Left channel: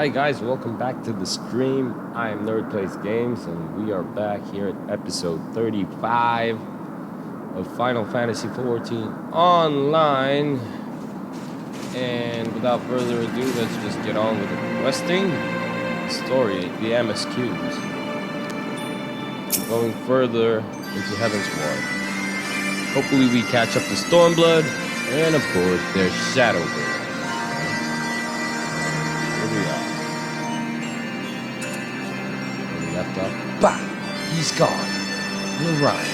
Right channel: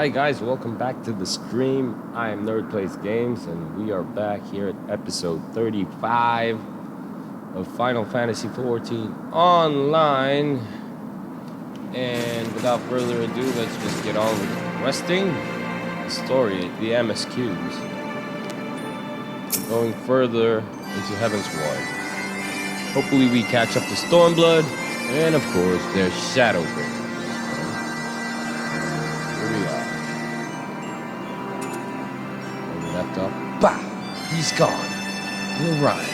Hi guys, welcome back to the stream. I am Nerd Plays Games, and we are back here at episode 35 of Final Fantasy XIV Online. And without further ado, let's just get on with the questing. The story, the MSQs. We're going further into Heaven's Ward. Hopefully we catch up to Stormblood, and of course, there's Shadowbringers. We are. Where we left off. Bah! He's gone. And Orion.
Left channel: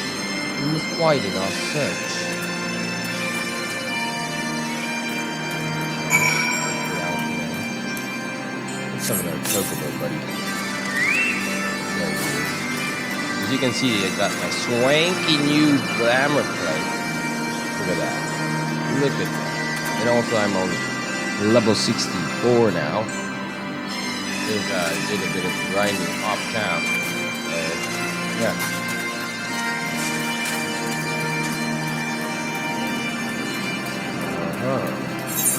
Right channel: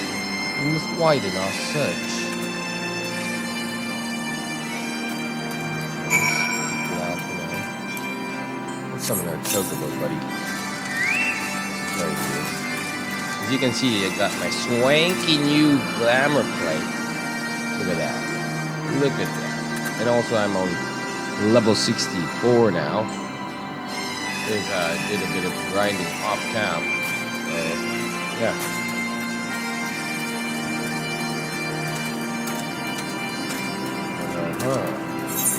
We must widen our search. Get out for now. Let's summon our Chocobo, buddy. There he is. As you can see, I got my swanky new glamour plate. Look at that. Look at that. And also I'm on level 64 now. Because I did a bit of grinding off camp. So, yeah.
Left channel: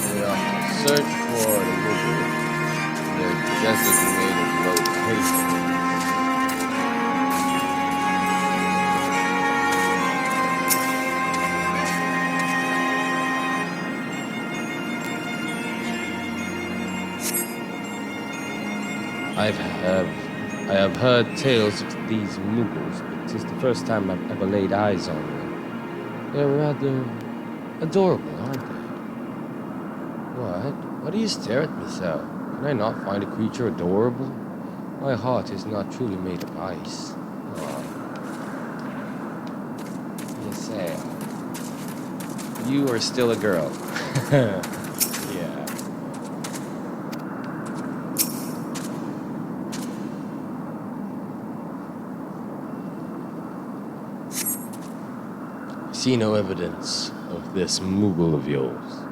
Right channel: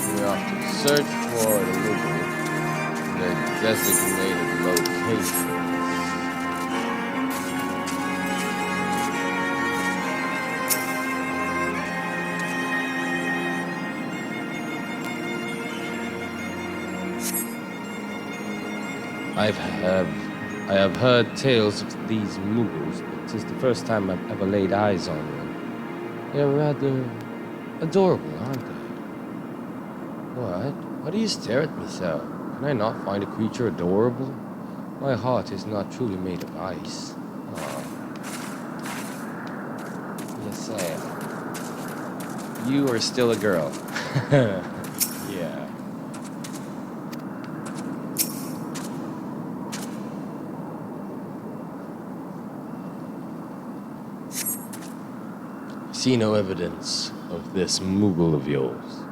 We have to search for the Moogle in their designated location. I have heard tales of these Moogles, but 'tis the first time I've ever laid eyes on one. They're rather adorable, aren't they? What? Why do you stare at me so? Can I not find a creature adorable? My heart is not truly made of ice. Oh. Yes, you are still a girl. Yeah. See no evidence of this Moogle of yours.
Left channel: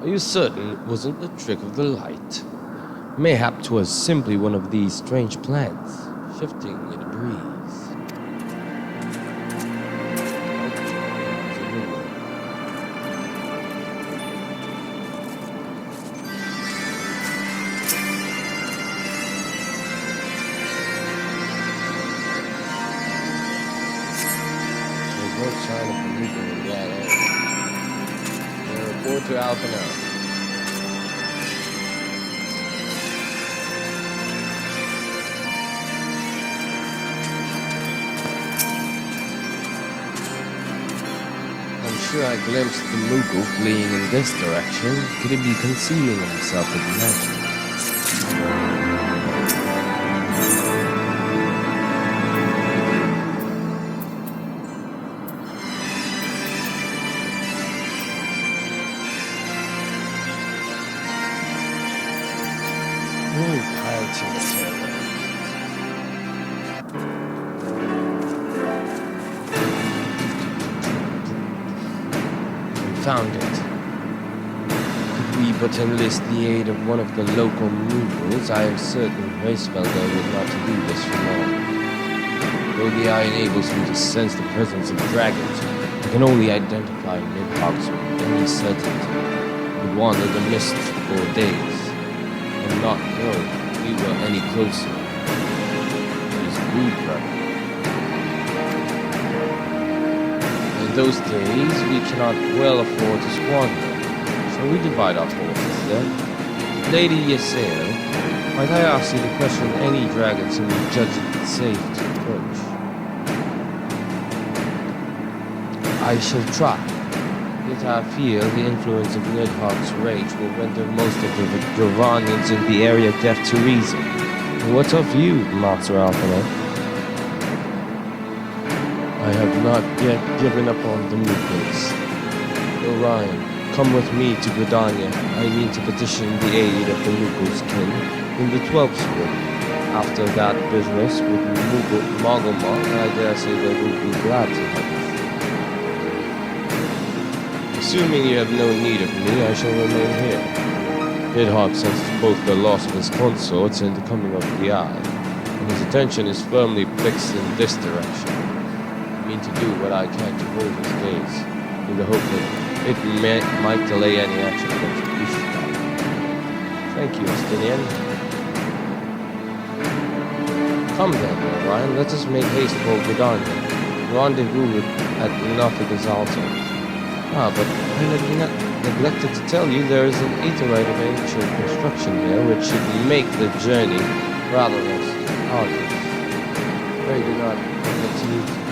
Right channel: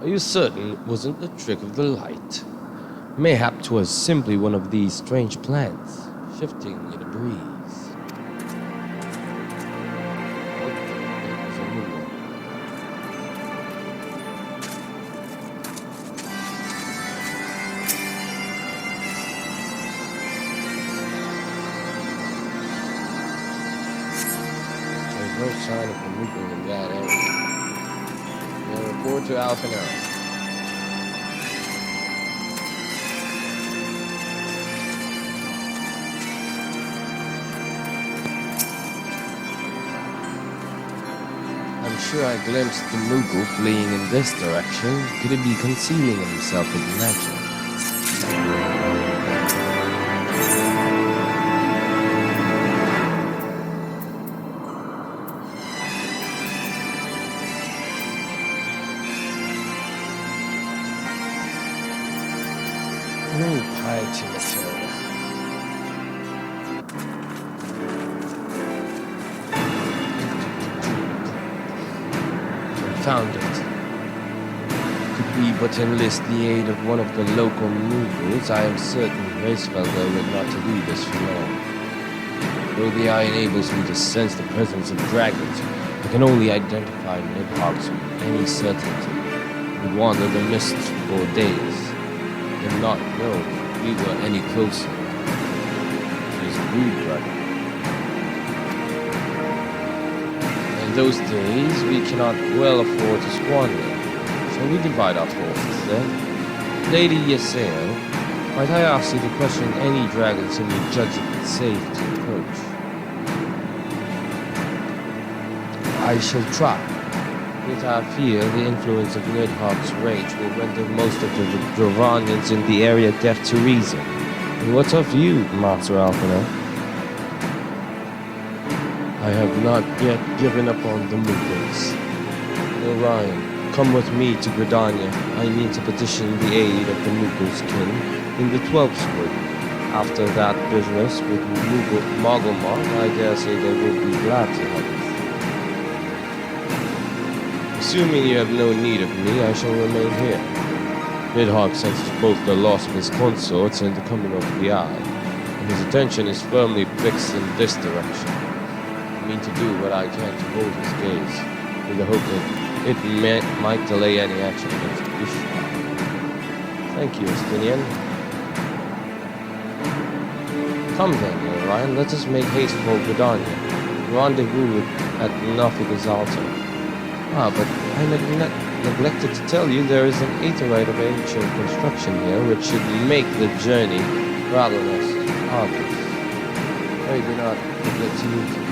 Are you certain it wasn't a trick of the light? Mayhap 'twas simply one of these strange plants, shifting in a breeze. Nope, it was a Moogle. No sign of a Moogle in that area. Now report to Alpha now. I'm sure I glimpsed the Moogle fleeing in this direction. Could it be concealing himself with magic? No piety material. Confound it. Could we but enlist the aid of one of the local Moogles, I am certain Reisfelder would not do this for long. Though the eye enables me to sense the presence of dragons, I can only identify Nidhoggs with any certainty. Would wander the mists for days, and not know we were any closer to his brood brother. In those days, we cannot well afford to squander. Shall we divide our forces then? Lady Yaseo, might I ask you to question any dragons whom you judge it safe to approach? I shall try. Yet I fear the influence of Nidhogg's rage will render most of the Dravanians in the area deaf to reason. And what of you, Master Alphinaud? I have not yet given up on the Moogles. Orion, come with me to Gridania. I mean to petition the aid of the Moogles' kin in the 12th Wood. After that business with Mogulmog, I dare say they will be glad to help us. Assuming you have no need of me, I shall remain here. Nidhogg senses both the loss of his consorts and the coming of the Eye, and his attention is firmly fixed in this direction. I mean to do what I can to hold his gaze, in the hope that it might delay any action against Ishtar. Thank you, Estinian. Come then, Orion, let us make haste for Gridania. Rendezvous at Nothica's altar. Ah, but I neglected to tell you there is an aetheryte of ancient construction here, which should make the journey rather less arduous. Pray do not forget to use it.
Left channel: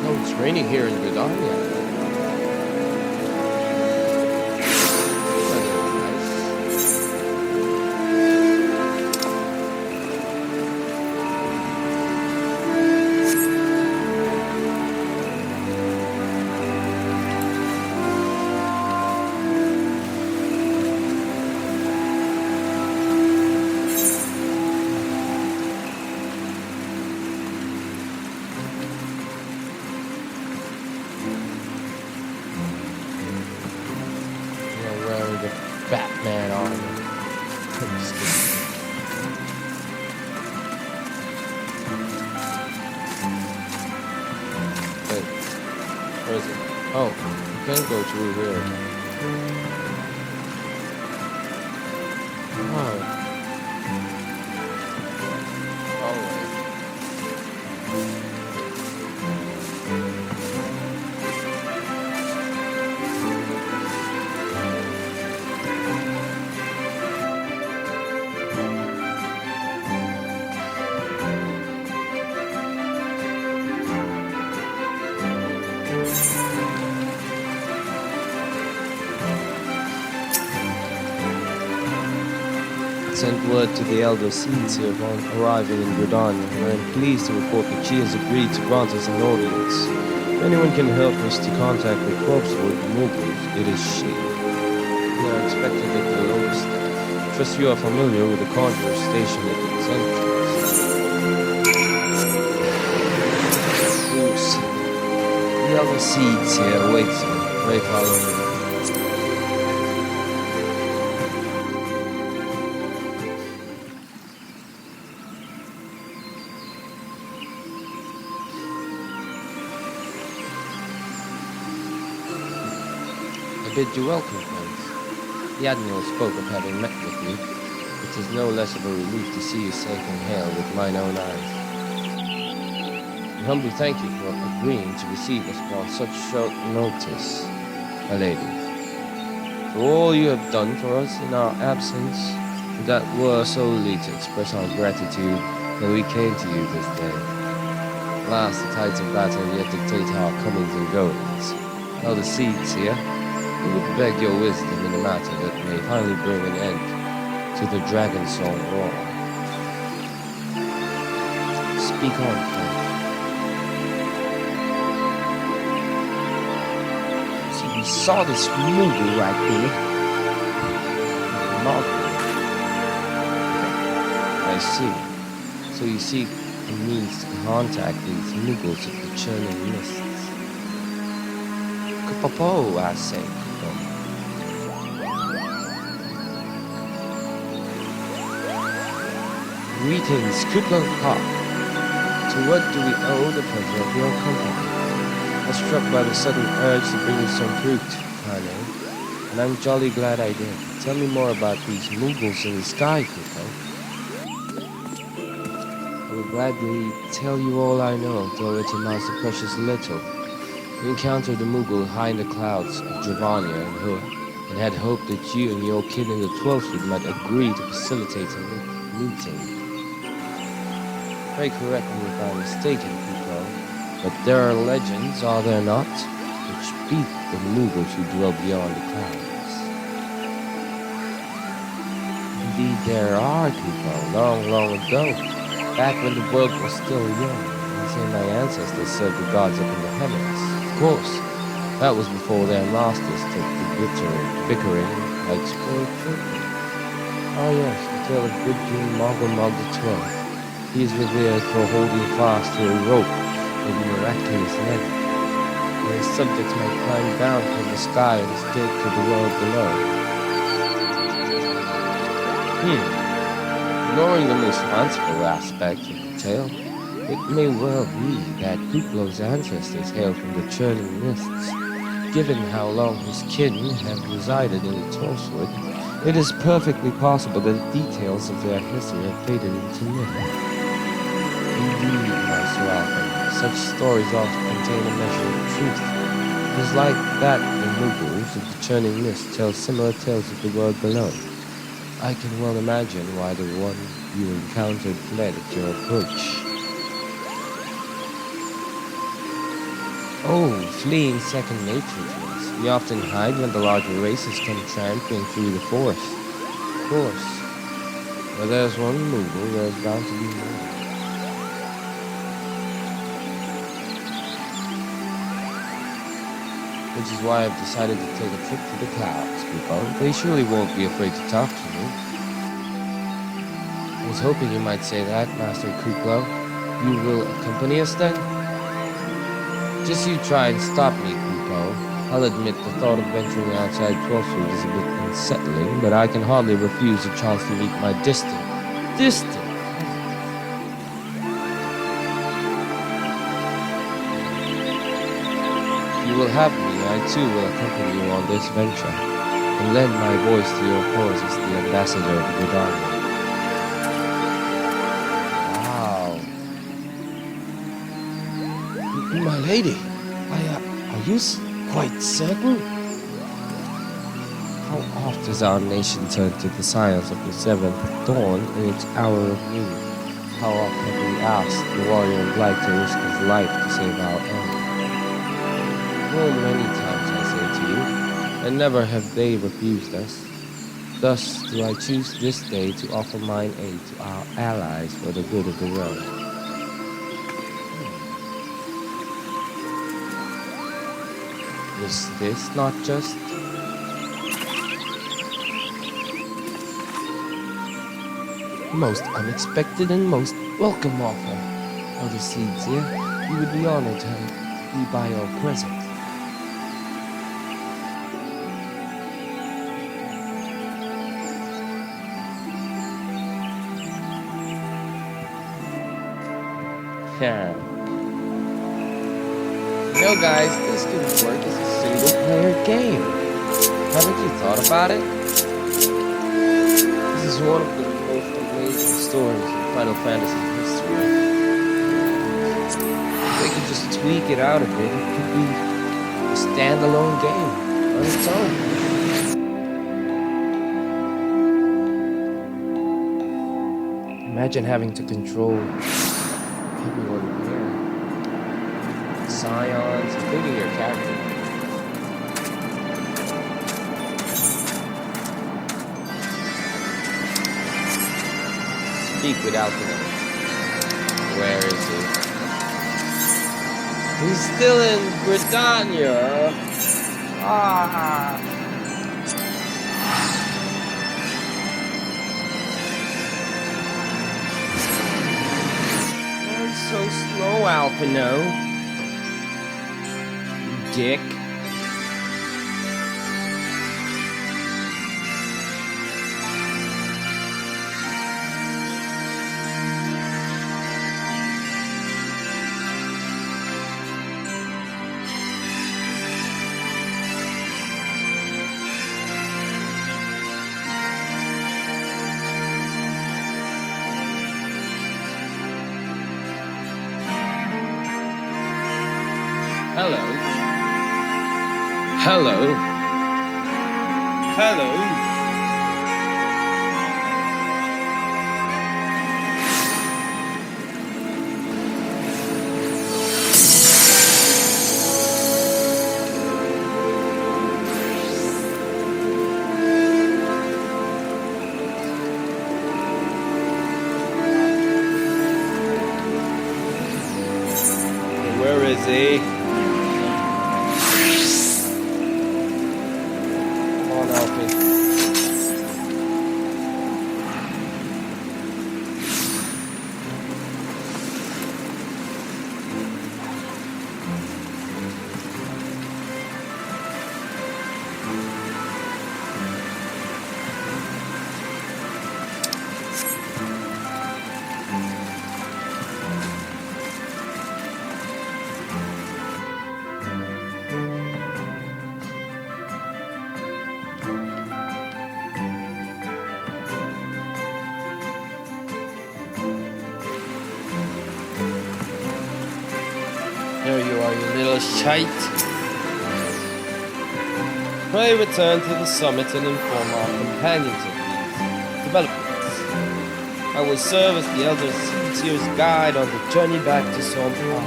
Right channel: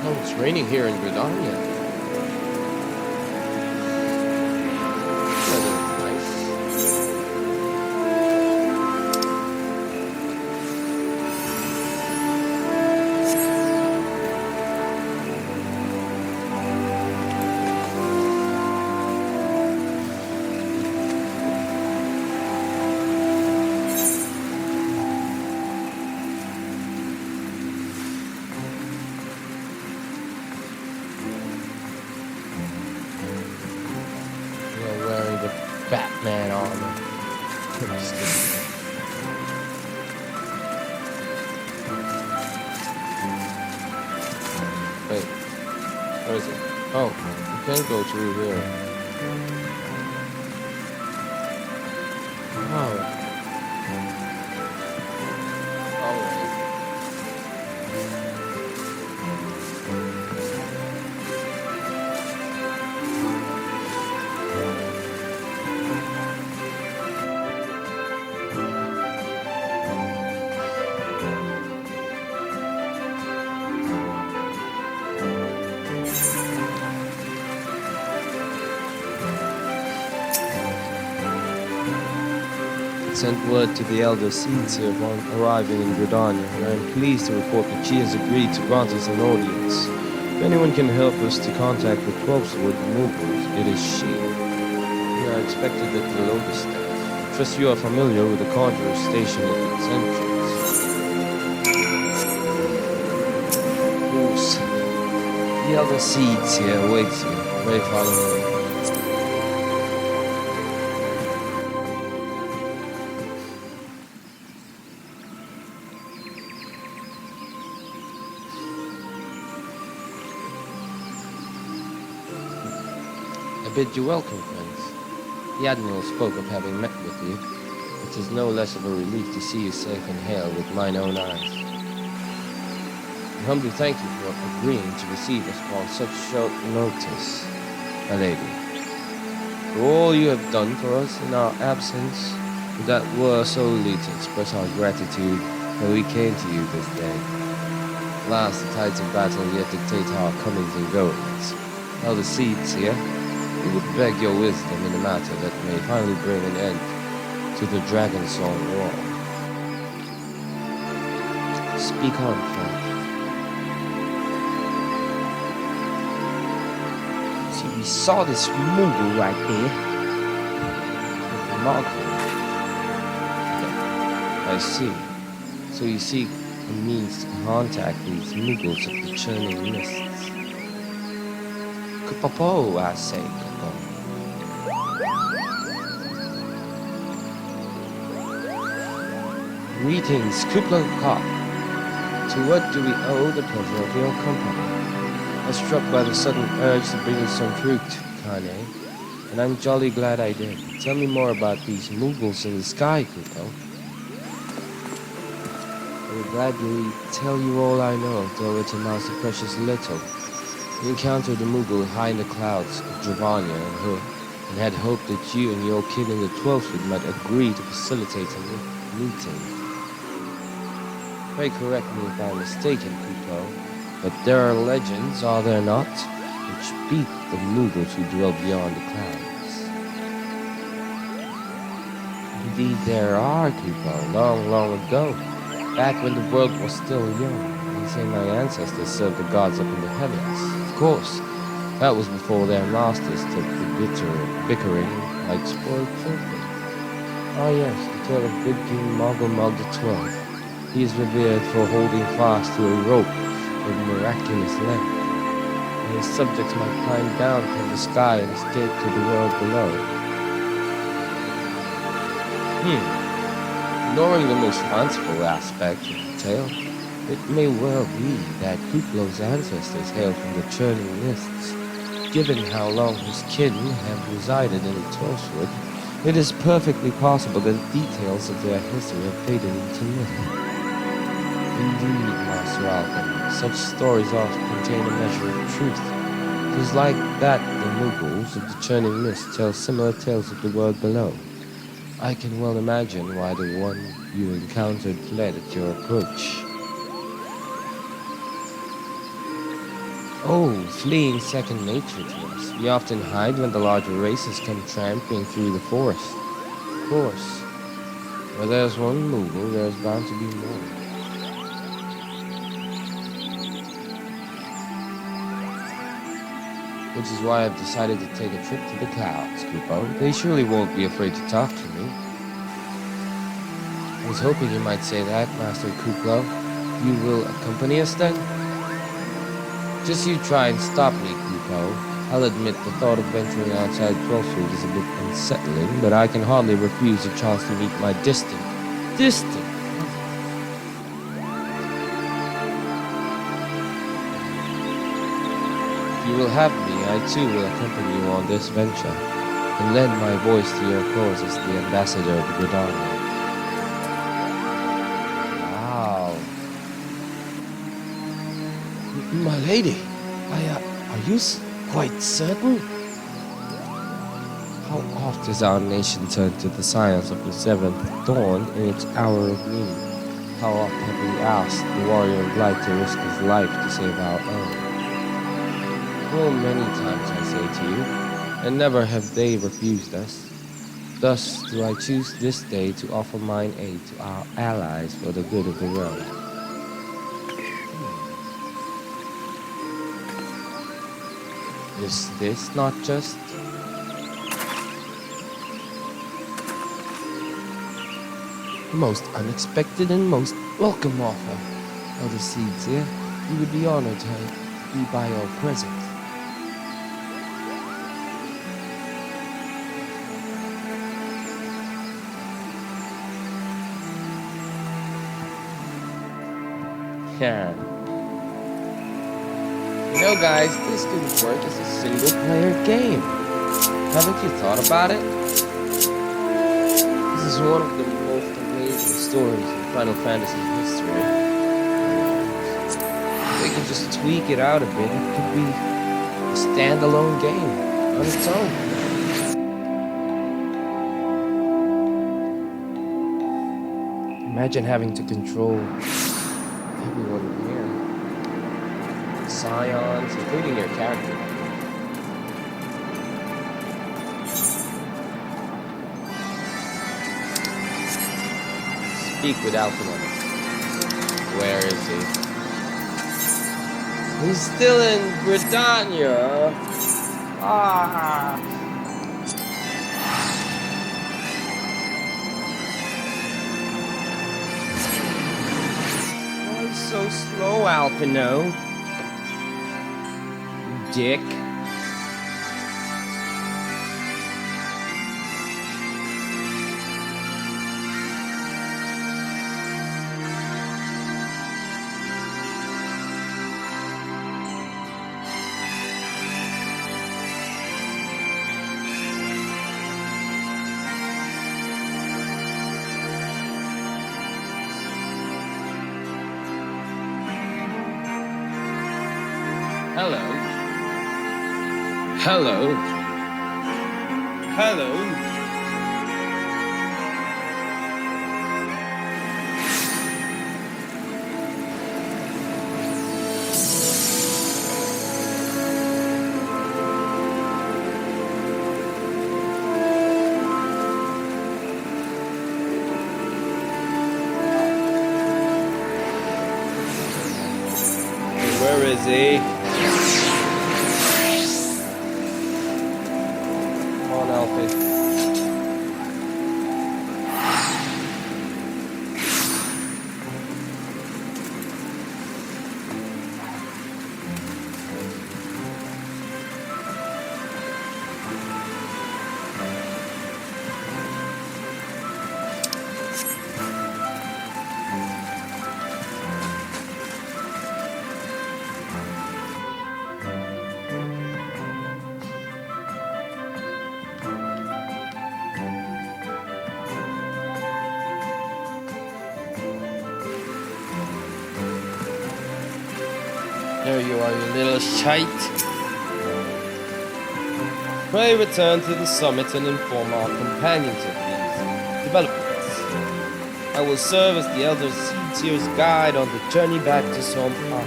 Oh, it's raining here in Gridania. Weather is nice. Wearing the Batman armor. I'm just kidding. Wait, where is it? Oh, you can't go through here. Oh. Oh, wait. Sent word to the elder seeds here upon arriving in Gridania, and I am pleased to report that she has agreed to grant us an audience. If anyone can help us to contact the 12-sword Mughals, it is she. We are expected at the Logostat. Trust you are familiar with the conjurer stationed at its entrance. Fools. The elder seeds here awaits you. Pray follow me. I bid you welcome, friends. The Admiral spoke of having met with you. It is no less of a relief to see you safe and hale with mine own eyes. I humbly thank you for agreeing to receive us upon such short notice, my lady. For all you have done for us in our absence, that were solely to express our gratitude that we came to you this day. Alas, the tides of battle yet dictate our comings and goings. Now the seeds here, we would beg your wisdom in a matter that may finally bring an end to the Dragon Song War. Speak on, friend. See, we saw this Mughal right there. Remarkable. Okay. I see. So you seek a means to contact these Mughals of the churning mists. Kupapo, I say, Kupapo. Greetings, Kupla Kop. To what do we owe the pleasure of your company? I was struck by the sudden urge to bring you some fruit, Kane, and I'm jolly glad I did. Tell me more about these Mughals in the sky, Kupo. I would gladly tell you all I know, though it amounts to precious little. We encountered a Mughal high in the clouds of Dravanya and had hoped that you and your kin in the 12th Fleet might agree to facilitate a meeting. Pray correct me if I'm mistaken, Kupo, but there are legends, are there not, which speak of Mughals who dwell beyond the clouds. Indeed there are, Kupo, long, long ago, back when the world was still young. They say my ancestors served the gods up in the heavens. Of course, that was before their masters took the bickering like spoiled children. Ah yes, the tale of good King Mogulmog XII. He is revered for holding fast to a rope of miraculous length, and his subjects might climb down from the sky and escape to the world below. Ignoring the most fanciful aspect of the tale, it may well be that Kuplo's ancestors hail from the churning mists. Given how long his kin have resided in the 12th Wood, it is perfectly possible that the details of their history have faded into myth. Indeed, Master Alphen, such stories often contain a measure of truth. It is like that the Mughals of the churning mist tell similar tales of the world below. I can well imagine why the one you encountered fled at your approach. Oh, fleeing second nature to us. We often hide when the larger races come tramping through the forest. Of course, where there's one Mughal, there's bound to be more. Which is why I've decided to take a trip to the clouds, Kupo. They surely won't be afraid to talk to me. I was hoping you might say that, Master Kuplo. You will accompany us then? Just you try and stop me, Kupo. I'll admit the thought of venturing outside 12th Fleet is a bit unsettling, but I can hardly refuse a chance to meet my distant cousin. If you will have me, I too will accompany you on this venture, and lend my voice to your cause as the ambassador of Gridania. Wow. My lady, are you quite certain? How oft has our nation turned to the science of the seventh dawn in its hour of need? How oft have we asked the warrior of light to risk his life to save our own? Full many times, I say to you, and never have they refused us. Thus do I choose this day to offer mine aid to our allies for the good of the realm. Is this not just most unexpected and most welcome offer? Elder Seeds here, we would be honored to be by your presence. Yeah. You know, guys, this could work as a single-player game. Haven't you thought about it? This is one of the most amazing stories in Final Fantasy history. If they could just tweak it out a bit, it could be a standalone game on its own. Imagine having to control everyone here. Scions, including your character. Speak with Alphen. Where is he? He's still in Gridania. Ah. Why so slow, Alphino? Dick. Hello. Hello. Hello. Where is he? Come on, Alfie. There you are, you little shite. Pray return to the summit and inform our companions of these developments. I will serve as the Elder Seedseer's guide on the journey back to Som'al.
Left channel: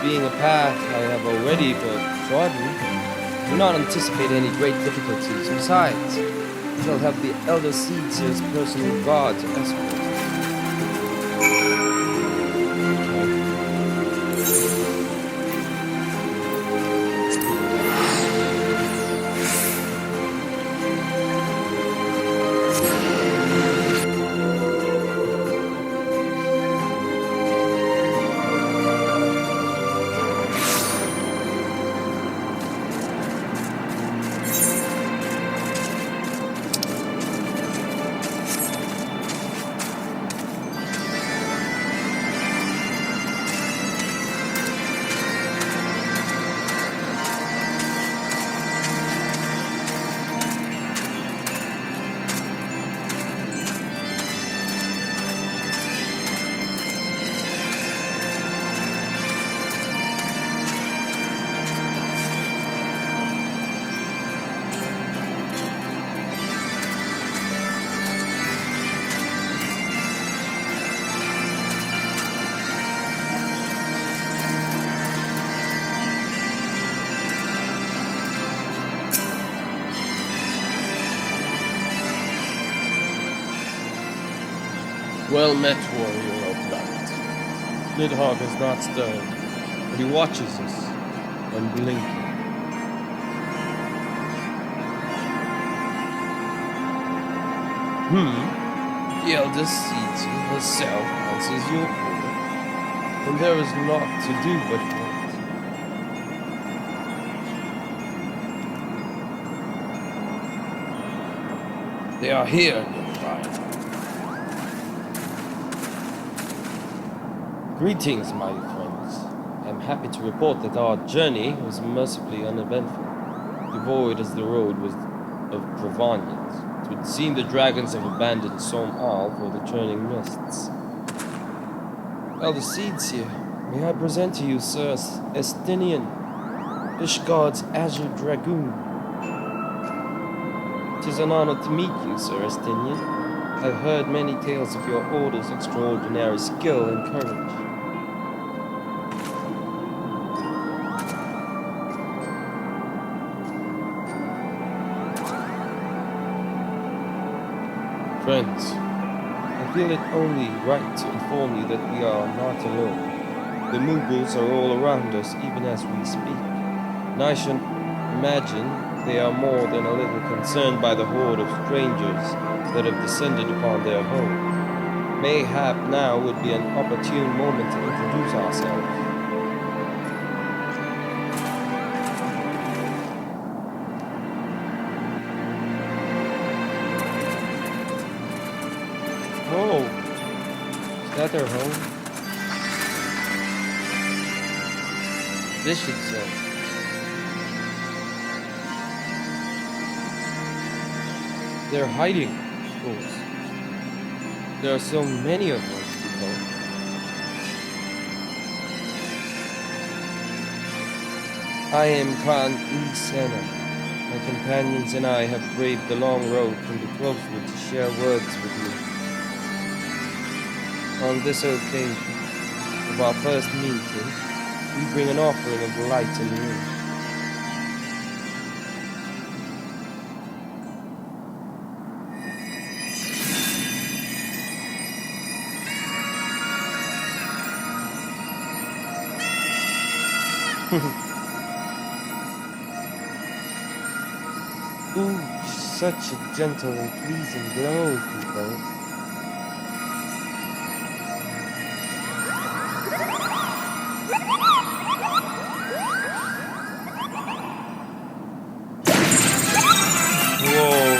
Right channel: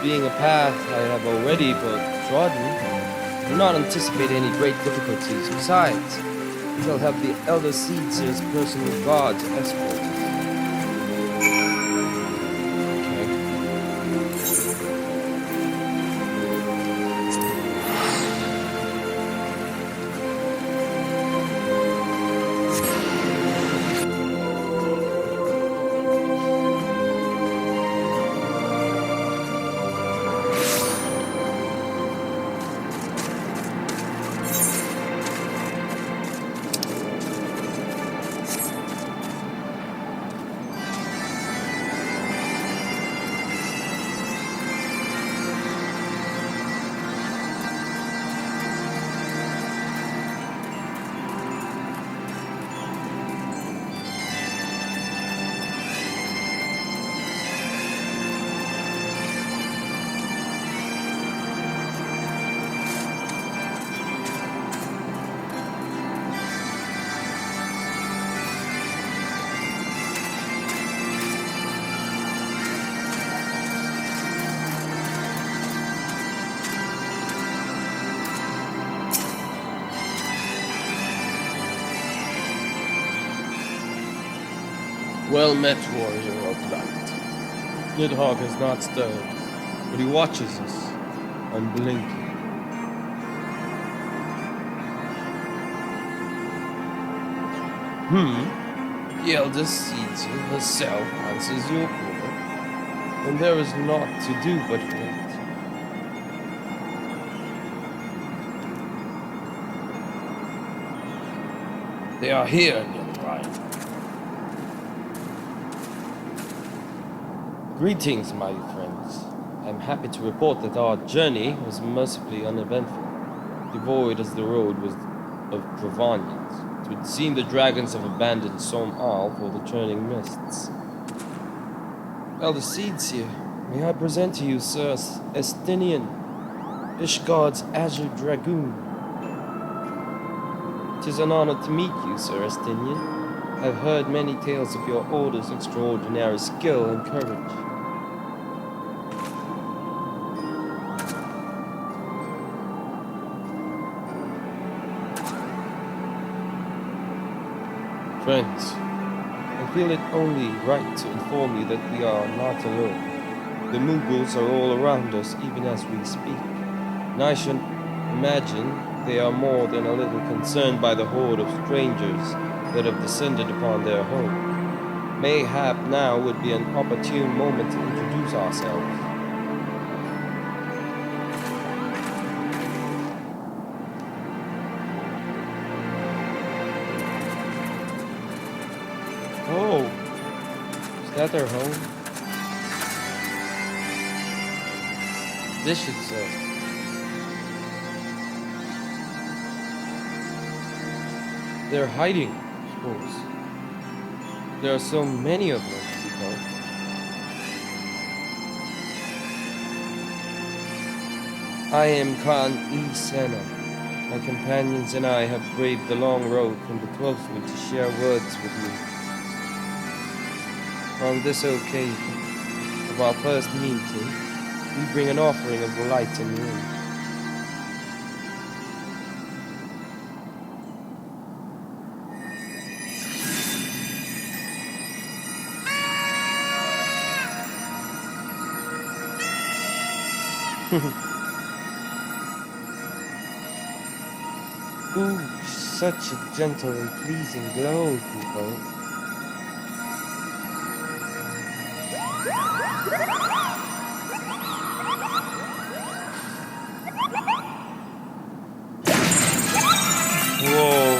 Being a path I have already trodden, I do not anticipate any great difficulties. Besides, we shall have the Elder Seedseer's personal guard to escort us. Well met, warrior of light. Nidhogg has not stirred, but he watches us, unblinking. The Elder Seedseer herself answers your call, and there is naught to do but wait. They are here, Nilryan. Greetings, my friends. I am happy to report that our journey was mercifully uneventful, devoid as the road was of Provanians. It would seem the dragons have abandoned Som'al for the churning mists. Elder Seedseer, may I present to you Sir Estinian, Ishgard's Azure Dragoon. It is an honor to meet you, Sir Estinian. I've heard many tales of your order's extraordinary skill and courage. Friends, I feel it only right to inform you that we are not alone. The Mughals are all around us, even as we speak. And I should imagine they are more than a little concerned by the horde of strangers that have descended upon their home. Mayhap now would be an opportune moment to introduce ourselves. Oh, is that their home? This should say. They're hiding, of course. There are so many of them, you know. I am Khan Isena. My companions and I have braved the long road from the 12th Wood to share words with you. On this occasion of our first meeting, we bring an offering of light and light. Ooh, such a gentle and pleasing glow, Kupo. Whoa,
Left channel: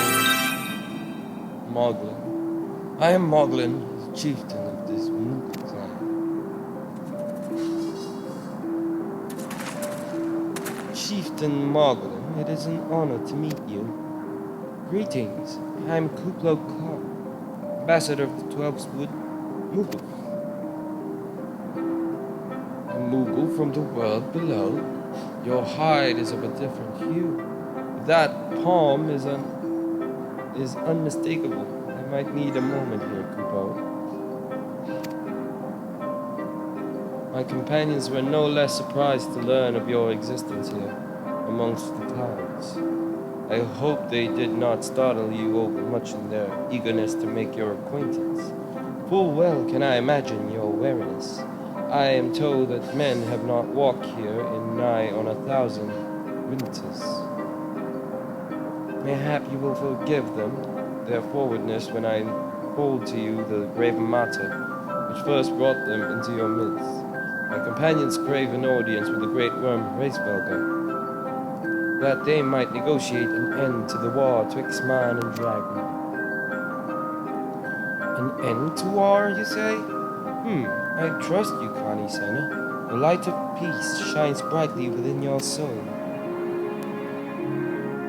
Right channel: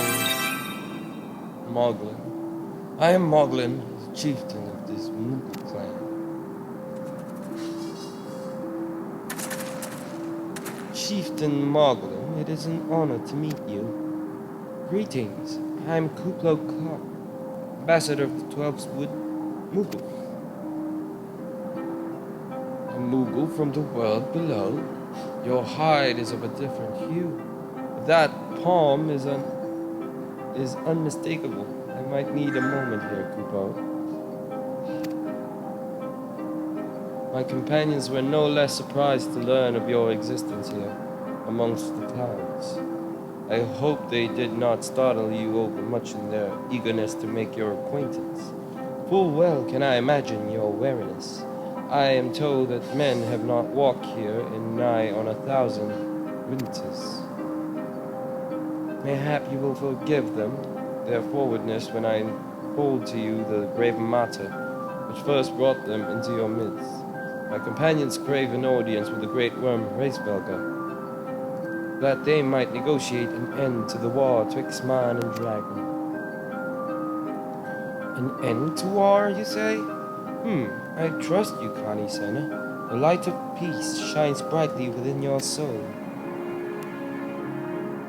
Moglin. I am Moglin, the chieftain of this Moogle clan. Chieftain Moglin, it is an honor to meet you. Greetings, I am Kuplo Kop, ambassador of the 12th Wood Moogle. A Moogle from the world below? Your hide is of a different hue. That palm is unmistakable. I might need a moment here, Kupo. My companions were no less surprised to learn of your existence here, amongst the clouds. I hope they did not startle you overmuch in their eagerness to make your acquaintance. Full well can I imagine your wariness. I am told that men have not walked here in nigh on 1,000 winters. Mayhap you will forgive them their forwardness when I unfold to you the grave matter which first brought them into your midst. My companions crave an audience with the great worm Racevelga, that they might negotiate an end to the war twixt man and dragon. An end to war, you say? I trust you, Connie Senna. The light of peace shines brightly within your soul.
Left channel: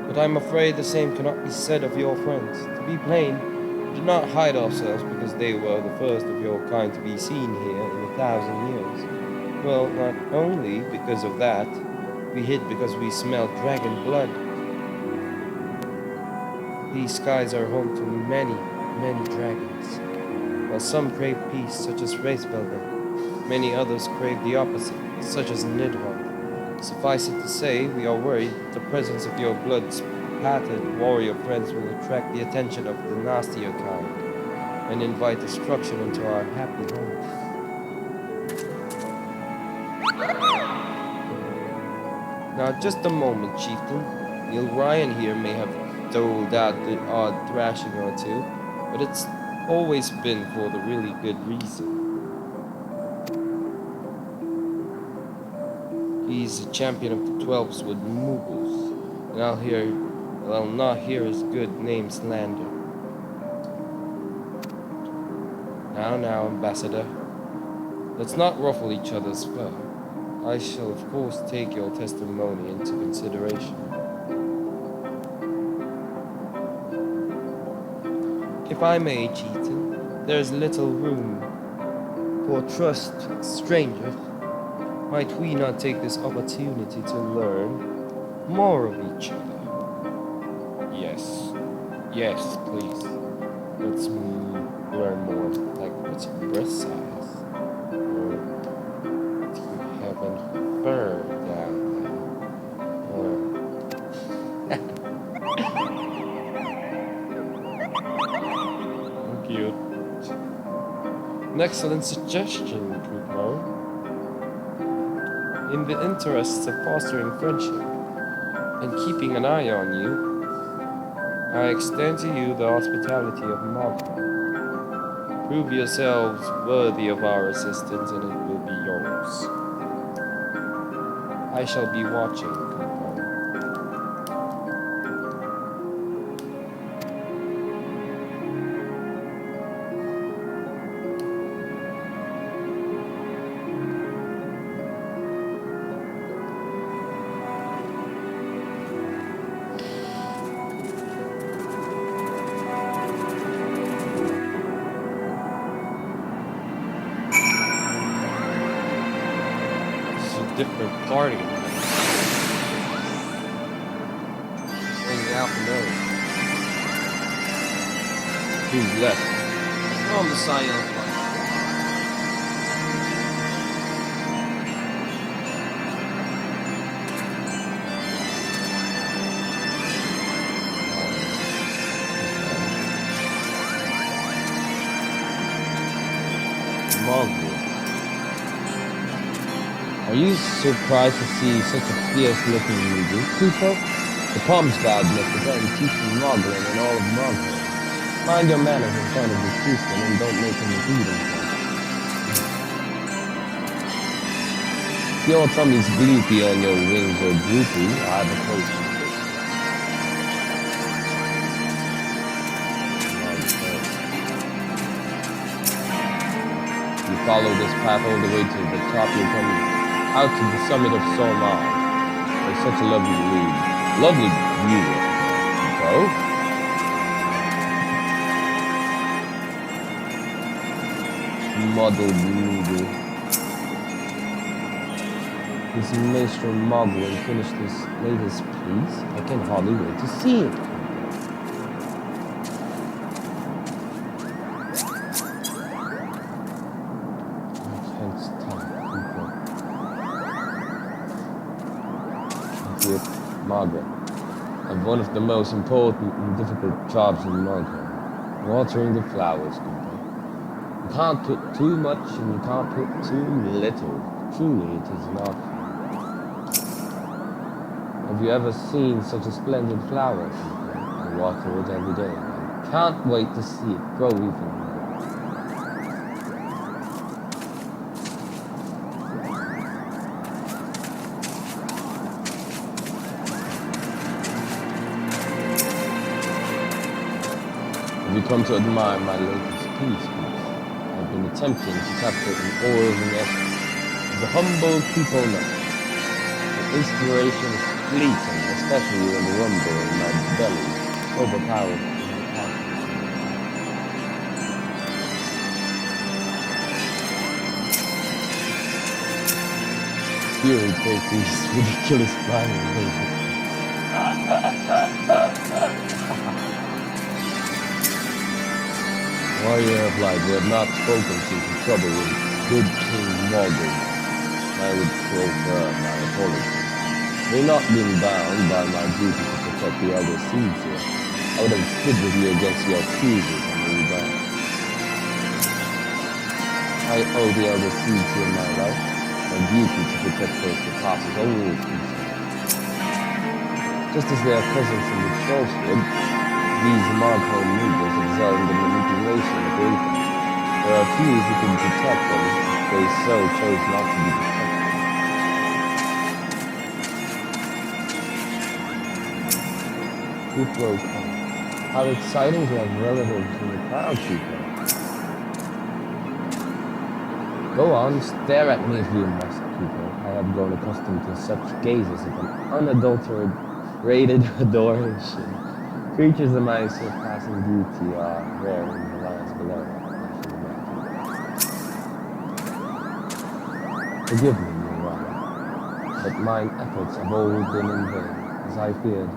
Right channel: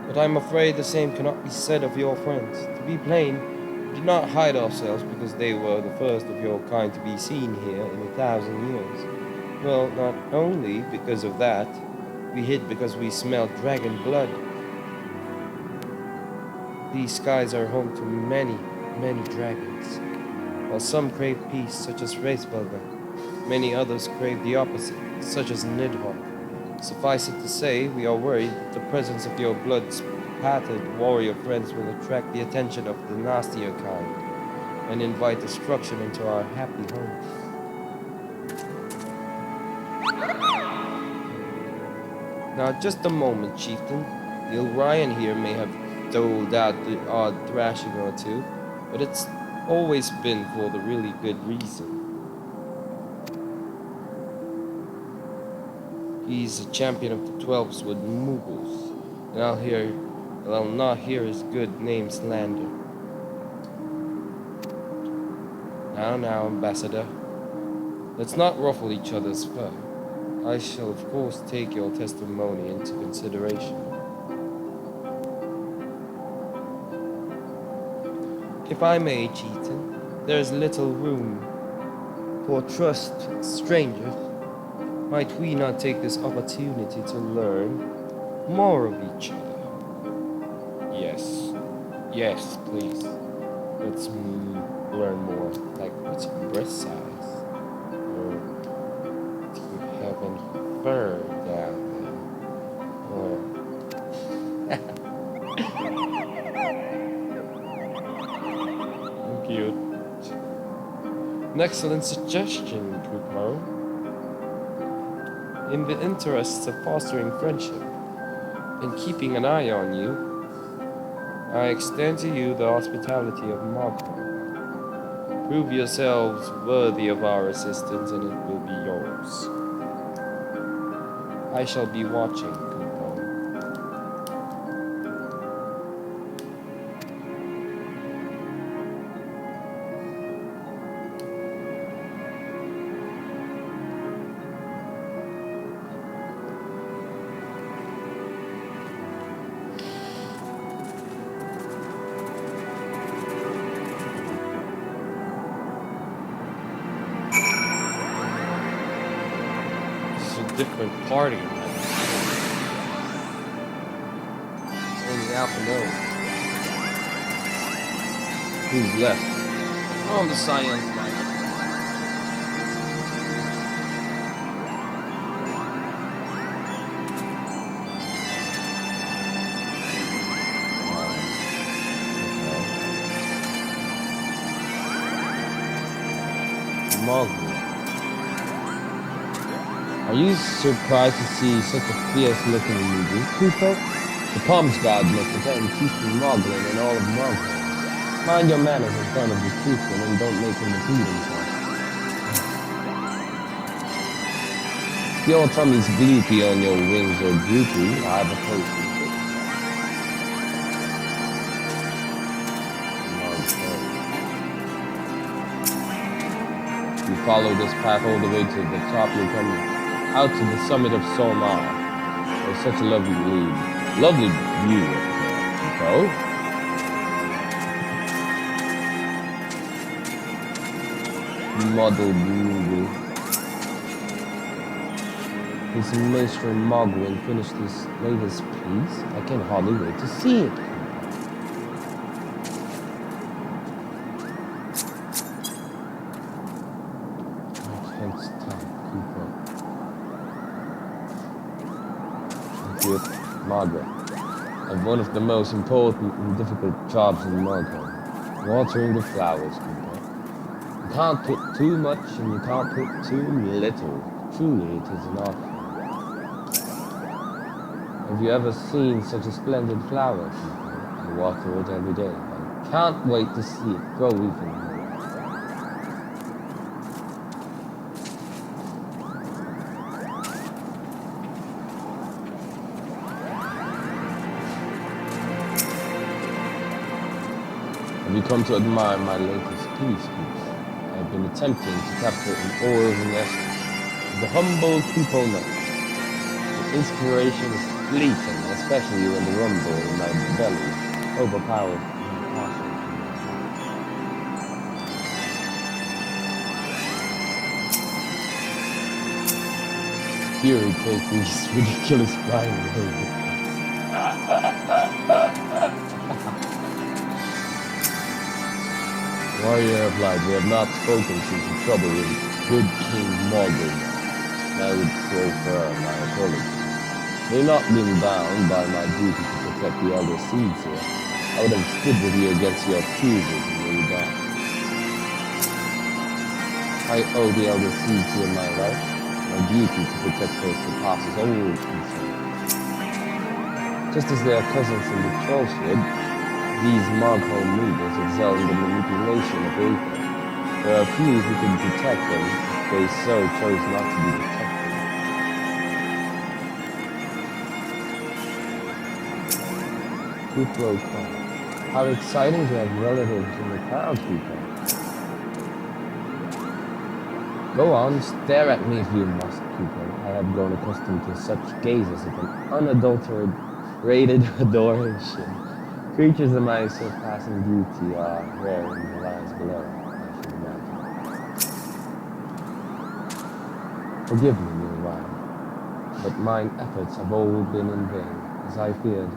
But I'm afraid the same cannot be said of your friends. To be plain, we did not hide ourselves because they were the first of your kind to be seen here in 1,000 years. Well, not only because of that, we hid because we smelled dragon blood. These skies are home to many, many dragons. While some crave peace, such as Racevelga, many others crave the opposite, such as Nidhogg. Suffice it to say, we are worried that the presence of your blood-spattered warrior friends will attract the attention of the nastier kind and invite destruction into our happy home. Now, just a moment, chieftain. The Orion here may have doled out the odd thrashing or two, but it's always been for the really good reason. He's a champion of the 12th Wood Moogles, and I'll not hear his good name slandered. Now, Ambassador, let's not ruffle each other's fur. I shall of course take your testimony into consideration. If I may, chieftain, there is little room for trust strangers. Might we not take this opportunity to learn more of each other? Yes, please. Let's learn more. Like, what's your breast size? Or do you have any fur down there? Or... Cute. An excellent suggestion, Kupo. In the interests of fostering friendship and keeping an eye on you, I extend to you the hospitality of Magma. Prove yourselves worthy of our assistance and it will be yours. I shall be watching, Kupo. Different party in heaven. half an hour. Who's left? From the science lineup. Marvel. Are you surprised to see such a fierce-looking Moogle, Kupo? The Palms God must have been teaching Moglin and all of Moglin. Mind your manners in front of the chieftain and don't make him repeat himself. If your tummy's gloopy on your wings or droopy, I have a post for the fix. You follow this path all the way to the top, you'll come out to the summit of Solmar. There's such a lovely view up there, Kupo. Muddled Moogle. His Maestro Moglin finished his latest piece. I can hardly wait to see it. Margaret, of one of the most important and difficult jobs in Margaret, watering the flowers, people. You can't put too much and you can't put too little. Truly, it is an art form. Have you ever seen such a splendid flower, people? I water it every day. I can't wait to see it grow even more. Have you come to admire my latest piece, Kupo? I've been attempting to capture an aura of an essence, the humble Kupo nut. The inspiration is fleeting, especially when the rumble in my belly overpowers my passion in my heart. Fury take these ridiculous flying babies. Warrior of Light, we have not spoken since the trouble with good King Morgan. I would prefer my apologies. Had I not been bound by my duty to protect the elder seeds here, I would have stood with you against your accusers and moved on. I owe the elder seeds here my life. My duty to protect those surpasses all concern. Just as they are cousins in the Trollswood, these Markholm Moogles excel in the manipulation of ether. There are few who can detect them if they so chose not to be detected. Kupo Khan. How exciting to have relatives in the crowd, Kupo. Go on, stare at me if you must, Kupo. I have grown accustomed to such gazes of an unadulterated adoration. Creatures of my surpassing beauty are rare in the lands below, I should imagine. Forgive me, meanwhile, but mine efforts have all been in vain. As I feared,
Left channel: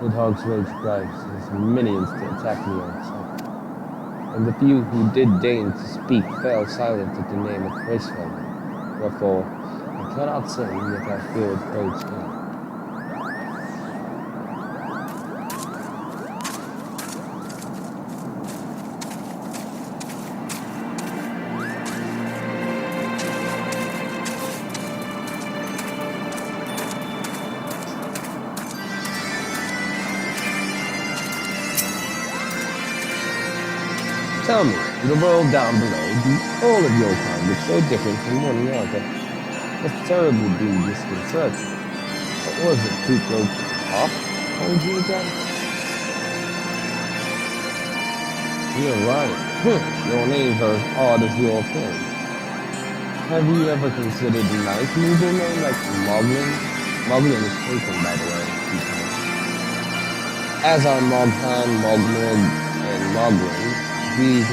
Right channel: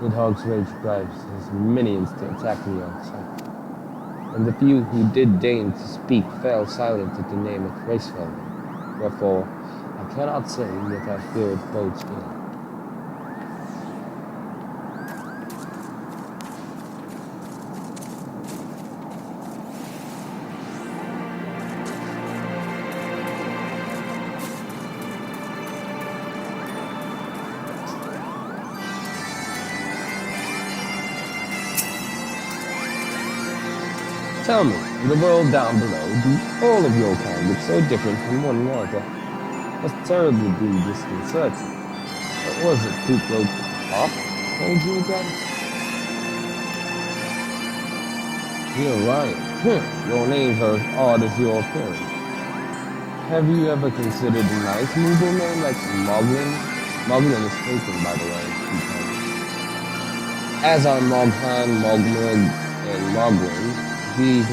Nidhogg's rage drives his minions to attack me on sight. And the few who did deign to speak fell silent at the name of Racefelder. Wherefore, I cannot say, yet I fear it bodes ill. Tell me, in the world down below, do all of your kind look so different from one another? Must terribly be disconcerting. What was it, Kupo Pop called you again? You're right. Your names are as odd as your appearance. Have you ever considered a nice Moogle name like Moglin? Moglin is taken, by the way, Kupo. As are Moghan, Mogmog, and Moglin. These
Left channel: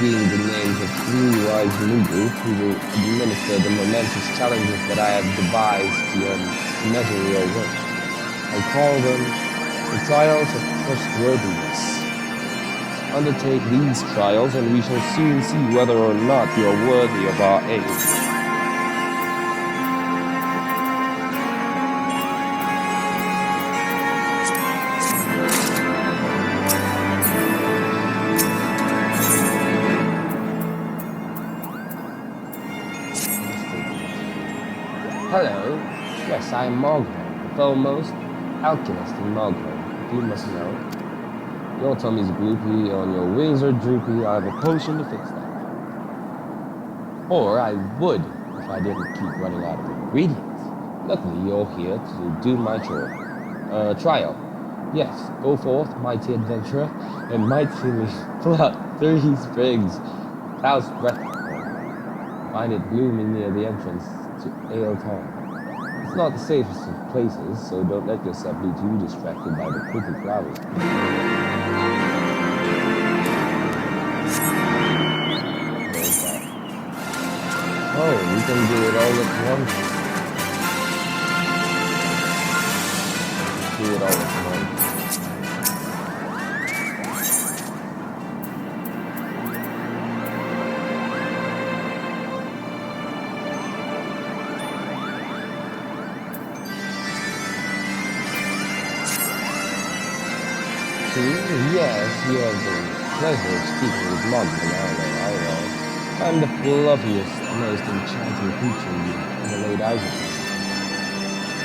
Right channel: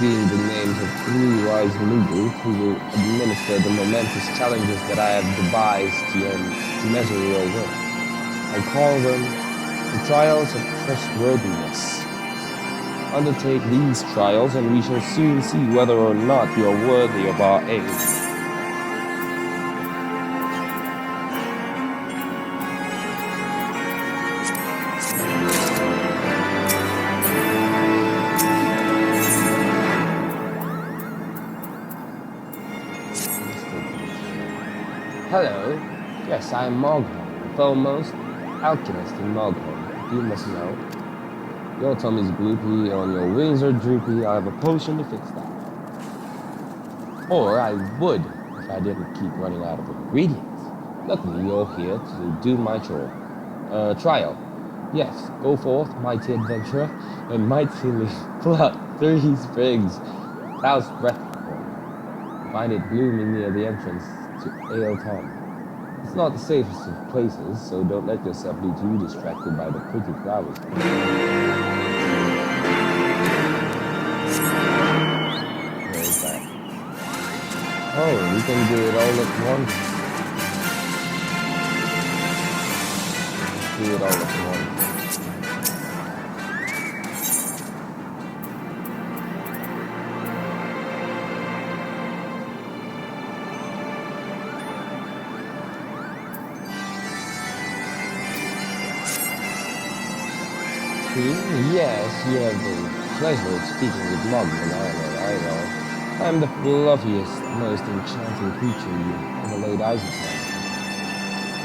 being the names of three wise Moogles who will administer the momentous challenges that I have devised to measure your work. I call them The trials of trustworthiness. Undertake these trials, and we shall soon see whether or not you are worthy of our aid. Hello. Yes, I am Mogholm, the foremost alchemist in Mogholm, if you must know. Your tummy's gloopy, and your wings are droopy. I have a potion to fix that. Or I would, if I didn't keep running out of ingredients. Luckily, you're here to do my chore. Trial. Yes, go forth, mighty adventurer, and mightily pluck 3 sprigs. Cloud's breath form. Find it blooming near the entrance to Ale Tom. It's not the safest of places, so don't let yourself be too distracted by the pretty flowers. Where is that? Oh, we can do it all at once. Do it all at once. Yes, you have the pleasure of speaking with Mogman, I know. I'm the fluffiest, most enchanting creature you've ever laid eyes upon.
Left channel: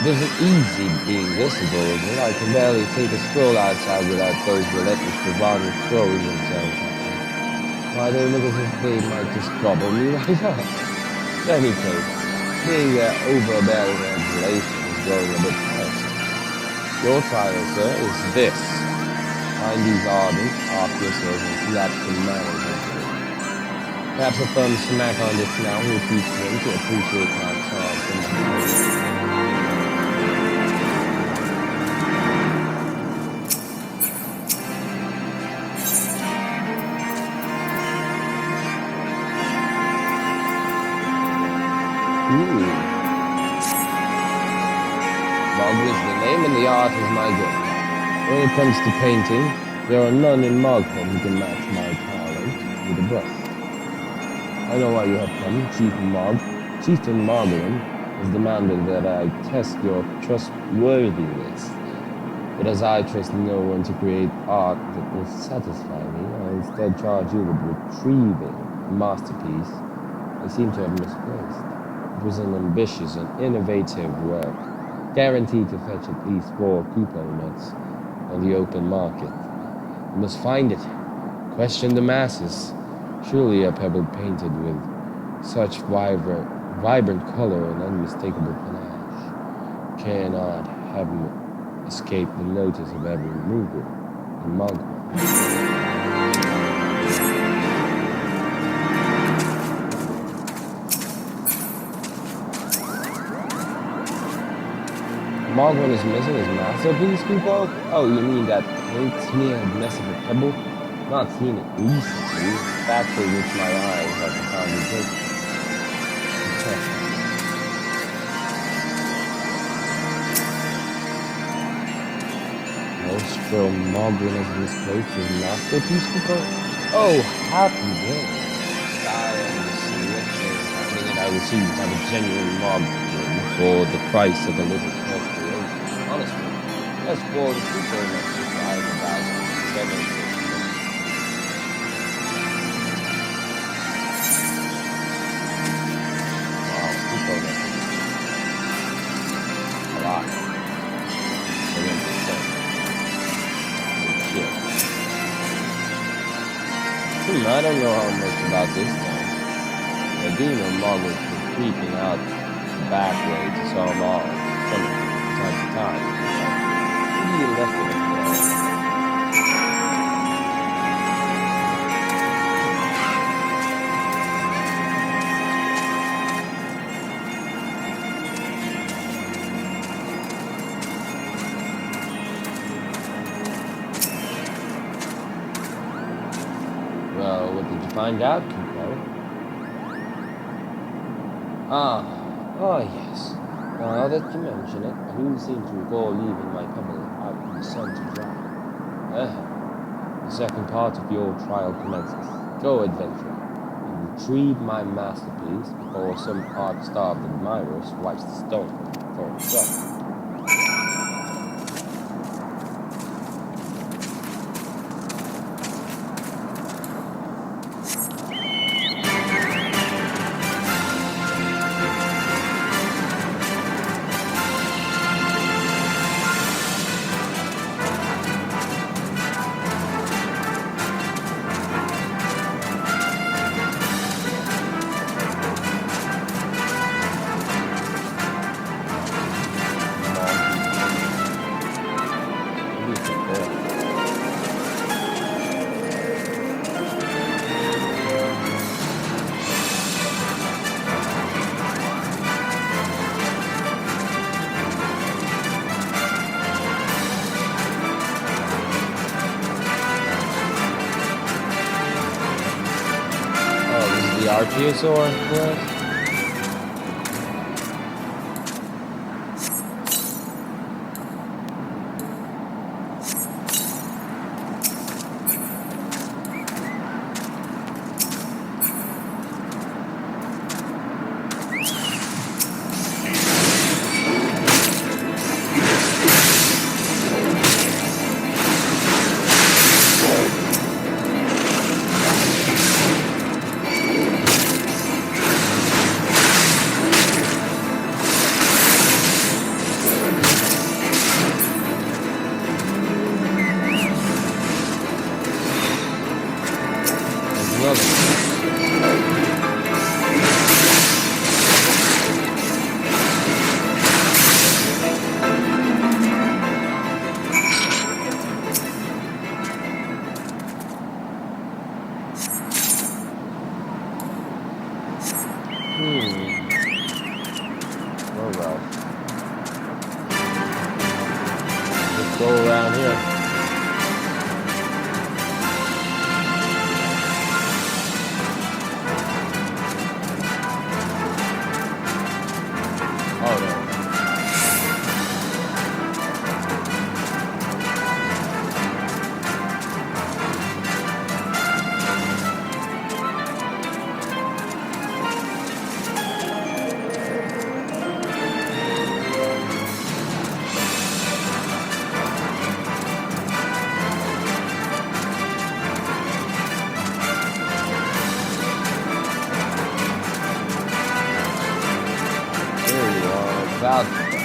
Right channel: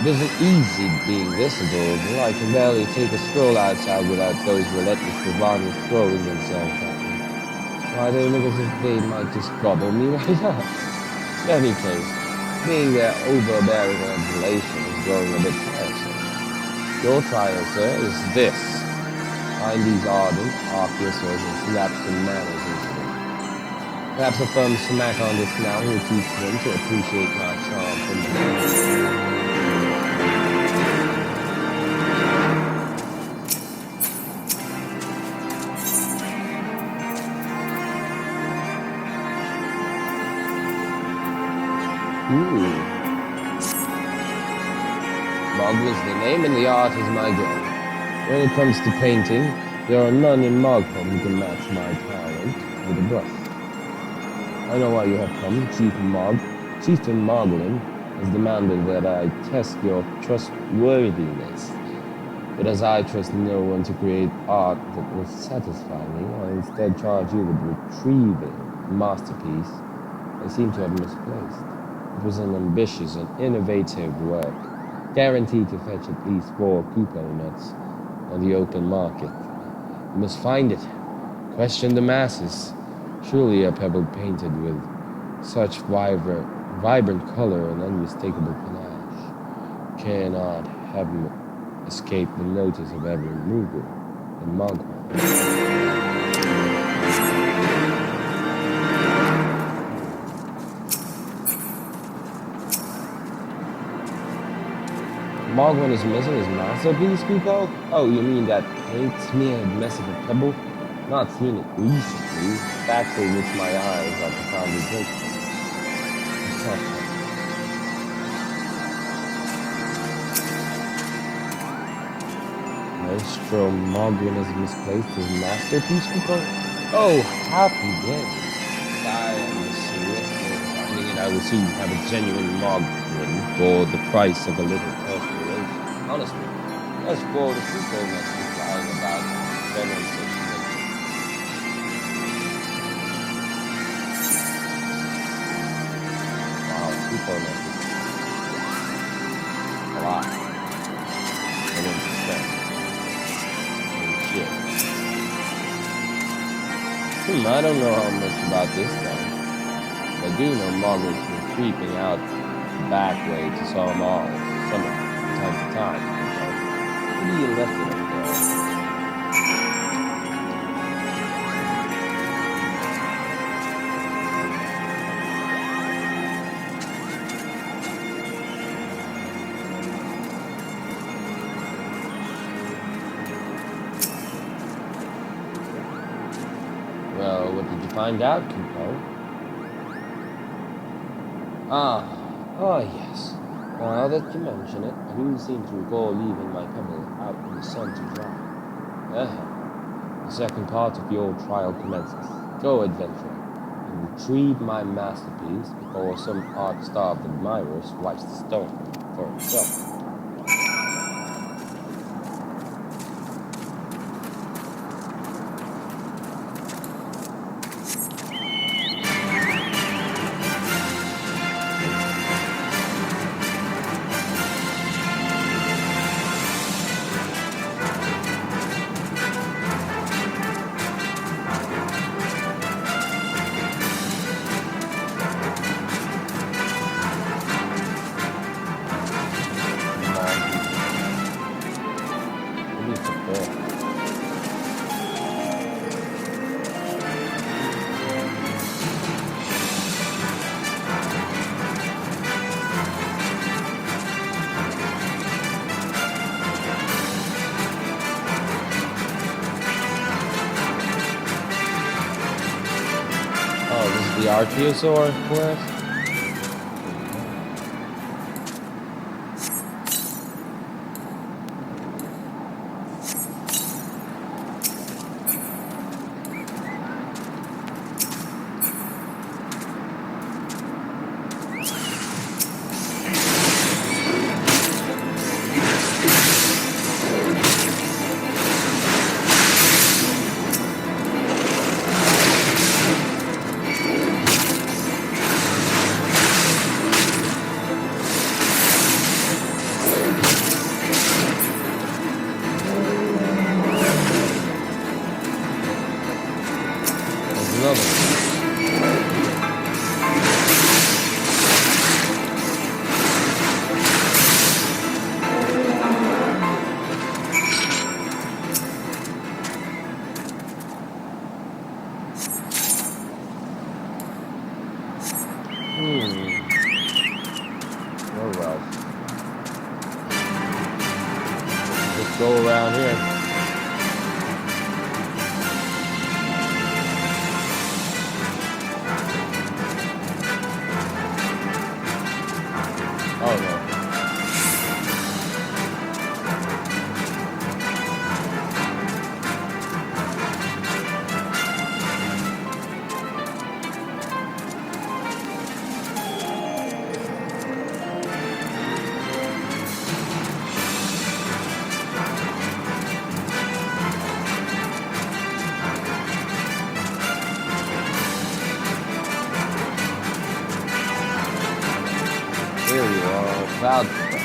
It isn't easy being this adorable. I can barely take a stroll outside without those relentless bravado throwing themselves at me. Why, they look as if they might just gobble me right up. In any case, being their overbearing adulation is growing a bit tiresome. Your trial, sir, is this. Find these ardent officers and slap some manners into them. Perhaps a firm smack on the snout will teach them to appreciate my charm from the mind. Mogul is the name and the art is my game. When it comes to painting, there are none in Mogholm who can match my talent with a brush. I know why you have come. Chieftain Mogulin has demanded that I test your trustworthiness. But as I trust no one to create art that will satisfy me, I instead charge you with retrieving a masterpiece I seem to have misplaced. It was an ambitious and innovative work, guaranteed to fetch at least 4 Kupo nuts on the open market. You must find it. Question the masses. Surely a pebble painted with such vibrant color and unmistakable panache cannot have escaped the notice of every mover in Mogholm. Mogwin is missing his masterpiece, Kupo? Oh, you mean that paint-smeared mess of a pebble? Not seen it recently, fact for which my eyes are profoundly grateful. Nostro Mogwin has misplaced his masterpiece, Kupo? Oh, happy day. I am the swiftly finding it. I will soon have a genuine Mogwin for the price of a little perspiration. Honestly, as for the Kupo message flying about, spending such money. Wow, Kupo message. A lot. 100%. Oh shit. I don't know how much about this though. But I do know Mogul's been creeping out the back way to Salmal from time to time. So maybe you left it up there. Well, what did you find out, Kupo? Oh yes. Now that you mention it, I do seem to recall leaving my pebble out in the sun to dry. The second part of your trial commences. Go, adventurer, and retrieve my masterpiece before some art-starved admirer swipes the stone for himself. Oh, this is the Archeosaur quest? Another one. Well. Just go around here. Oh no. There you are, cloud stuff.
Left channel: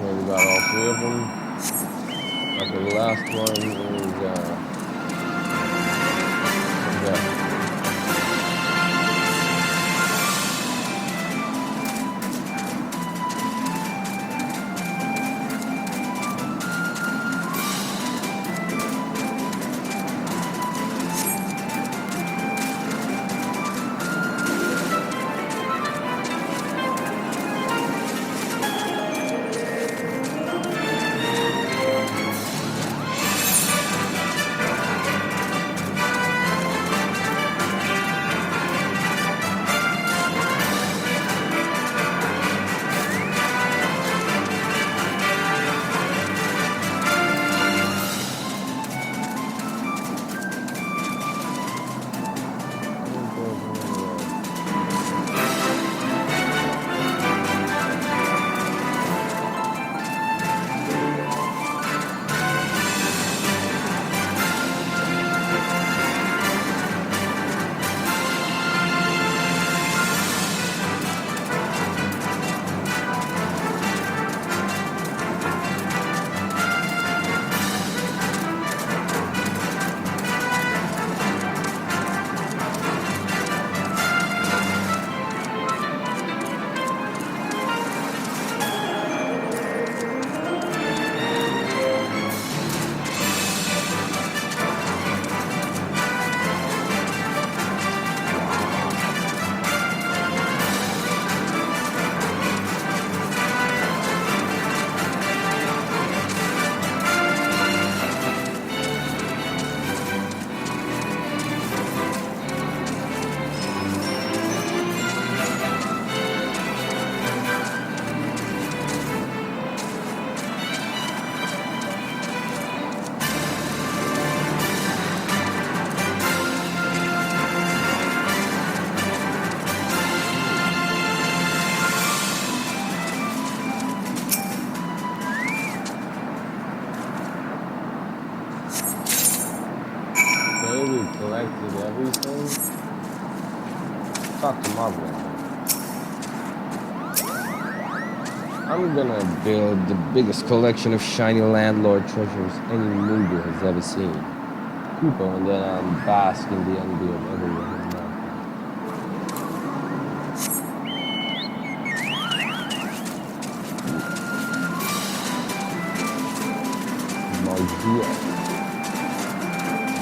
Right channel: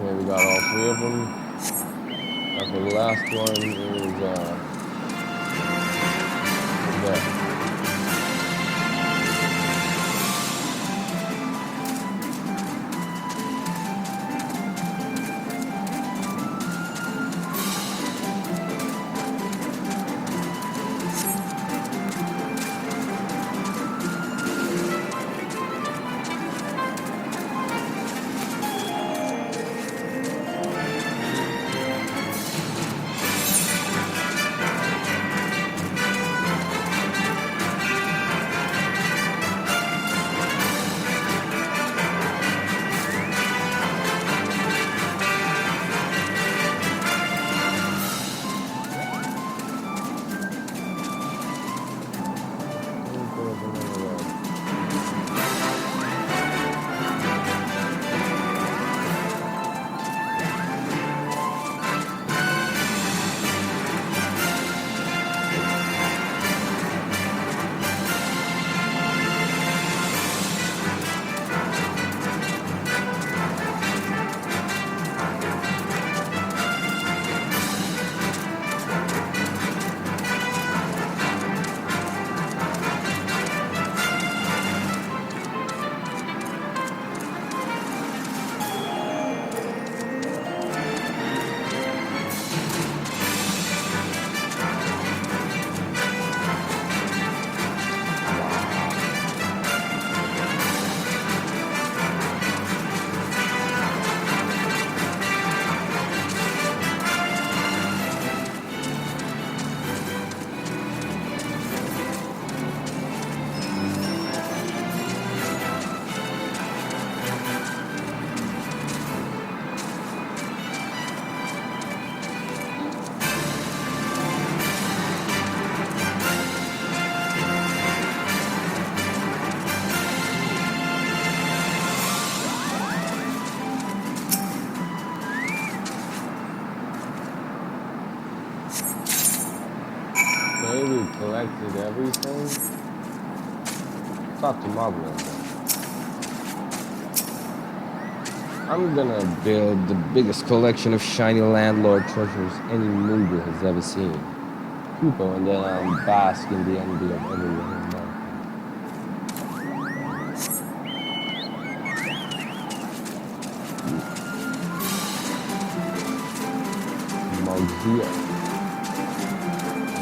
Okay, we got all three of them. Okay, the last one is over there. collected everything. Talk to Margaret. I'm gonna build the biggest collection of shiny landlord treasures any Moogle has ever seen. Kupo, and then bask in the envy of everyone in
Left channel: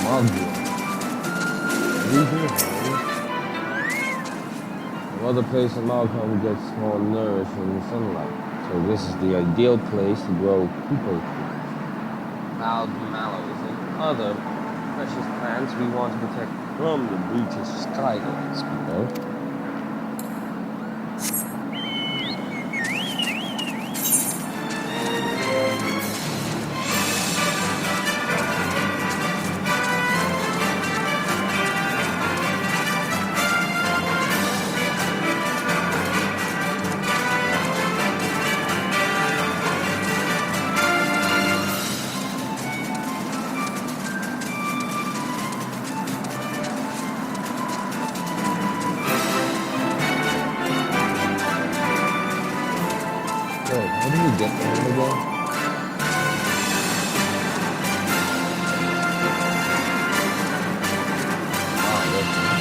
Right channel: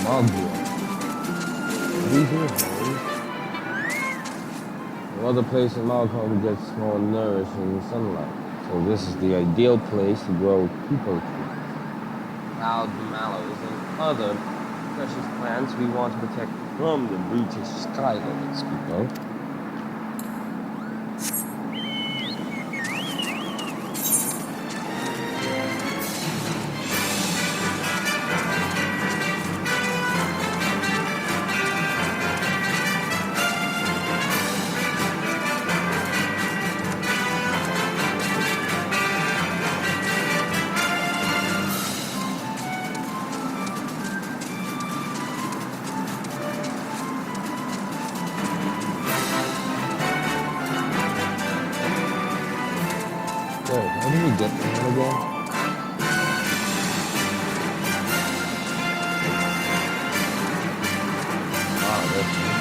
Malgia. These are homes. No other place in Malcolm gets more nourishing sunlight. So this is the ideal place to grow Kupo trees, wild mallows, and other precious plants we want to protect from the brutish skylords, Kupo. Wait, how do we get there again? Ah, that's it.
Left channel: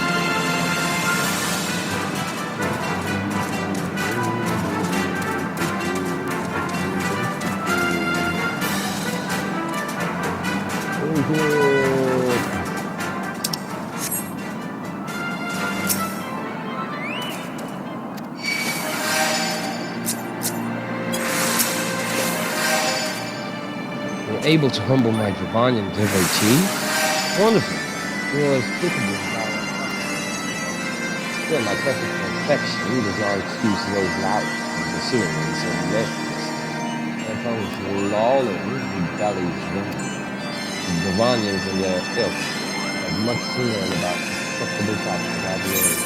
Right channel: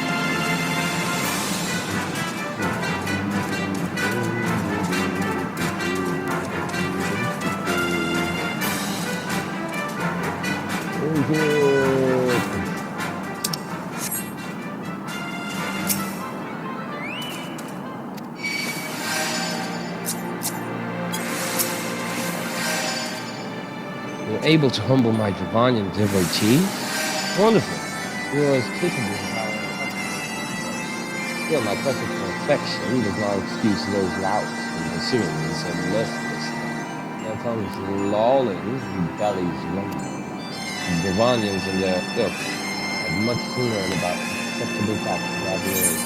You're able to humble my Dravanian devotee? Wonderful. You are as capable as I am. Still, my quest for perfection does not excuse those louts from pursuing so mercilessly. Their tongues lolling, their bellies rumbling. The Dravanians and their ilk have much to learn about acceptable facts about the age.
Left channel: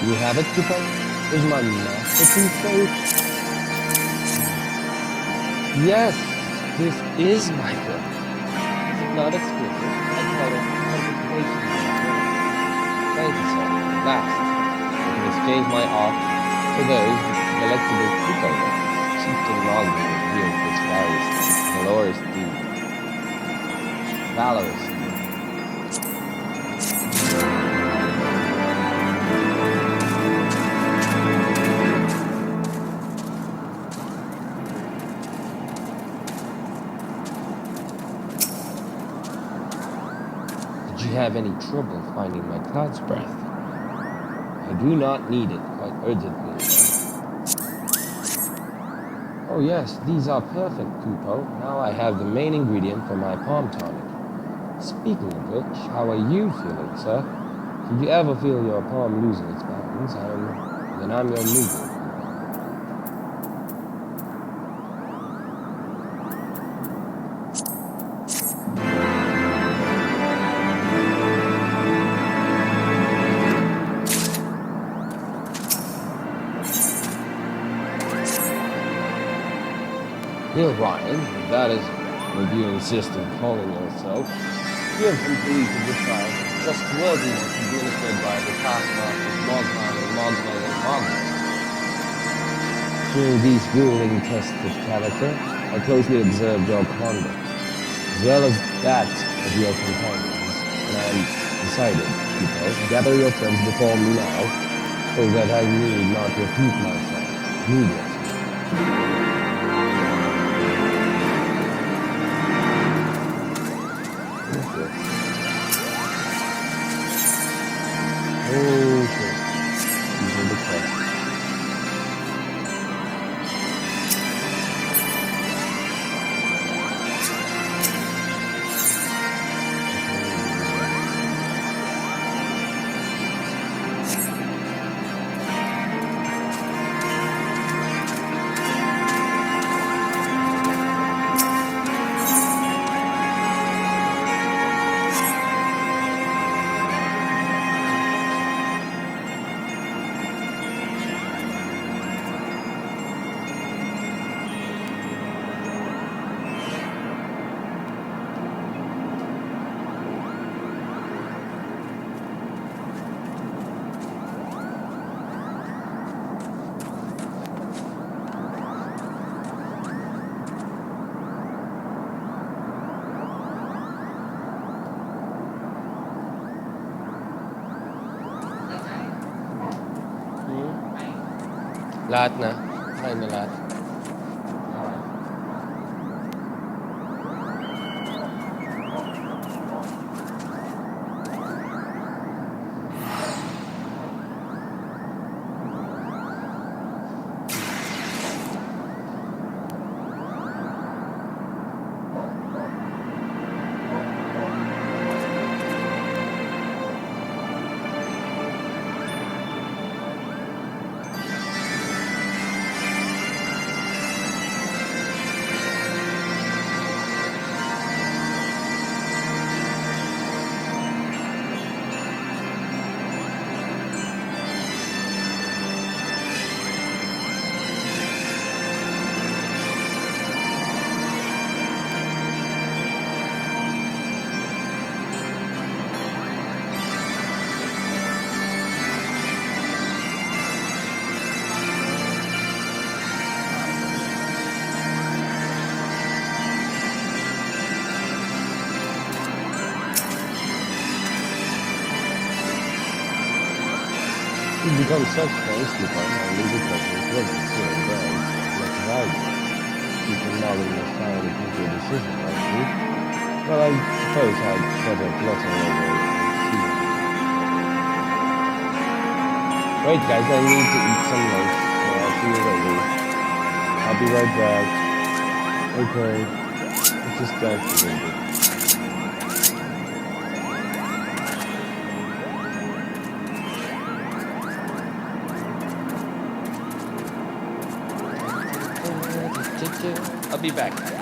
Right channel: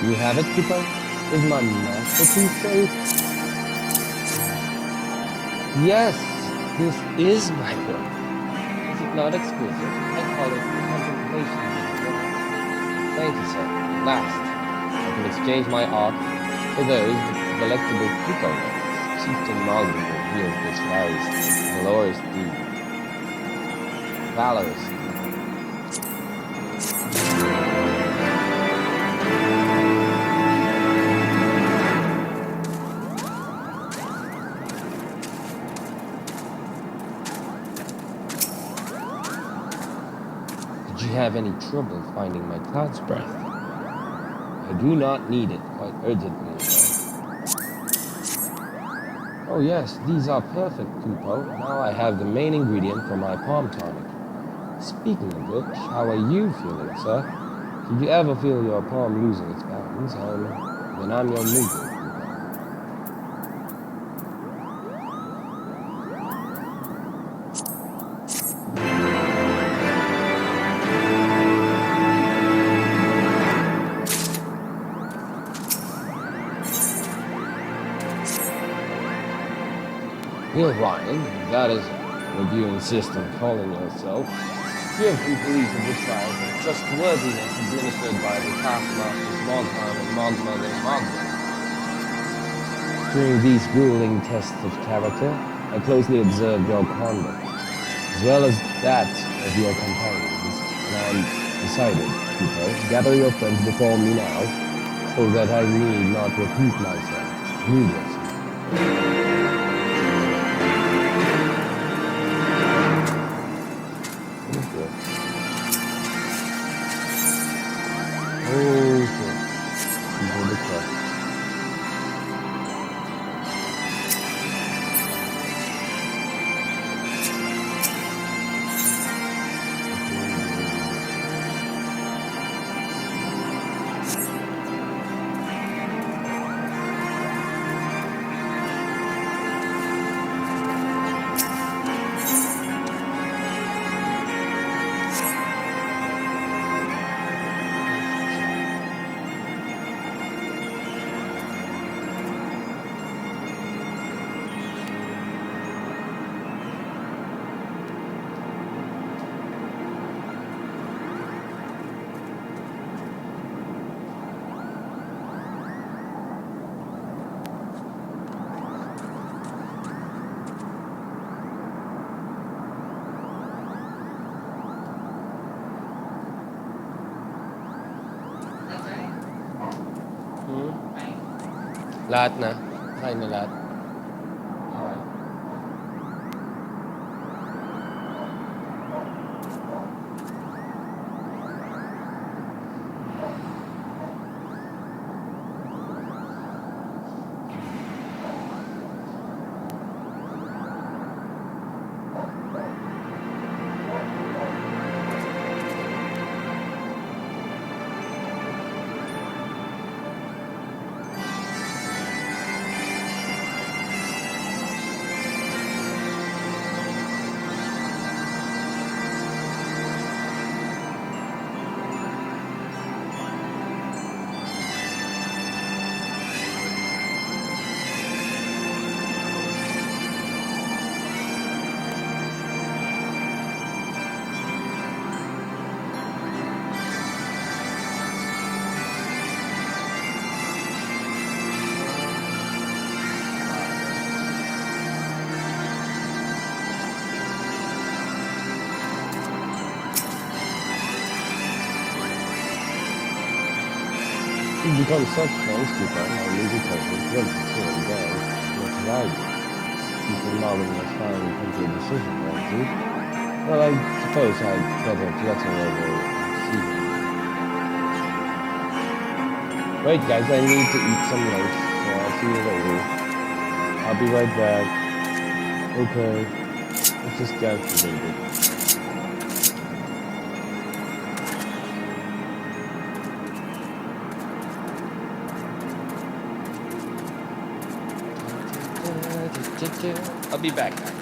You have it, Kupo? Is my masterpiece safe? Yes, this is my work. Is it not exquisite? I call it contemplation of joy. Thank you, sir. At last, I can exchange my art for those delectable Kupo relics. Chieftain Mogul revealed this valorous deed. Valorous. Did you have any trouble finding my cloud's breath? I do not need it quite urgently, Oh yes, these are perfect, Kupo. Now I have the main ingredient for my palm tonic. Speaking of which, how are you feeling, sir? Did you ever feel your palm losing its balance? Then I'm your Moogle. Neil Ryan, if that is what you insist on calling yourself, you have completed the trial of trustworthiness administered by the taskmasters Moghan and Mogmug and Mogmug. During these grueling tests of character, I closely observed your conduct, as well as that of your companions, and I decided, Kupo, gather your friends before me now, so that I need not repeat myself needlessly. Oh shit. These are the quests. Lahat na. Kain na lahat. Okay. We've become such friends, Cooper. Our legal cousins love to see him brag as much as I do. You think Marvin has finally come to a decision, right, Luke? Well, I suppose I'd better flutter over and see him. Wait, guys, I need to eat some lunch, so I'll see you later. I'll be right back. Okay, let's just dance a little bit. I'll be back, guys.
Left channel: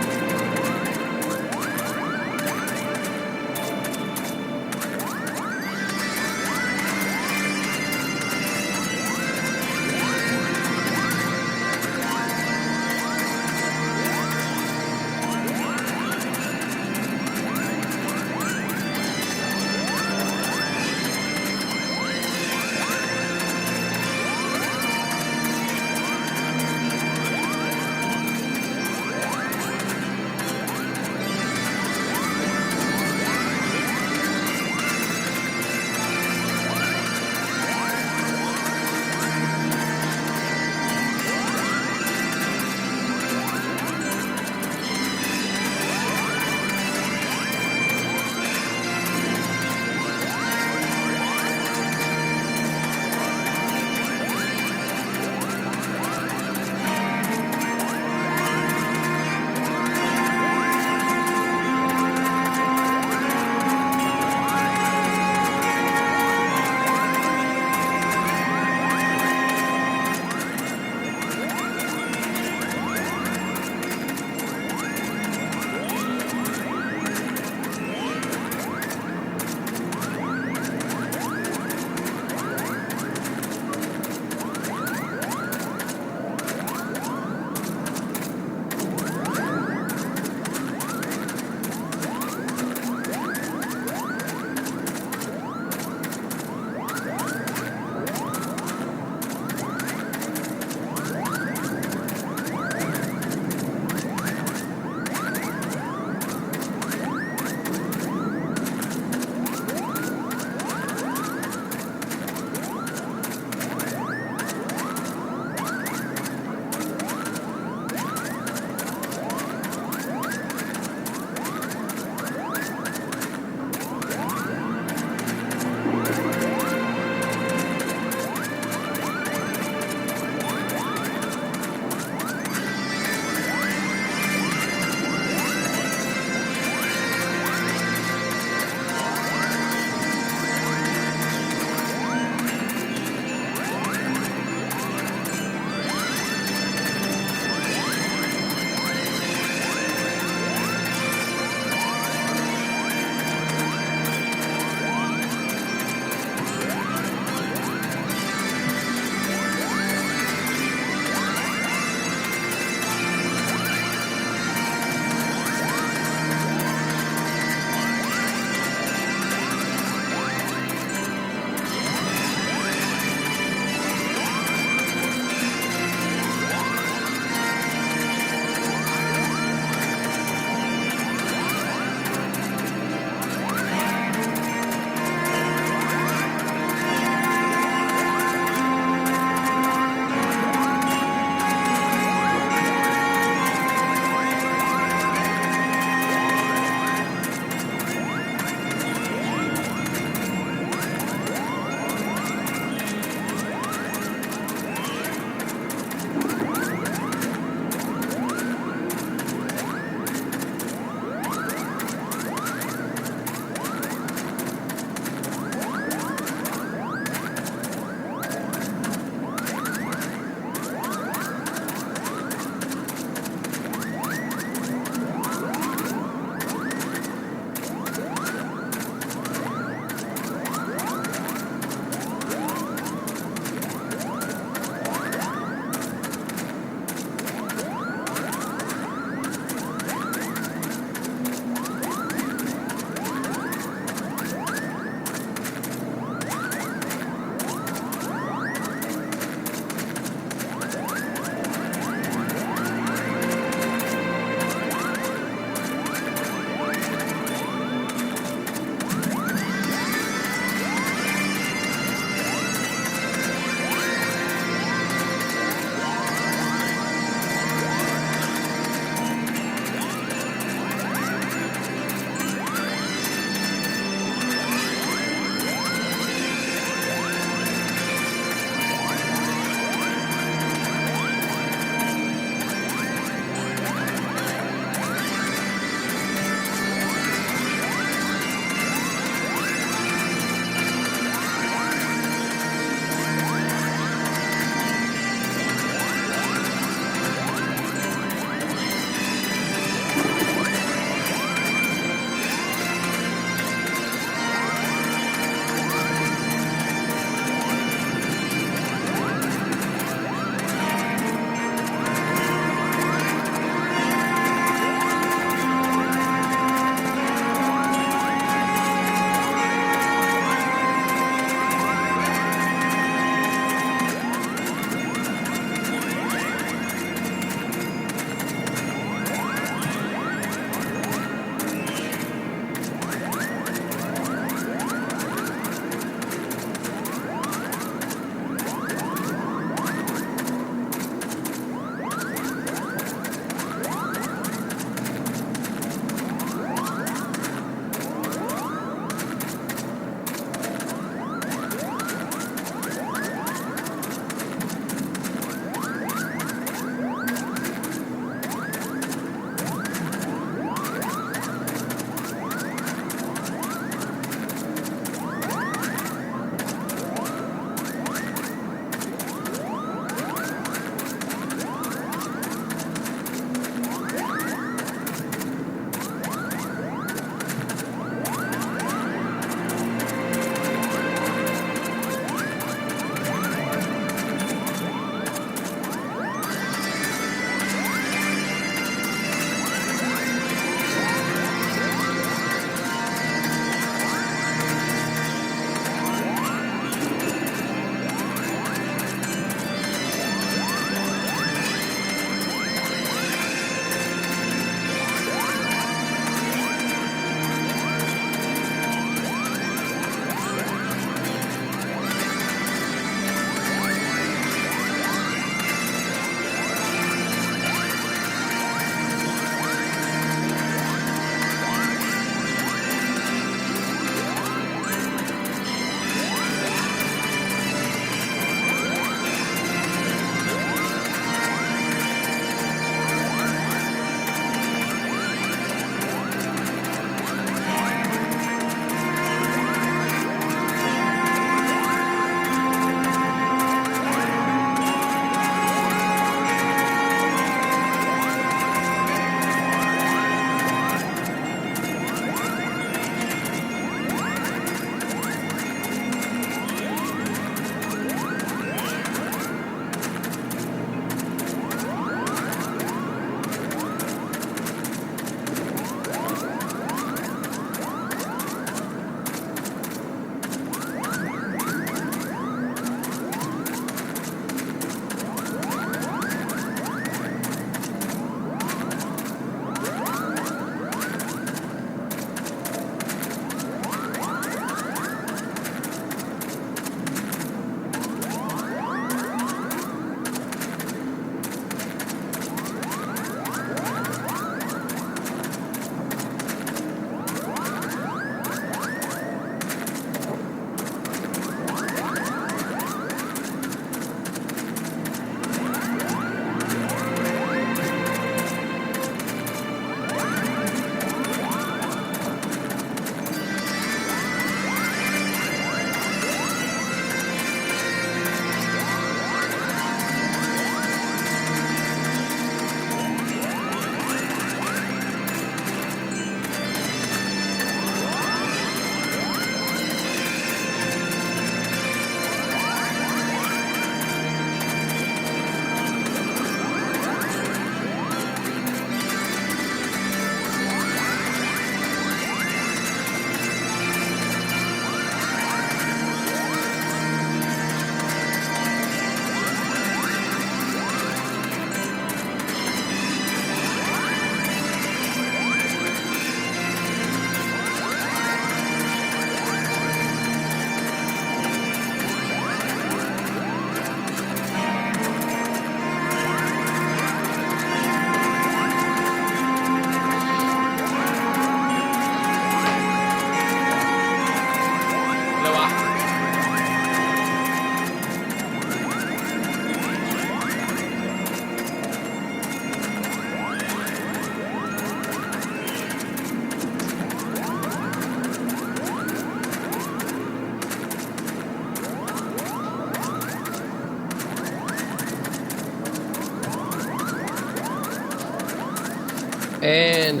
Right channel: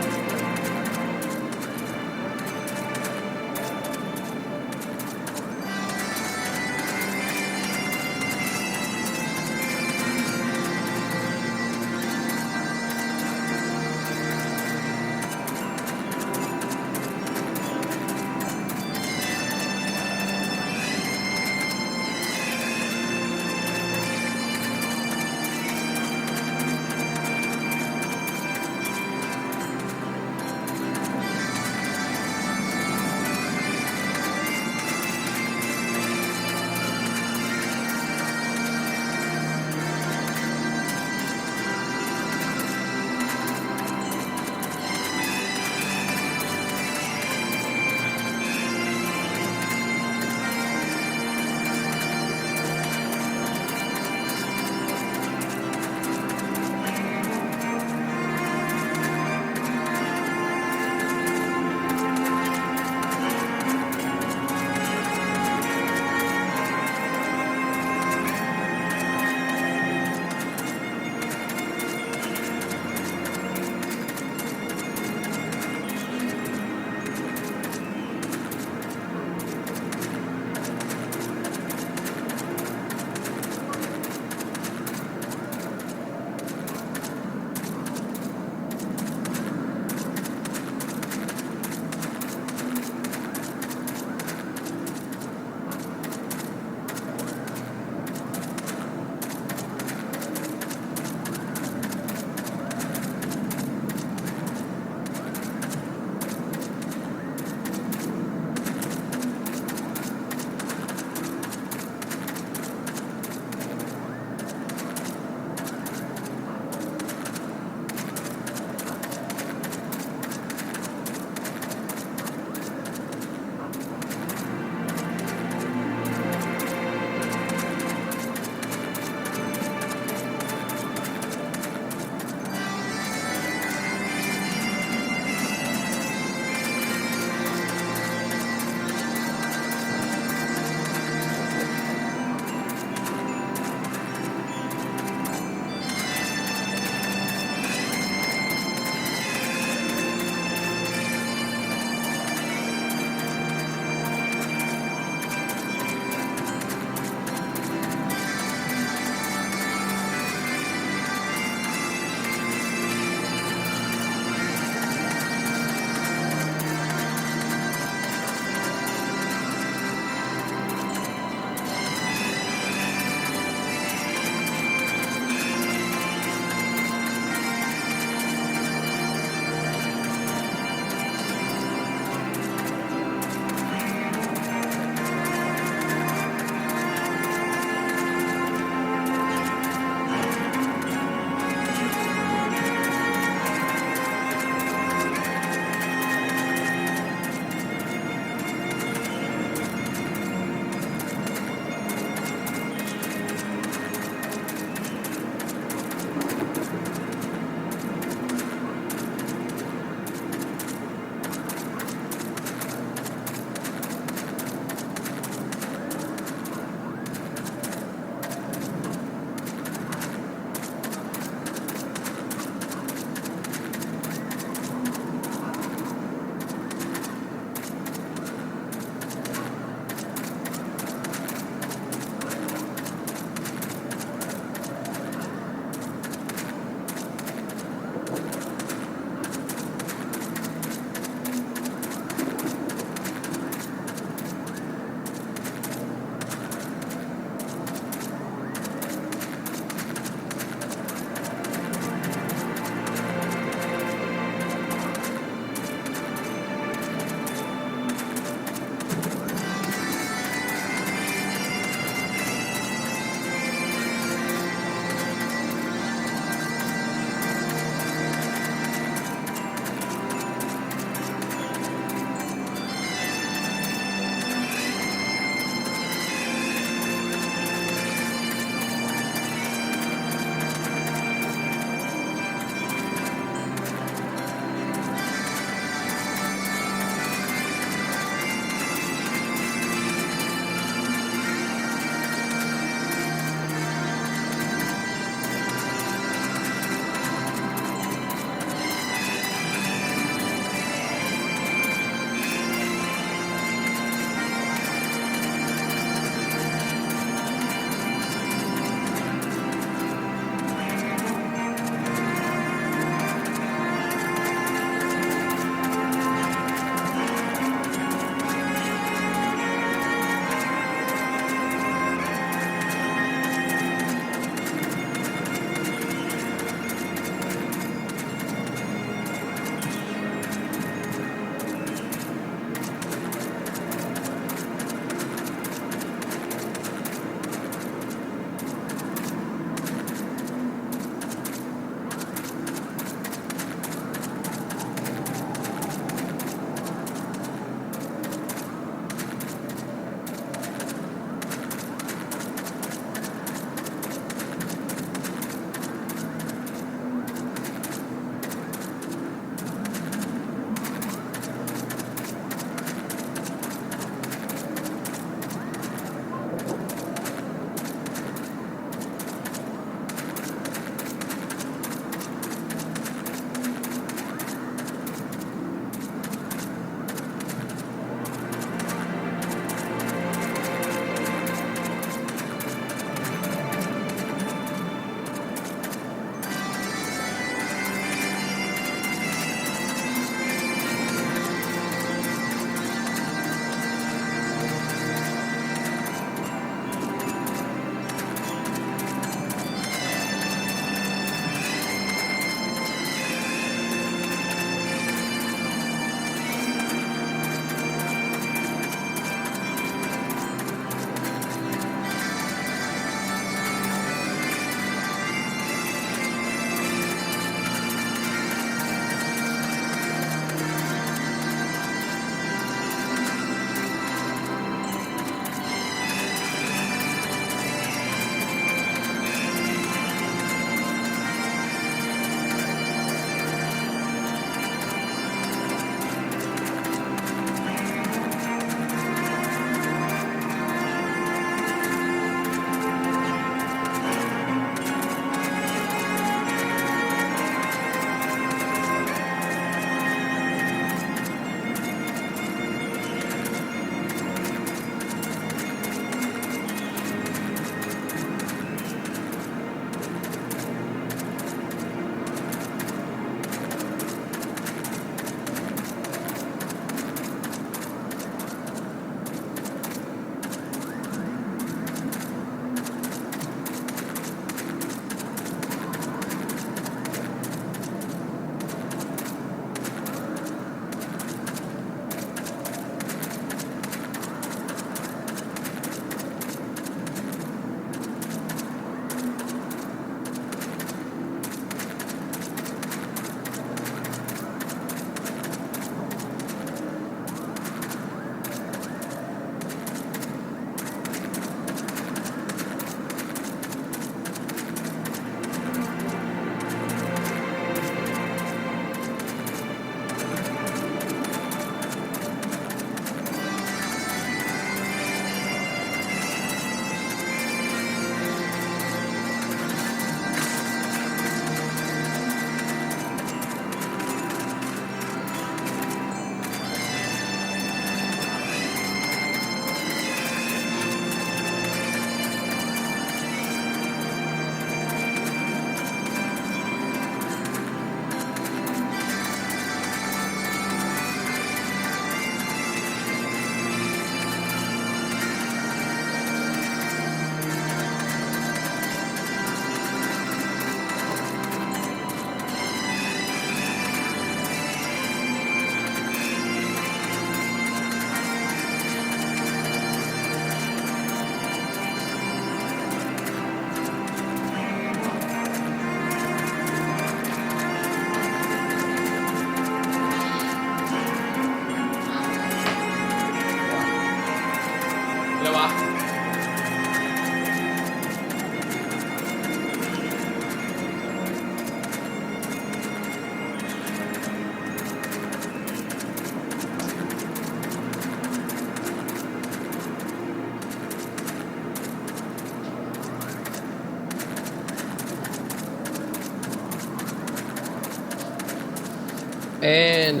And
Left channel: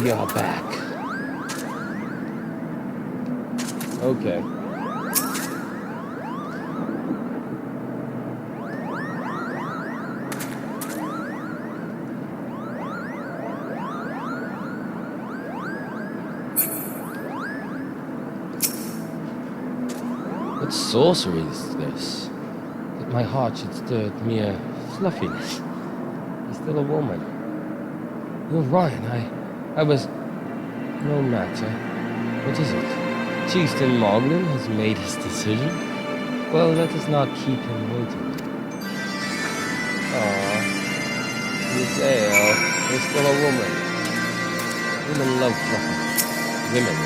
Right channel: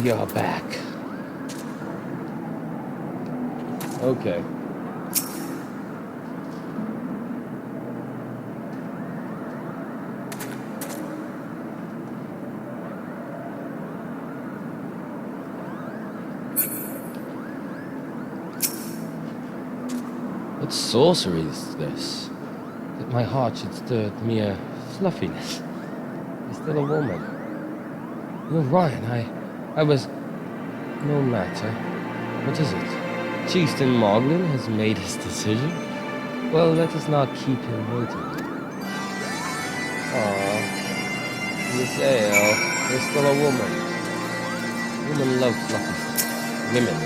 we are back. Okay. What sorcery is this? That my heart should stir at mere fluffiness. He's still a woman. You're Ryan, I was... No matter. What is it? Chieftain Moglin has made his decision? Well, let us not keep him waiting. Aww. Miss Ale, there's still a woman. Women love fluffy things. Women.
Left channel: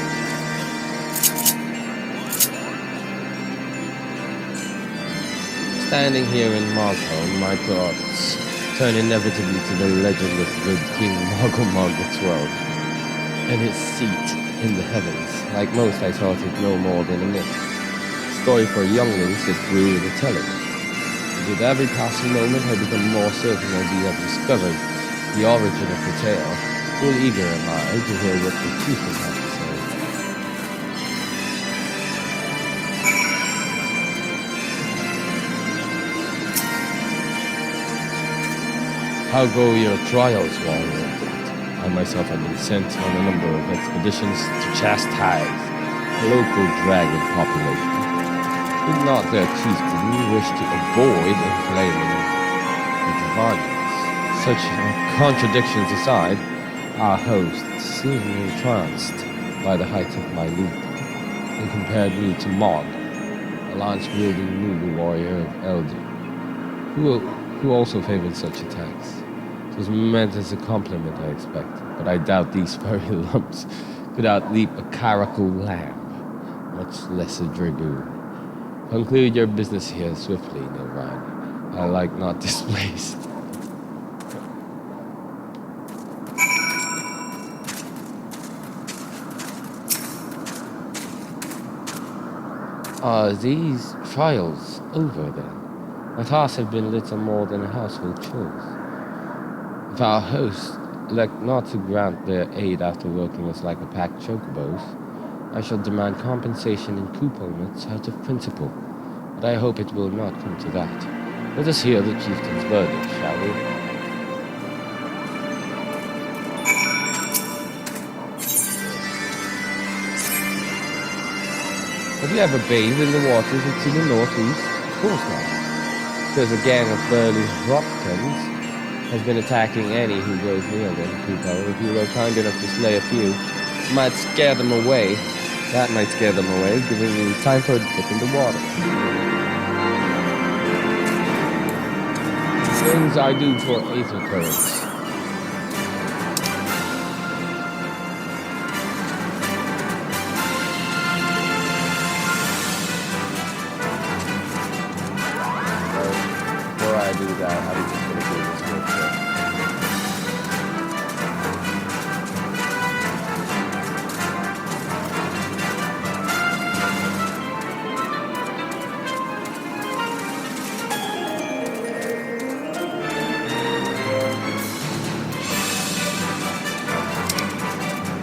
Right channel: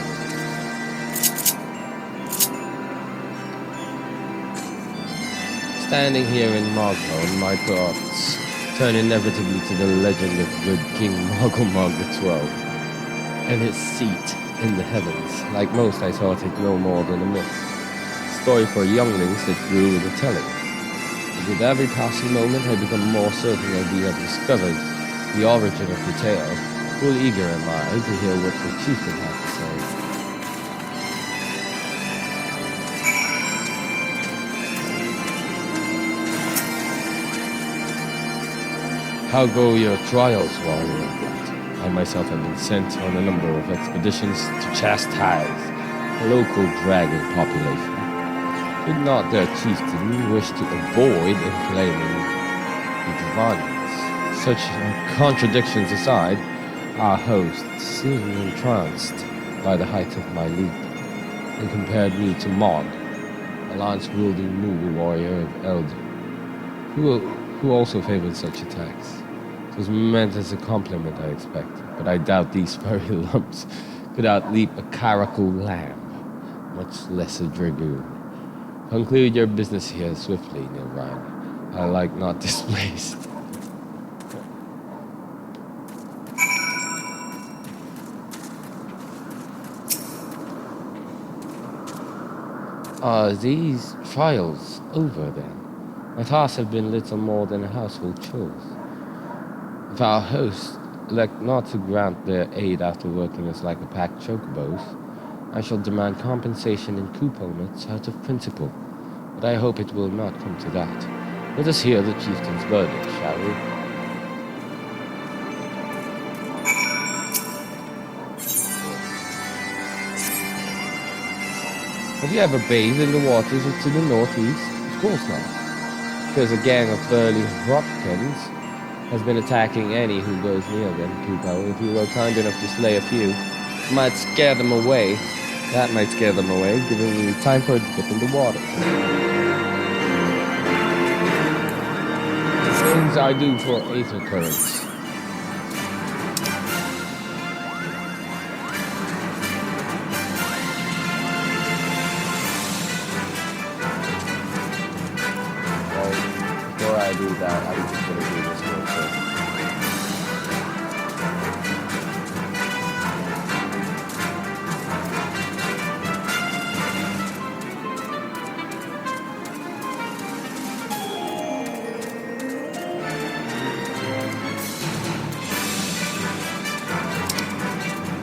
Standing here in Mogholm, my thoughts turn inevitably to the legend of good King Mogulmog XIV and his seat in the heavens. Like most, I thought it no more than a myth. A story for younglings that grew with the telling. But with every passing moment, I become more certain that we have discovered the origin of the tale. Full eager am I to hear what the chieftain has to say. How go your trials, warrior of light? I myself have been sent on a number of expeditions to chastise a local dragon population. Did not their chieftain wish to avoid inflaming the Dravanians? Such contradictions aside, our host seemed entranced by the height of my leap, and compared me to Mog, a lance-wielding Moogle warrior of Eldin, who also favored such attacks. It was meant as a compliment, I expect, but I doubt these furry lumps could outleap a caracal lamb, much less a dragoon. Conclude your business here swiftly, Nilryan. I like not displaced. Are these trials over then? My tasks have been little more than household chores. If our hosts elect not to grant their aid after working us like a pack of chocobos, I shall demand compensation in couponets out of principle. But I hope it will not come to that. Let us hear the chieftain's verdict, shall we? Have you ever bathed in the waters to the northeast? Of course not. There's a gang of burly Hropkins has been attacking any who goes near them, Kupo. If you were kind enough to slay a few, might scare them away. That might scare them away, giving me time for a dip in the water. Things I do for aether currents. Before I do that, I'm just going to do this real quick.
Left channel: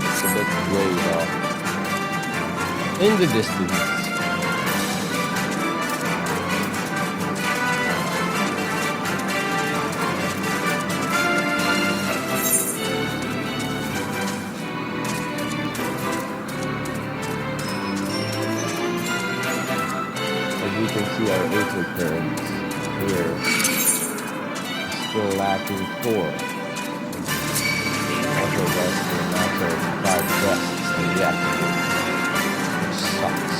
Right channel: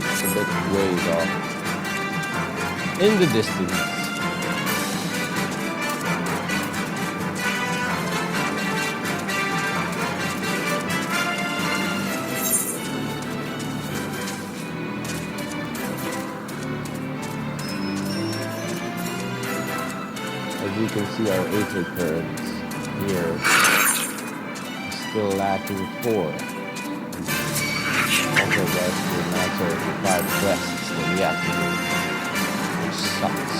It's a bit ways off. In the distance. As you can see, our aether currents here are still lacking 4. And also less to a matter of 5 quests that we have to do, which sucks.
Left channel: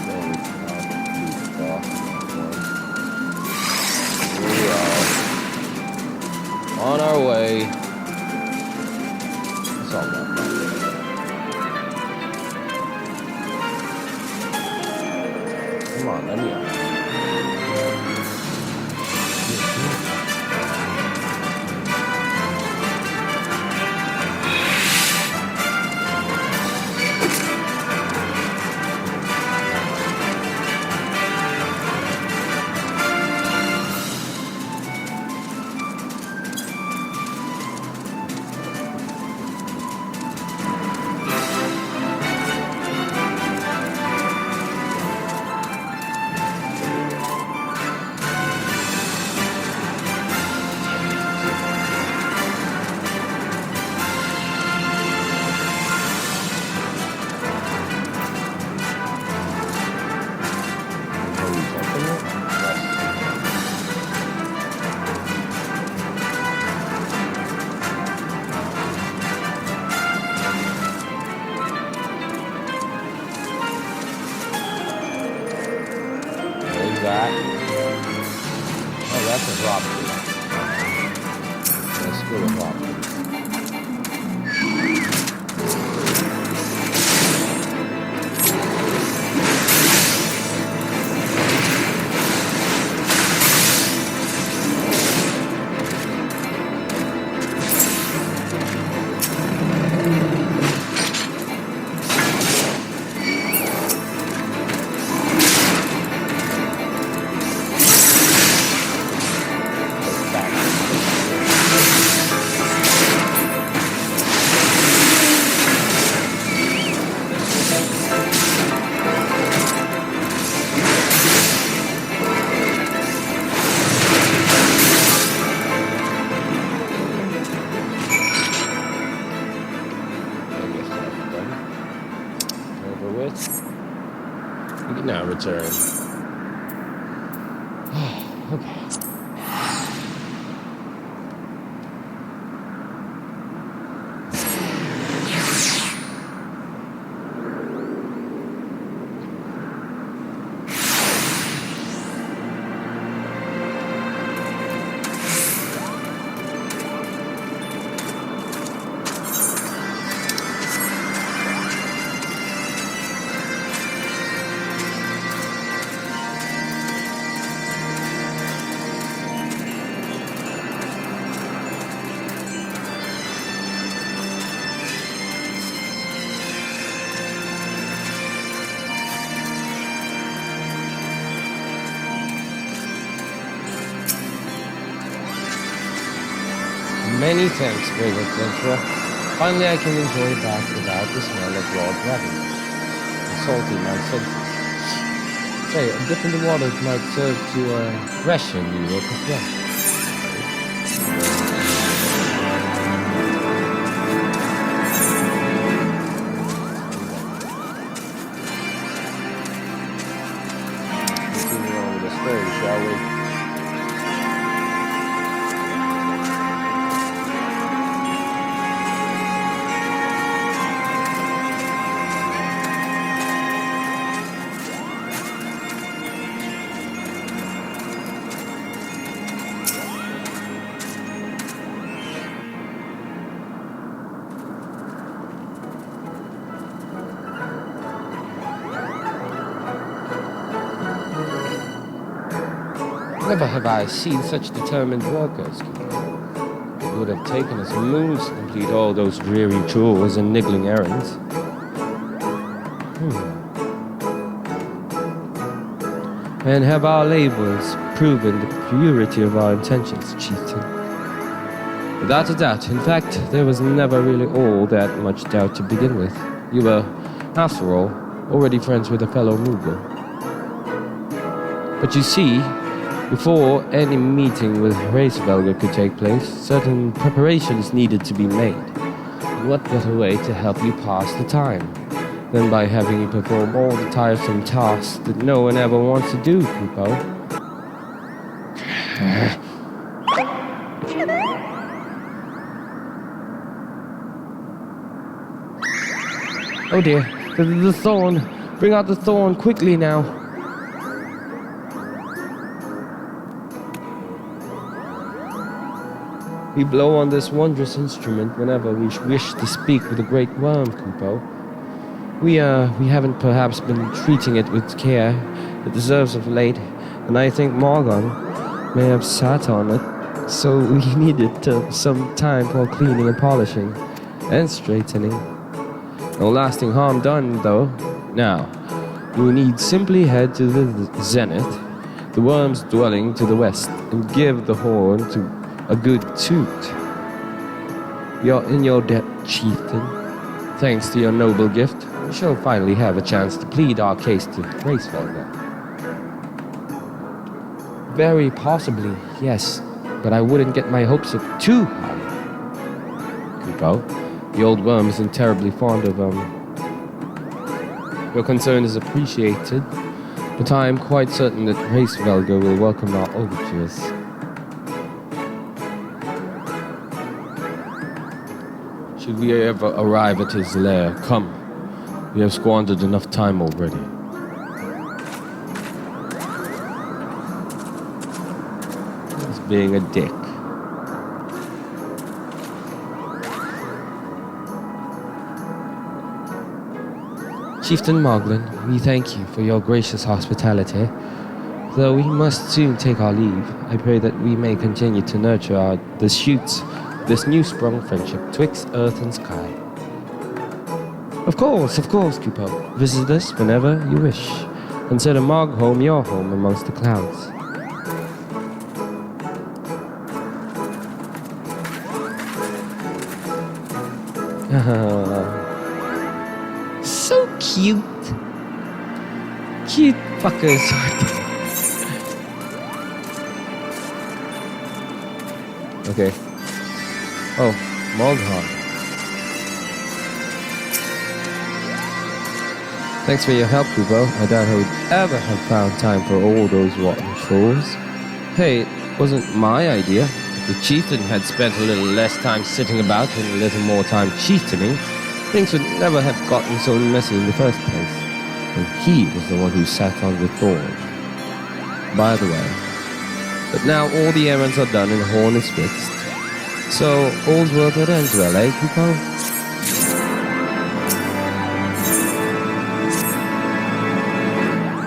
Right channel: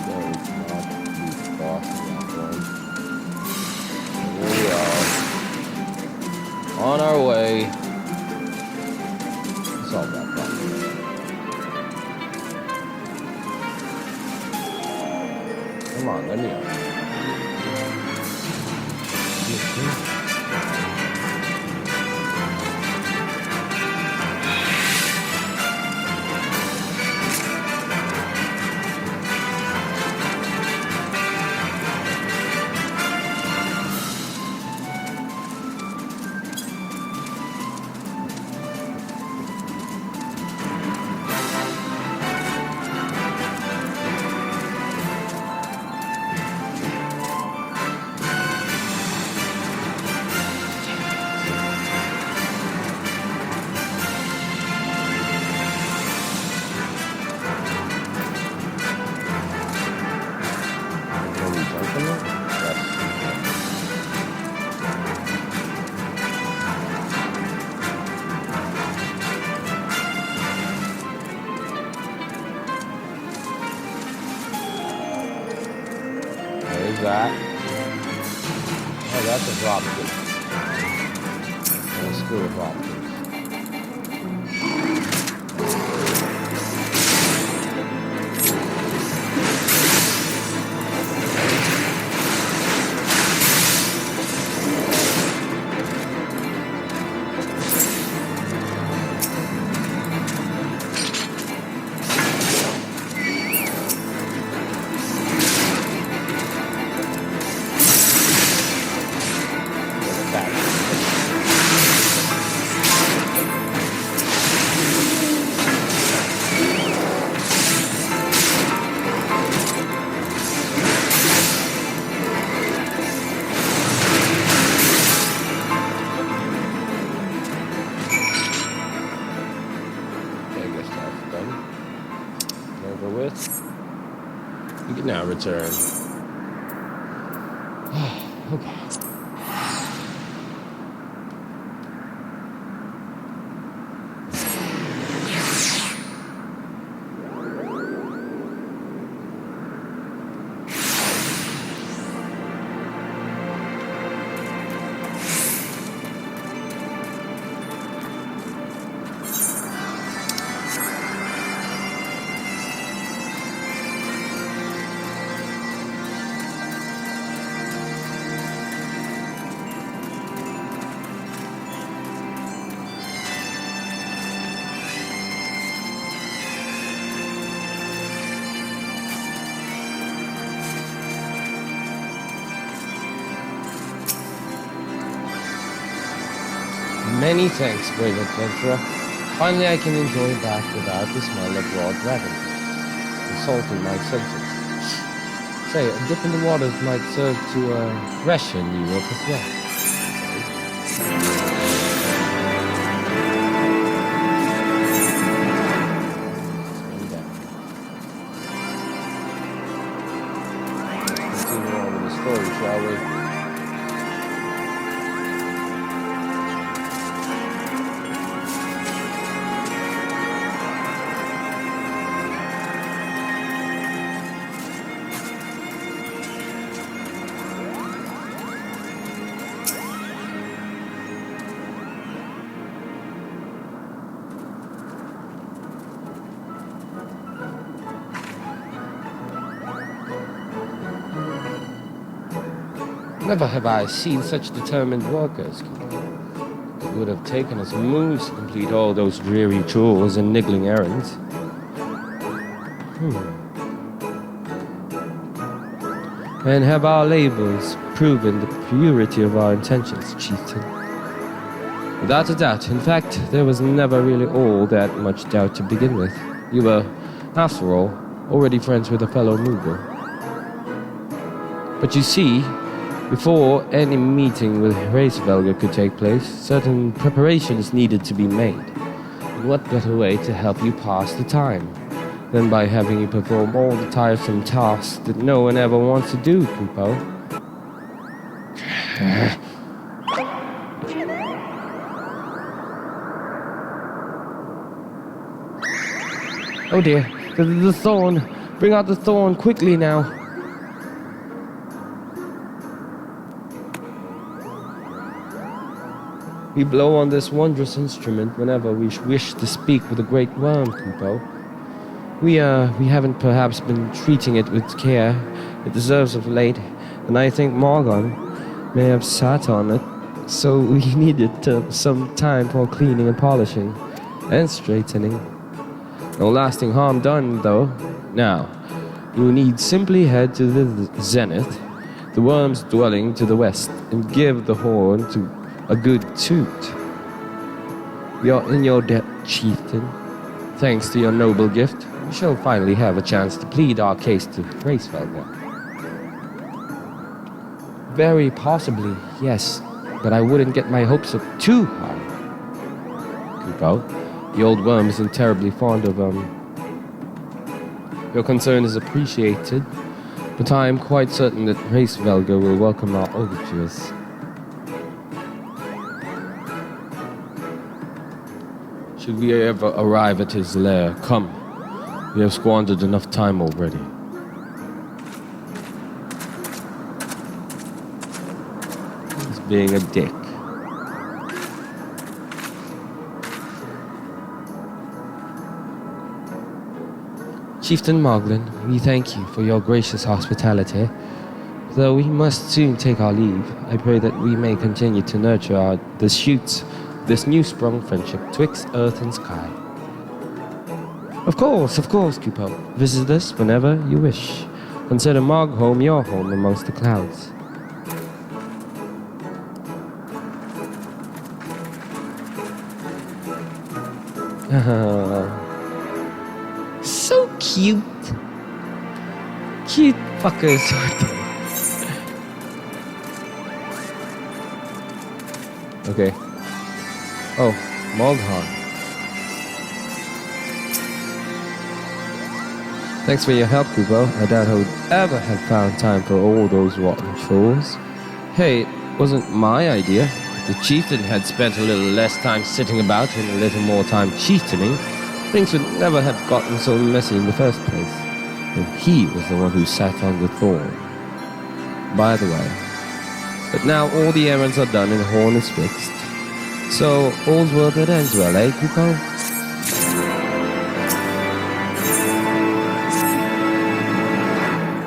Again, we cannot beat the boss in that one. Here we are. On our way. Solve that problem. Come on, let me out. that? Oh, that's a dropkick. Let's go to dropkick. You can now return. Okay. Many thanks, brave adventurer. Finally, I can enjoy back without the smell of raw dragon fish insulting my senses. Say, a dip in the waters might serve to freshen you up as well. Continue on with the story, shall we? Never have I seen such determined workers. It would have taken us moons to complete all those dreary chores and niggling errands. And have our labors proven the purity of our intentions, chieftain? Without a doubt. In fact, there was never really all that much doubt to begin with. You were, after all, already friends with a fellow Moogle. But you see, before any meeting with Hraesvelgr could take place, certain preparations needed to be made. And what better way to help you pass the time than by having you perform all the tiresome tasks that no one ever wants to do, Kupo? Oh dear, the thorn. Bring out the thorn quickly now. We blow on this wondrous instrument whenever we wish to speak with the great worm, Kupo. We haven't perhaps been treating it with care it deserves of late, and I think Morgan may have sat on it, so we needed some time for cleaning and polishing and straightening. No lasting harm done, though. Now, you need simply head to the zenith, the worm's dwelling to the west, and give the horn to a good toot. We are in your debt, chieftain. Thanks to your noble gift, we shall finally have a chance to plead our case to Hraesvelgr. Very possibly, yes, but I wouldn't get my hopes up too high. Kupo, the old worm isn't terribly fond of, Your concern is appreciated, but I am quite certain that Hraesvelgr will welcome our overtures. Should we ever arrive at his lair, come. We have squandered enough time already. being a dick. Chieftain Moglin, we thank you for your gracious hospitality. Though we must soon take our leave, I pray that we may continue to nurture the shoots of this new-sprung friendship twixt earth and sky. Of course, Kupo. Visit us whenever you wish. Consider Mogholm your home amongst the clouds. So cute. Cute fuckers. Okay. Oh, Moldhar. Thanks for your help, Kubo. I doubt I would ever have found time for all those rotten chores. Hey, it wasn't my idea. If the chieftain had spent a little less time sitting about and a little more time chieftaining, things would never have gotten so messy in the first place. And he was the one who sat on the throne. By the way, but now all the errands are done and the horn is fixed. So, all's well that ends well, eh, Kupo?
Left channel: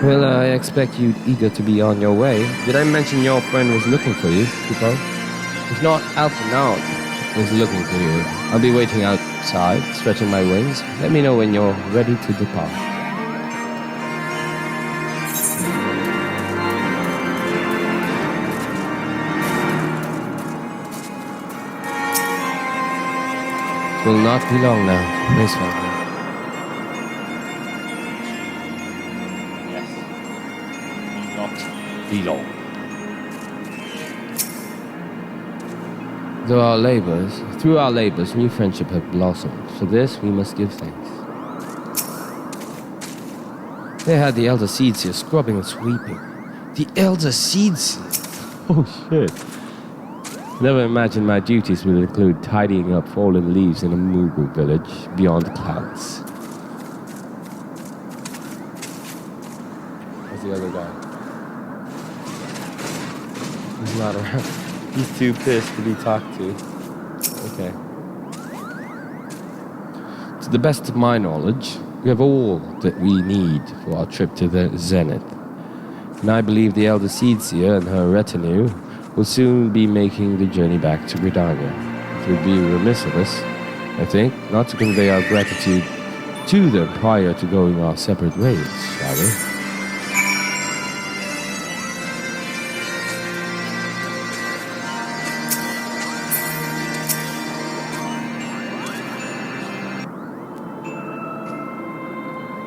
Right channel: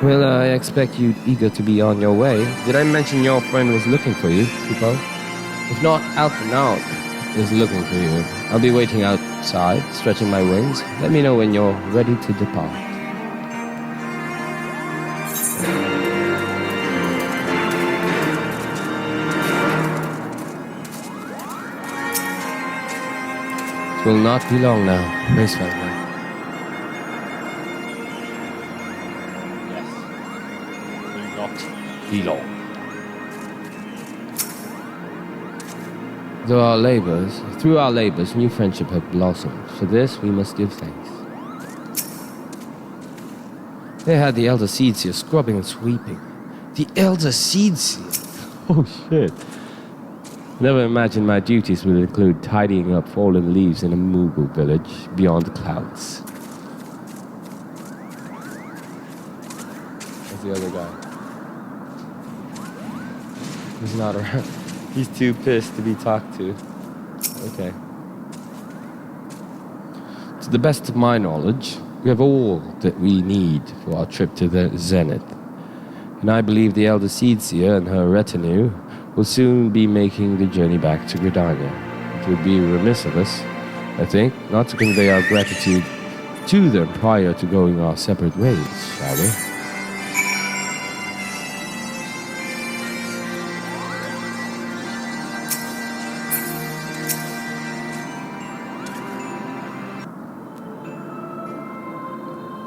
Well, I expect you'd eager to be on your way. Did I mention your friend was looking for you, Kupo? If not, Alphinaud is looking for you. I'll be waiting outside, stretching my wings. Let me know when you're ready to depart. It will not be long now, Racefelder. Be long. Through our labors, new friendship have blossomed. For this, we must give thanks. They had the Elder Seedseer scrubbing and sweeping. The Elder Seedseer? Oh shit. Never imagined my duties would include tidying up fallen leaves in a Moogle village beyond the clouds. Where's the other guy? He's not around. He's too pissed to be talked to. Okay. To the best of my knowledge, we have all that we need for our trip to the Zenith. And I believe the Elder Seedseer and her retinue will soon be making the journey back to Gridania. It would be remiss of us, I think, not to convey our gratitude to them prior to going our separate ways, shall we?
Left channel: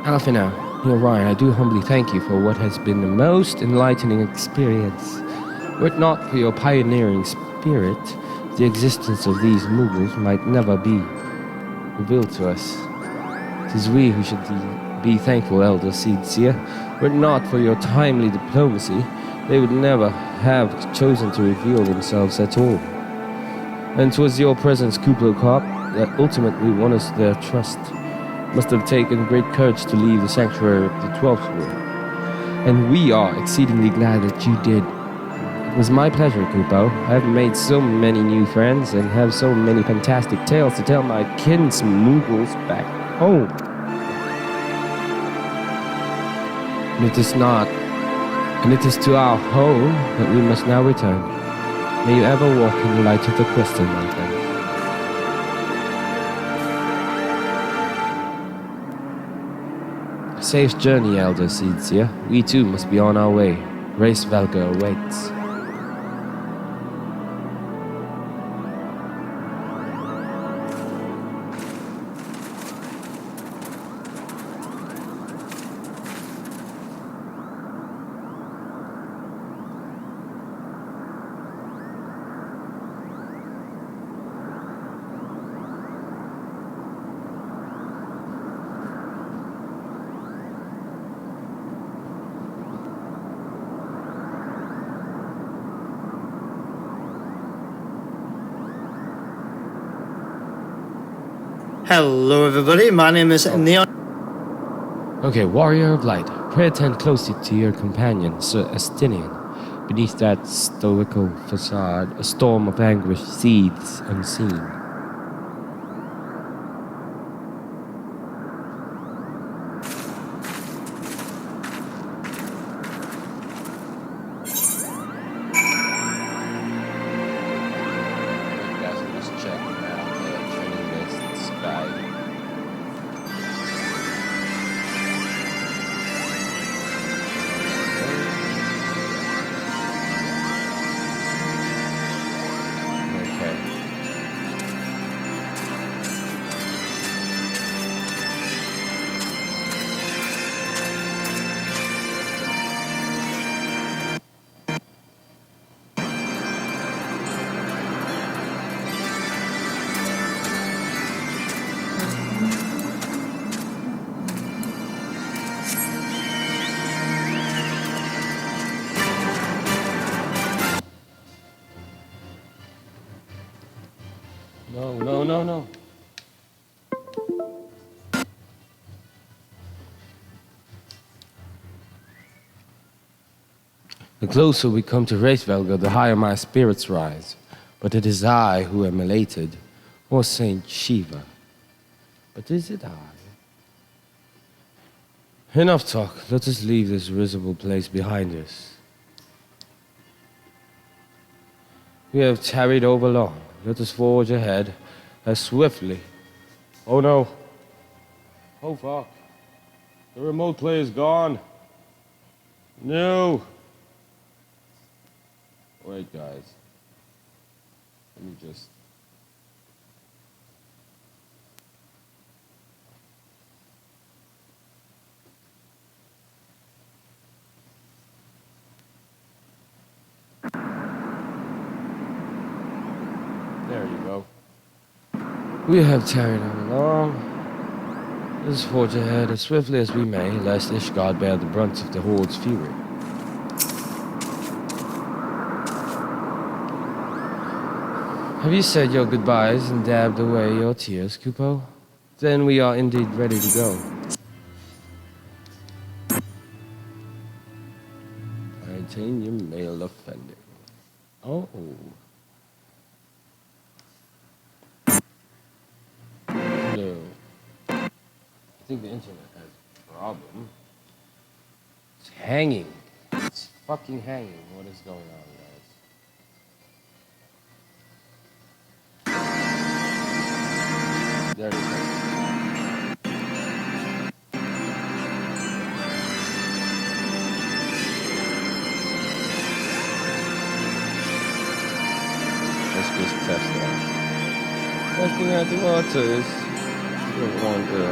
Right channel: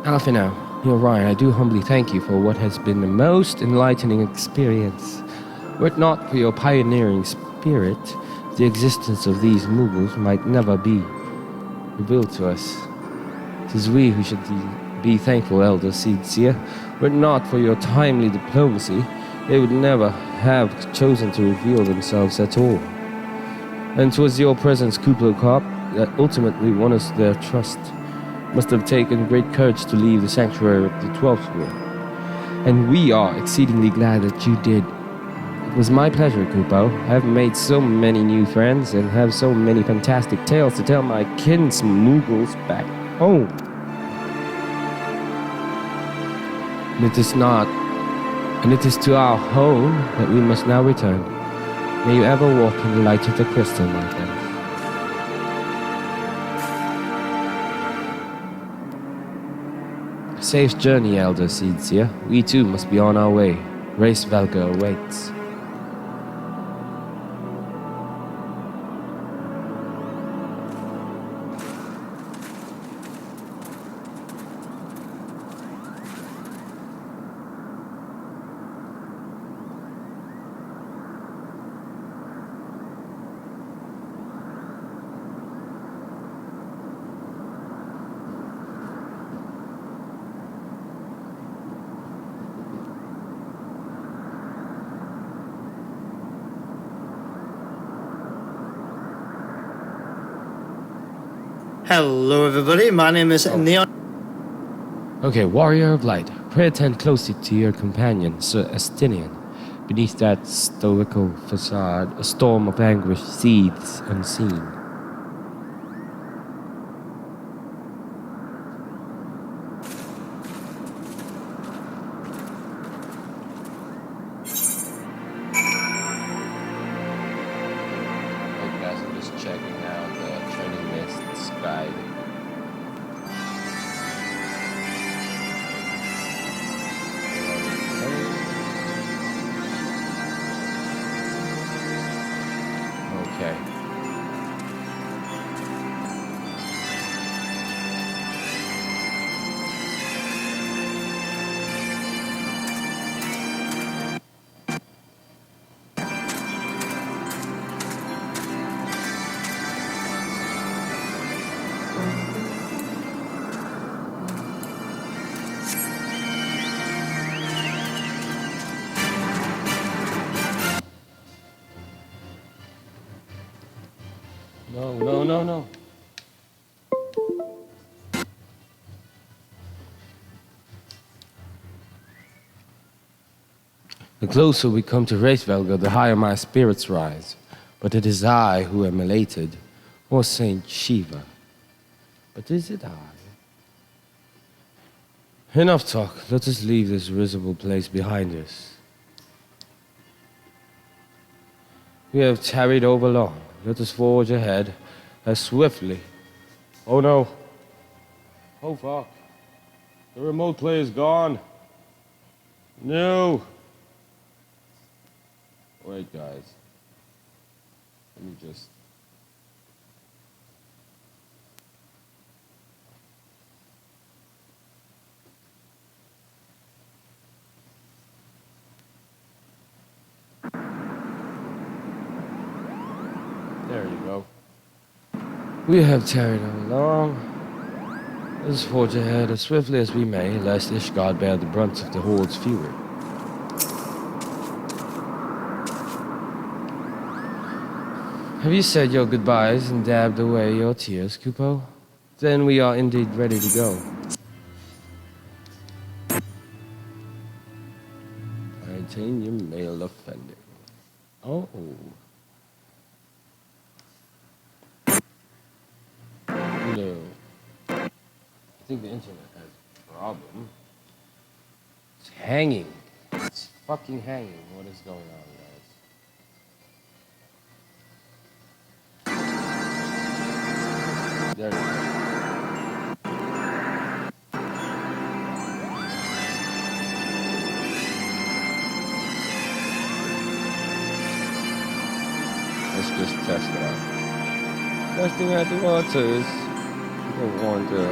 Alphinaud, you're right. I do humbly thank you for what has been the most enlightening experience. Were it not for your pioneering spirit, the existence of these Moogles might never be revealed to us. It is we who should be thankful, Elder Seedseer. Were it not for your timely diplomacy, they would never have chosen to reveal themselves at all. And 'twas your presence, Kuplo Cop, that ultimately won us their trust. Must have taken great courage to leave the sanctuary of the 12th Room. And we are exceedingly glad that you did. It was my pleasure, Kupo. I have made so many new friends and have so many fantastic tales to tell my kinsmoogles back home. And it is to our home that we must now return. May you ever walk in the light of the crystal, my friends. A safe journey, Elder Seedseer. We too must be on our way. Race Valga awaits. Hello everybody, my name is Neon. Okay, Warrior of Light, pray attend closely to your companion, Sir Estinian. Beneath that stoical facade, a storm of anguish seethes unseen. Wait, guys, I'm just checking out the Training Mists guide. Okay. No, no, no, no. The closer we come to Reisvelga, the higher my spirits rise. But it is I who am elated, or Saint Shiva. But is it I? Enough talk. Let us leave this risible place behind us. We have tarried over long. Let us forge ahead as swiftly. Oh no. Oh fuck. The remote play is gone. No. Wait, guys. Let me just... There you go. We have tarried along. Let us forge ahead as swiftly as we may, lest Ishgard bear the brunt of the Horde's fury. Have you said your goodbyes and dabbed away your tears, Kupo? Then we are indeed ready to go. Maintain your male offending. Oh. No. I think the internet has a problem. It's hanging. It's fucking hanging. What is going on, guys? There we go. Let's just test it out. Testing out the waters. You don't want to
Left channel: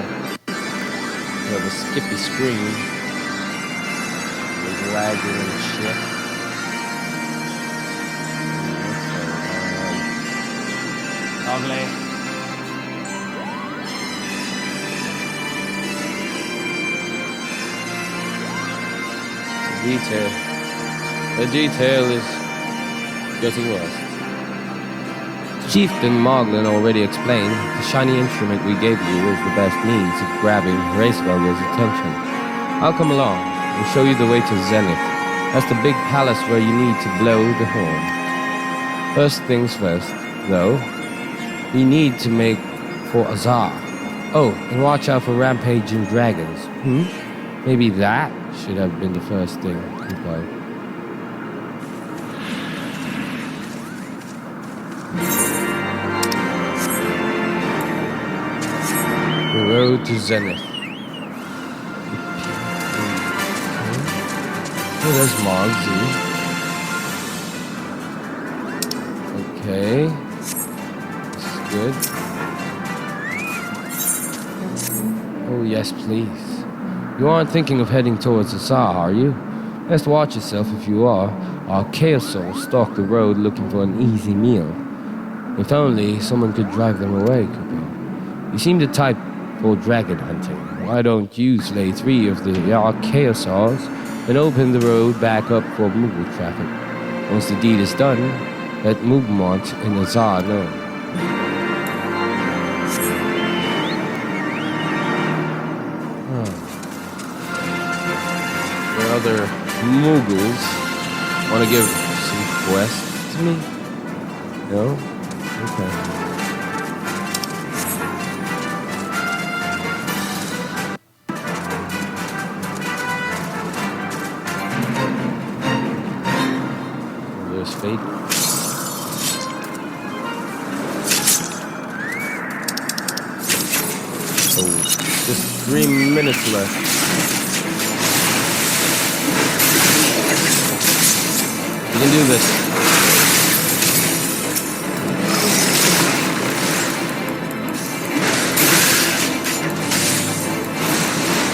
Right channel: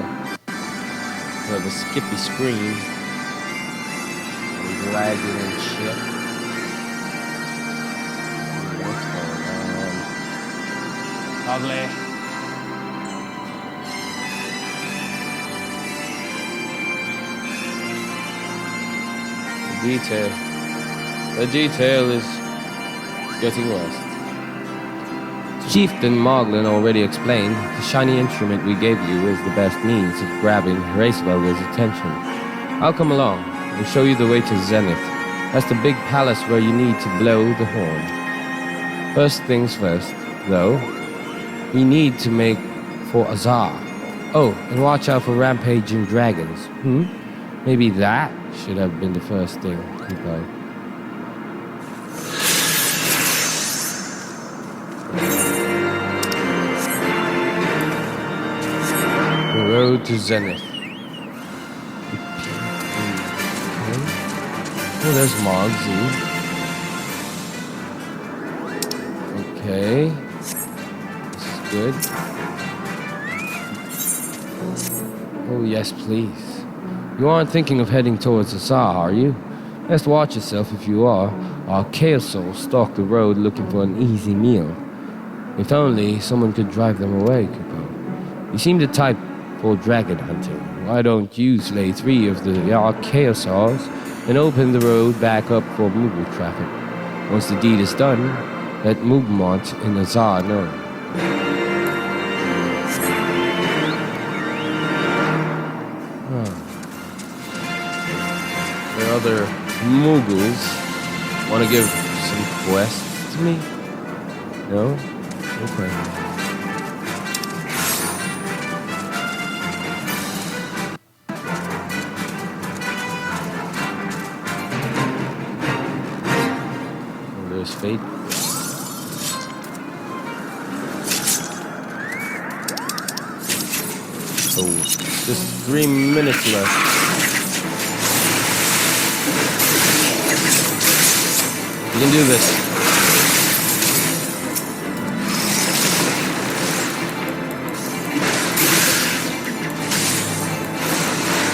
have a skippy screen. It's lagging and shit. What's going on? Ugly. The detail is getting worse. Chieftain Moglin already explained, the shiny instrument we gave you is the best means of grabbing Reisvelga's attention. I'll come along and show you the way to Zenith. That's the big palace where you need to blow the horn. First things first, though, we need to make for Azar. Oh, and watch out for rampaging dragons. Maybe that should have been the first thing, Kupo. The road to Zenith. Okay. Oh, there's Mogzy. Okay. This is good. Oh, yes, please. You aren't thinking of heading towards Azar, are you? Best watch yourself if you are. Our Chaos Souls stalk the road looking for an easy meal. If only someone could drive them away, Kupo. You seem the type for dragon hunting. Why don't you slay 3 of the Chaosars and open the road back up for Moogle traffic? Once the deed is done, let Moogmont and Azar know. There are other Moogles Want to give some quests to me? No? Okay. Oh, there's fate. So, just 3 minutes left. You can do this.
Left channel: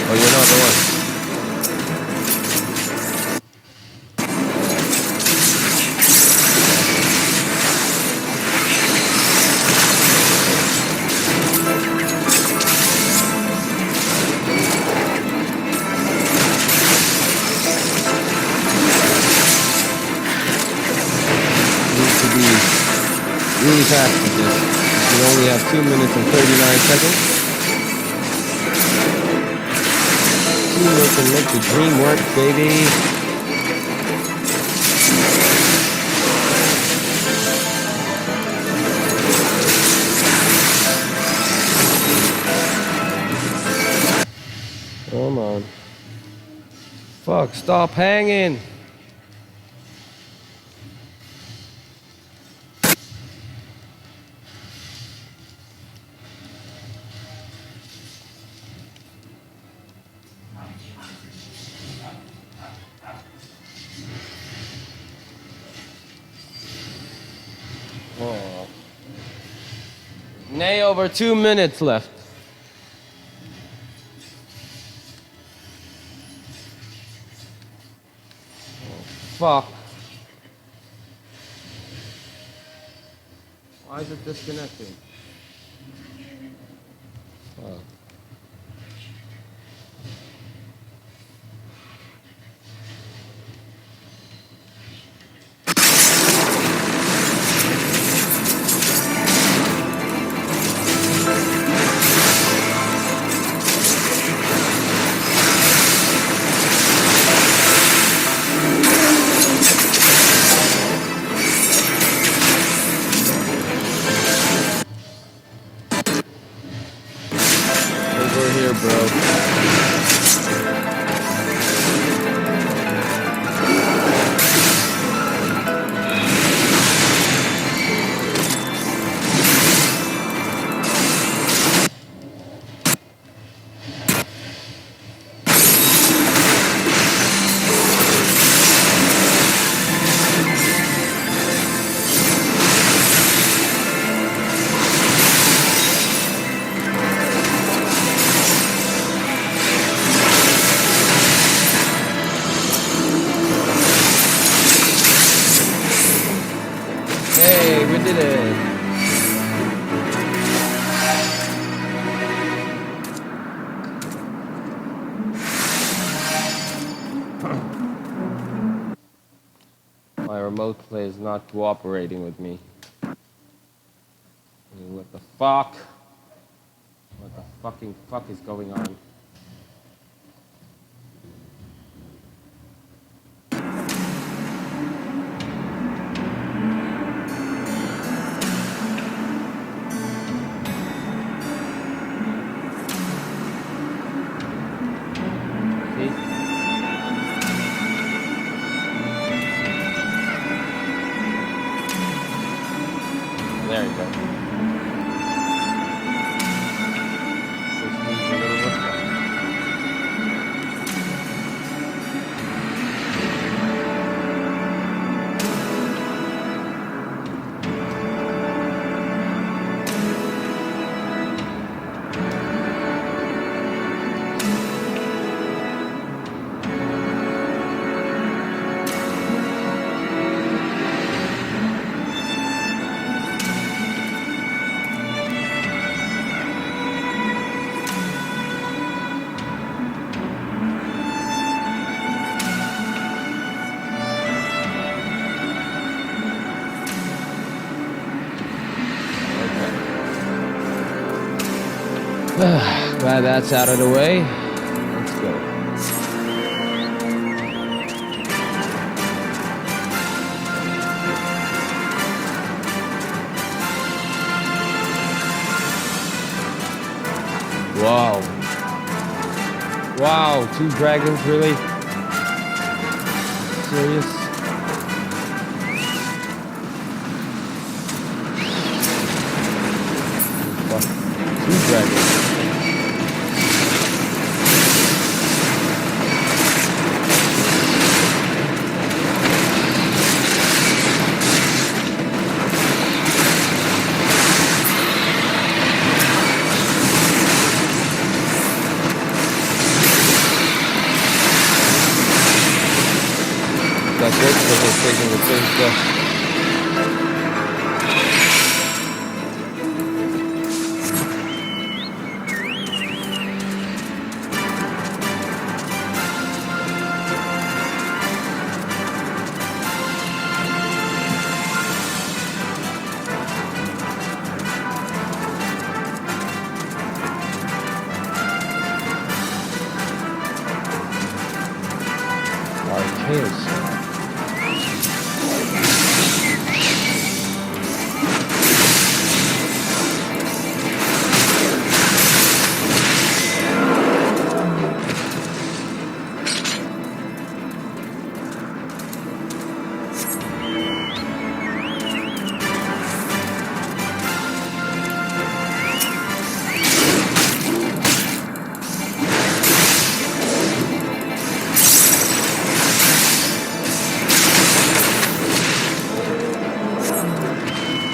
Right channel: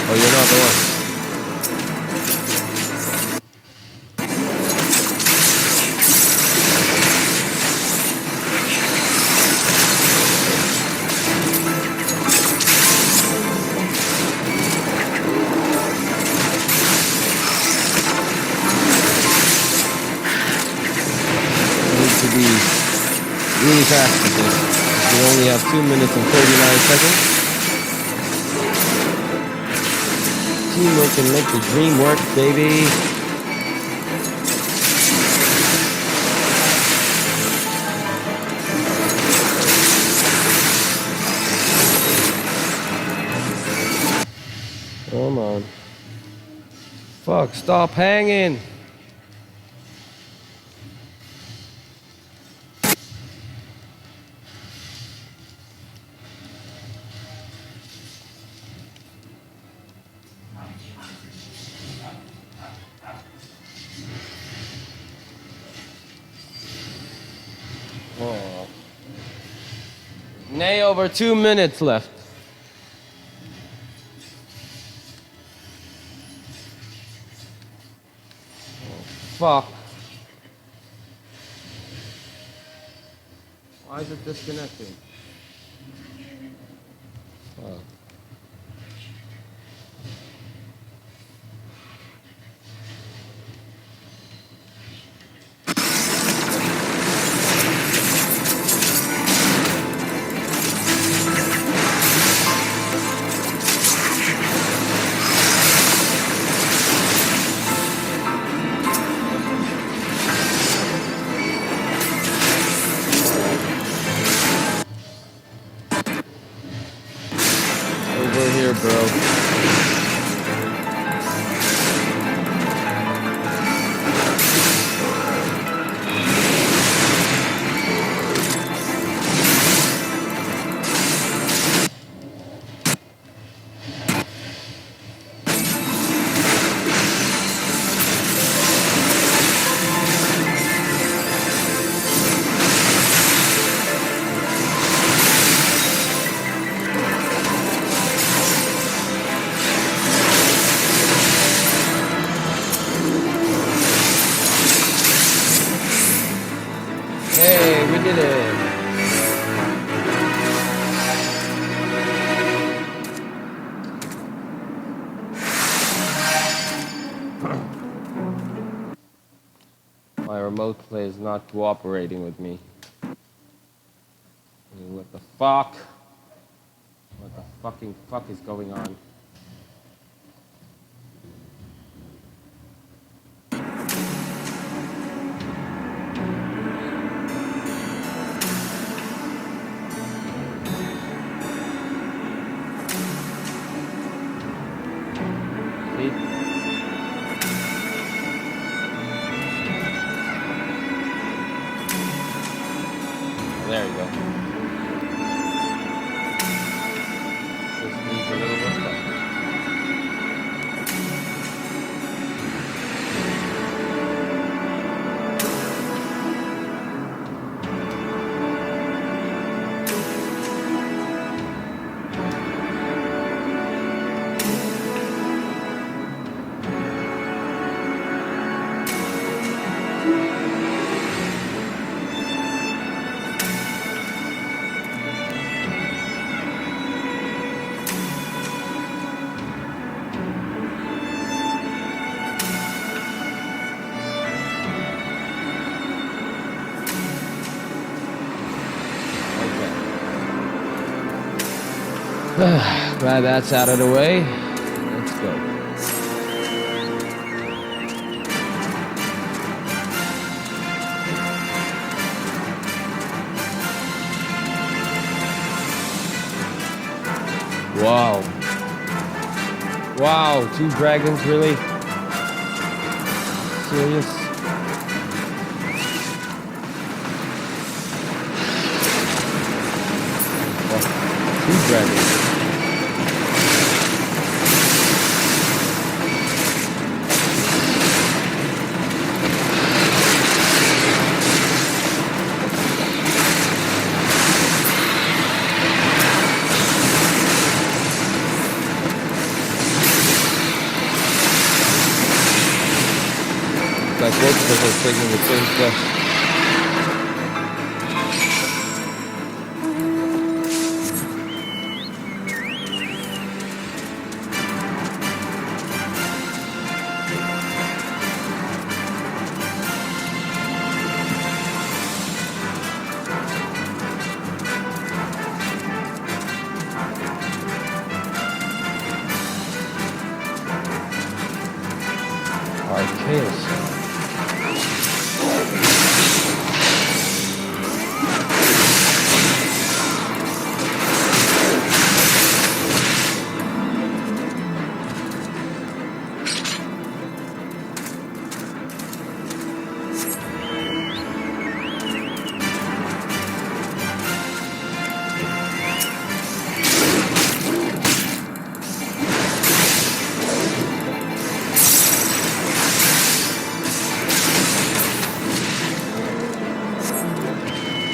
Oh, you're not the one. Really fast with this. We only have 2 minutes and 39 seconds. Teamwork can make the dream work, baby. Come on. Fuck, stop hanging. Oh. Nay, over 2 minutes left. Oh, fuck. Why is it disconnecting? Fuck. Over here, bro. Hey, we did it. My remote play is not cooperating with me. What the fuck? What the fucking fuck is going on? See? Oh, there you go. Just needs a little refresh. Glad that's out of the way. Let's go. Wow. Wow, 2 dragons, really? Serious? Fuck. 2 dragons. That's what because they're taking the same stuff. Archaeus.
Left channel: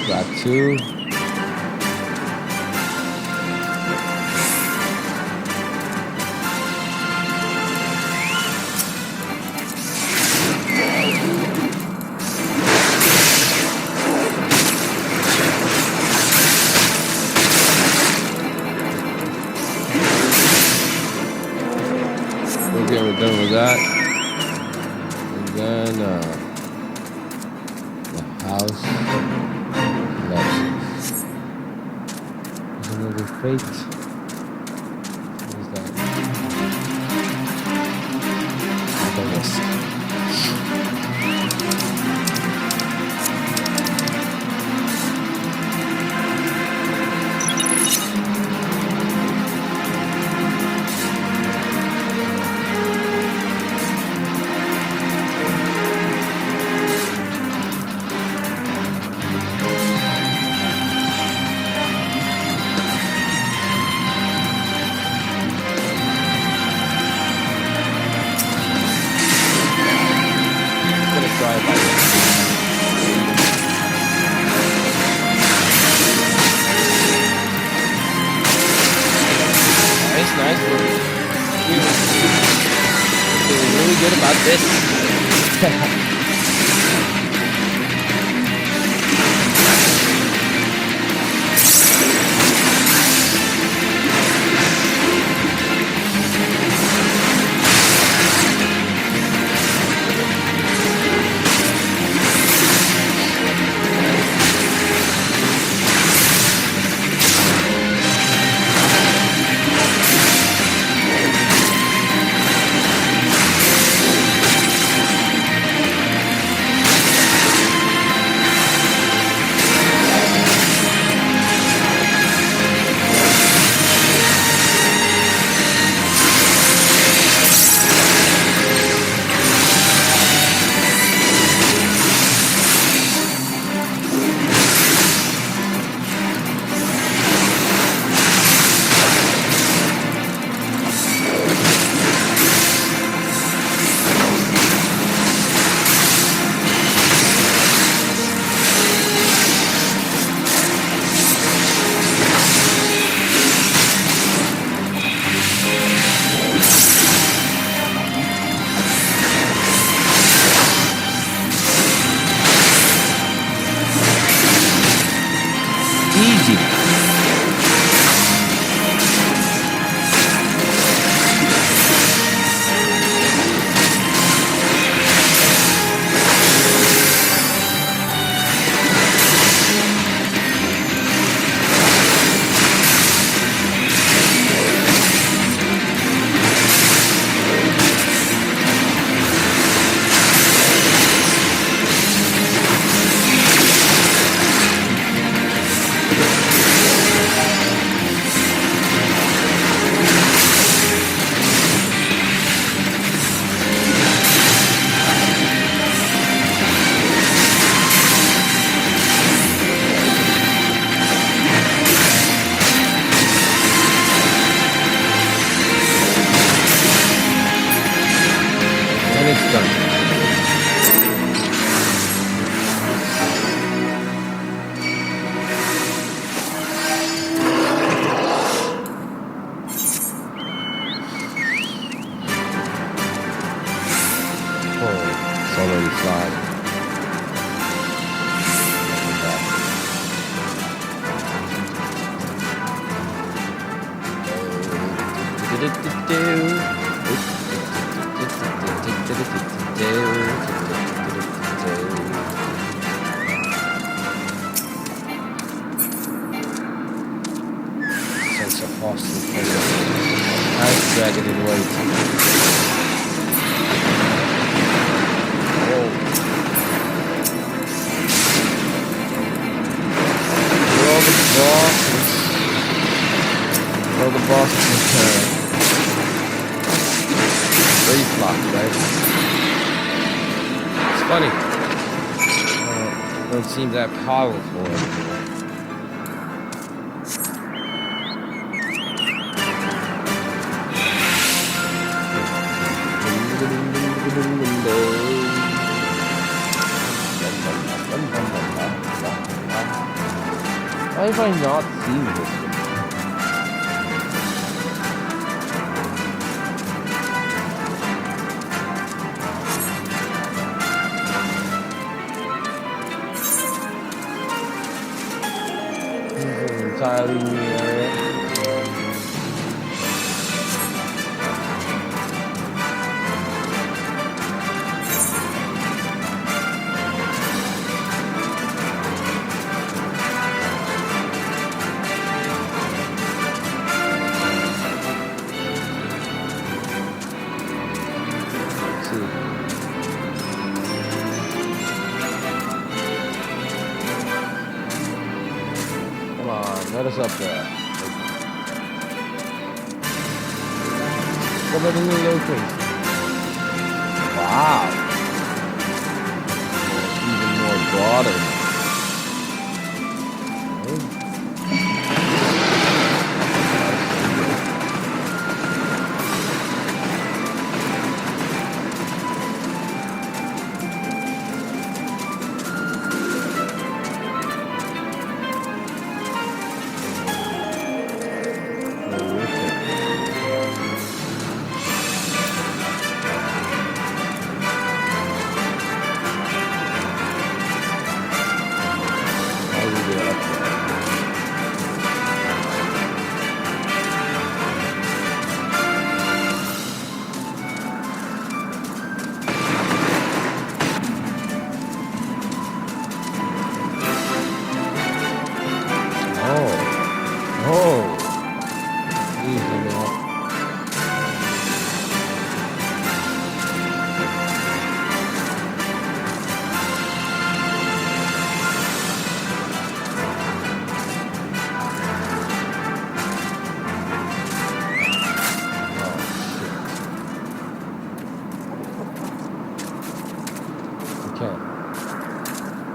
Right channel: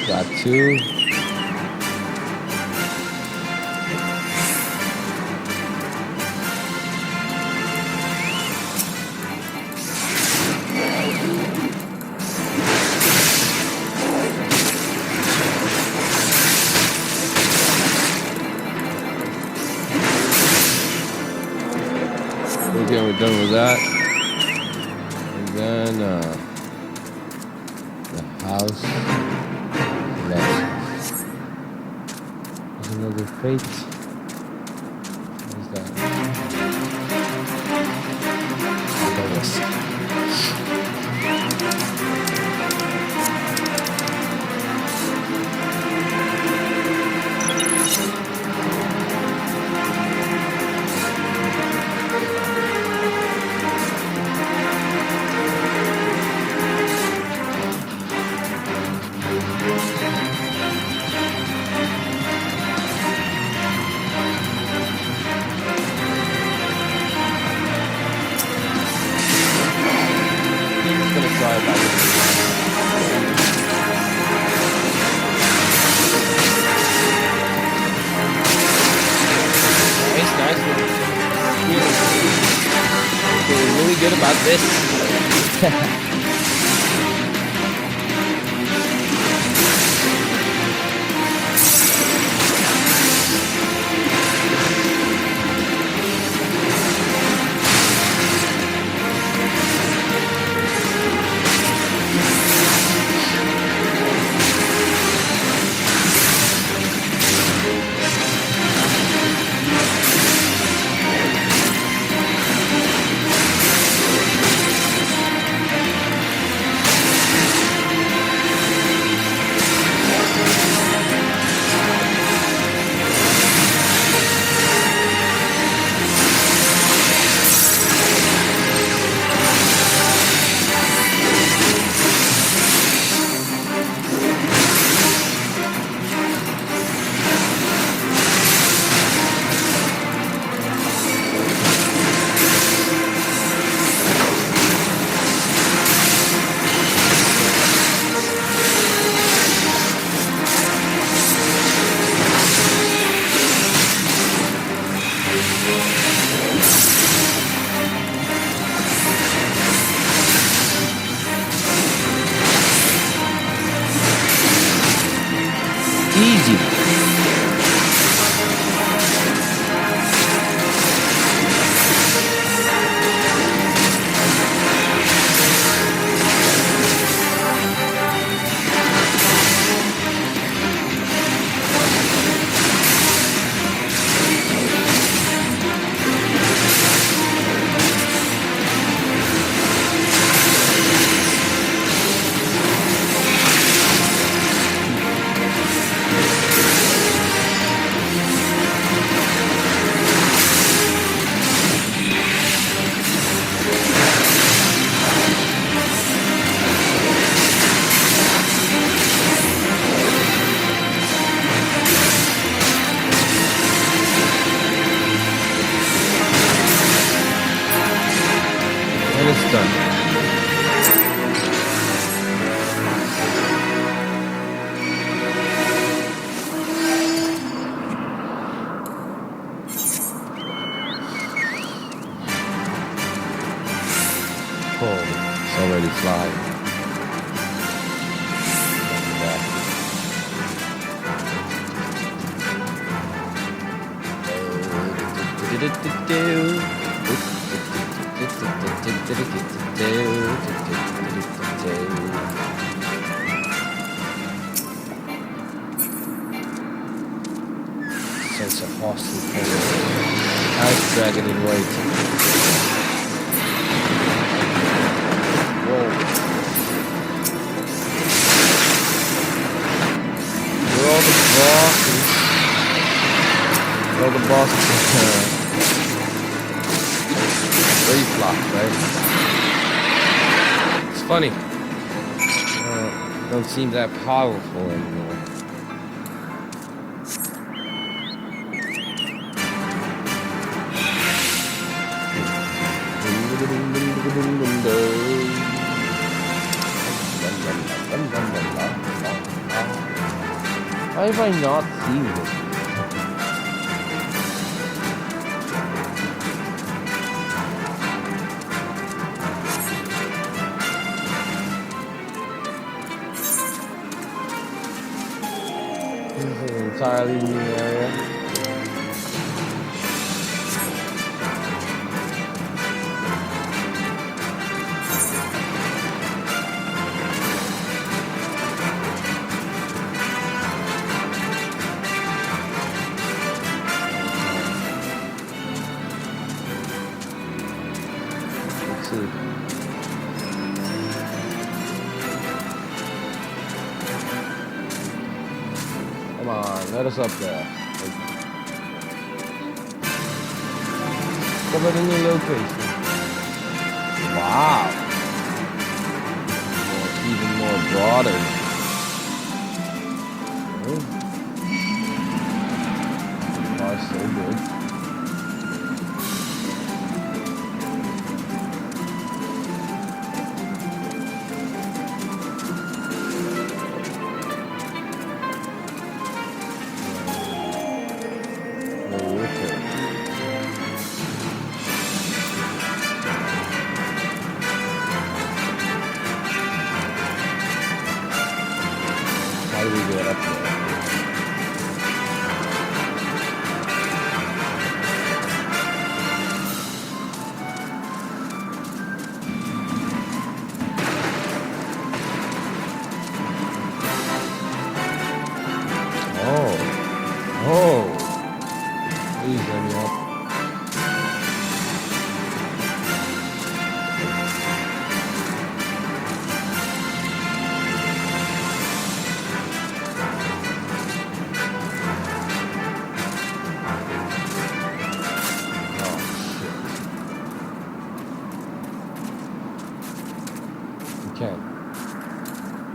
Got 2. Okay, we're done with that. And then the house collapses. There's another fate. What is that? The west. Gonna try it by nice. Feeling really good about this. Easy. done. Oh, it's already flying. Lucky bastard. Sense of hostile presence. Ice dragon in wait. Whoa. Where are all the bosses? Where are all the bosses in turn? Reflux, right? It's funny. Don't seem that powerful anymore. Why have I not seen this? This is an entirely new area. Let's see. Come on, let us up there. Discover the new location. Wow. Even more broader now. Okay. Oh, so good. How do we get up there? Oh. Oh. Please let me up.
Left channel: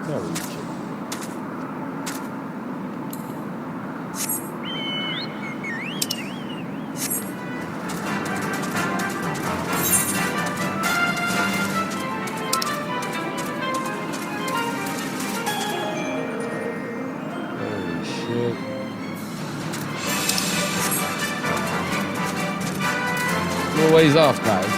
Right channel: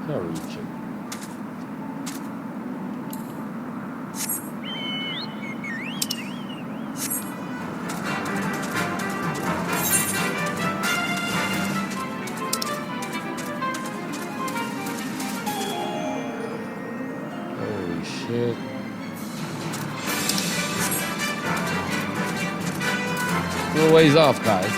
Can't reach it. Holy shit. Still a ways off, guys.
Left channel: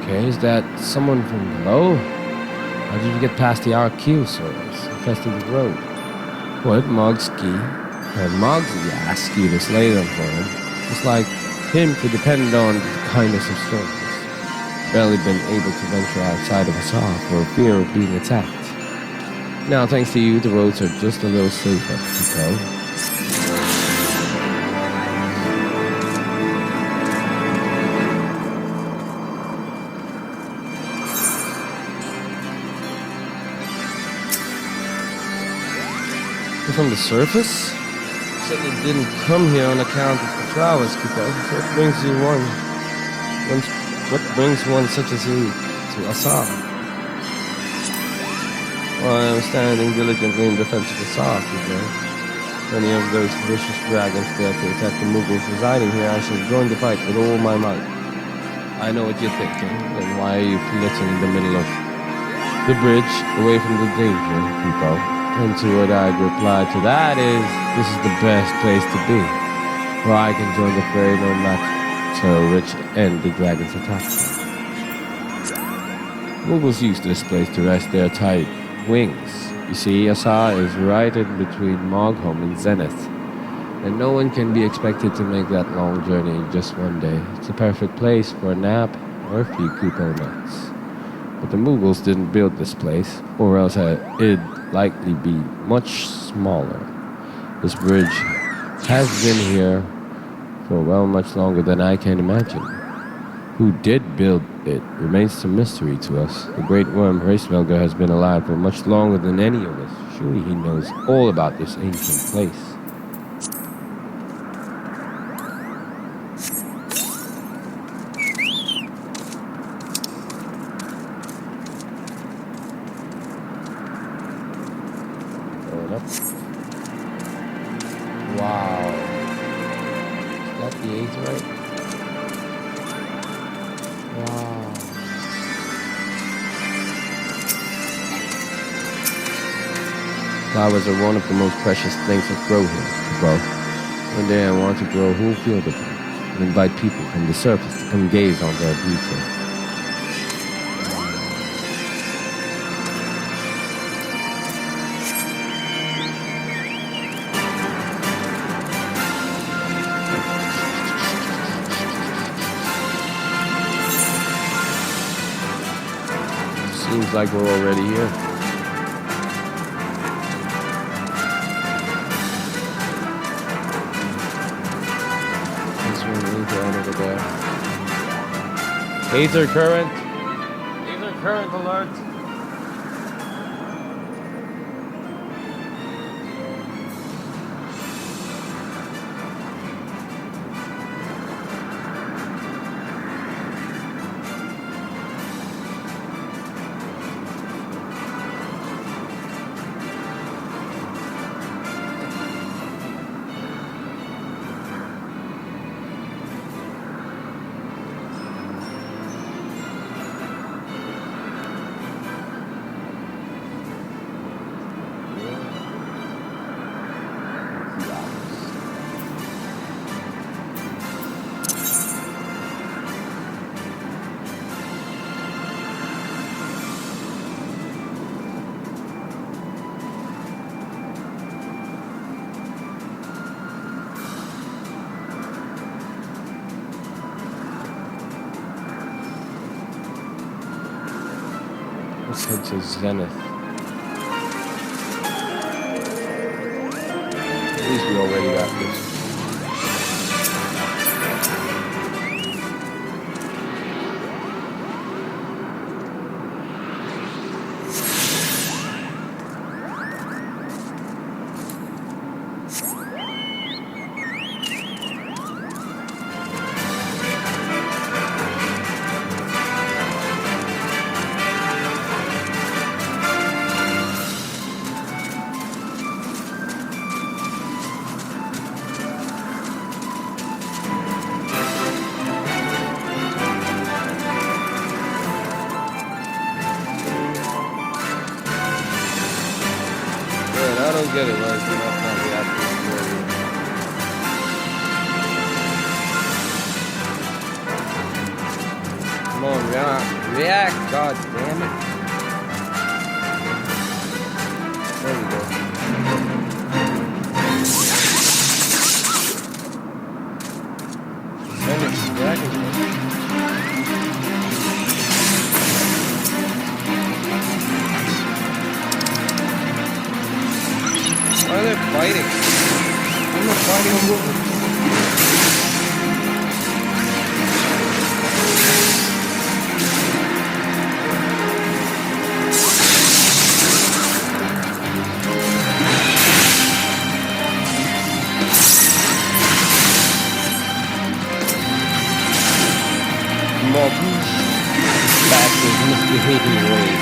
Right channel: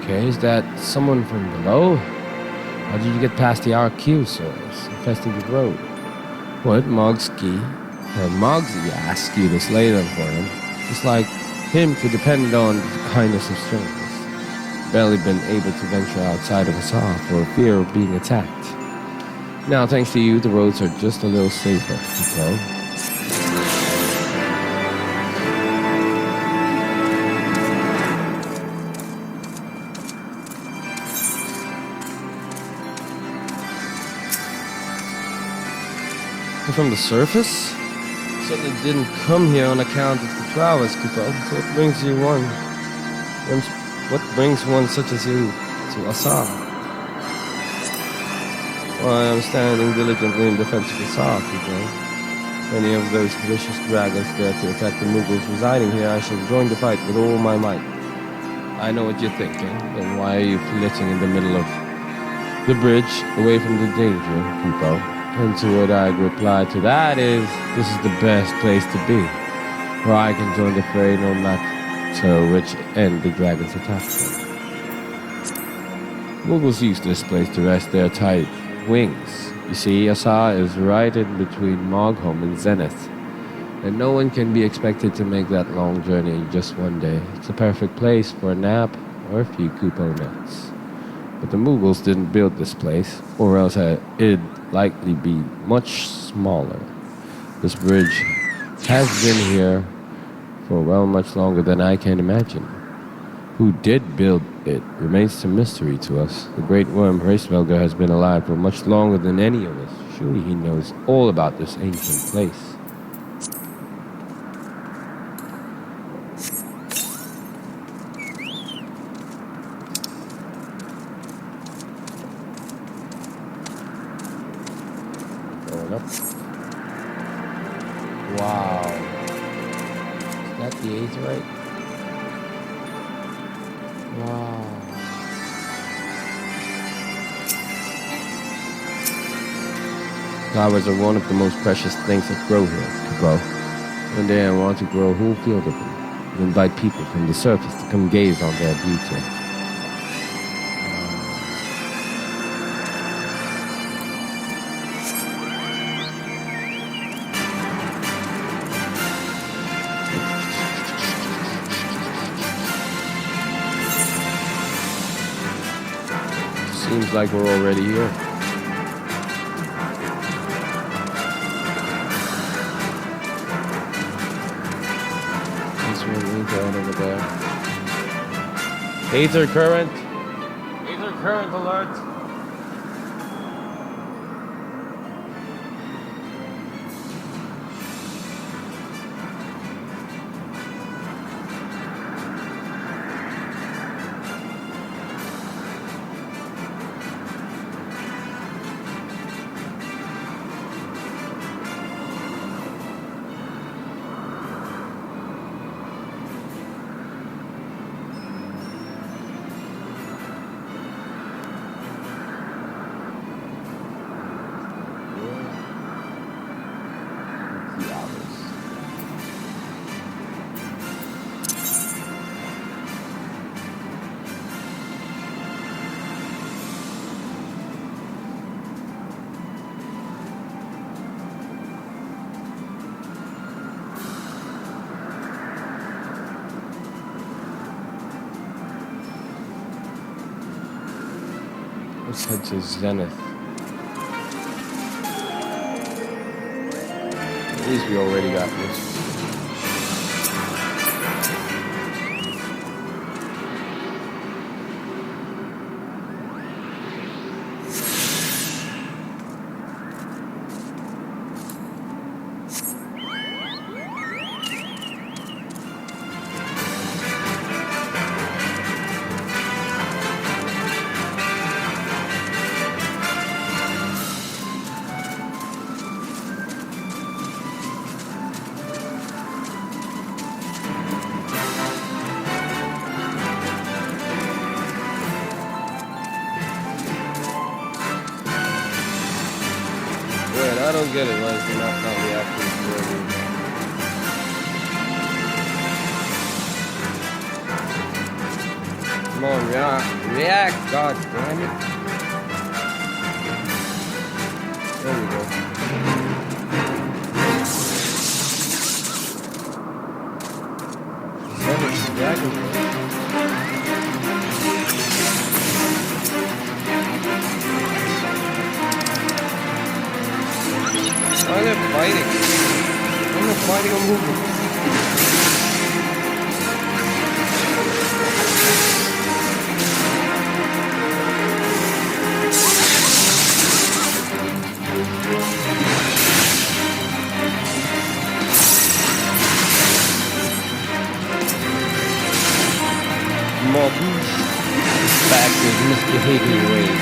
Okay, is that someone from below? How did you get past the Archosaurs infesting the road? What, Mogski? Mogski asked you to slay them for him. It's like him to depend on the kindness of strangers. Barely been able to venture outside of Assar for fear of being attacked. Now, thanks to you, the roads are just a little safer to go. from the surface? Certainly didn't come here on account of the flowers, Kupo. So what brings one such as you to Asa? Well, I am standing diligently in defense of Asa, Kupo. Any of those vicious dragons dare to attack the Mughals residing here, I shall join the fight with all my might. I know what you're thinking. Then why are you flitting in the middle of the bridge, away from the danger, Kupo? And to what I'd reply to that is, this is the best place to be, where I can join the fray no matter which end the dragons attack from. Mughals use this place to rest their tight wings. You see, Asa is right in between Mogholm and Zenith, and no one can be expected to make that long journey in just one day. It's a perfect place for a nap or a few Kupo nuts. But the Mughals didn't build this place, or else it'd likely be much smaller. This bridge has been here for much longer than I can imagine. Who did build it remains a mystery to us. The great worm Hraesvelgr has been alive for much longer than any of us. Surely he knows all about this ancient place. Going up. Wow. Is that the Aetherite? Wow. Flowers are one of the most precious things that grow here, Kupo. One day I want to grow a whole field of them and invite people from the surface to come gaze on their beauty. Seems like we're already here. There's one Aether right over there. Aether current! Aether current alert! Let's head to Zenith. At least we already got this. Wait, I don't get it. Why is the map not reacting to the area? Come on, react, god damn it. There we go. Zenith Dragon. Why are they fighting? I'm not fighting, I'm moving. Maltese. Back to his misbehaving ways.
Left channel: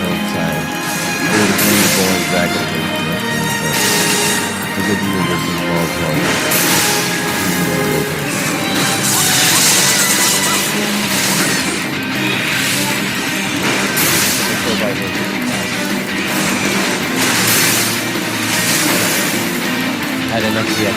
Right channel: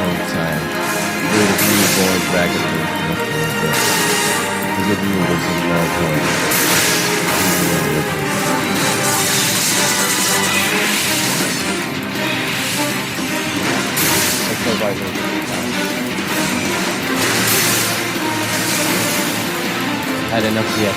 Long time. Good of me going back and forth. The good movers in Maltese. Let's go by here. Had enough yet.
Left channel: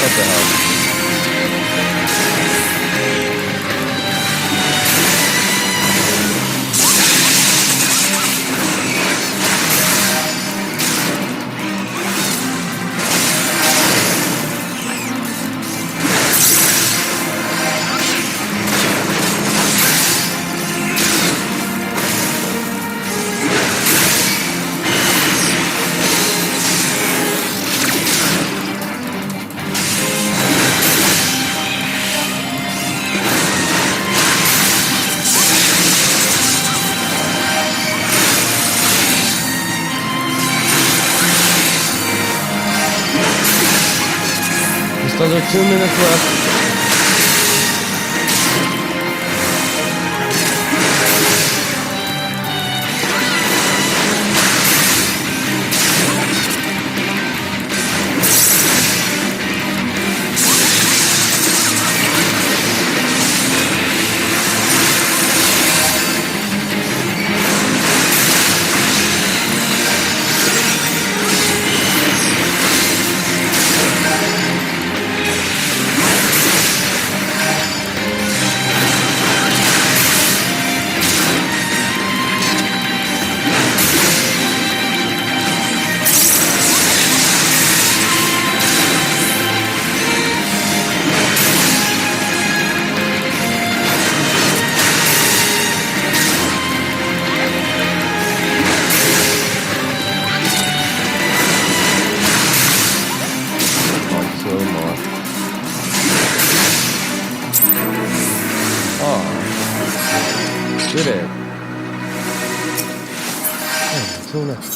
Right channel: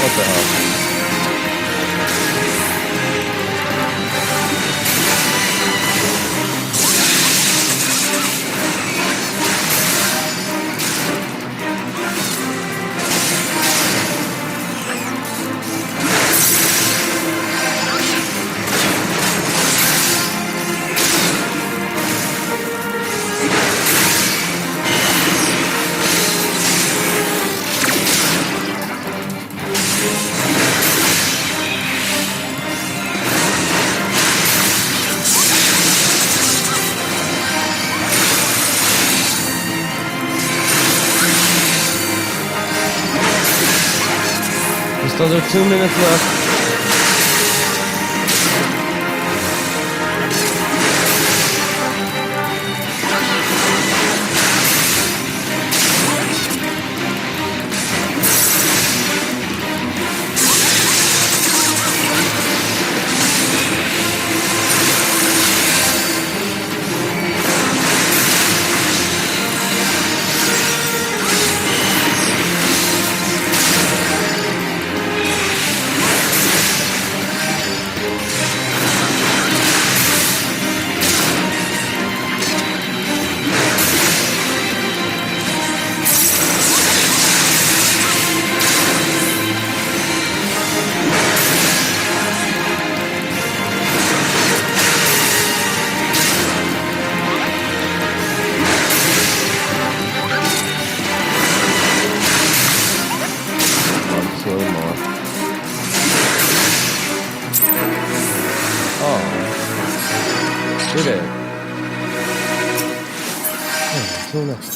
What the hell? Just under 2 minutes left. Did it? Oh, until next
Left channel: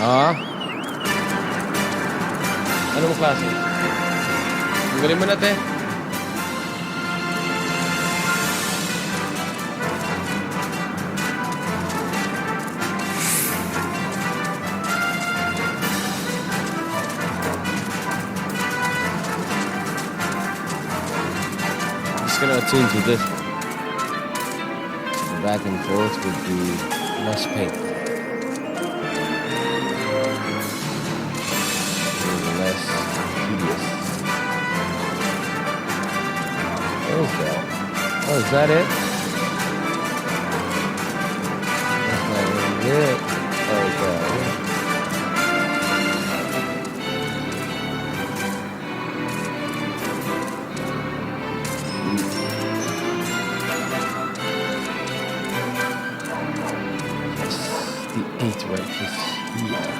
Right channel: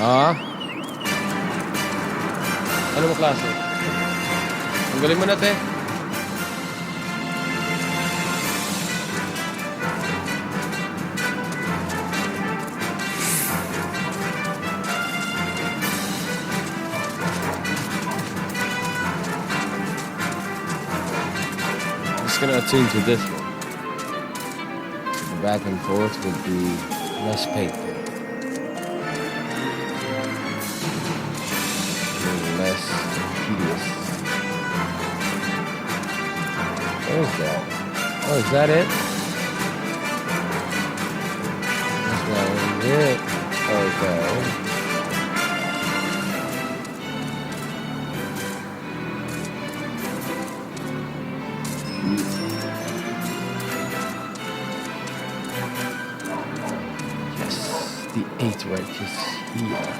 time. Ano mo klase? Ang galing mo na, te. Just gonna attune to this one. So the back and forth would be less painful. A little less tedious. What is that? Oh, is that it? That's not it. Okay. Yes, the 8 right is here.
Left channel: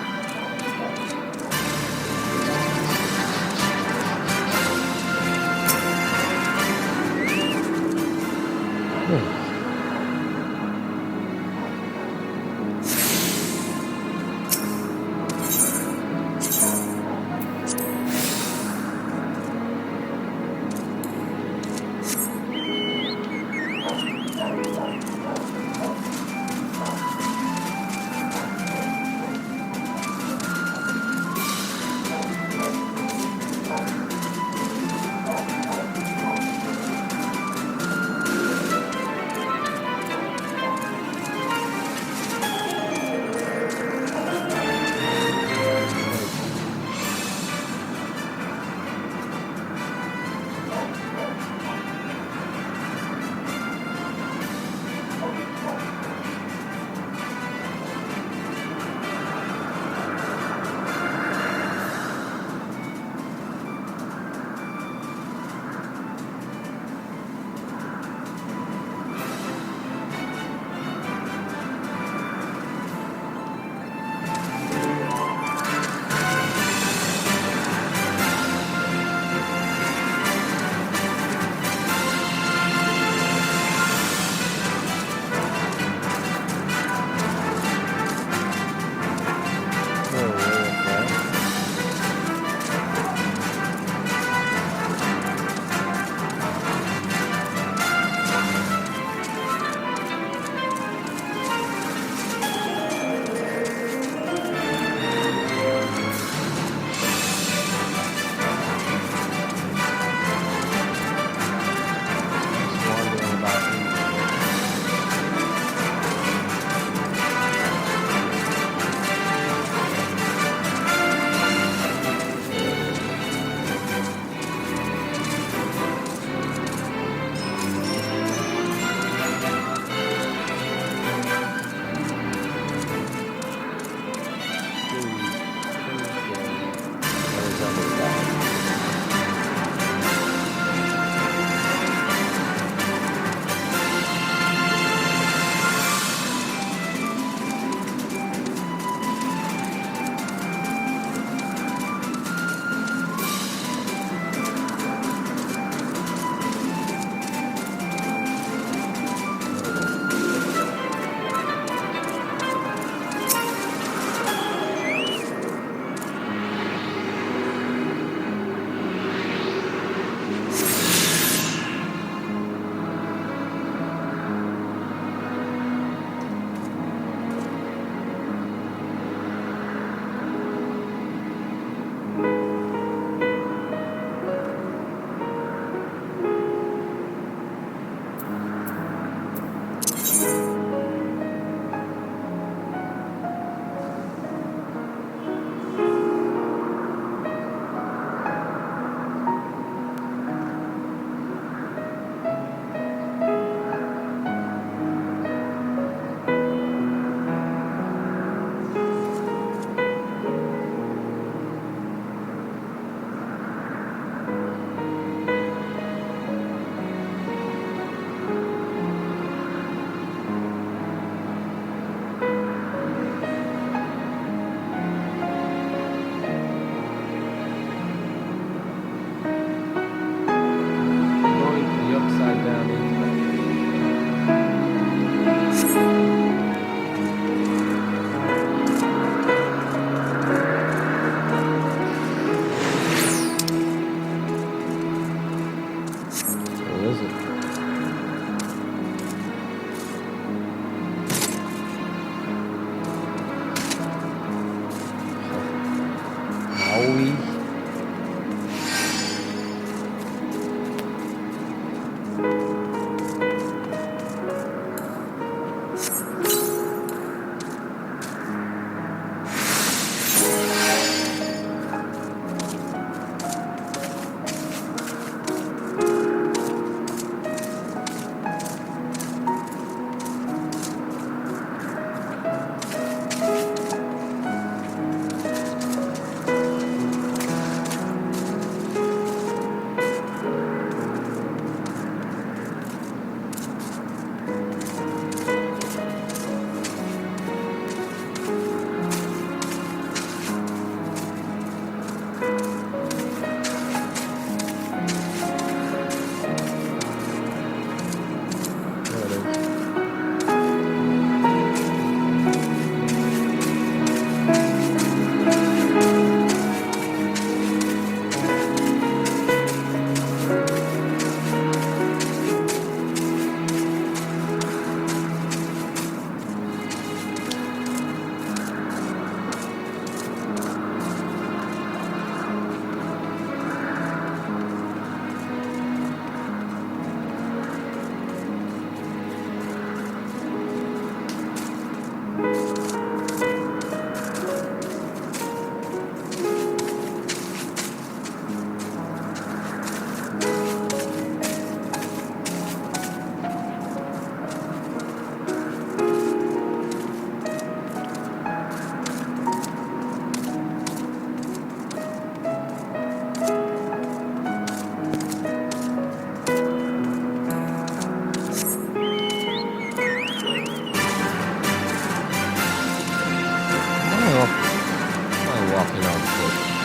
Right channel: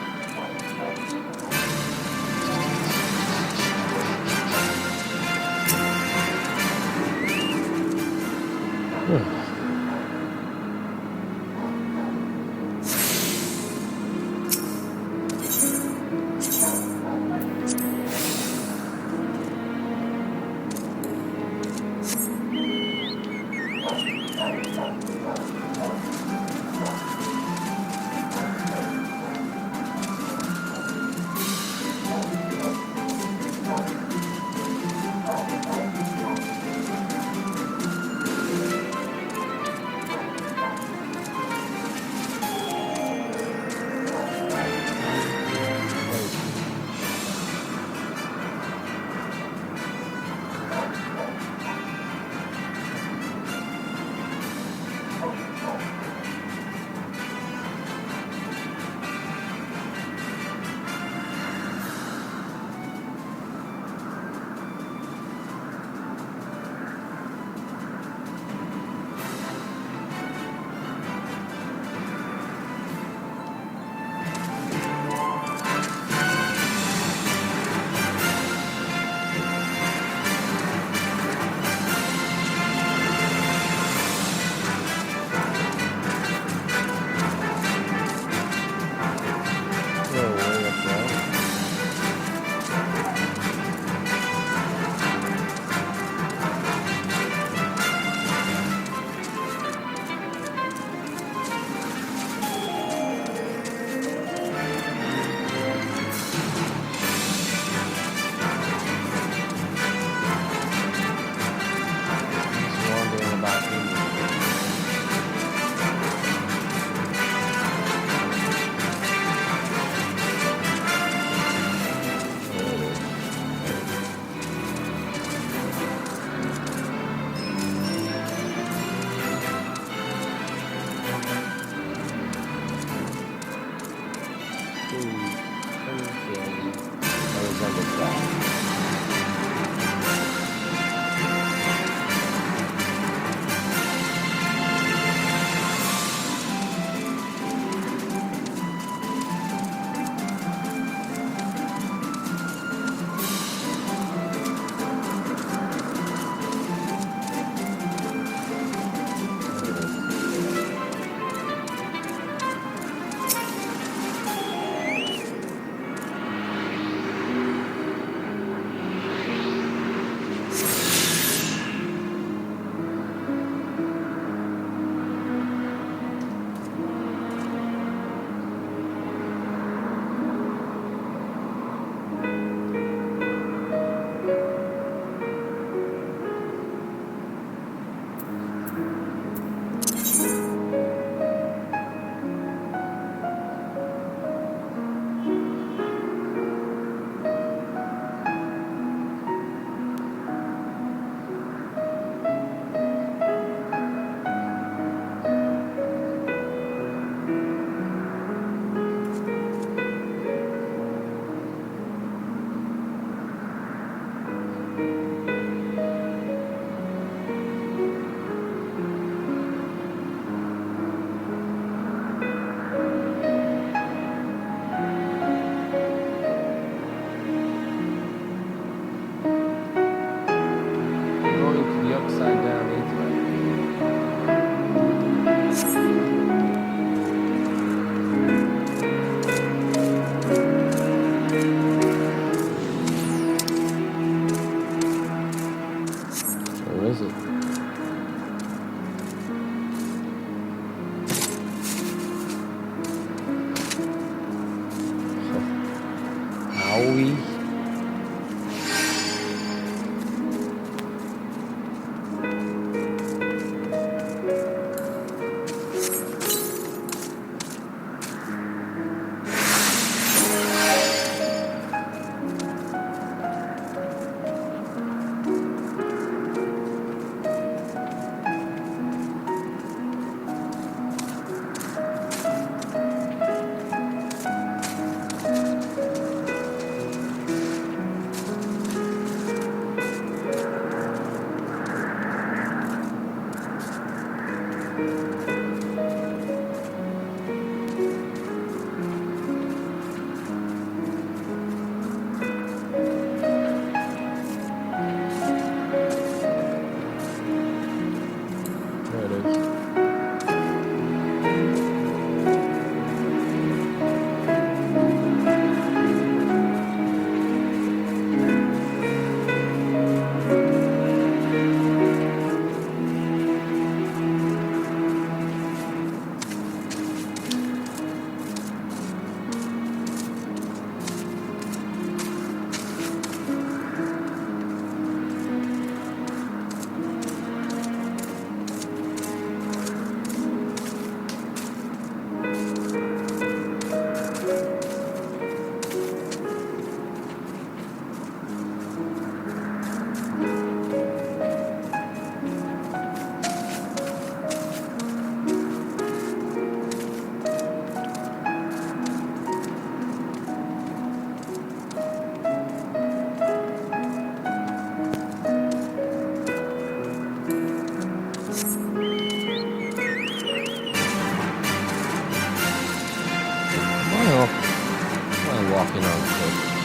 resembles that. Upside down intellect. Where is it? Howie. Am I walking on shit?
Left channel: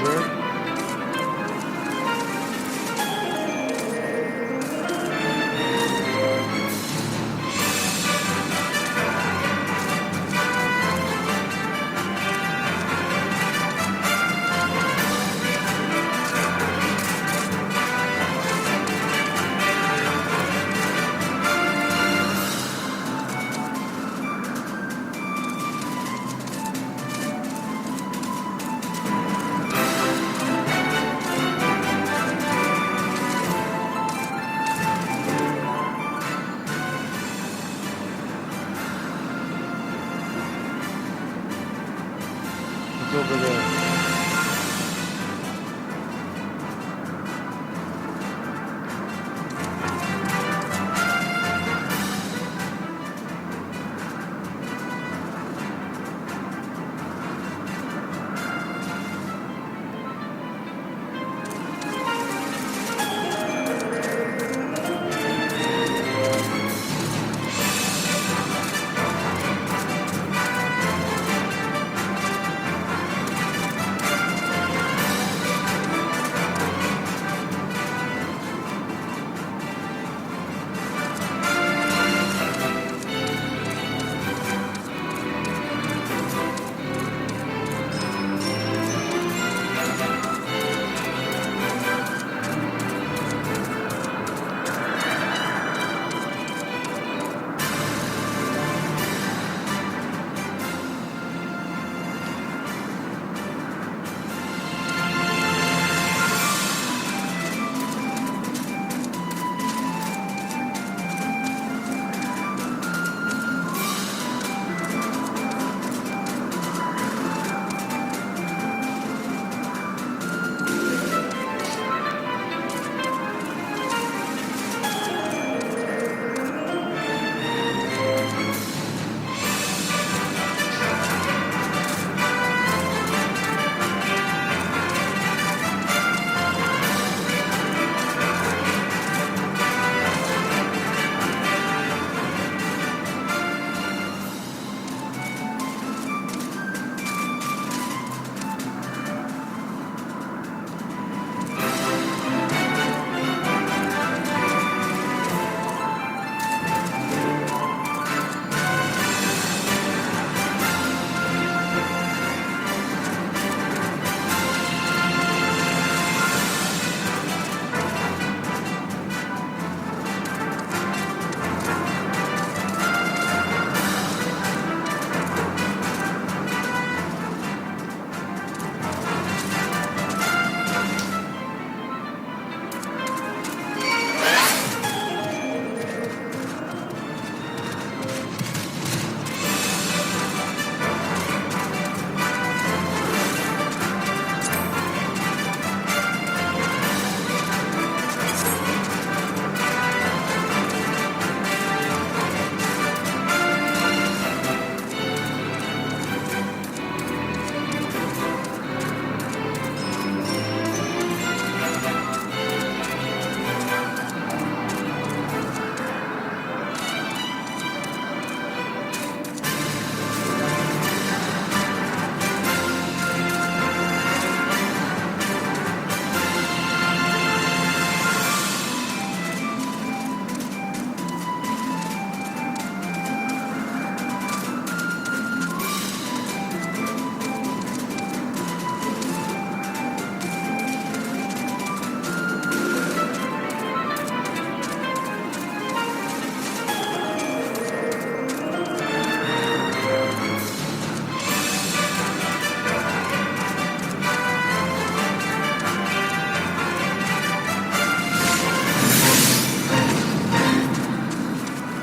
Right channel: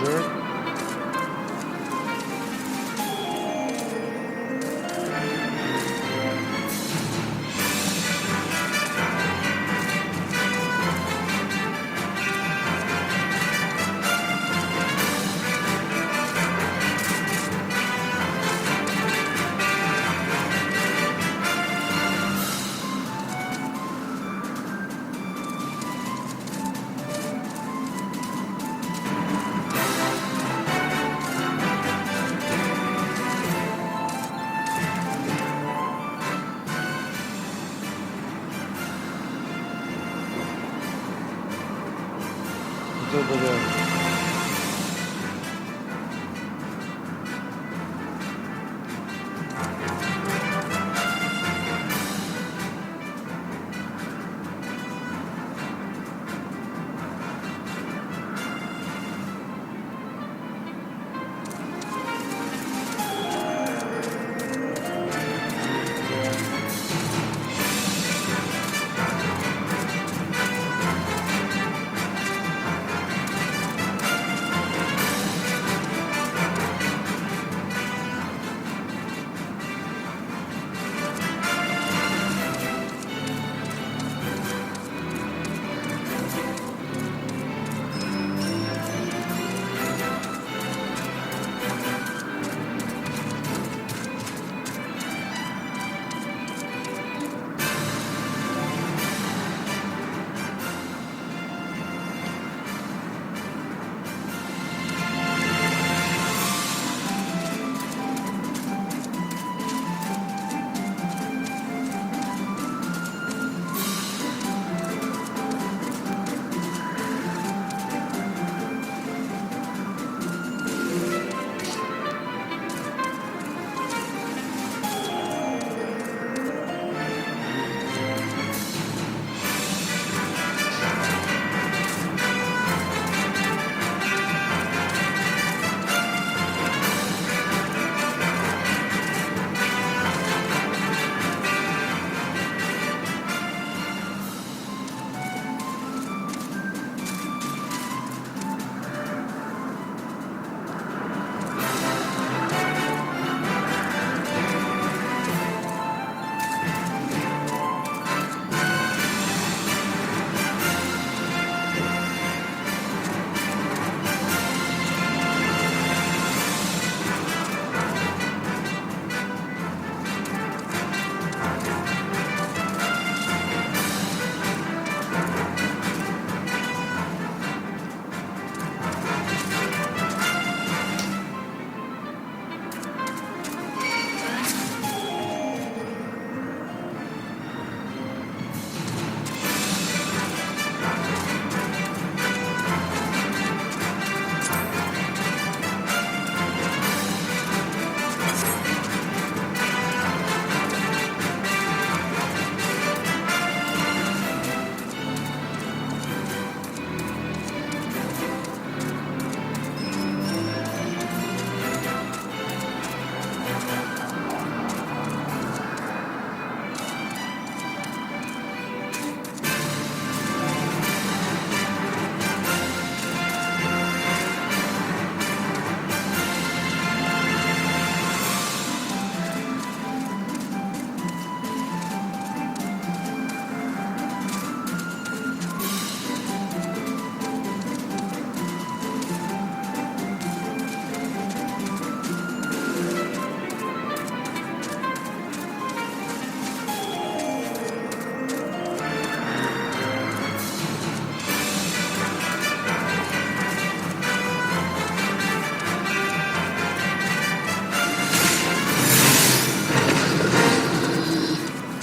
treasure. It's over there.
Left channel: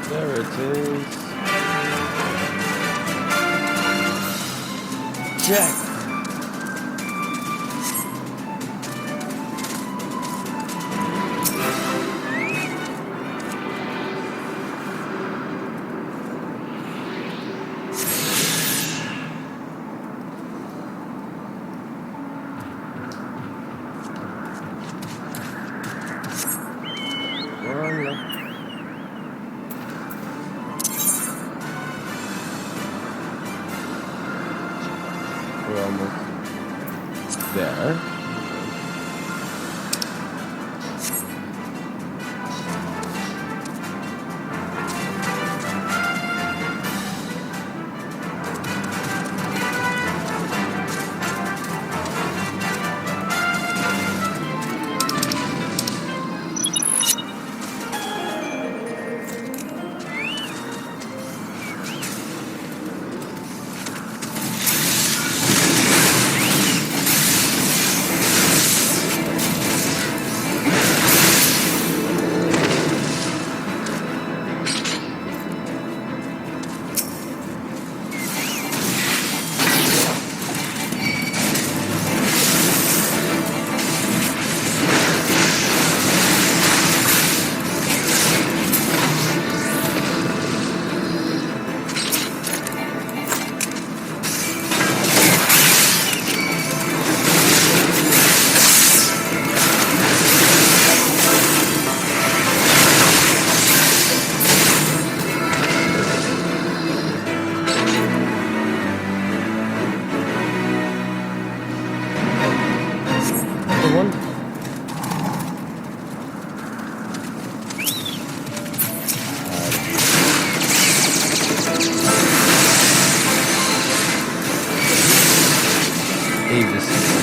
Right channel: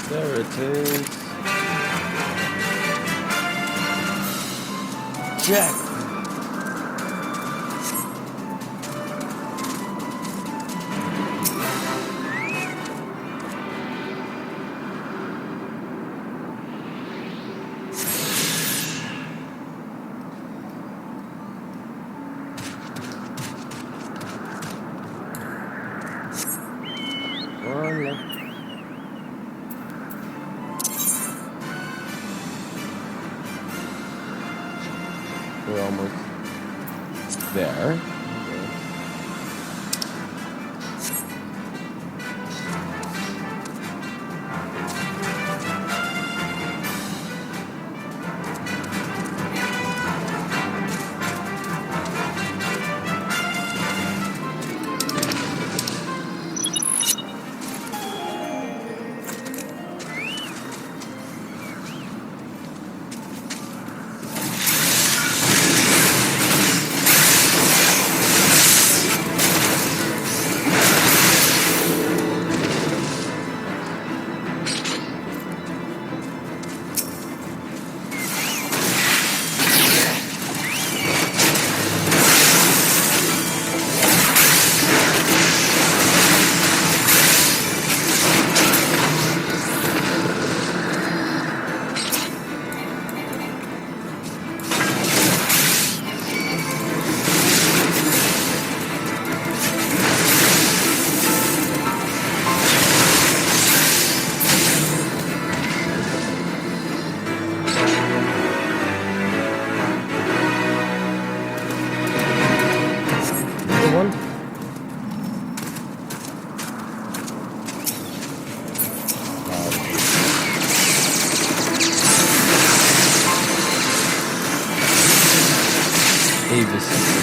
There it is. Jack. One left. We're almost. there. Another one. Avis.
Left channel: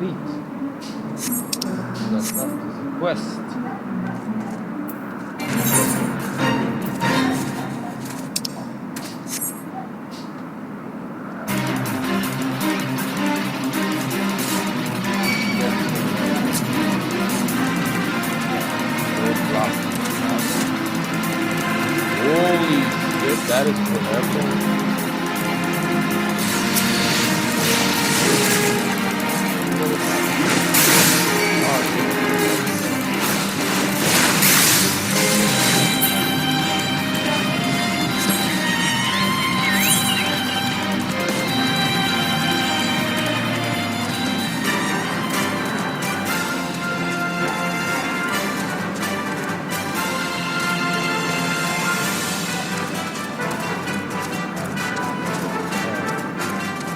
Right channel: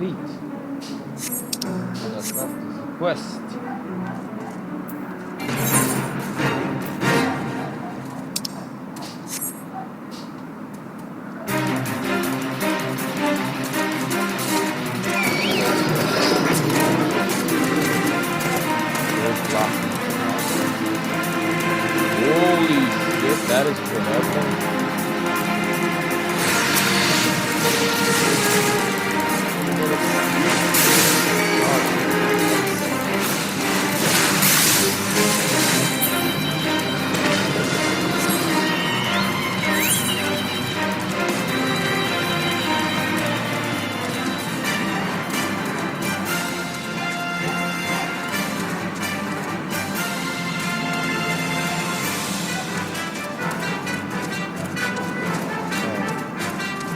complete. All that's left is a quest. Holy shit, that is forever.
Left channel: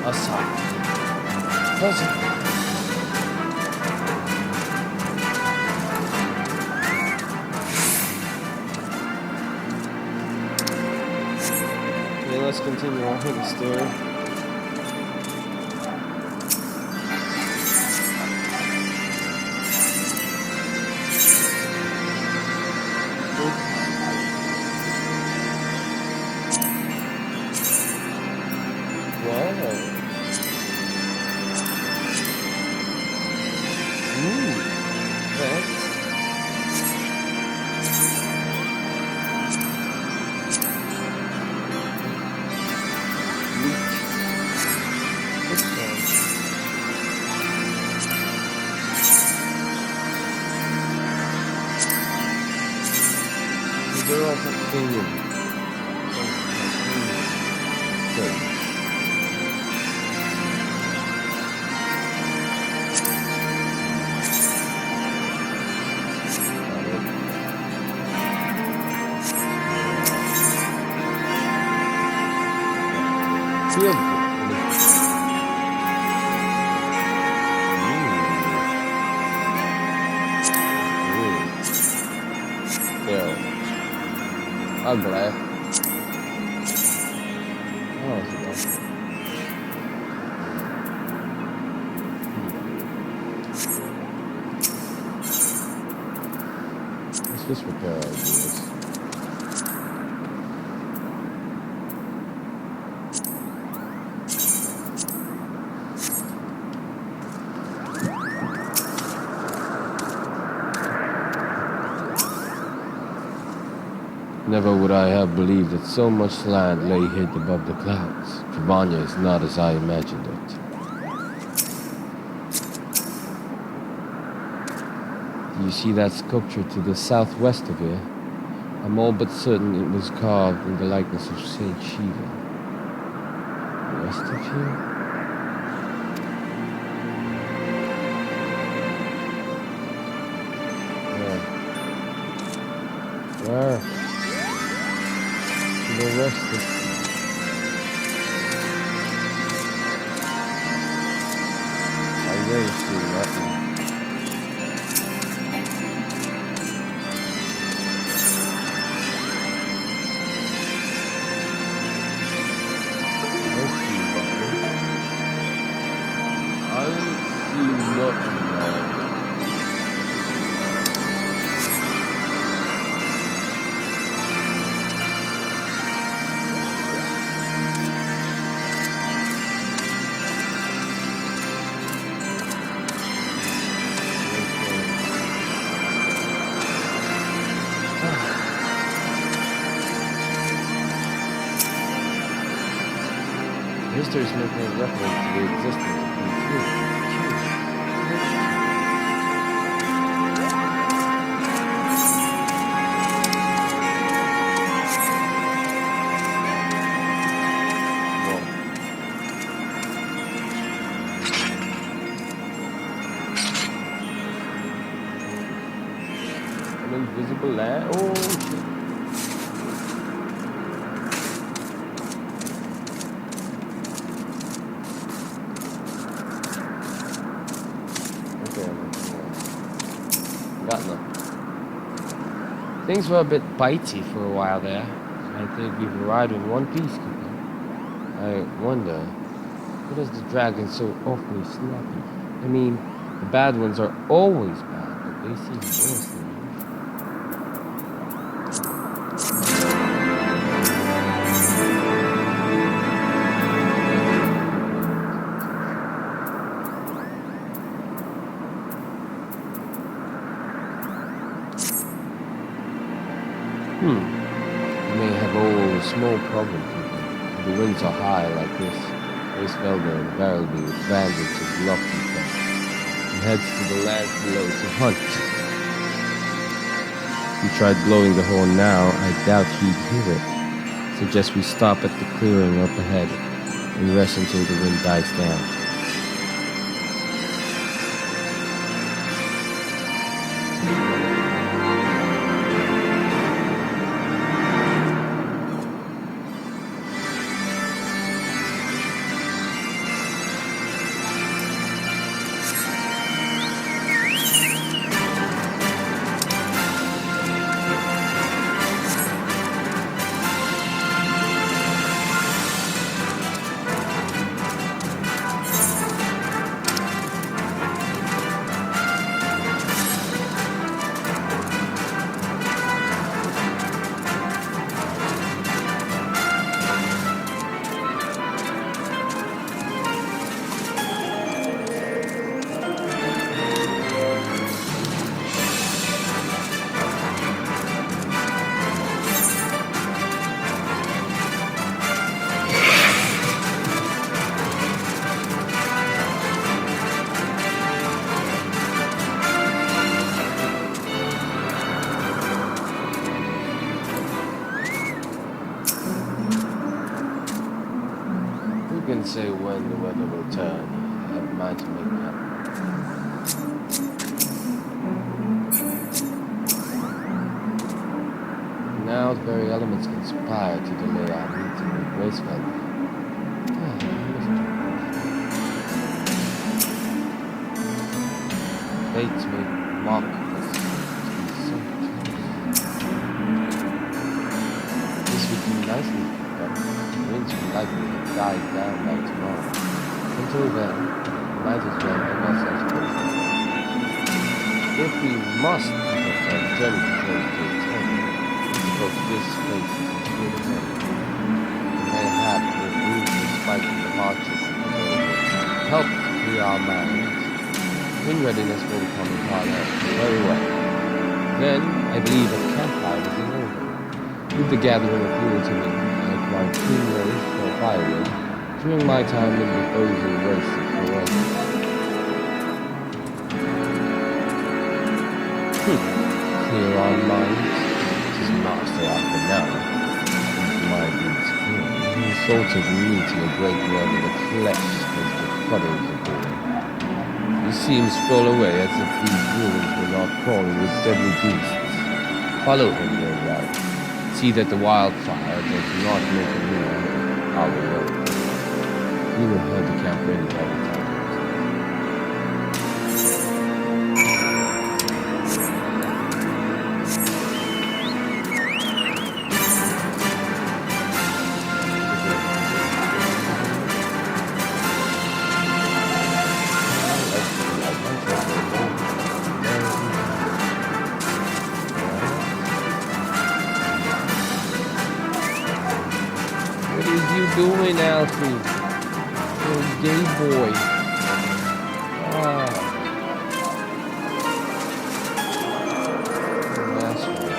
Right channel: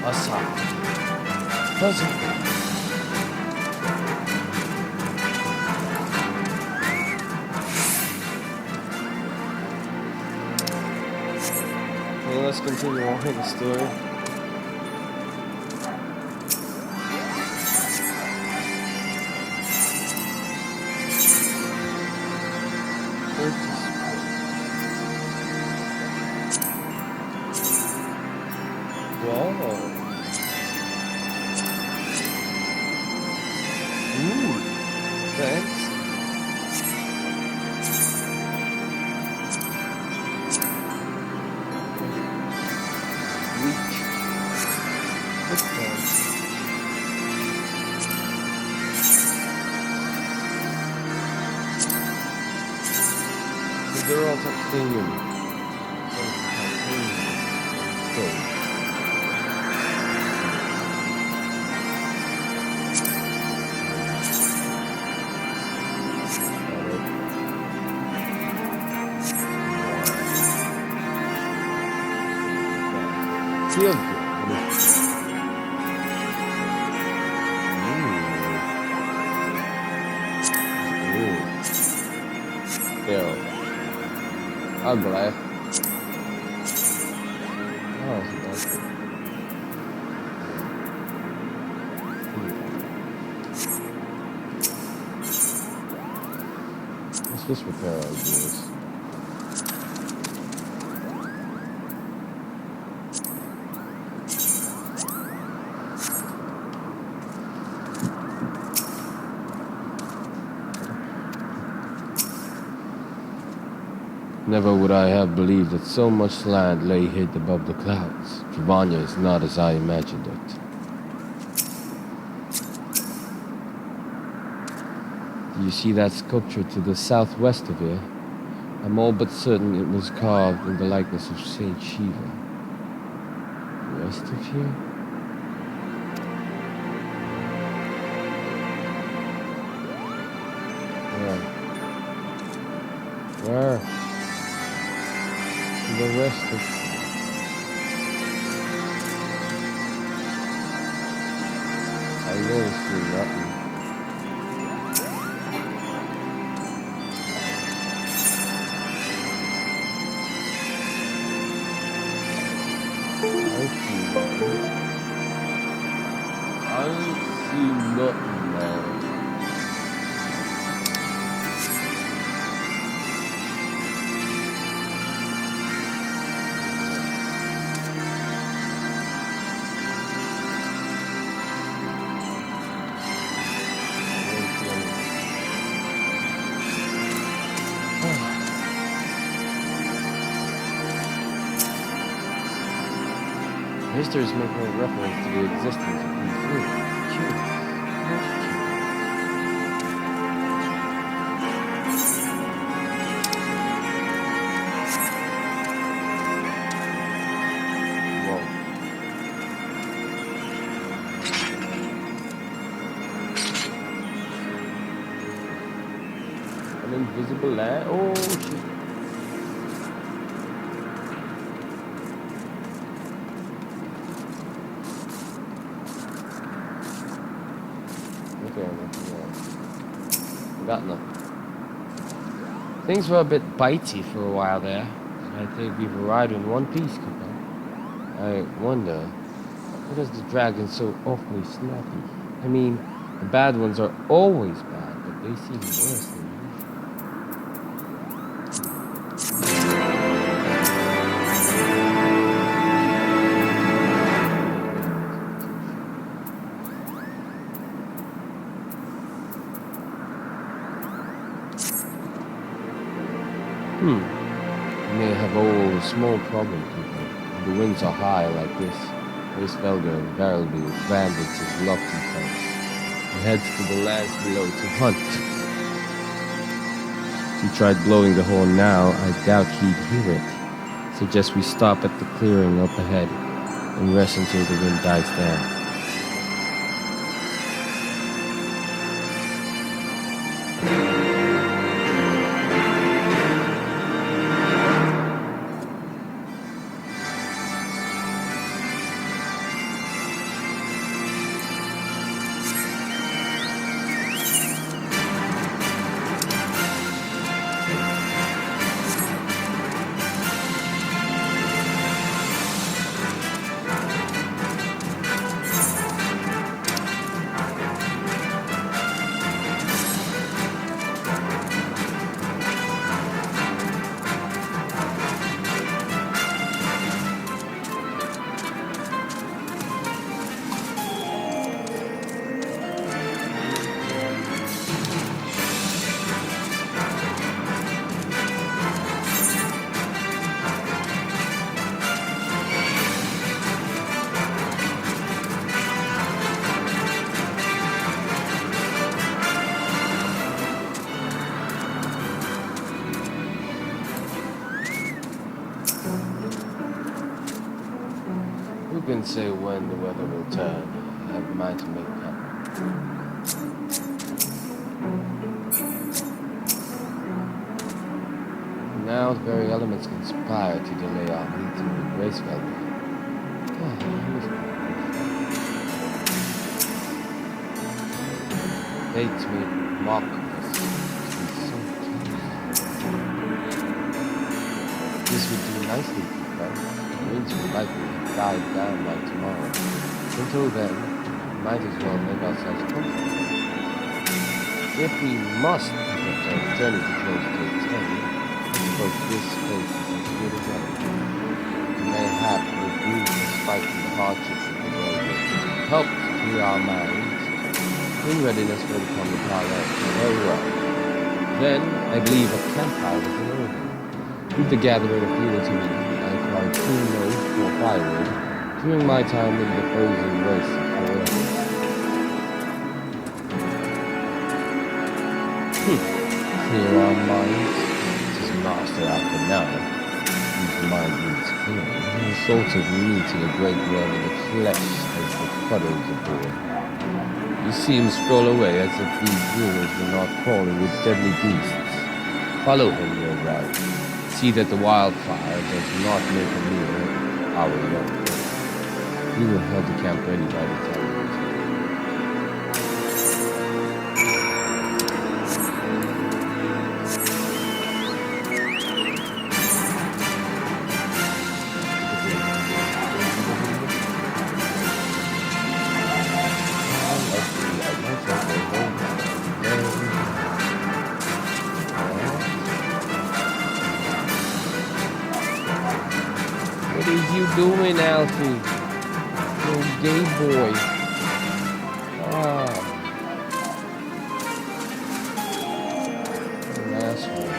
Aside. Puzzle. Okay, let's continue on with the story. Wow. Ooh, thanks. Weak. Footbounce. So they're all titanium. So titanium. Stay. Feels good. Ooh. Ew. Ugly. Oh, so that's good. Let's just repair our gears. Never would I have believed that so much land lay hid above the clouds. Travania is not as I imagined it. Do you see that sculpture to the southwest of here? I'm all but certain it was carved in the likeness of Saint Shiva. West of here? Where? To the west of... I really see nothing. I see nothing, man. Histories make no reference to the existence of these ruins. Curious. Most curious. Whoa. An invisible land? Oh, shit. Got nothing. Things were a bit bitey for a while there. I think we've arrived in one piece, Cooper. I wonder, what is the dragon so awfully snappy? I mean, the bad ones are always bad, but they seem worse than usual. We may have all a small problem, people. If the winds are high like this, Racevelger invariably abandons his lofty perch and heads to the lands below to hunt. If he tried blowing the horn now, I doubt he'd hear it. Suggest we stop at the clearing up ahead and rest until the wind dies down. Who can say when the weather will turn? I have a mind to make camp. Now the very elements conspire to delay our meeting with Racevelger. Fates may mock us to be so close. This would do nicely, but the winds will likely have died down by tomorrow. Until then, we might as well make ourselves comfortable. If we must pick up our journey to close to its end, I suppose this place is as good as any. Mayhap the brief respite from the hardships of the road will help to clear our minds in readiness for the coming parley. Very well. Then, I believe a campfire is in order. With the gathering of fuel to me, I acquired 2 loads for firewood during my time in the frozen wastes of Corona. Clear our minds. Tis master after now. Whose mind needs clearing. The thought of meeting a great worm in the flesh as the puddles aboard. You see him stroll away as if these ruins were not crawling with deadly beasts. Follow him, your right. See that the wildfire does not make a meal of our young. We will have the camp ready by the time we return. What is you doing, Alfie? You gay boy. Ah. An asshole.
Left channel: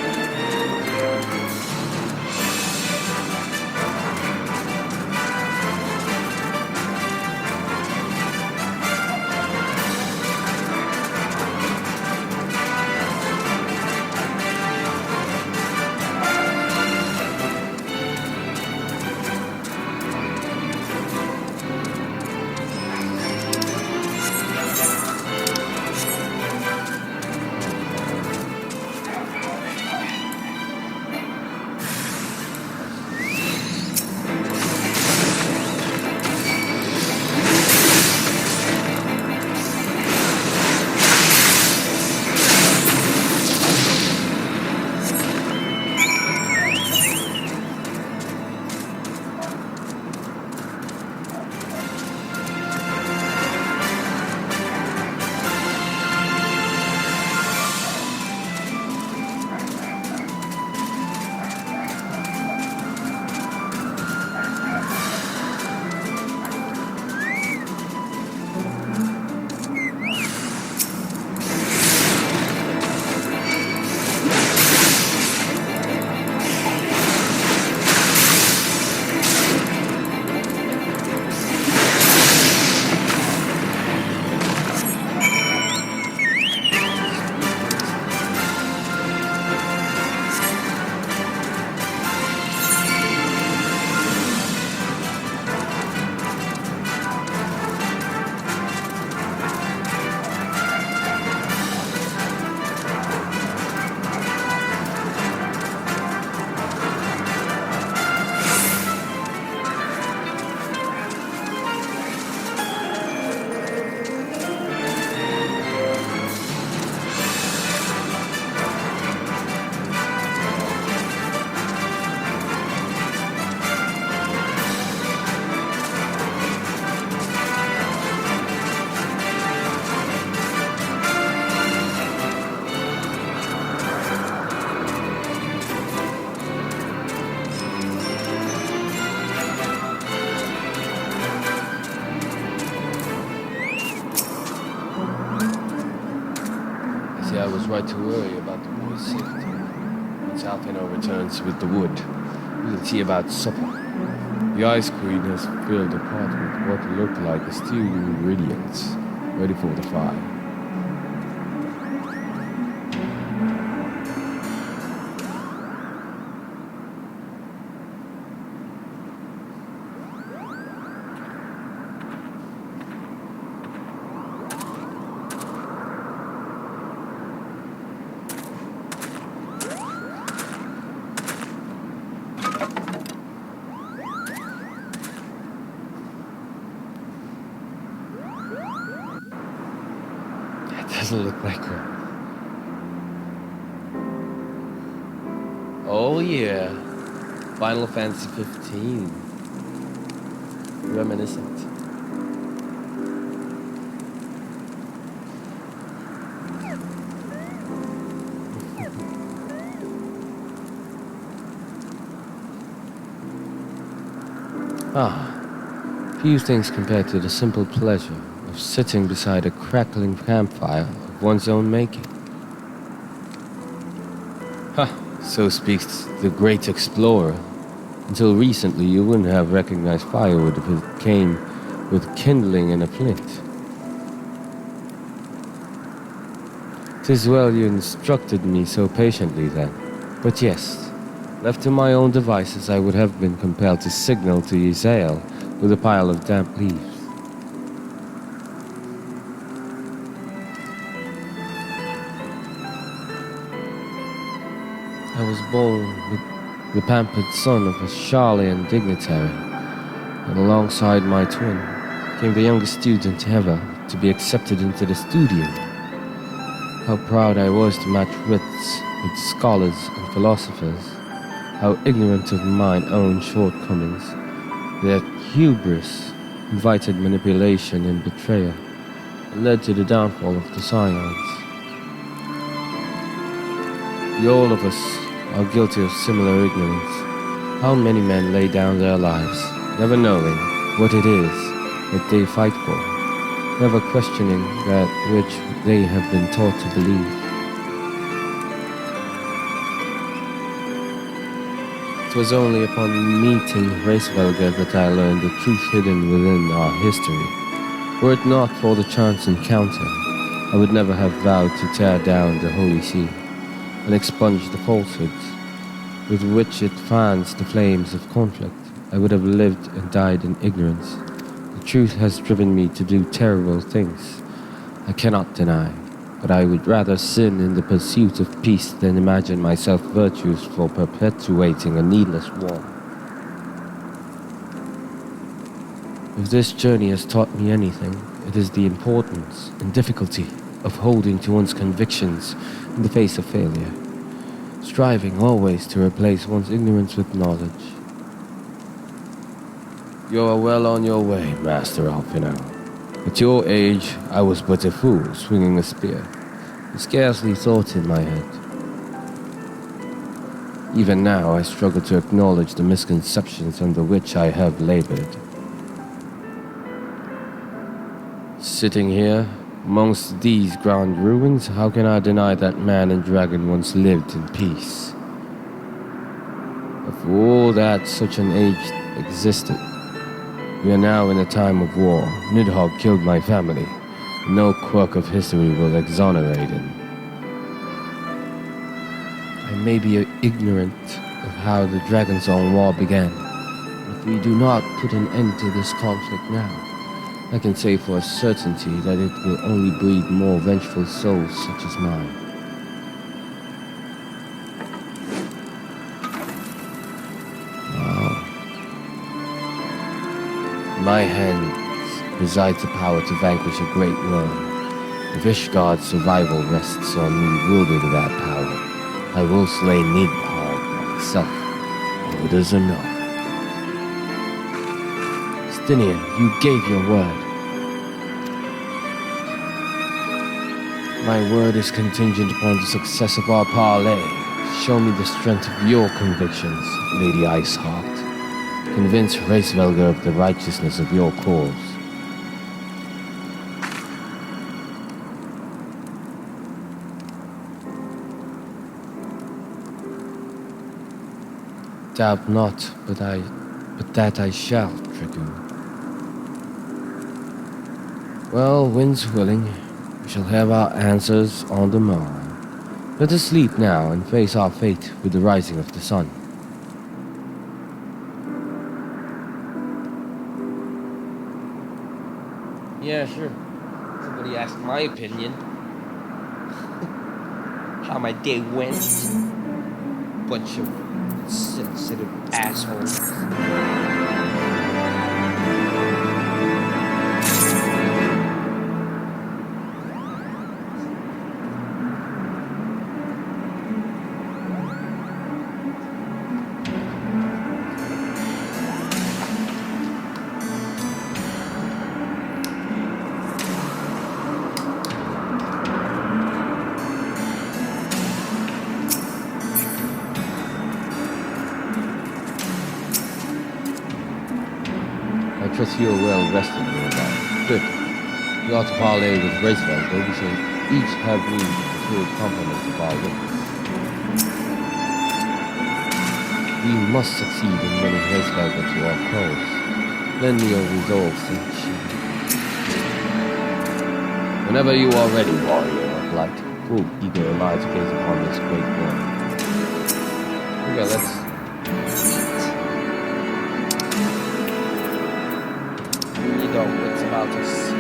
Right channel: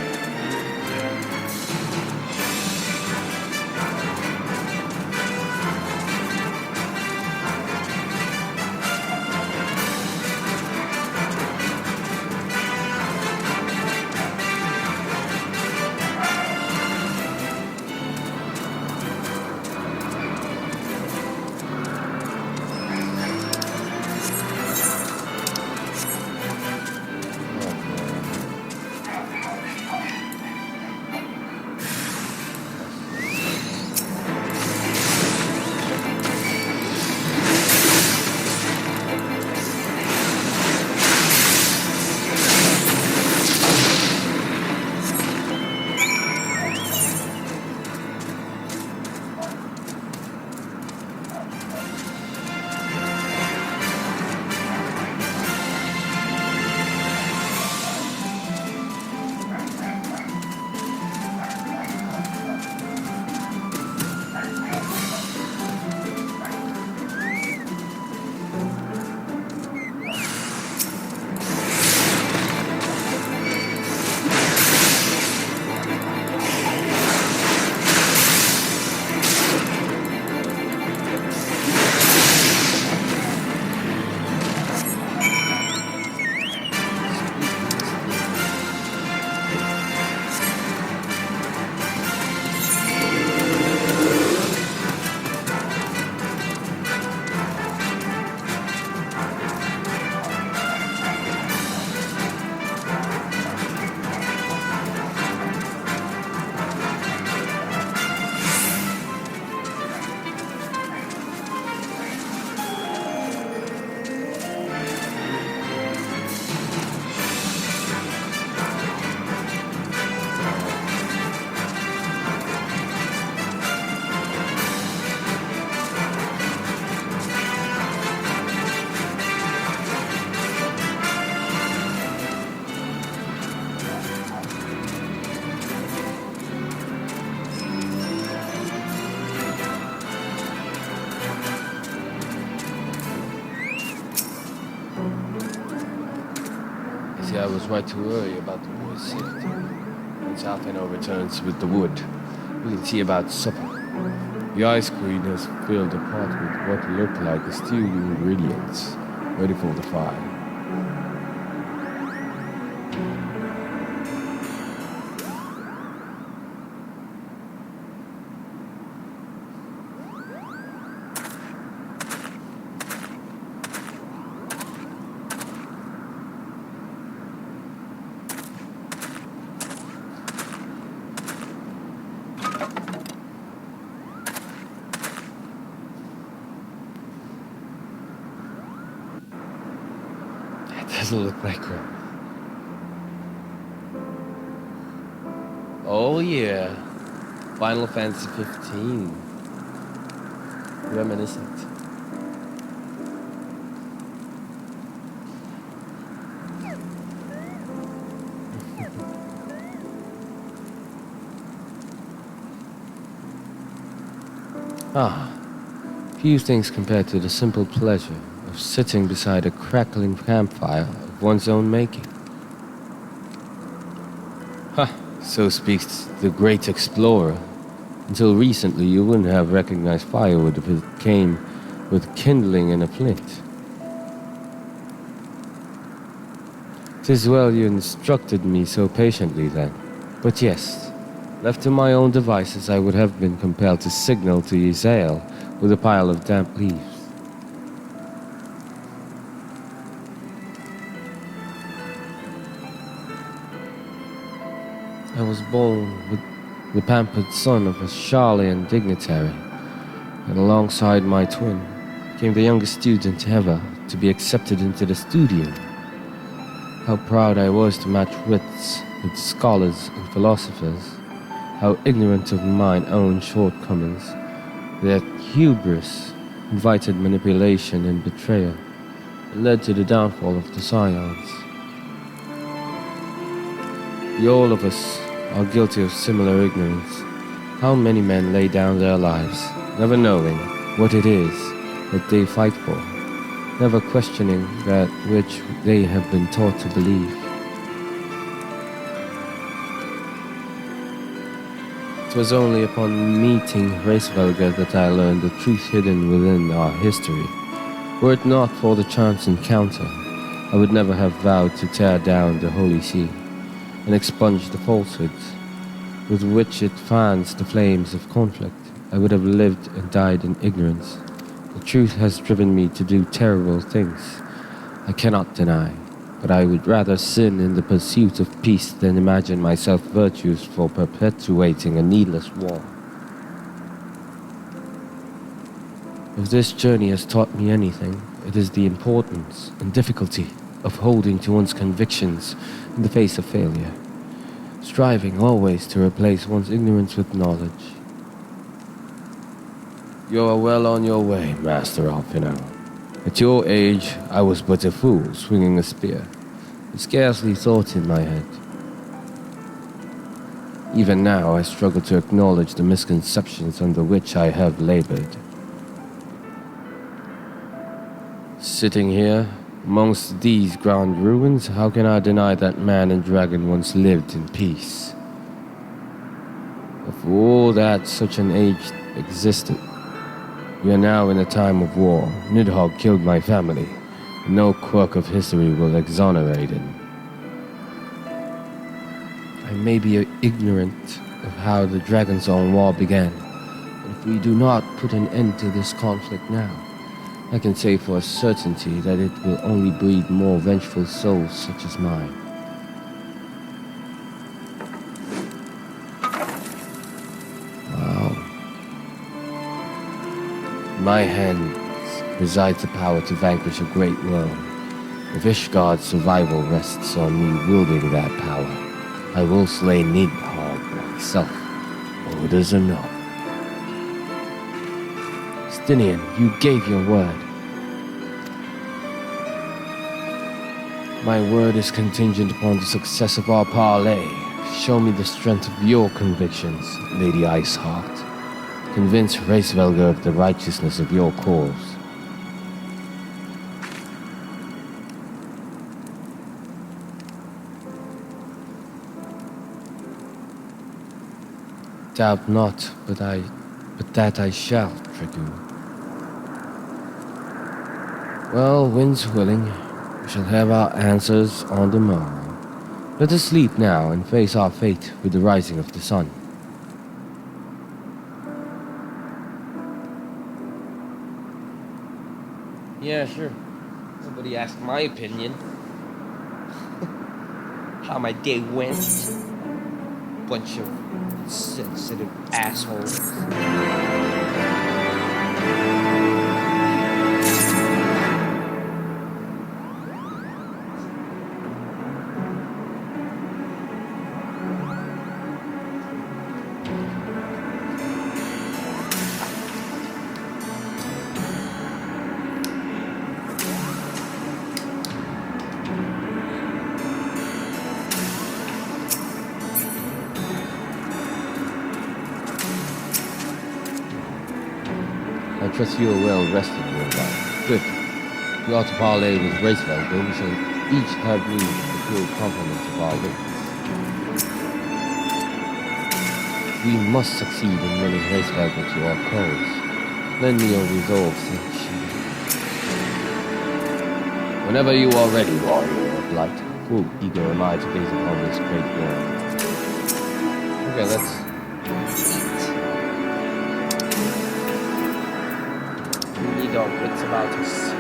See, I was right to worry about the boy's safety. Once Alfino returns with the wood, we can see about supper. The Ice Queen has filled the pot with what looked like stewed ingredients, ready for the fire. Doesn't look like her. Oh yeah, Final Fantasy 15. Reminiscent. Few things compared to the simple pleasure of sitting beside a crackling campfire of one's own making. So speaks the great explorer. Until recently, you wouldn't have recognized firewood if it came with kindling and a flint. 'Tis well you instructed me so patiently then. But yes, left to my own devices, I would have been compelled to signal to Yzael with a pile of damp leaves. I was born with the pampered son of a Charlian dignitary, and alongside my twin came the youngest student ever to be accepted into the studio. How proud I was to match wits with scholars and philosophers, how ignorant of mine own shortcomings, that hubris invited manipulation and betrayal, and led to the downfall of the Scions. The all of us are guilty of similar ignorance. How many men lay down their lives, never knowing what it is that they fight for, never questioning that which they have been taught to believe. It was only upon meeting Reisvelger that I learned the truth hidden within our history. Were it not for the chance encounter, I would never have vowed to tear down the Holy See and expunge the falsehoods with which it fans the flames of conflict. I would have lived and died in ignorance. The truth has driven me to do terrible things, I cannot deny, but I would rather sin in the pursuit of peace than imagine myself virtuous for perpetuating a needless war. If this journey has taught me anything, it is the importance and difficulty of holding to one's convictions in the face of failure, striving always to replace one's ignorance with knowledge. You are well on your way, Master Alfino. At your age, I was but a fool swinging a spear, with scarcely thought in my head. Even now, I struggle to acknowledge the misconceptions under which I have labored. Sitting here, amongst these grand ruins, how can I deny that man and dragon once lived in peace? But for all that such an age existed, we are now in a time of war. Nidhogg killed my family, and no quirk of history will exonerate him. I may be ignorant of how the Dragon's Own War began, and if we do not put an end to this conflict now, I can say for a certainty that it will only breed more vengeful souls such as mine. Wow. In my hands resides the power to vanquish a great worm. If Ishgard's survival rests on me wielding that power, I will slay Nidhogg myself. Orders or no. Stinian, you gave your word. My word is contingent upon the success of our parley. Show me the strength of your convictions, Lady Iceheart. Convince Reisvelger of the righteousness of your cause. Doubt not, but that I shall, Dragoon. Well, winds willing, we shall have our answers on the morrow. Let us sleep now and face our fate with the rising of the sun. Yeah, sure. Nobody asked my opinion. How my day went. Bunch of sensitive assholes. I trust you are well rested, Mirabelle. Good. We ought to parley with Racewell, though we shall each have need of the full complement of our wits. We must succeed in winning Racewell to our cause. Lend me your resolve, Saint She. Whenever you are ready, warrior of light, full eager am I to gaze upon this great war. Okay, let's eat. We need our wits about us.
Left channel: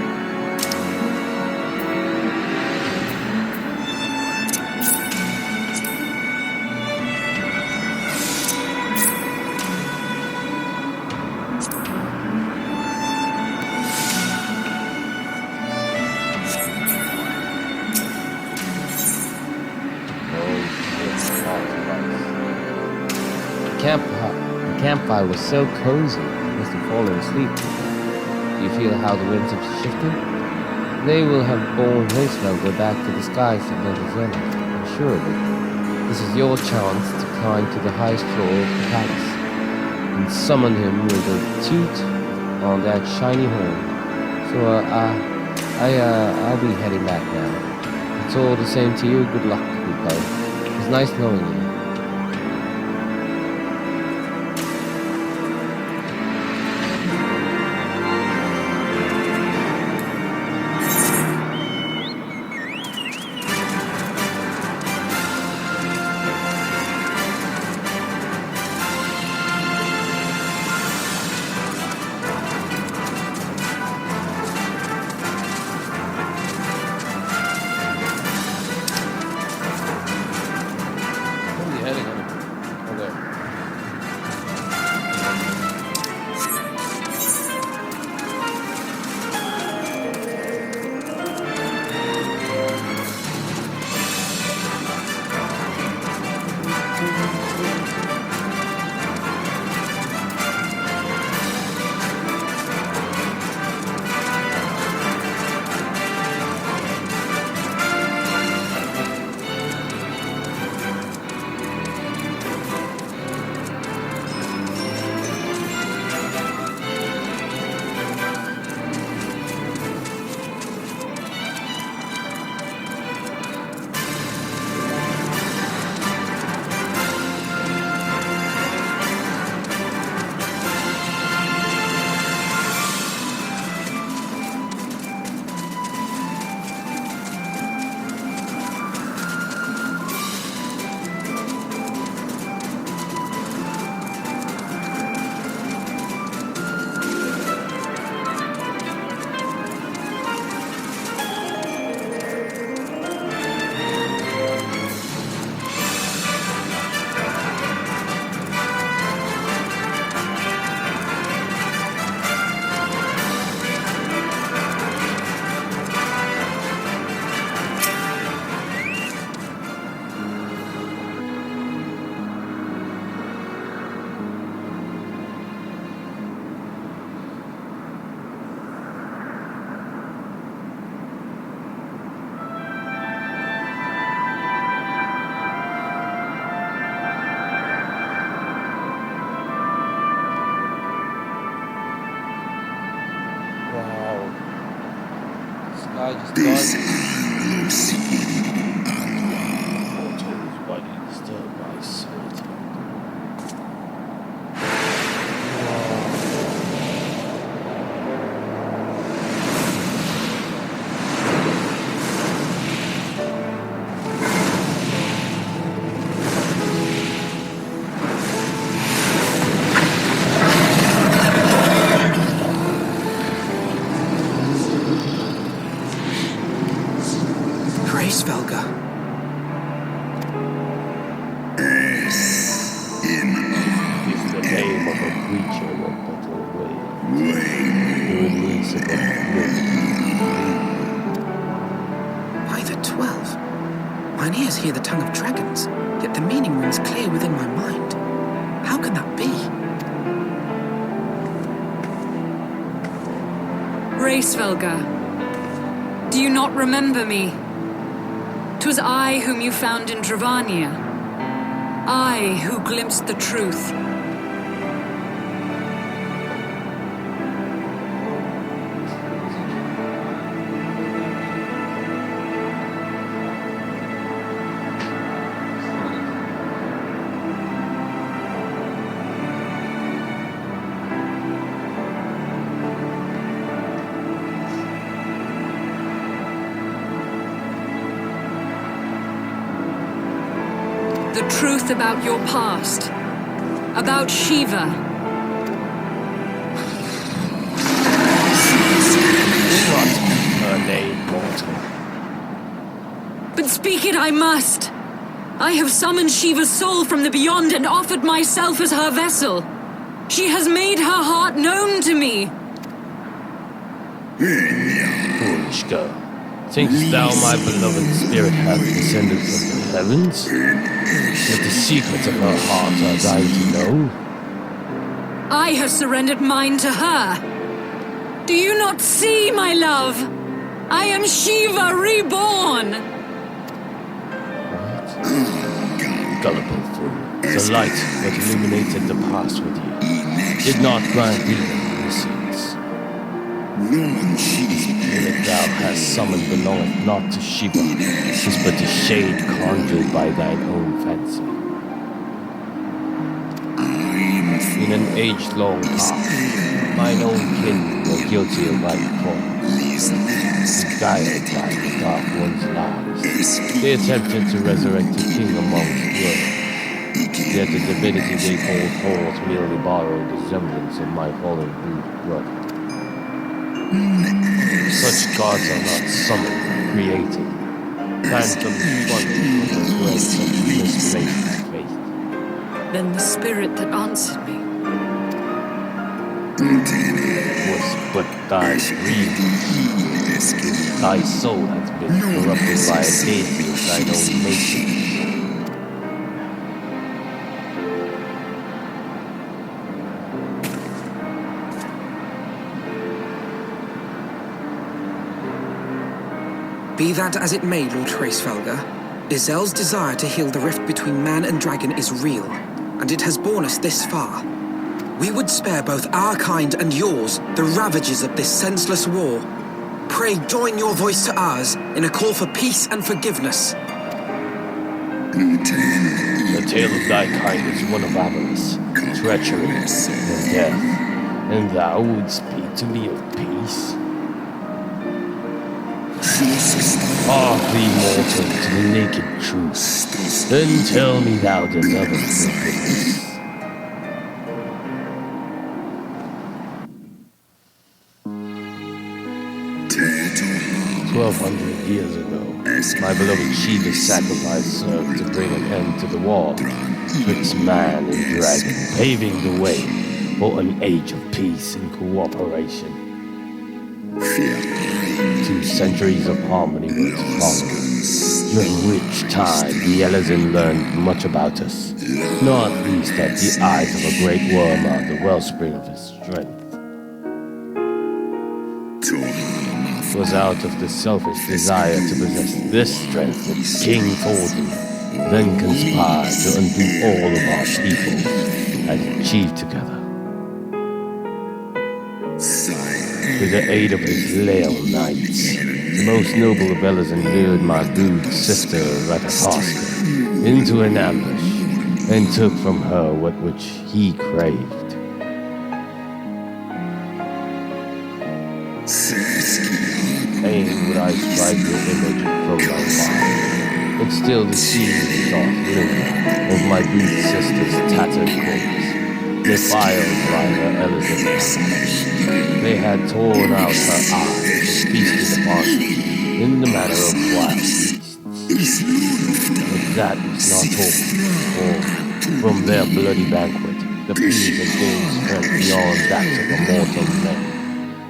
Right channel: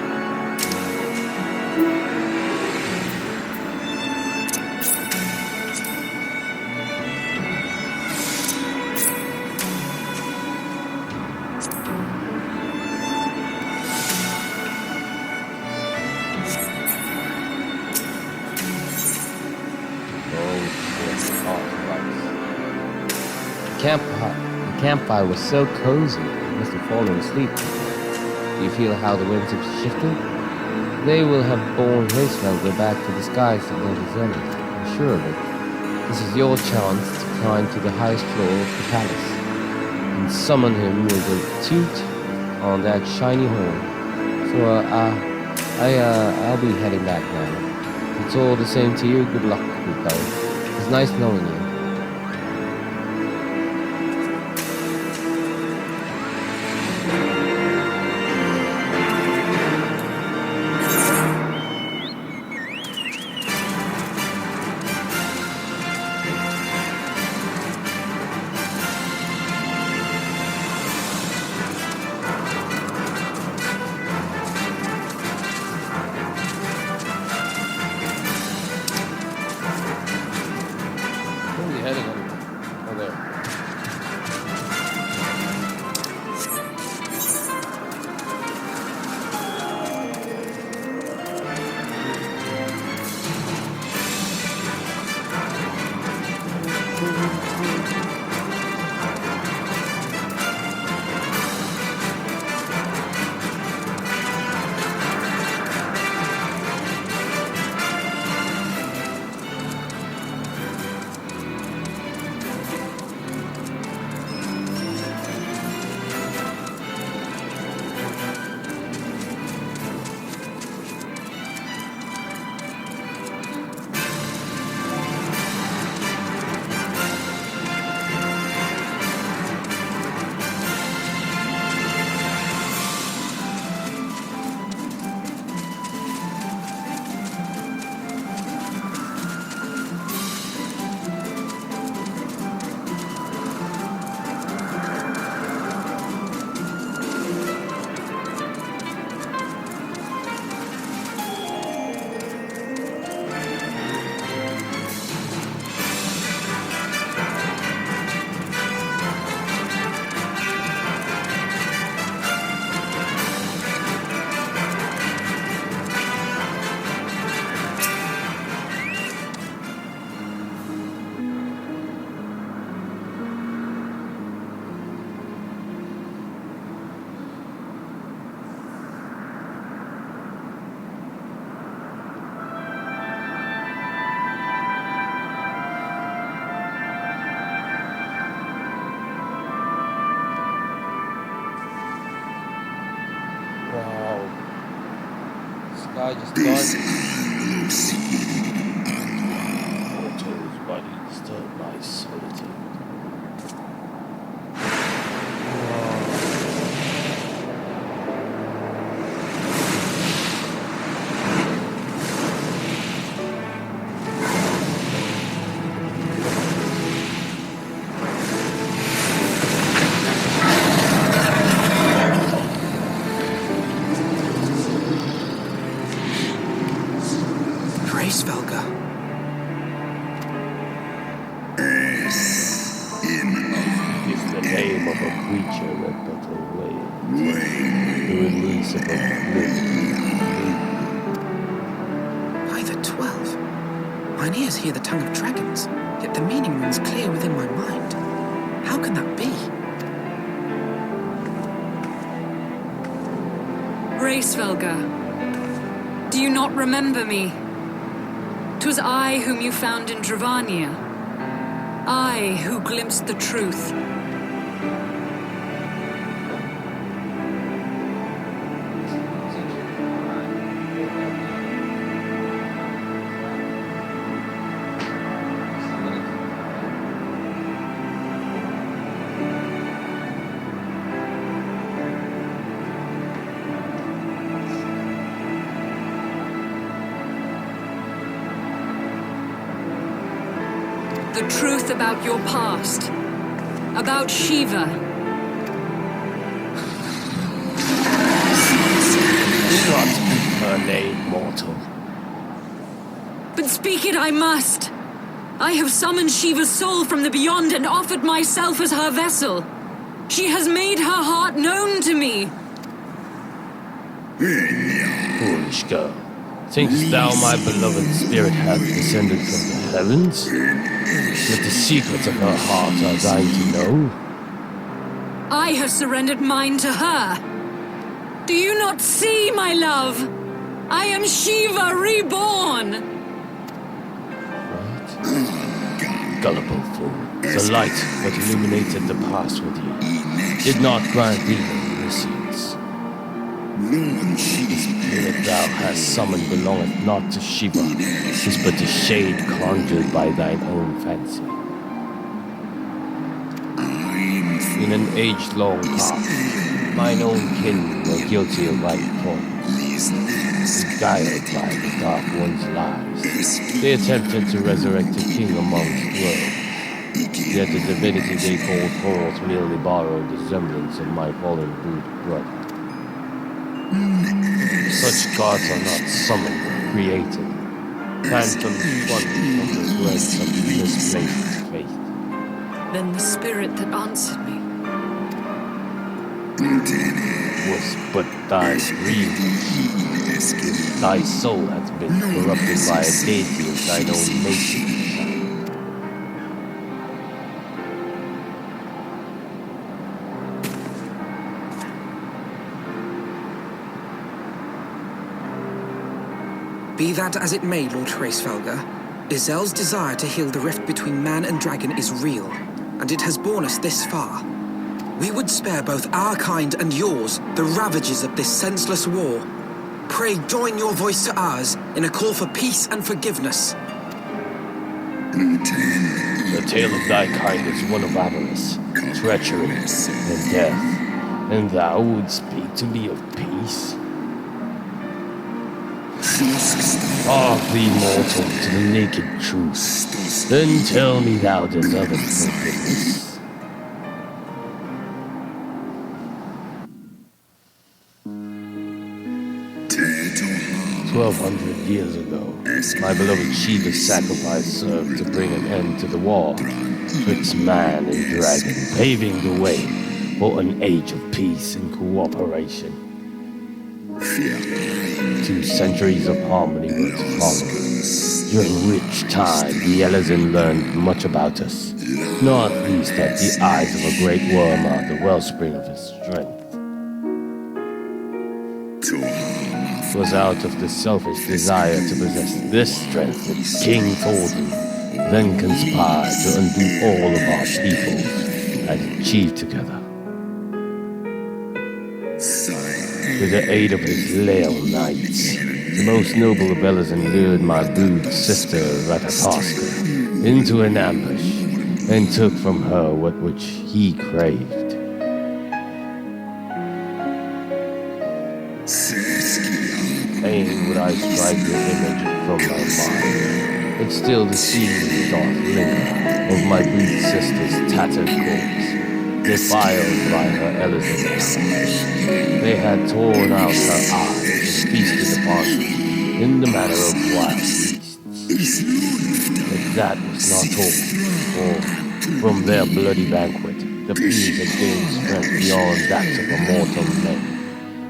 The campfire was so cozy, you must have fallen asleep. Do you feel how the winds have shifted? They will have borne Racevelger back to the skies above the zenith, I'm sure of it. This is your chance to climb to the highest floor of the palace and summon him with a toot on that shiny horn. So, I'll be heading back now. It's all the same to you. Good luck, good fellow. It was nice knowing you. Where are you heading anyway? Oh, there. Wow. Sky just died. Mortals, why do you disturb my solitude? Racevelga. Is the name of a creature that but awaits the release of oblivion. By the 12. Mine ears hear the tongue of dragons, yet the meaning rings clear within my mind. How can that be? Racevelga, do you not remember me? 'Twas I whom you found in Dravania. I who glimpsed the truth. The truth about your past. About Shiva. Not her name, mortal. But speak it I must. I have summoned Shiva's soul from the beyond and offered myself as her vessel. She has made her heart known to me. Foolish girl. Thinkst thou my beloved spirit hath descended from the heavens? Yet the secrets of her heart are thine to know? I have surrendered mine to her. Do you not see, my love? I am Shiva reborn. What? Gullible fool. The light that illuminated the past with you did not grant thee omniscience. The spirit thou hast summoned belongeth not to Shiva, 'tis but a shade conjured by thine own fancy. In an age-long past, mine own kin were guilty of my crimes, beguiled by the Dark One's lies. They attempted to resurrect a king amongst worlds, yet the divinity they called forth merely borrowed the semblance of my fallen brother. Such gods are not summoned but created, phantoms funded from the dregs of misplaced faith. Then the spirit that answered me. Was but thy dream. Thy soul hath been corrupted by a deity of thine own making. 'Be that as it may, Lord Racevelga, Izel's desire to heal the rift between man and dragon is real, and it has borne us this far. We would spare both our kind and yours the ravages of this senseless war. Pray join your voice to ours in a call for peace and forgiveness. The tale of thy kind is one of avarice, treachery, and death, and thou would speak to me of peace? Hark thee, mortal, to the naked truth. Then tell me thou deservest forgiveness. 1,200 years ago, my beloved Shiva's sacrifice served to bring an end to the war twixt man and dragon, paving the way for an age of peace and cooperation. 2 centuries of harmony were to follow, during which time the Elezen learned much about us, not least that the eyes of a great worm are the wellspring of his strength. It was out of the selfish desire to possess this strength that King Thornton then conspired to undo all of our people and achieve together. With the aid of his Leal Knights, the most noble of Elezen lured my brood sister Ratatoska into an ambush and took from her what which he craved. Fain would I strike your image from my mind, but still the seeds doth linger of my brood sister's tattered corpse, defiled by her Elezen hands. They had torn out her eyes and feasted upon them in the manner of wild beasts. But that was not all. For from their bloody banquet, the beings had gained strength beyond that of mortal men.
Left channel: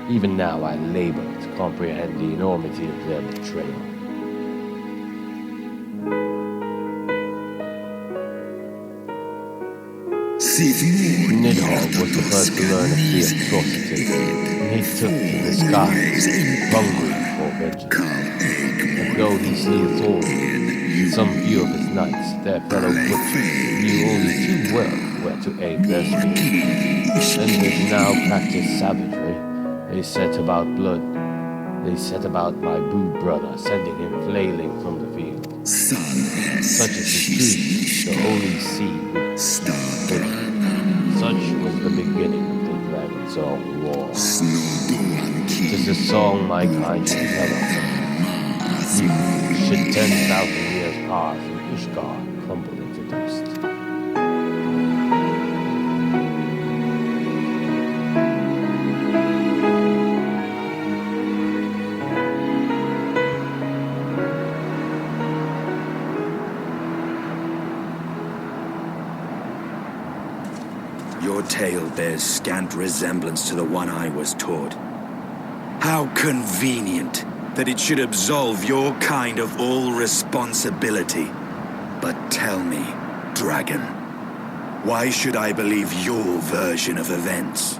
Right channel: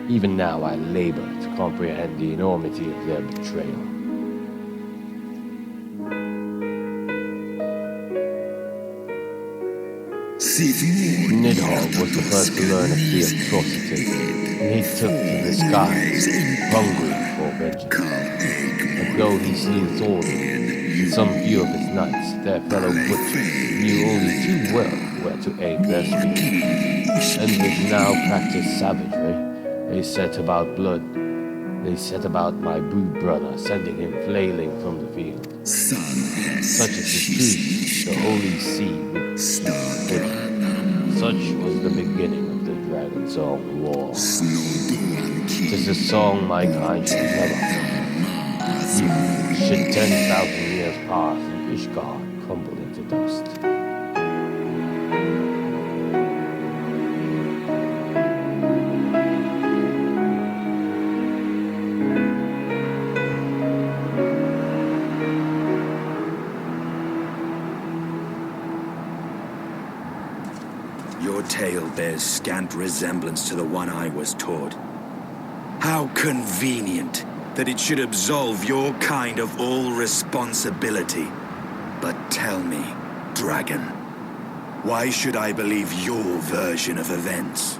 Even now I labor to comprehend the enormity of their betrayal. Nidhogg was the first to learn of the atrocities, and he took to the skies, hungry for vengeance. But though he slew Thorin, some few of his knights, their fellow butchers, knew only too well where to aim their spears. And with now practiced savagery, they set about blood. They set about my brood brother, sending him flailing from the field. Such is the truth, the holy sea would split. Such was the beginning of the Dragon Song War. 'Tis a song my kind shall never forget. Even should 10,000 years pass and Ishgard crumble into dust. Your tale bears scant resemblance to the one I was taught. How convenient that it should absolve your kind of all responsibility. But tell me, Dragon, why should I believe your version of events?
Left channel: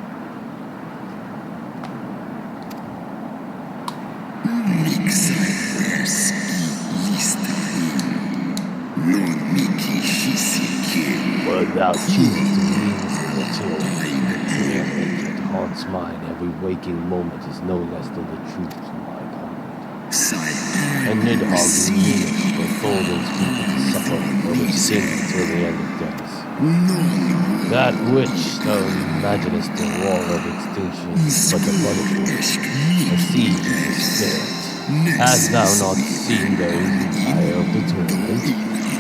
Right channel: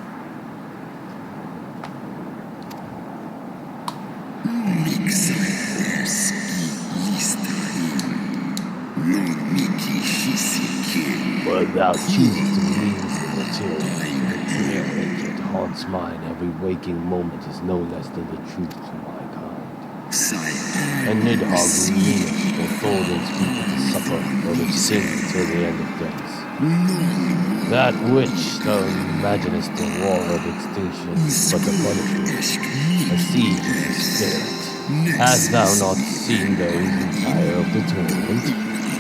But thou choosest to lean until the fear that haunts mine every waking moment is no less than the truth to my kind. And Nidhogg meaneth for Thorin's people to suffer for their sin till the end of days. That which thou imaginest a war of extinction, but a punishment, a siege of the spirit. Hast thou not seen those who tire of the torment,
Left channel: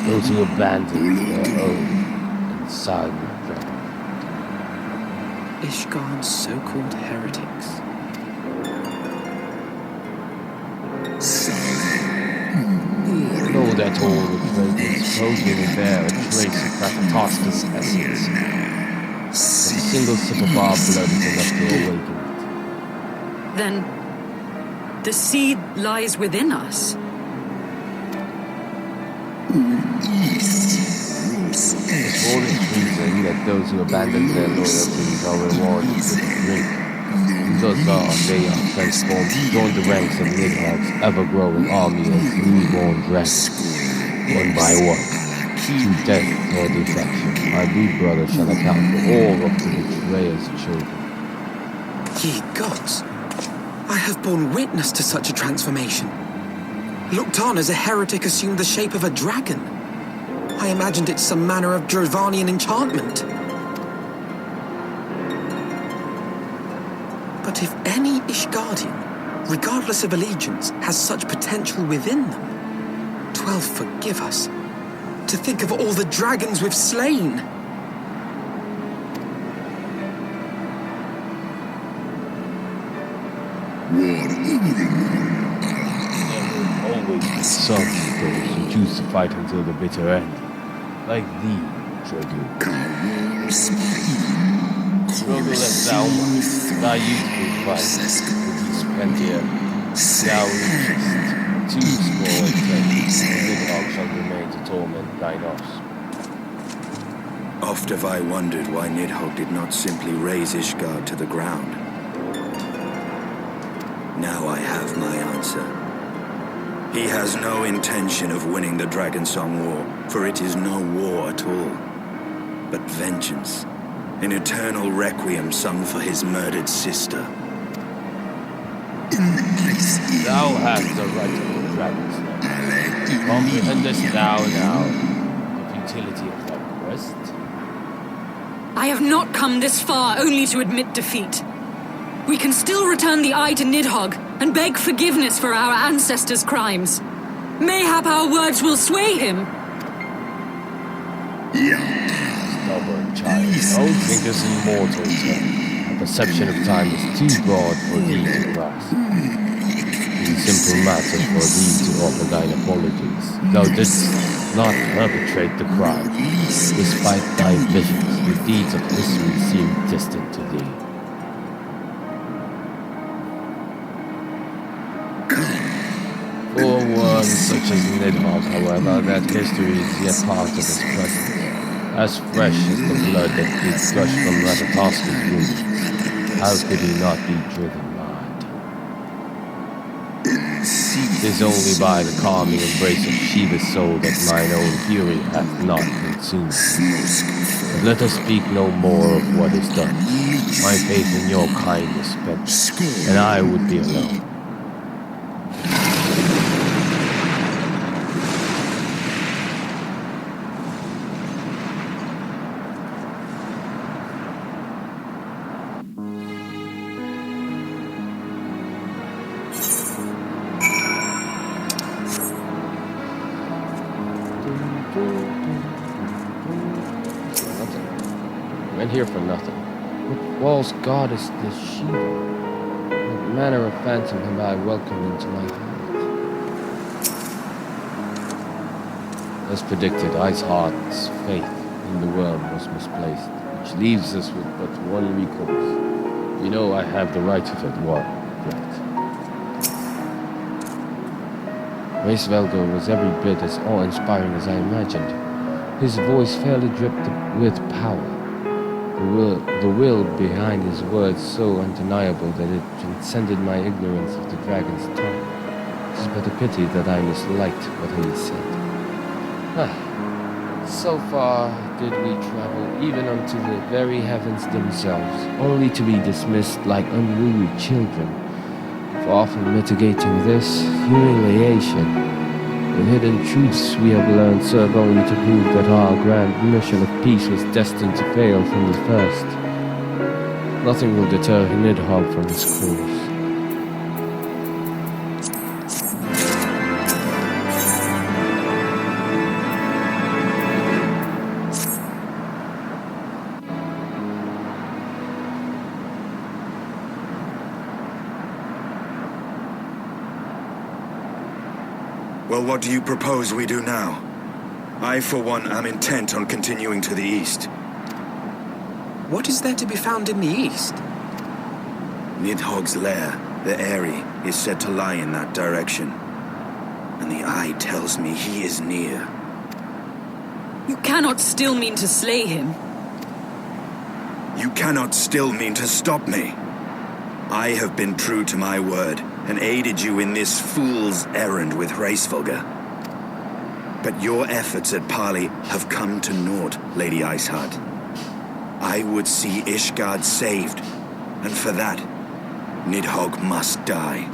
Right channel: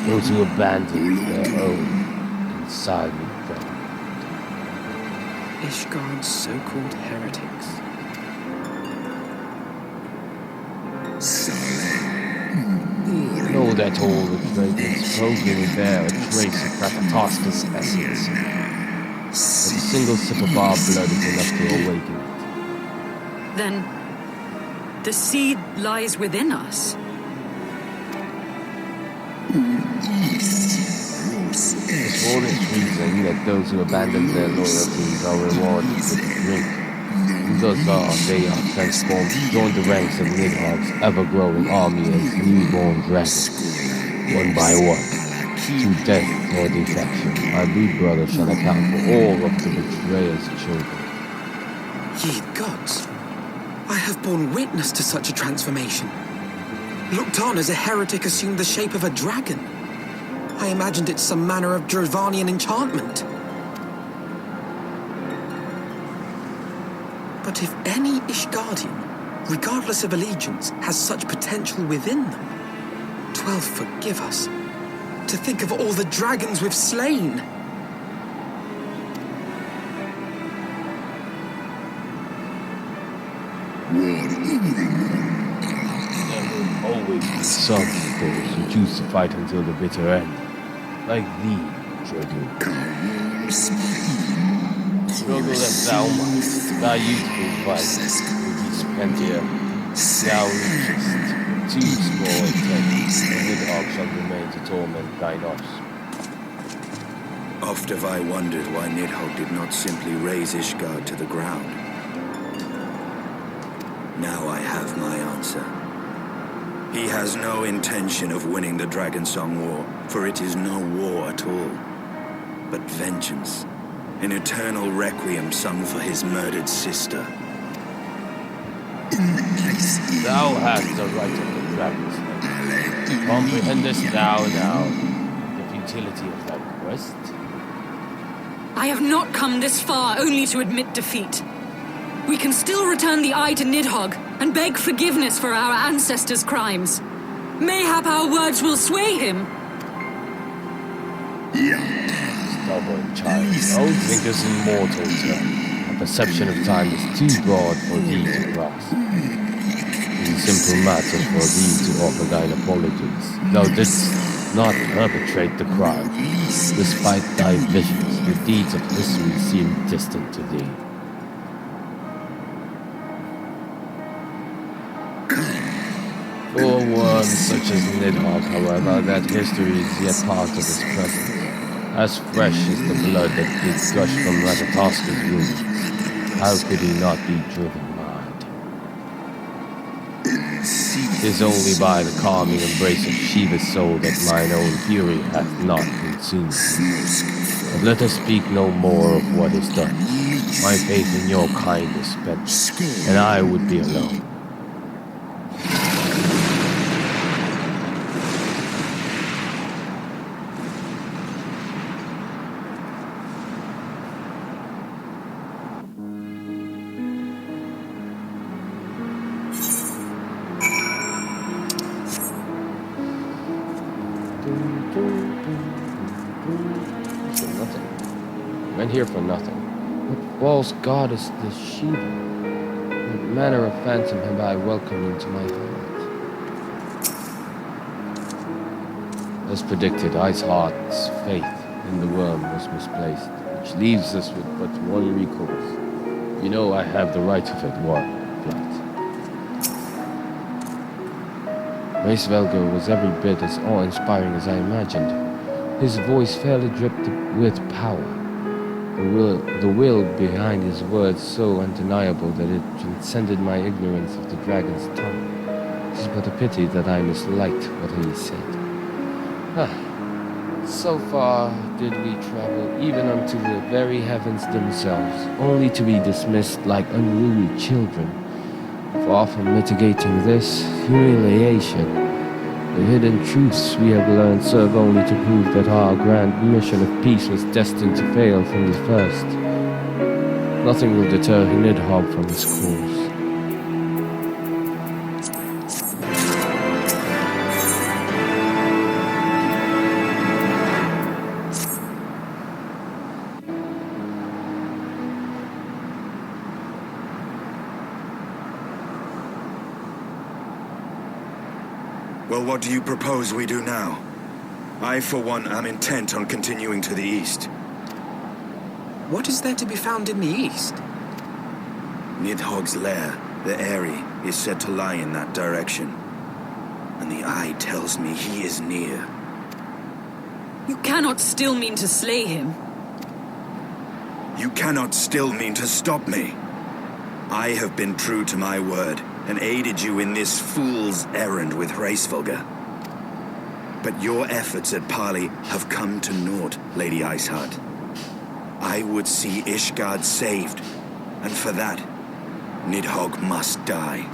those who abandon their own inside the dragon? Ishgard's so-called heretics. Know that all the dragons supposedly bear a trace of Krakatoska's essence. But a single sip of our blood is enough to awaken it. Then the seed lies within us. It's for this reason that those who abandon their loyalties are rewarded with a drink. Thus they are transformed to join the ranks of Nidhogg's ever-growing army as newborn dragons. One by one, to death or defection, my brood brother shall account for all of the betrayer's children. Ye gods, I have borne witness to such a transformation. Looked on as a heretic assumed the shape of a dragon. I imagined it some manner of Drovanian enchantment. But if any Ishgardian, regardless of allegiance, has such potential within them, 12 forgive us. To think of all the dragons we've slain. There will always be some those who choose to fight until the bitter end. Like thee, Drogo. Drogo that thou might, thy youthful vice, will be spent here. Thou reachest 2 and 10, and Nidhogg shall remain to torment thine offspring. Oft have I wondered why Nidhogg did not simply raze Ishgard to the ground. Now I have my answer. He has no intention of winning the Dragon Song War, for it is no war at all, but vengeance, an eternal requiem sung for his murdered sister. Thou hast the right of the dragon's name. Comprehendest thou now the futility of thy quest? I have not come this far only to admit defeat. We can still return the eye to Nidhogg and beg forgiveness for our ancestors' crimes. Mayhap our words will sway him. Stubborn child, thou thinkest in mortal terms. Our perception of time is too broad for thee to grasp. be simple matter for thee to offer thine apologies. Thou didst not perpetrate the crime. Despite thy visions, the deeds of history seem distant to thee. For one such as Nidhogg, however, that history is yet part of his present, as fresh as the blood that did gush from Ratatoska's wound. How could he not be driven mad? 'Tis only by the calming embrace of Shiva's soul that mine own fury hath not consumed me. But let us speak no more of what is done. My faith in your kind is spent, and I would be alone. So nothing. We went here for nothing. What false god is this Shiva? What manner of phantom have I welcomed into my heart? As predicted, Iceheart's faith in the worm was misplaced, which leaves us with but one recourse. You know I have the right of it, warrior of light. Racevelger was every bit as awe-inspiring as I imagined. His voice fairly dripped with power. The will behind his words so undeniable that it transcended my ignorance of the dragon's tongue. It is but a pity that I misliked what he said. So far did we travel even unto the very heavens themselves, only to be dismissed like unruly children. Far from mitigating this humiliation, the hidden truths we have learned serve only to prove that our grand mission of peace was destined to fail from the first. Nothing will deter Nidhogg from his course. Well, what do you propose we do now? I, for one, am intent on continuing to the east. What is there to be found in the east? Nidhogg's lair, the Eyrie, is said to lie in that direction. And the eye tells me he is near. You cannot still mean to slay him. You cannot still mean to stop me. I have been true to my word, and aided you in this fool's errand with Racevelger. But your efforts at parley have come to naught, Lady Iceheart. I would see Ishgard saved, and for that, Nidhogg must die.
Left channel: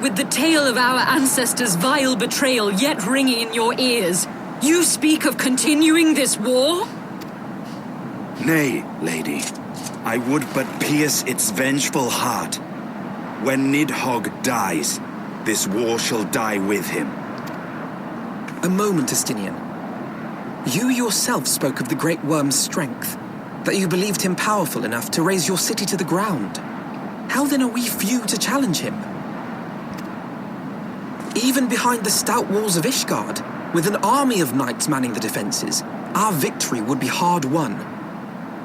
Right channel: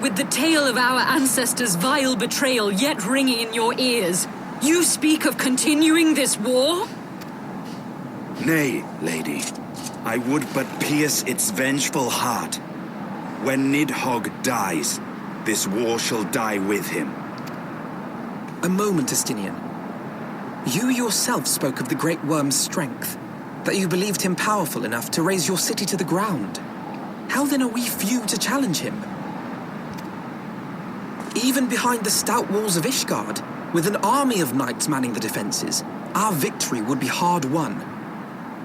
With the tale of our ancestors' vile betrayal yet ringing in your ears, you speak of continuing this war? Nay, lady. I would but pierce its vengeful heart. When Nidhogg dies, this war shall die with him. A moment, Estinian. You yourself spoke of the Great Worm's strength, that you believed him powerful enough to raise your city to the ground. How then are we few to challenge him? Even behind the stout walls of Ishgard, with an army of knights manning the defenses, our victory would be hard won.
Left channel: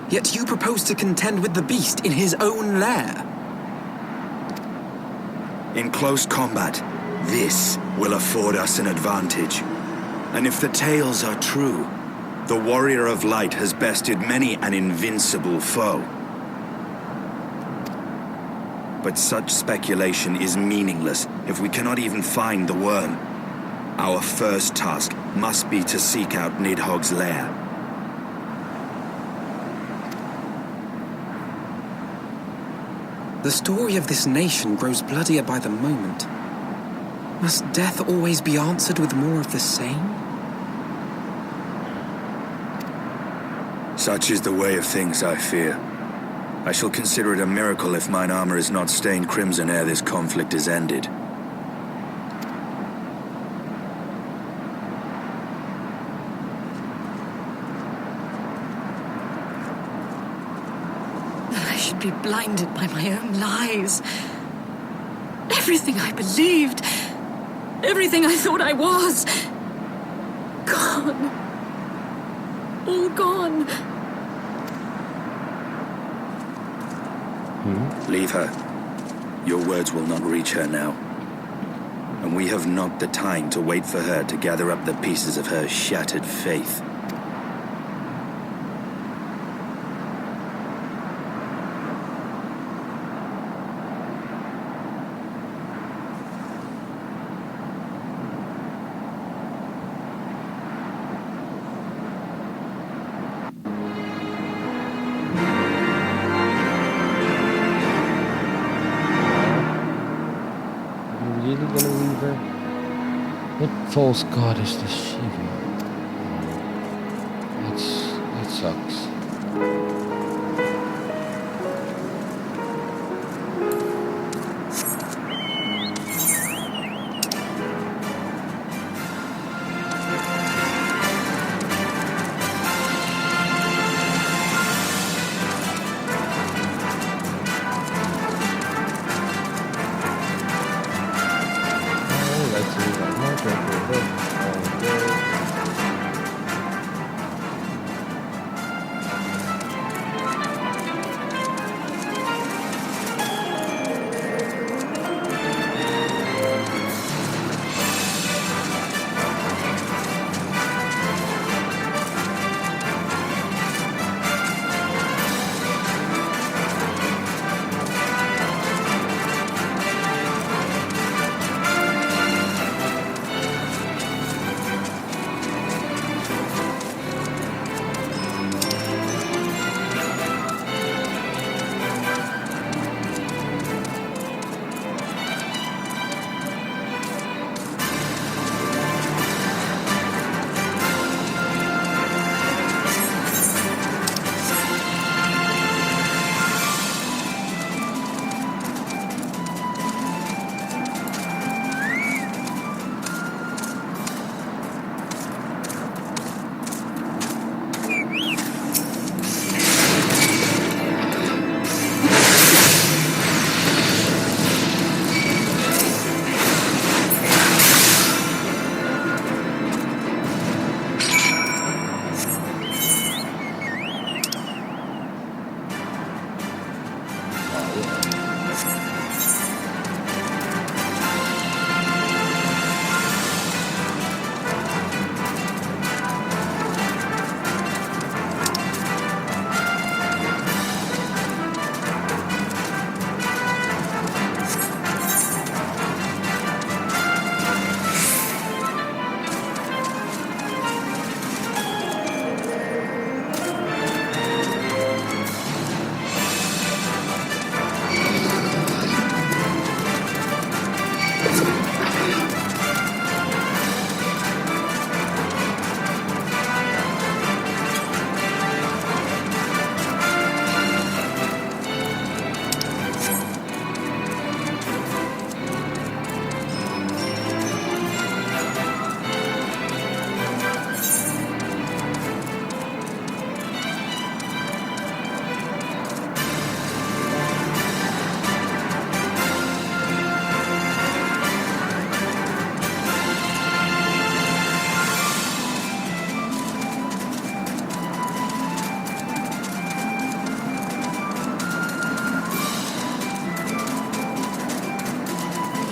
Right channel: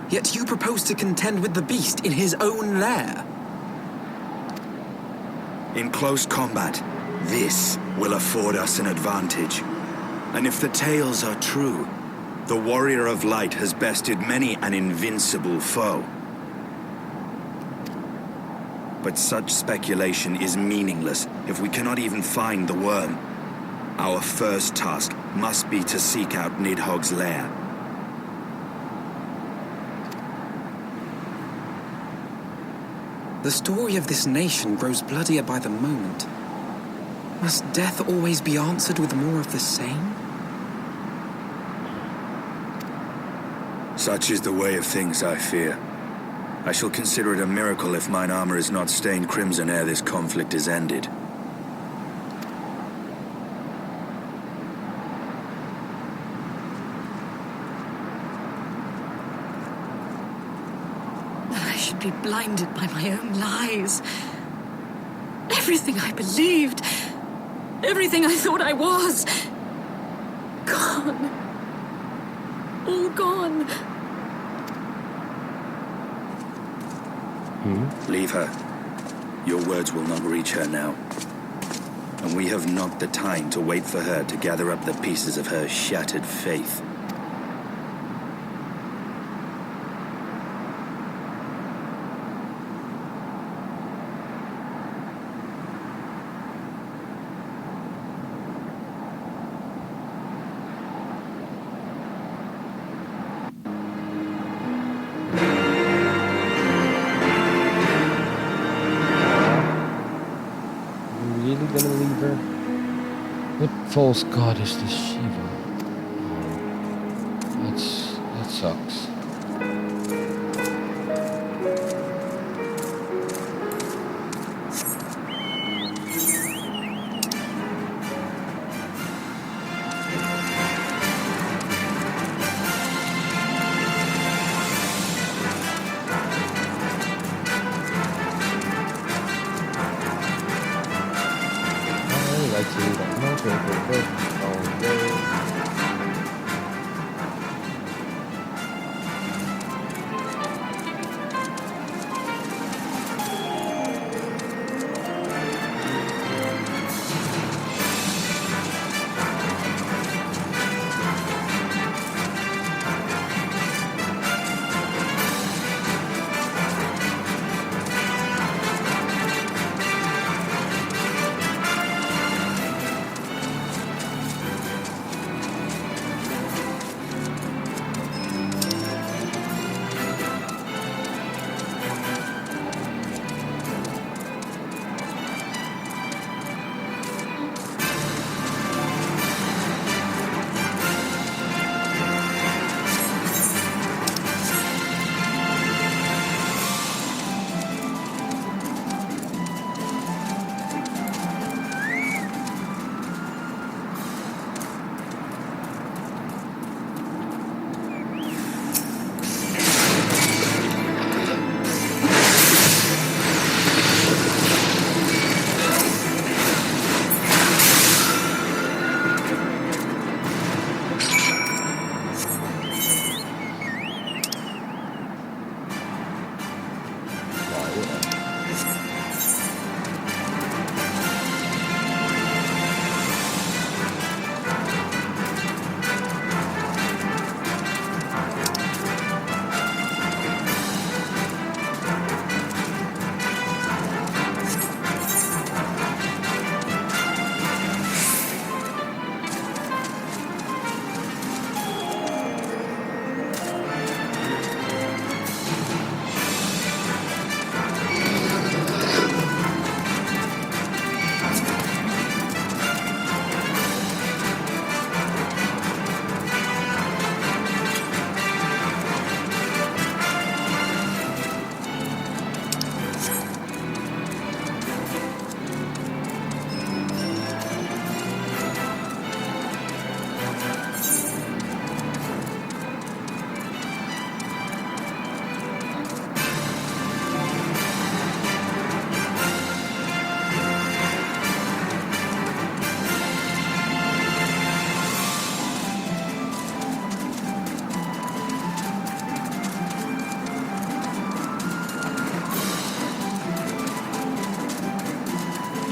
Yet you propose to contend with the beast in his own lair. In close combat, this will afford us an advantage. And if the tales are true, the Warrior of Light has bested many an invincible foe. But such speculation is meaningless if we cannot even find the worm. Our first task must be to seek out Nidhogg's lair. The story of this nation grows bloodier by the moment. Must death always be answered with more of the same? Such is the way of things, I fear. I shall consider it a miracle if mine armor is not stained crimson ere this conflict is ended. I should be blinded by my own lies. Everything I believed, everything I thought I was, gone. All gone. Leave her. Your words will not reach her now. And we have not the time to wait for her to gather up the pieces of her shattered faith. Really gonna leave her? What false god is this Shiva? That sucks. I like to read on my paper book all day.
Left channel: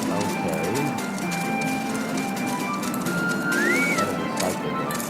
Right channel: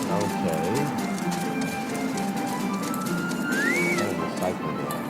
Okay. Kind of a cycle going.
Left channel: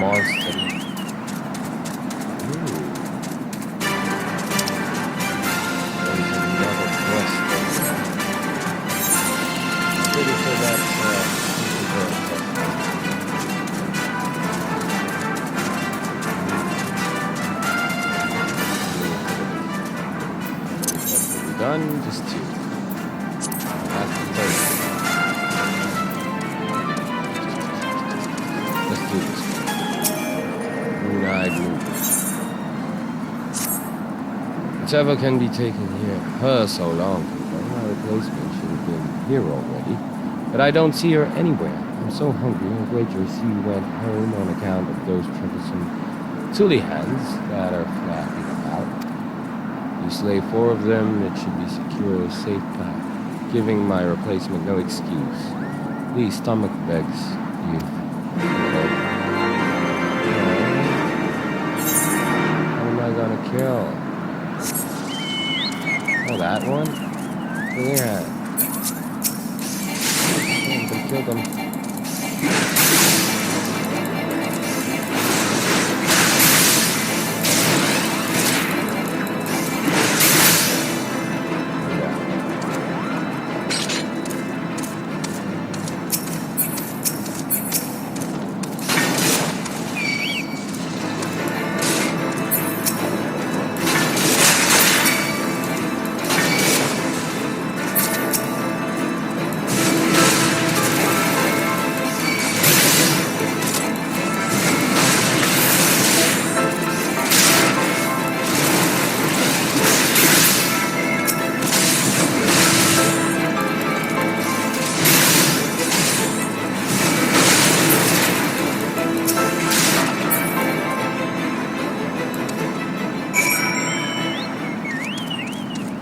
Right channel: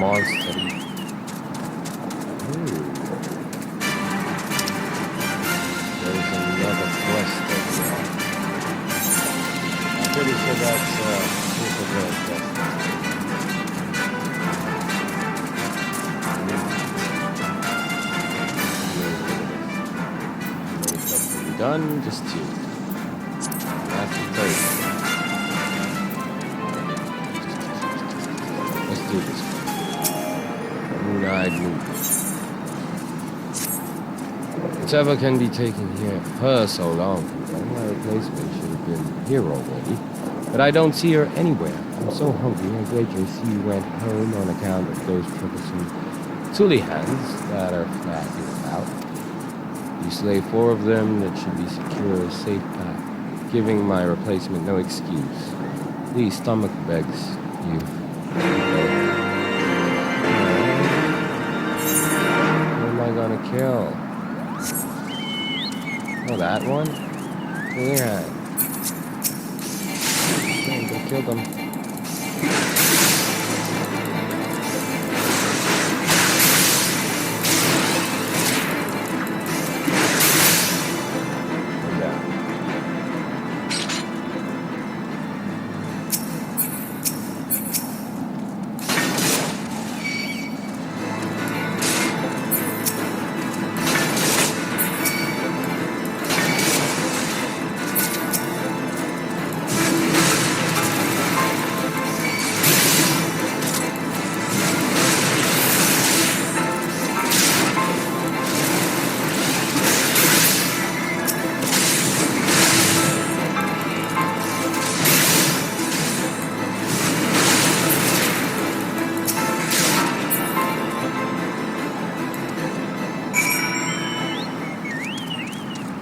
monster. There's another quest over there. I'm pretty sure that's Super Girl quest. Done, just 2. And that's the 3rd. Let's do this one. Moon-eyed movement. Whatever can be taken here her so long. My replacement should have been here already. But I don't see her anywhere. I'm so hungry. I'm greatly see you went home on account of those troublesome Tulihans that are flapping about. You slay 4 of them, that should be secure a safe path, giving my replacement no excuse. These stomach begs you. What am I gonna kill? Oh, that one? Yeah. I'm gonna kill them.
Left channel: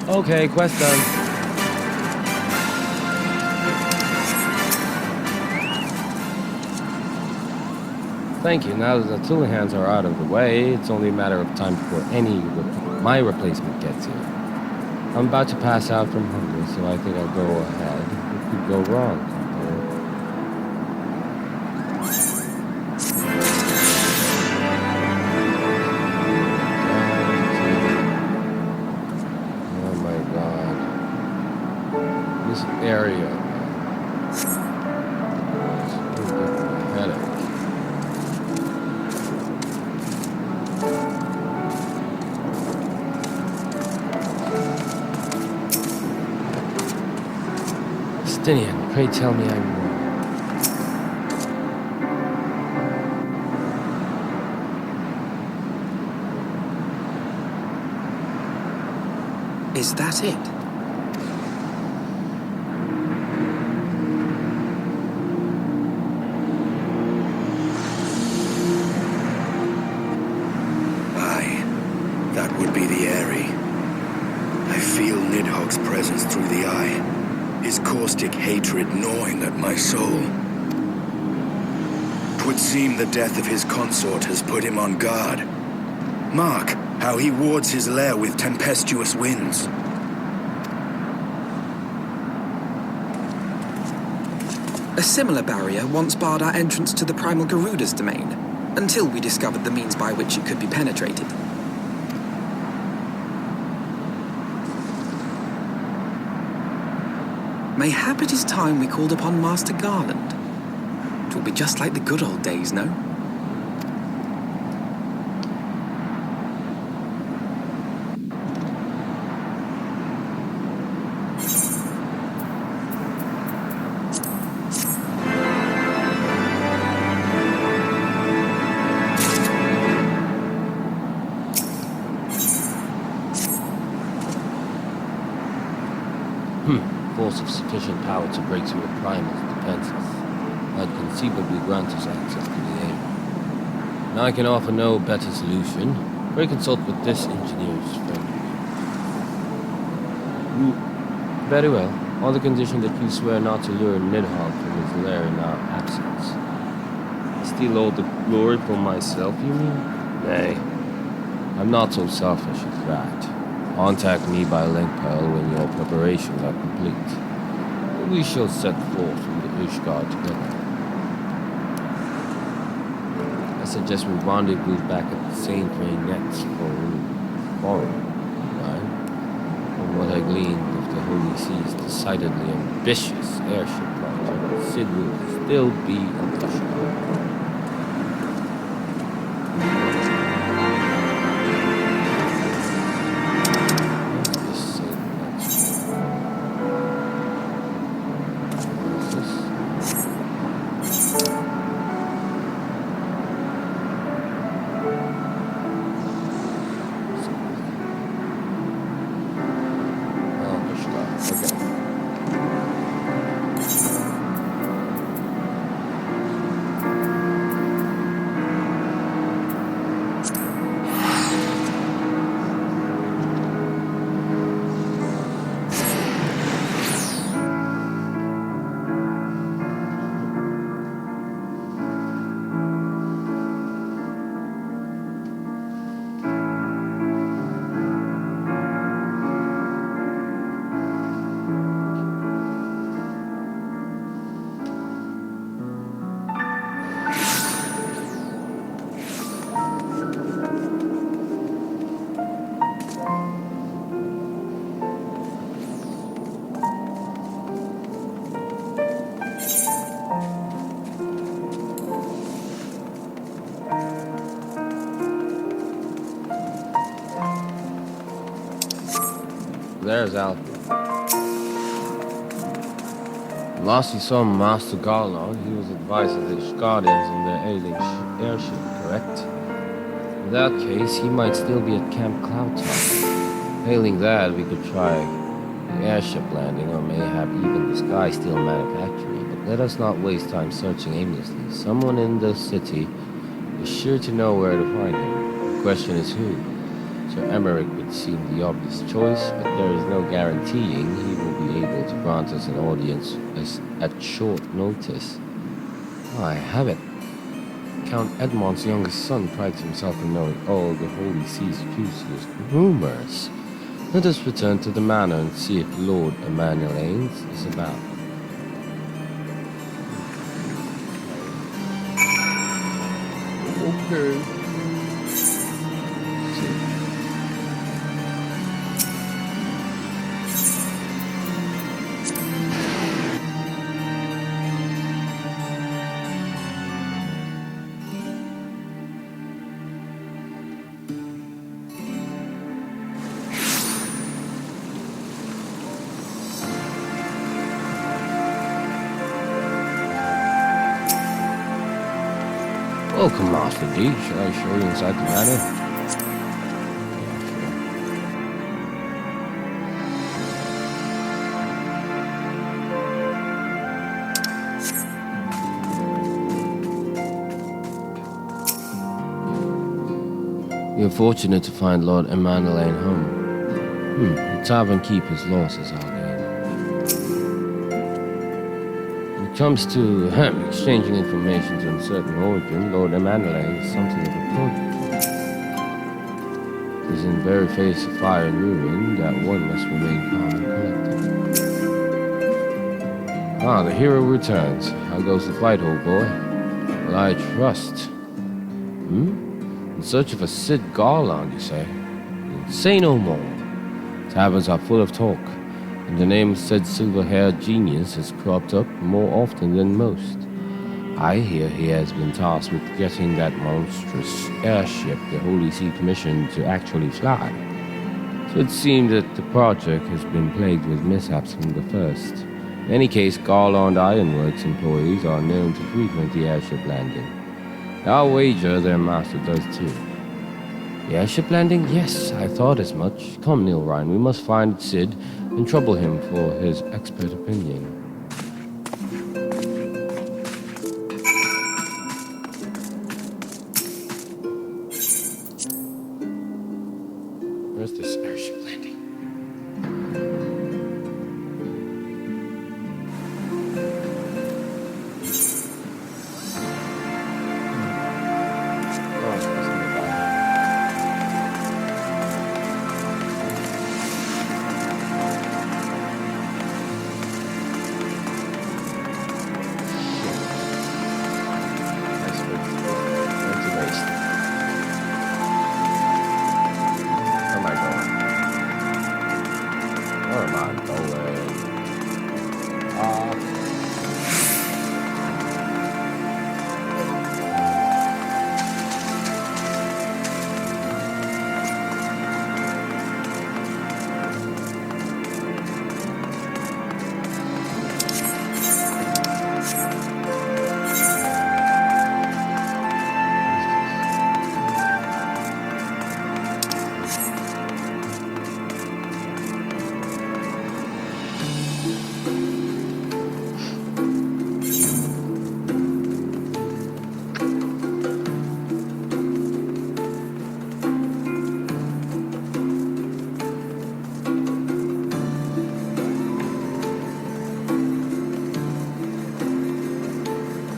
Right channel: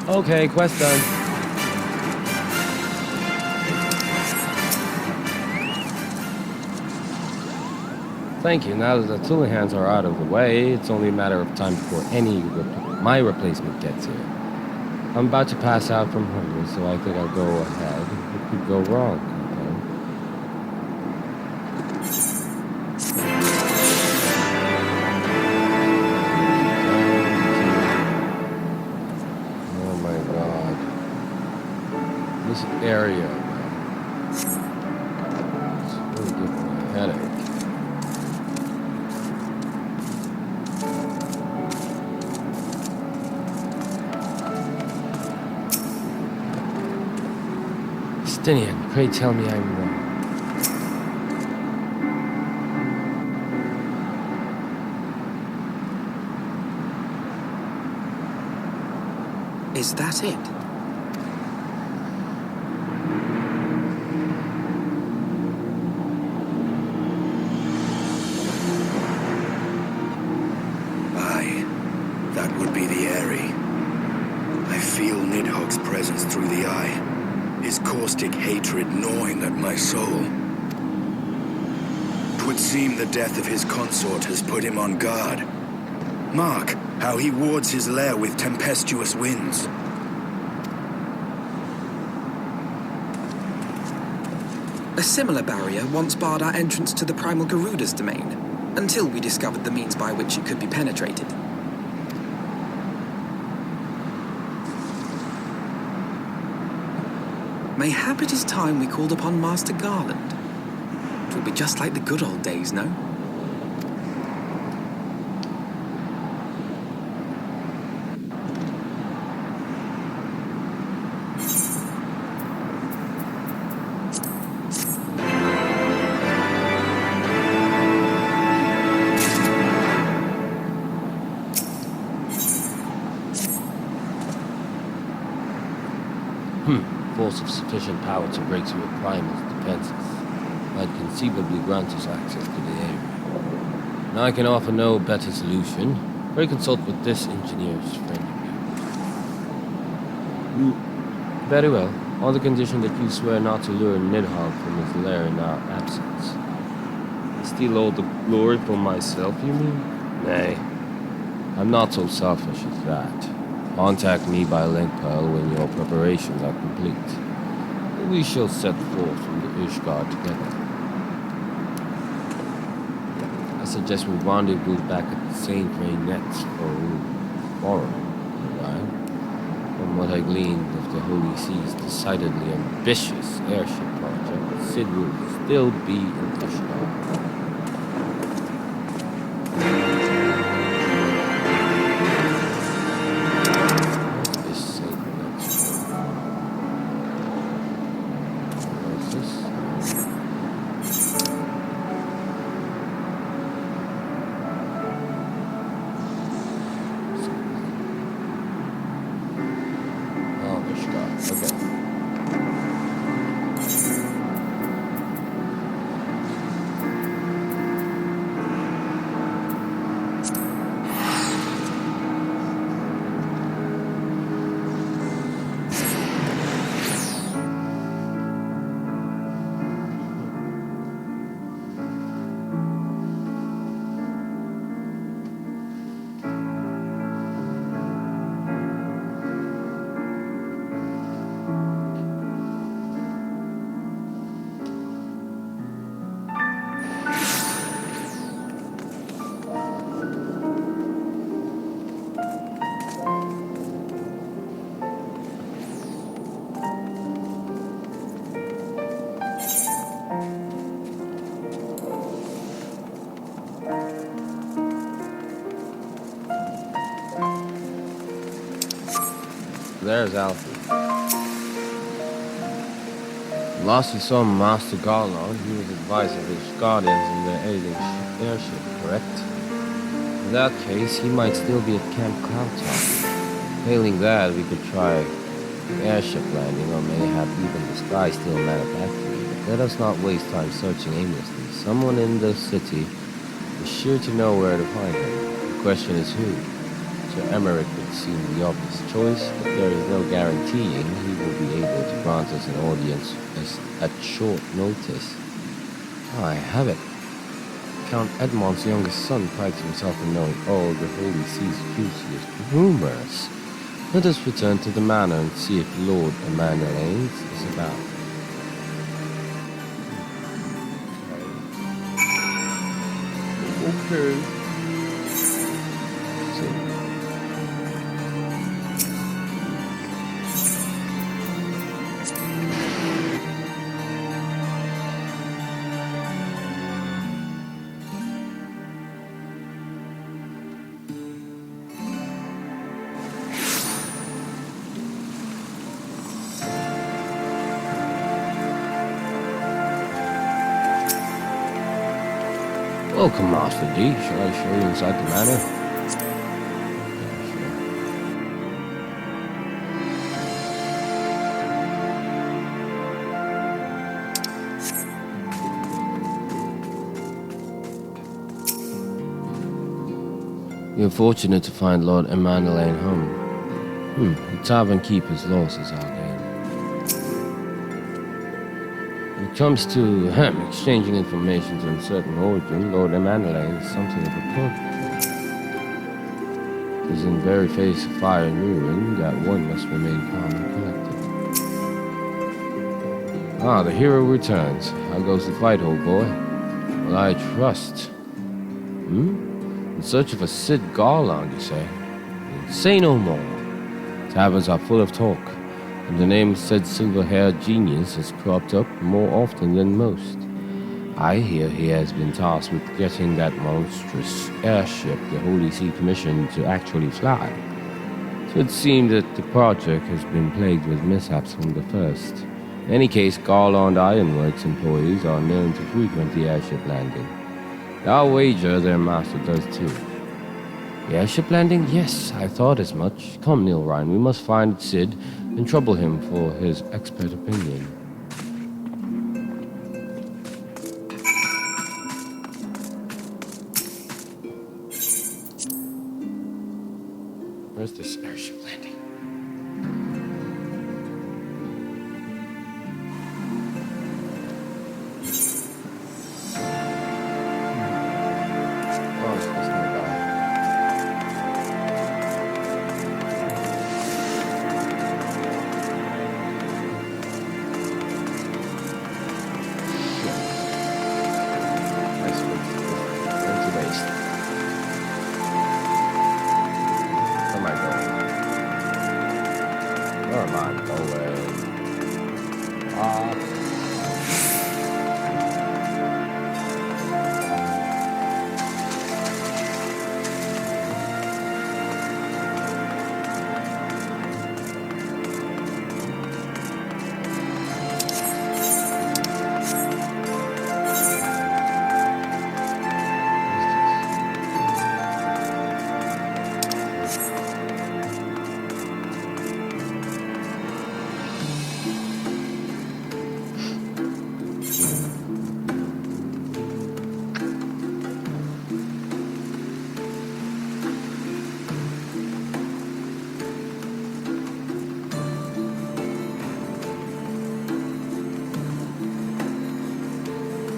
Okay, quest done. Thank you. Now that the Tulihans are out of the way, it's only a matter of time before my replacement gets here. I'm about to pass out from hunger, so I think I'll go ahead. What could go wrong? Area, man. It's really giving me a headache. Justinian, pray tell me I'm wrong. Is that it? That would be the Airy. I feel Nidhogg's presence through the eye, his caustic hatred gnawing at my soul. 'Twould seem the death of his consort has put him on guard. Mark how he wards his lair with tempestuous winds. A similar barrier once barred our entrance to the primal Garuda's domain, until we discovered the means by which it could be penetrated. Mayhap it is time we called upon Master Garland. 'Twill be just like the good old days, no? Force of sufficient power to break through a primal's defenses might conceivably grant us access to the area. Now I can offer no better solution. Pray consult with this engineer's friend. Very well, on the condition that you swear not to lure Nidhogg from his lair in our absence. Steal all the glory for myself, you mean? Nay, I'm not so selfish as that. Contact me by link pearl when your preparations are complete. We shall set forth from the Ishgard together. suggest we rendezvous back at the St. Nets for tomorrow, right? From what I gleaned of the Holy Sea's decidedly ambitious airship project, Sid will still be in Ishtar. There's Alfie. Last you saw Master Garland, he was advising his guardians on their ailing airship, correct? In that case, he might still be at Camp Cloudtop. Failing that, we could try the airship landing, or mayhap even the sky still manufactory. But let us not waste time searching aimlessly. Someone in the city is sure to know where to find him. The question is who? Sir Emmerich would seem the obvious choice, but there is no guaranteeing he will be able to grant us an audience at short notice. I have it. Count Edmond's youngest son prides himself on knowing all the Holy Sea's juiciest rumors. Let us return to the manor and see if Lord Emanuelanes is about. Okay. Welcome, Master D. Shall I show you inside the manor? Yeah, sure. You're fortunate to find Lord Emanuelaine home. The tavern keeper's loss is our gain. When it comes to exchanging information to uncertain origin, Lord Emanuelaine is something of a prodigy. It is in very face of fire and ruin that one must remain calm and collected. Ah, the hero returns. How goes the fight, old boy? Well, I trust. In search of a Sid Garland, you say? Say no more. Taverns are full of talk, and the name of said silver-haired genius has cropped up more often than most. I hear he has been tasked with getting that monstrous airship the Holy See commissioned to actually fly. So it seems that the project has been plagued with mishaps from the first. In any case, Garland Ironworks employees are known to frequent the airship landing. I'll wager their master does too. The airship landing? Yes, I thought as much. Come, Neil Ryan, we must find Sid and trouble him for his expert opinion. Where's this airship landing? Oh, it's just nearby. Nice ventilation. am I going? Up.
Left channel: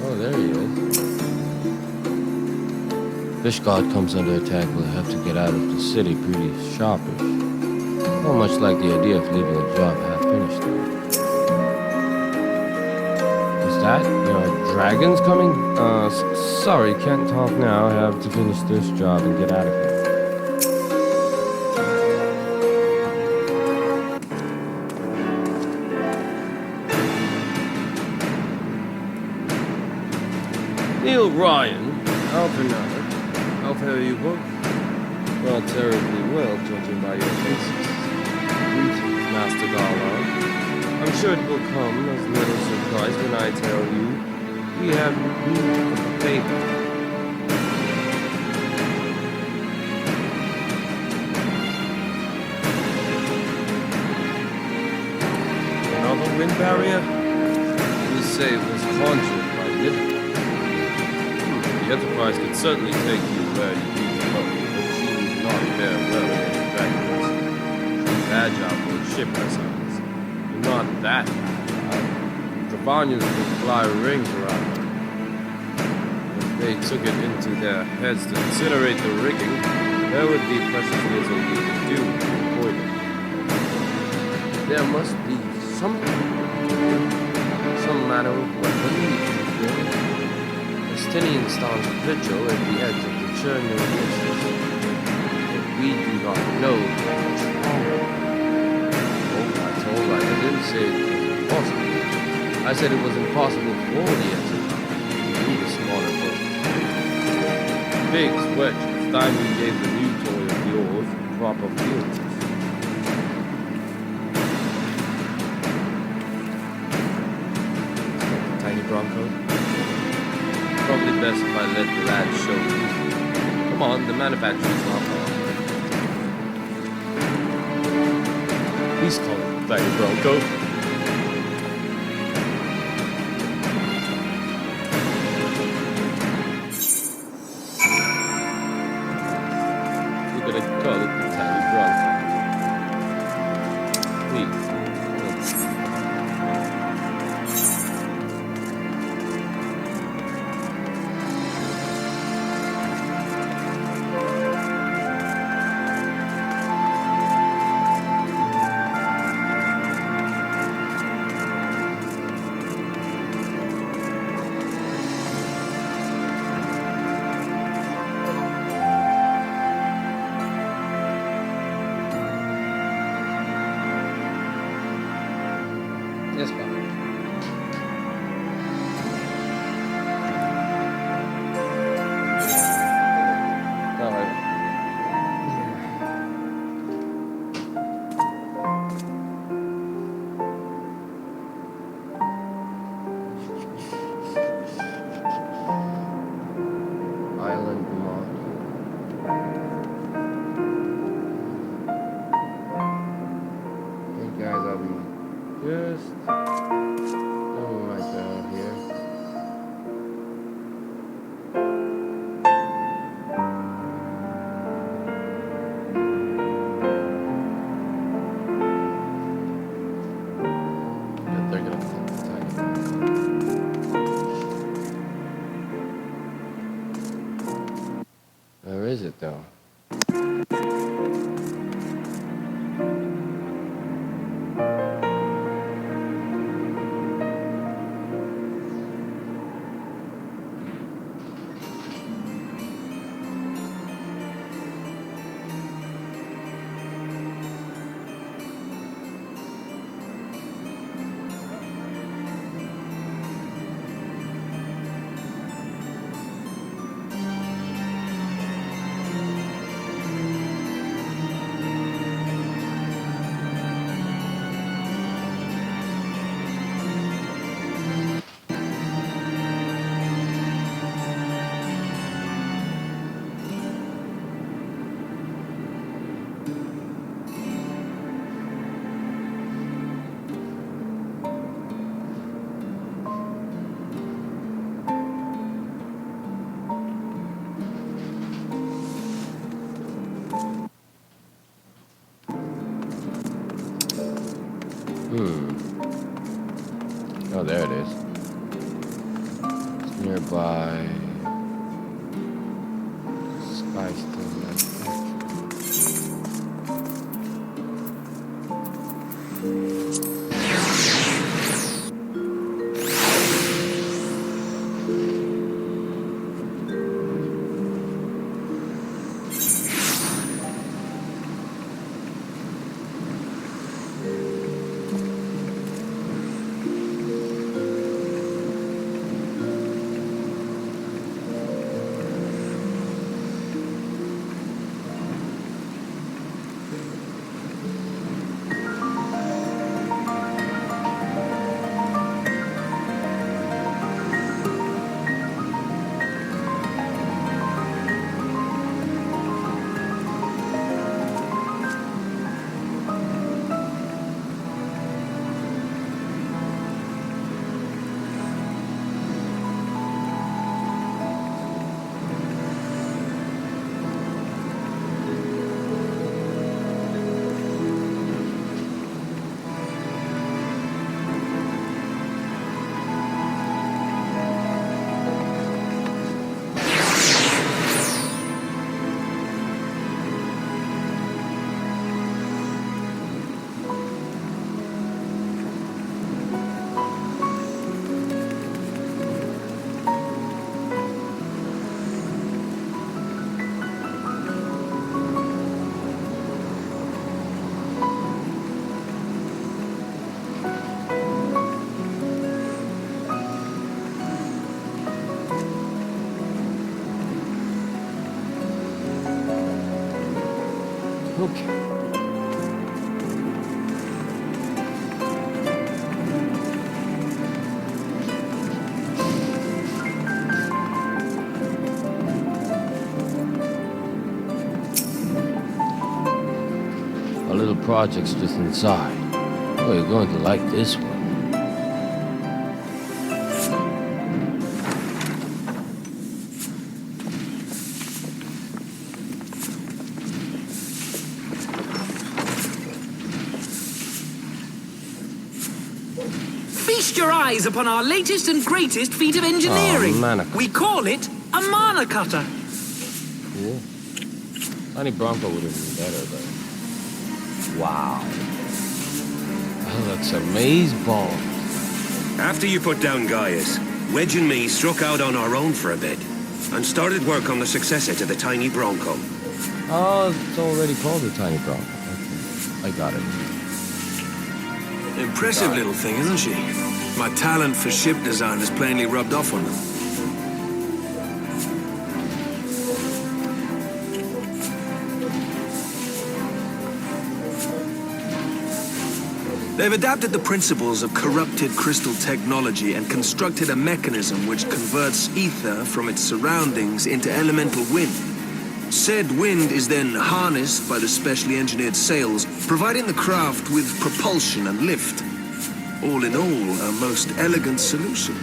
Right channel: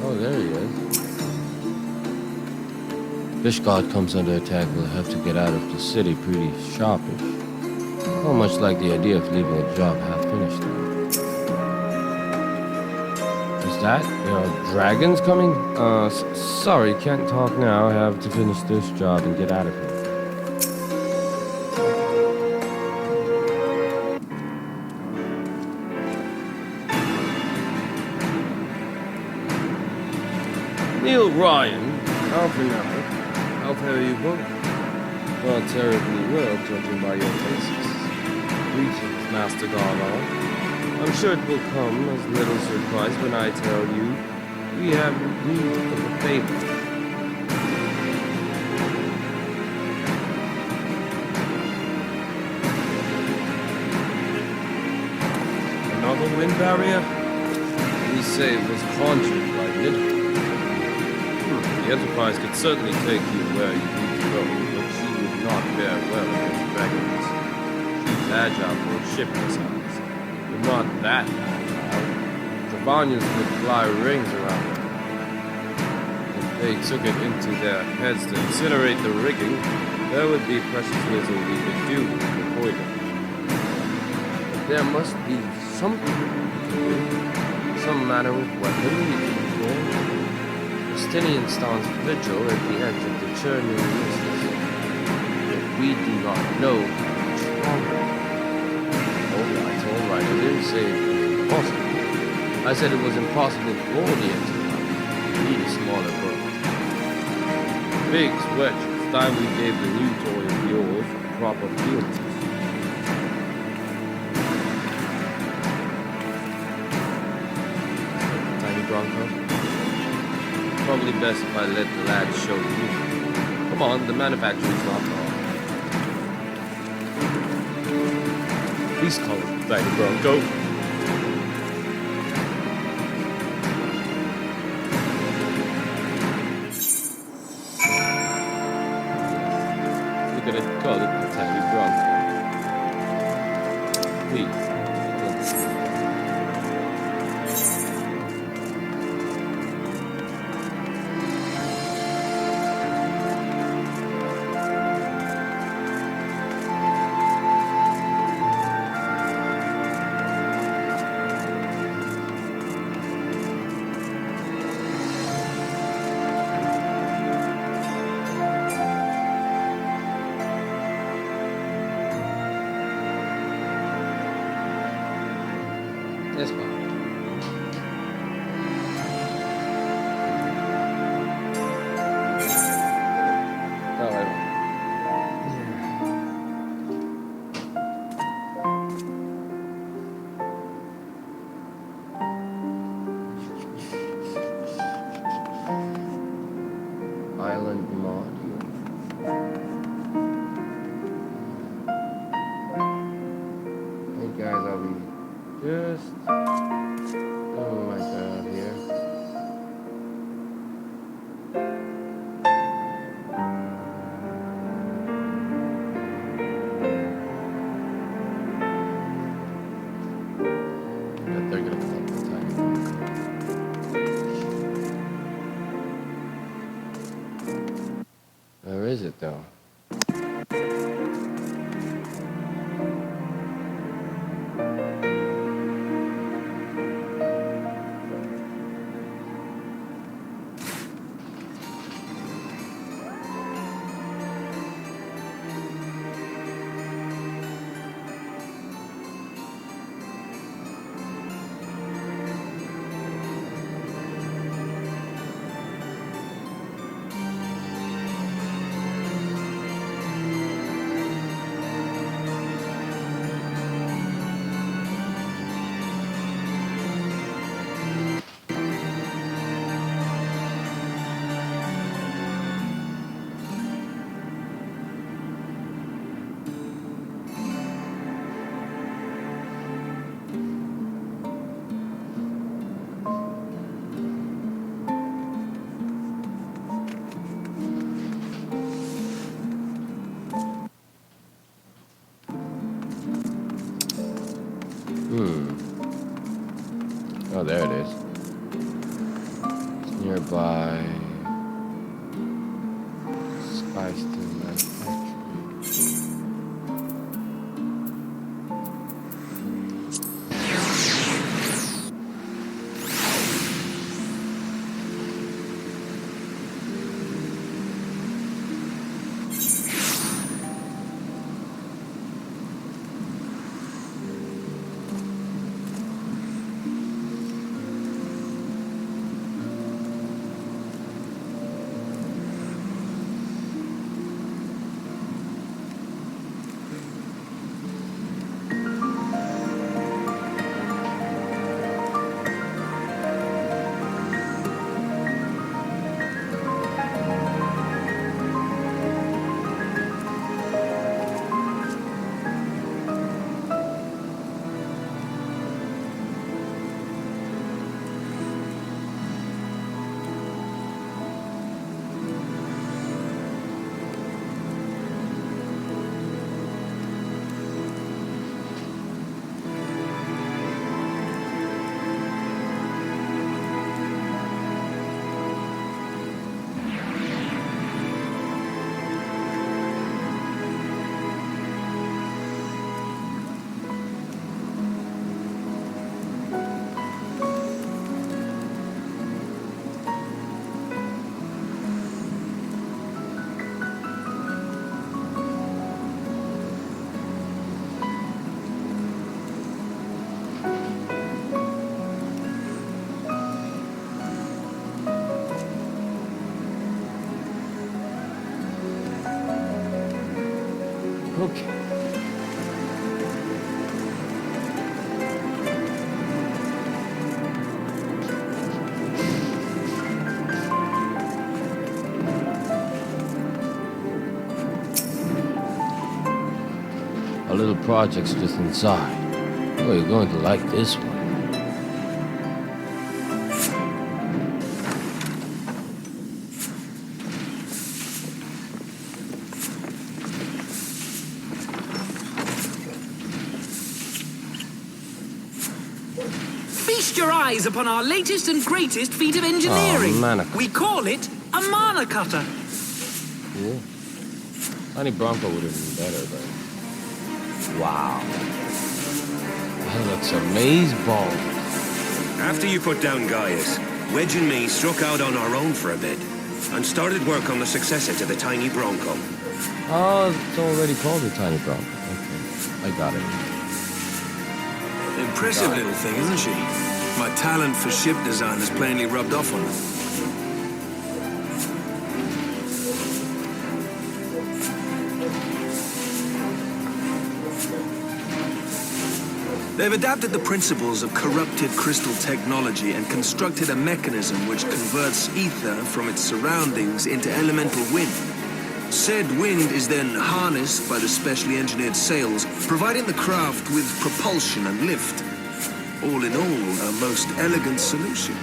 Oh, there he is. Fish God comes under attack. We'll have to get out of the city pretty sharpish. Not much like the idea of leaving a job half finished, though. Is that, dragons coming? Sorry, can't talk now. I have to finish this job and get out of here. Neil Ryan, Alpha now. How fare you both? Not terribly well, judging by your faces. Greetings, Master Garland. I'm sure it will come as little surprise when I tell you we have need of a favor. Another wind barrier? You say it was conjured by Nidhogg. The Enterprise could certainly take you where you need to go, but she would not fare well against dragons. She's agile for a ship her size, but not that agile. Travanians would fly rings around her. If they took it into their heads to incinerate the rigging, there would be precious little we could do to avoid it. But there must be something we can do, some manner of weapon we can employ. Justinian stands vigil at the edge of the churning mists, but we do not know how much longer. All right, I didn't say it was impossible. I said it was impossible for the Enterprise. We need a smaller boat. Biggs, Wedge, it's time we gave the new toy of yours a proper field test. Is that the tiny Bronco? Probably best if I let the lad show you. Come on, the manufacturer's not far. Please call it the Tiny Bronco. You're gonna call it the Tiny Bronco. Please. Yes, Bob. Oh, wait. Island module. Hey guys, I'll be just doing my job here. But they're gonna call it the Tiny Bronco. Where is it though? there it is. It's nearby. Sky Steel Manufacturing. Okay. Our little project's just inside. Oh, you're going to like this one. Feast your eyes upon our latest and greatest feat of engineering. Oh, mana. We call it a mana cutter. Cool. Tiny Bronco would have been better, but... Wow. That looks amazeballs. After you put down Gaius, Wedge and me struck out on our own for a bit and started work on the successor to the Tiny Bronco. Oh, it's already called the Tiny Bronco. Okay, I got it. Impressive little thing, isn't she? My talent for ship design has plainly rubbed off on them. They've adapted the principles of corrupted crystal technology and constructed a mechanism which converts ether from its surroundings into elemental wind. Said wind is then harnessed by the specially engineered sails, providing the craft with propulsion and lift. All in all, a most elegant solution.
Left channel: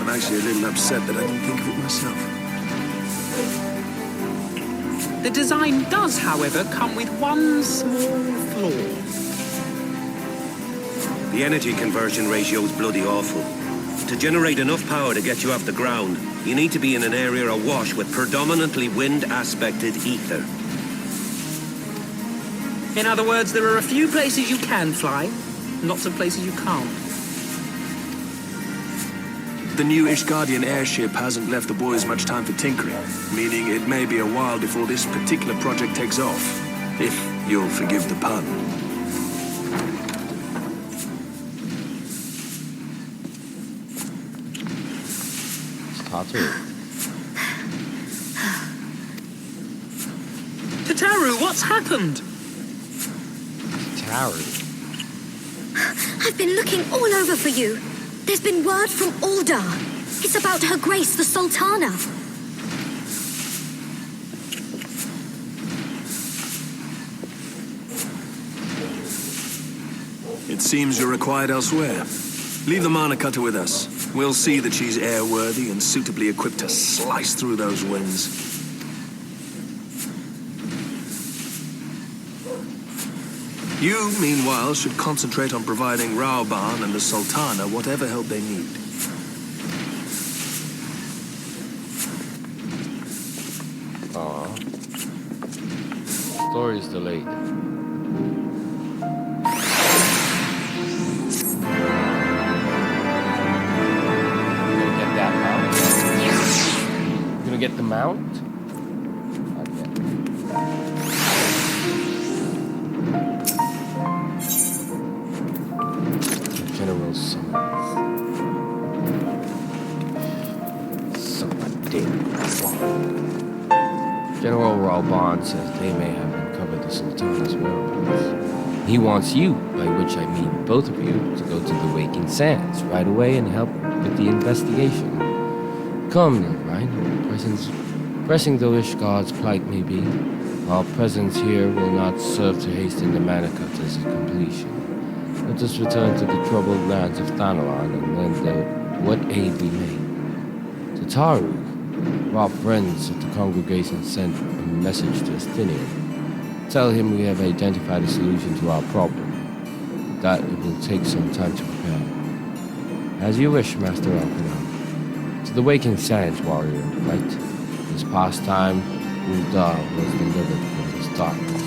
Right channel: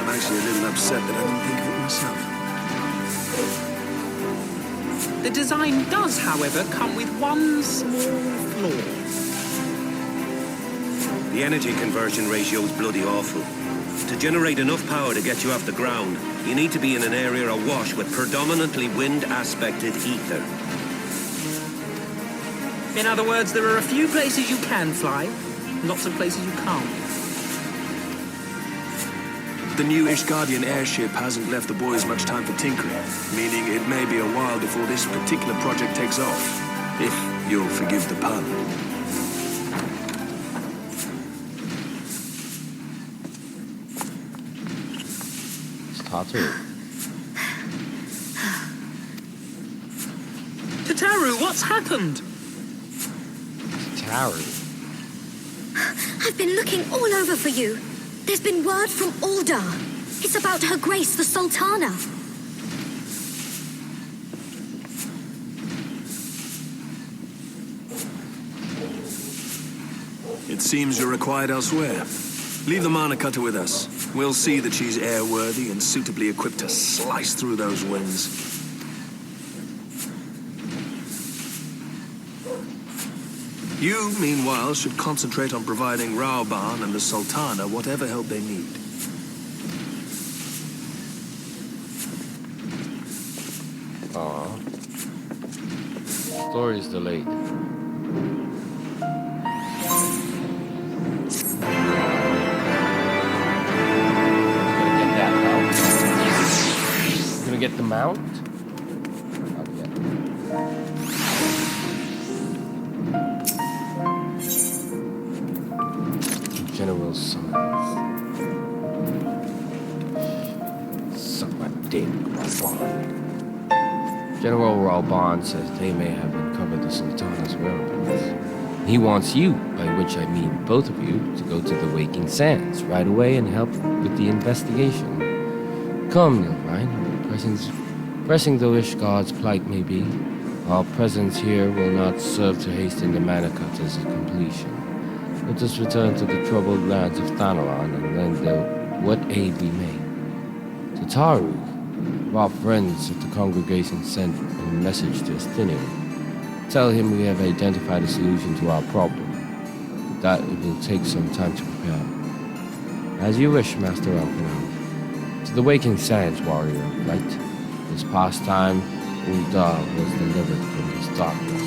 I'm actually a little upset that I didn't think of it myself. The design does, however, come with one small flaw. The energy conversion ratio is bloody awful. To generate enough power to get you off the ground, you need to be in an area awash with predominantly wind-aspected ether. In other words, there are a few places you can fly, lots of places you can't. The new Ishgardian airship hasn't left the boys much time for tinkering, meaning it may be a while before this particular project takes off, if you'll forgive the pun. Tataru, what's happened? Tataru. I've been looking all over for you. There's been word from Aldar. It's about Her Grace, the Sultana. It seems you're required elsewhere. Leave the mana cutter with us. We'll see that she's airworthy and suitably equipped to slice through those winds. You, meanwhile, should concentrate on providing Raoban and the Sultana whatever help they need. Aw. Story's delayed. Gonna get that mount? Gonna get the mount? Not yet. General summons. Suck my dick, Raoban. General Raoban says they may have uncovered the Sultana's whereabouts. He wants you, by which I mean both of you, to go to the Waking Sands right away and help with the investigation. Come, Nilrine. Pressing though Ishgard's plight may be, our presence here will not serve to hasten the Manicutters' completion. Let us return to the troubled lands of Thanalan and lend what aid we may. To Taru, our friends of the congregation sent a message to Estinian. Tell him we have identified a solution to our problem, but that it will take some time to prepare. As you wish, Master Alpinal. To the Waking Sands, warrior of light. This past time, Uldar was delivered from this darkness.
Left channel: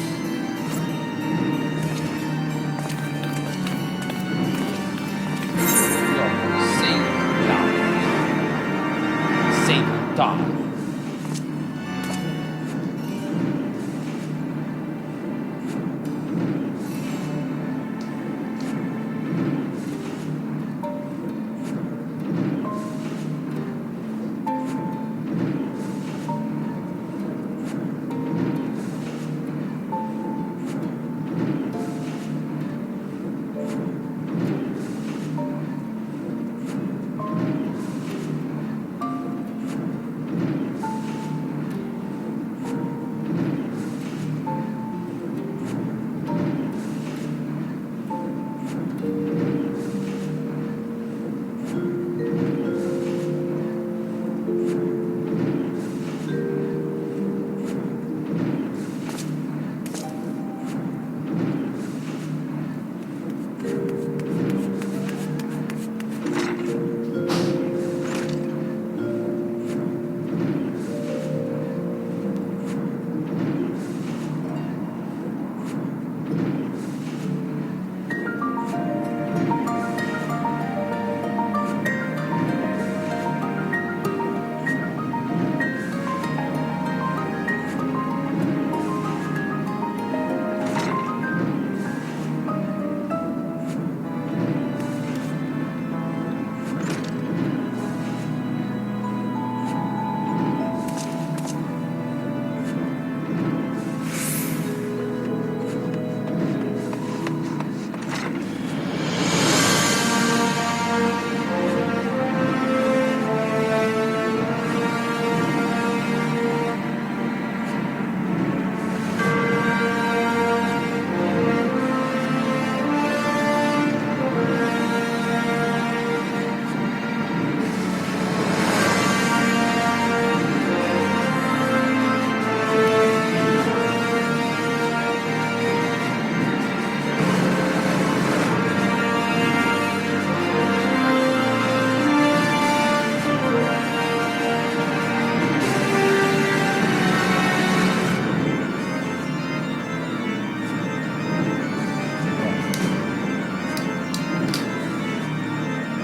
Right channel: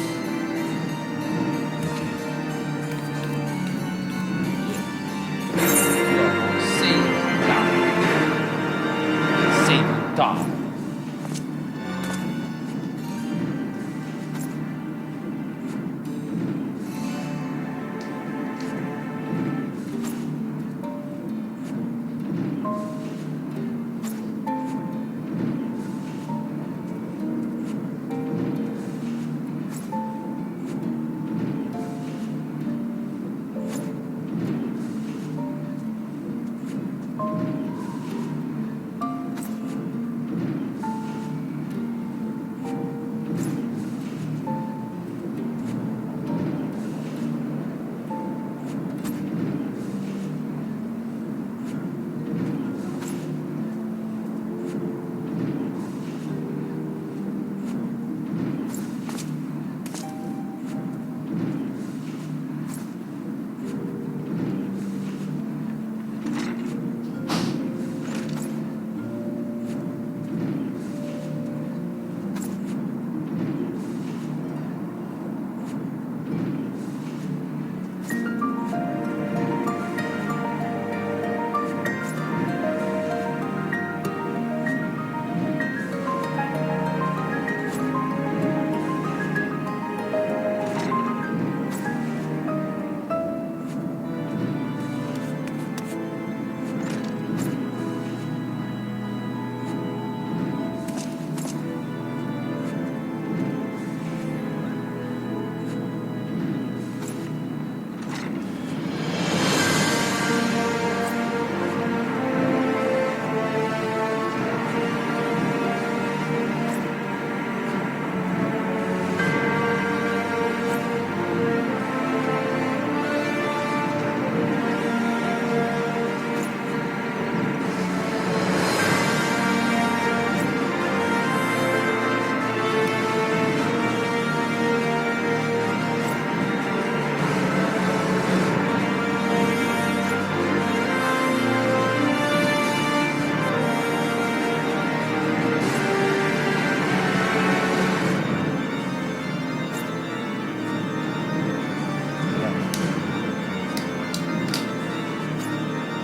Save Uldar. Save Uldar.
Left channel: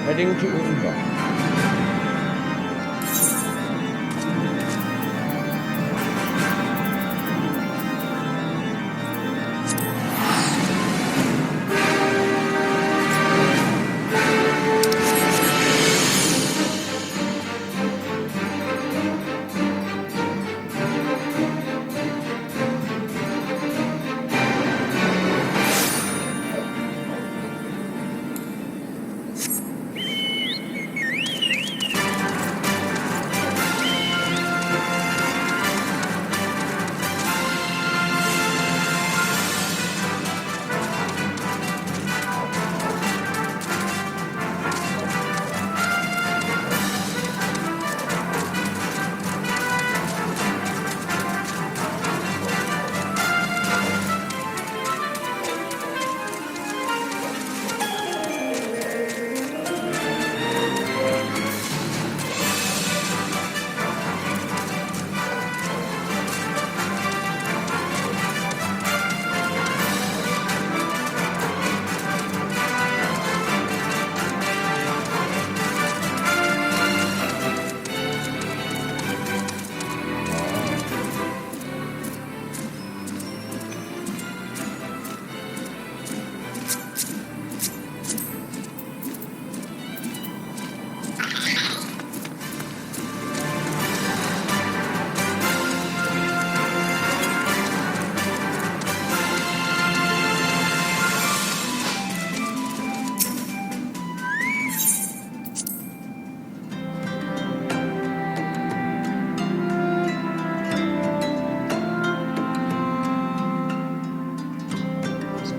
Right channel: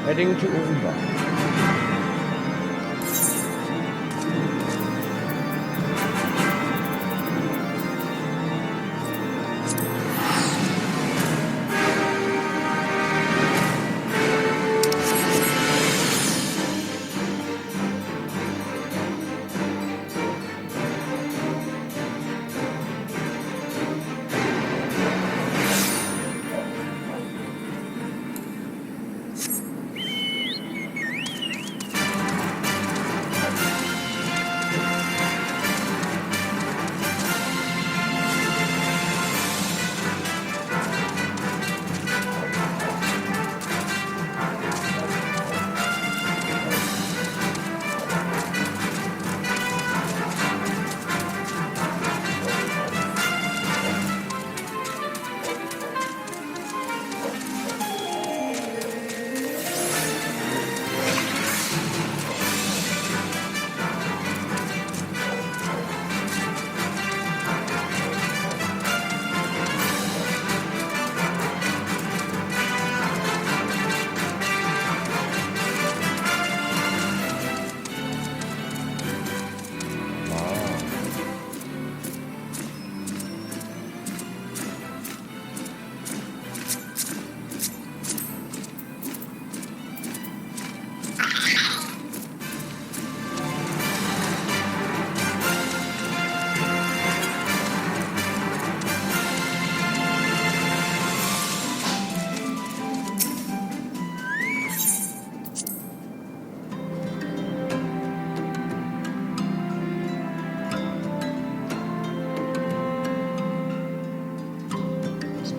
Heading to Ulva.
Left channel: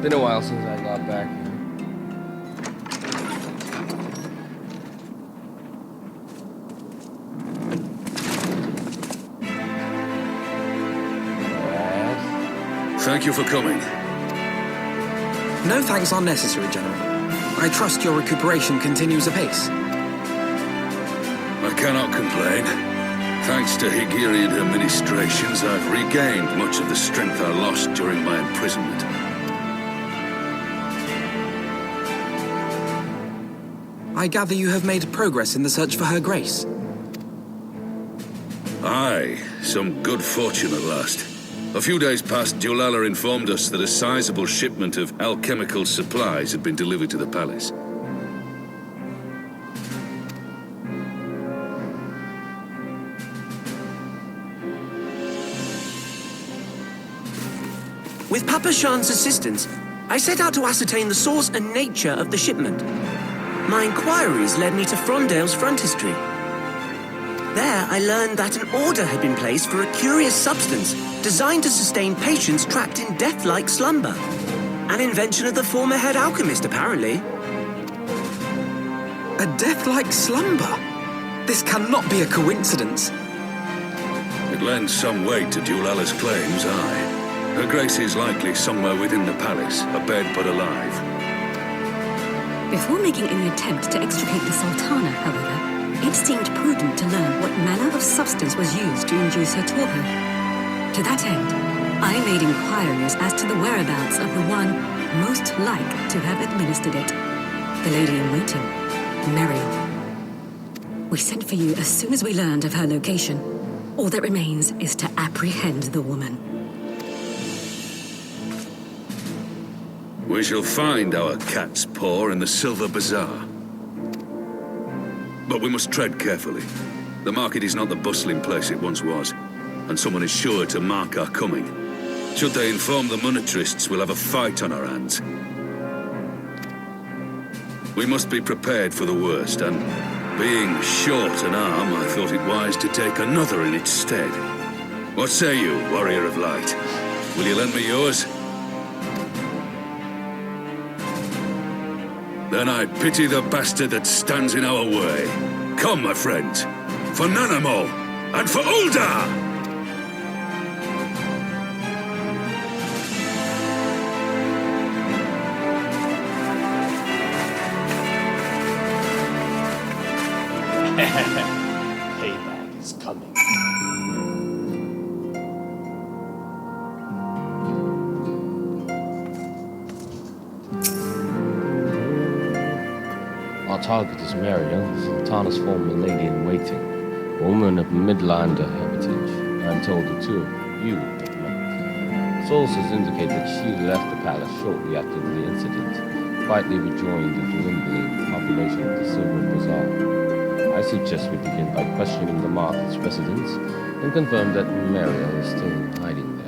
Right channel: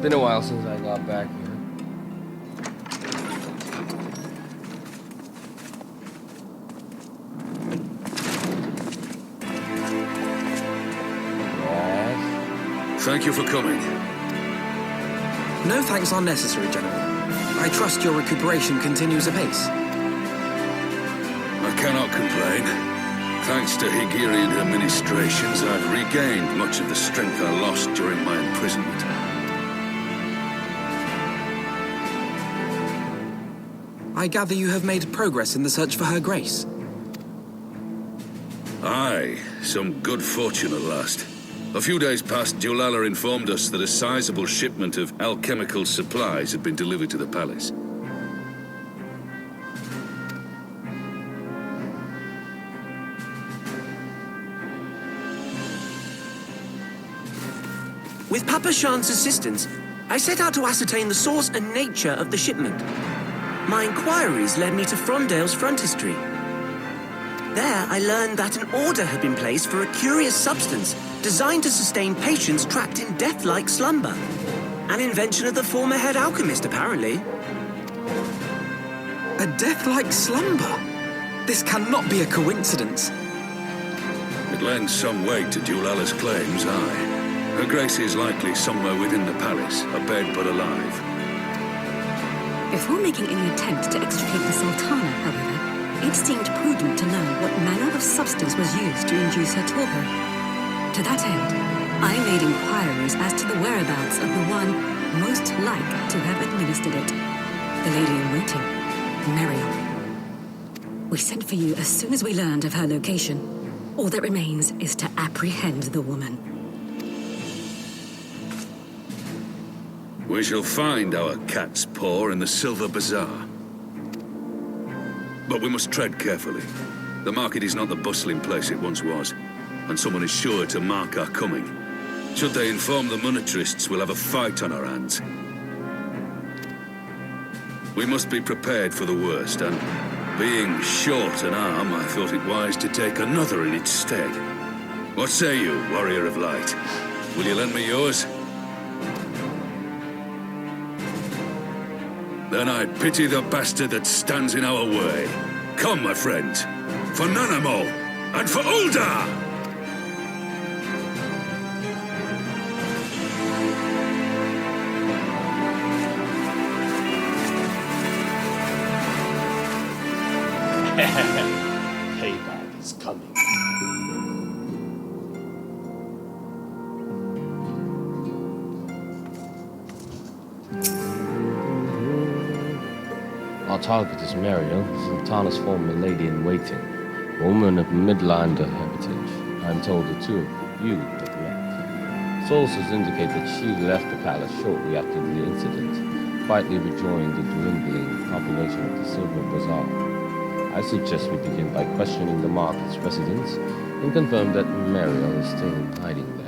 Been a while since I got back here. Yes? Thank you for coming. No thanks are necessary, General. I trust your recuperation continues apace. I cannot complain. Thanks to Higiri and her ministrations, I've regained much of the strength I lost during my imprisonment. I gather you have made progress in the search for Her Grace. Aye, some good fortune at last. A few days past, Dulala informed us that a sizable shipment of alchemical supplies had been delivered to the palace. With Papa Shan's assistance, I set out to ascertain the source and nature of the shipment. My inquiries led me to Frondale's frontistery. There, I learned that an order had been placed for a curious substance designed to sustain patients trapped in death-like slumber. An invention of the former head alchemist, apparently. A death-like slumber? This cannot be a coincidence. It lends some weight to Dulala's claims, aye. Her Grace is likely somewhere within the palace, abed but alive. Before making any attempt to extricate the Sultana, however, it seemed prudent to learn what manner of substance was used to induce her torpor. To that end, I made inquiries as to the whereabouts of the one most like to have administered it. The lady-in-waiting, Muriel. We sent for you as soon as we learned of her location. All that remains is to apprehend the woman. We shall find our cat's paw in the Silver Bazaar. But we must tread carefully. The market is not the bustling place it once was, and someone is sure to mark our coming. Should they inform the monetarists, we'll have a fight on our hands. We must be prepared for the worst, and being short an arm, I thought it wise to take another in its stead. What say you, Warrior of Light? Will you lend me yours? Then I pity the bastard that stands in our way. Come, my friends, for Nanamo, and for Ul'dah! Payback is coming. Our target is Muriel, Sultana's former lady-in-waiting, a woman of Midlander heritage. I'm told the two of you have met. Sources indicate that she left the palace shortly after the incident, quietly rejoined the dwindling population of the Silver Bazaar. I suggest we begin by questioning the market's residents and confirm that Muriel is still hiding there.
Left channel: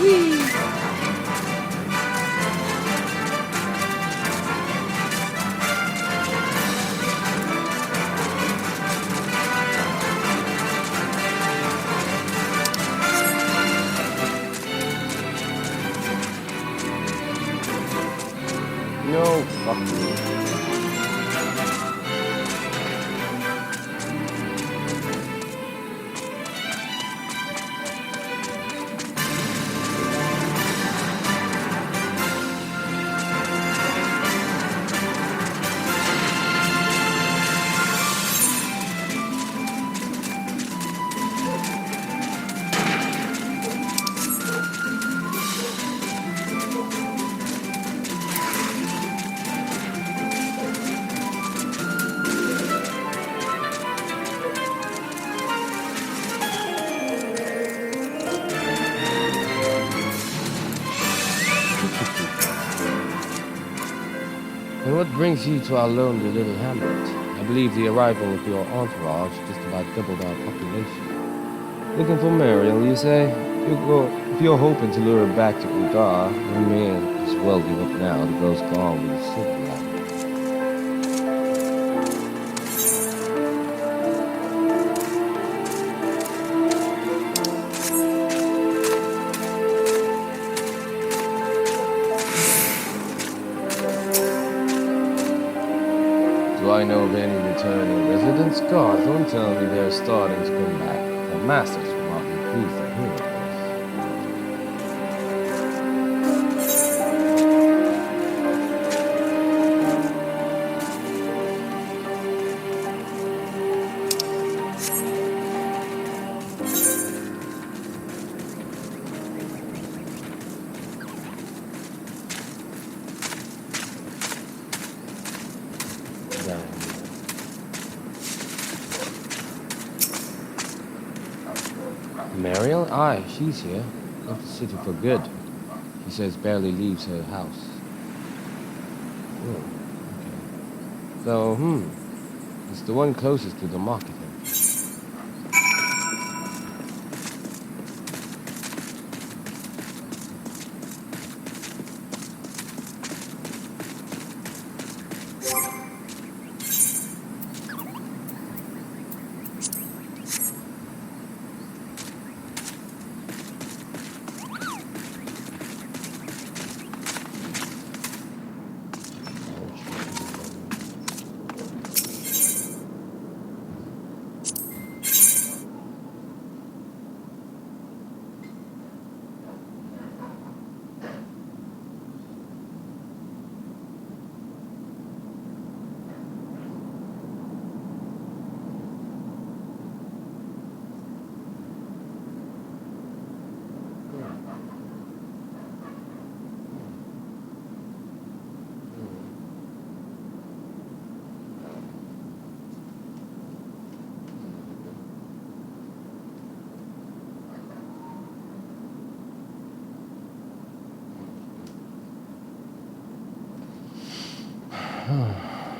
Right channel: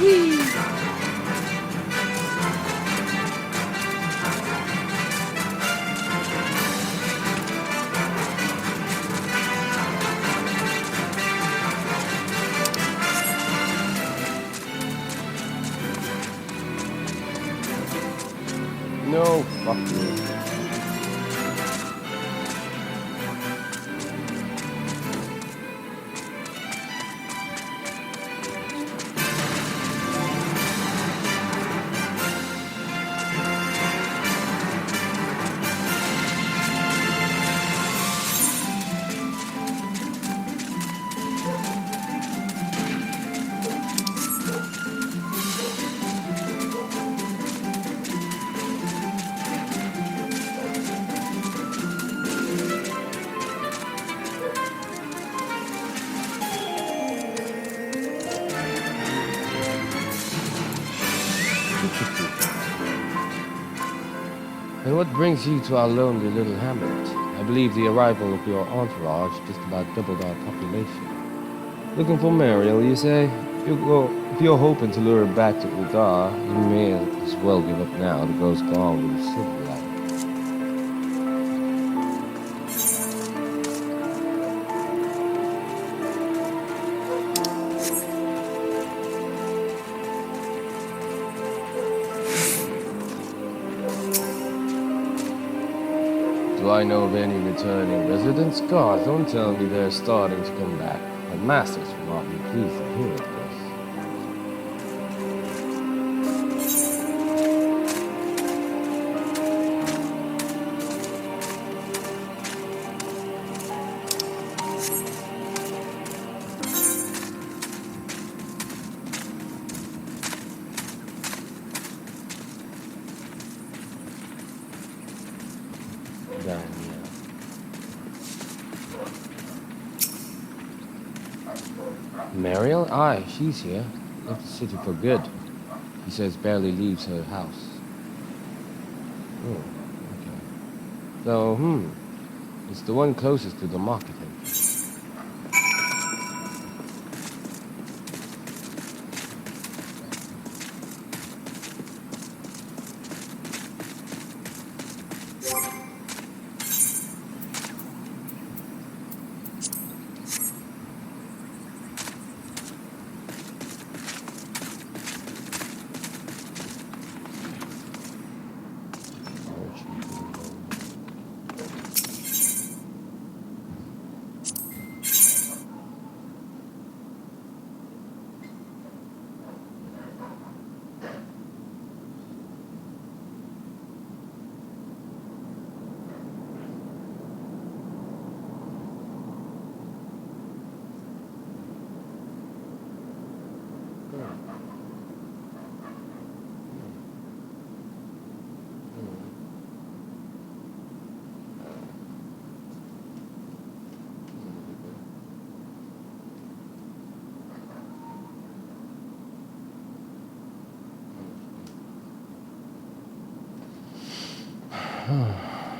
Whee! No, fuck you. And what brings you to our lonely little hamlet? I believe the arrival of your entourage just about doubled our population. Looking for Mariel, you say? If you're hoping to lure her back to Uldar, you may as well give up now. The girl's gone with the silver ladder. Do I know of any returning residents? God, don't tell me they're starting to come back. The masters will not be pleased to hear of this. Down here. Mariel? Aye, she's here. Left the city for good. She says barely leaves her house. Oh, okay. So, it's the one closest to the market entrance.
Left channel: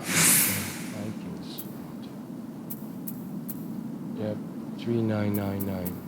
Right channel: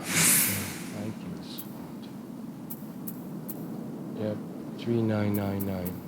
Viking spot. Yep, 3999.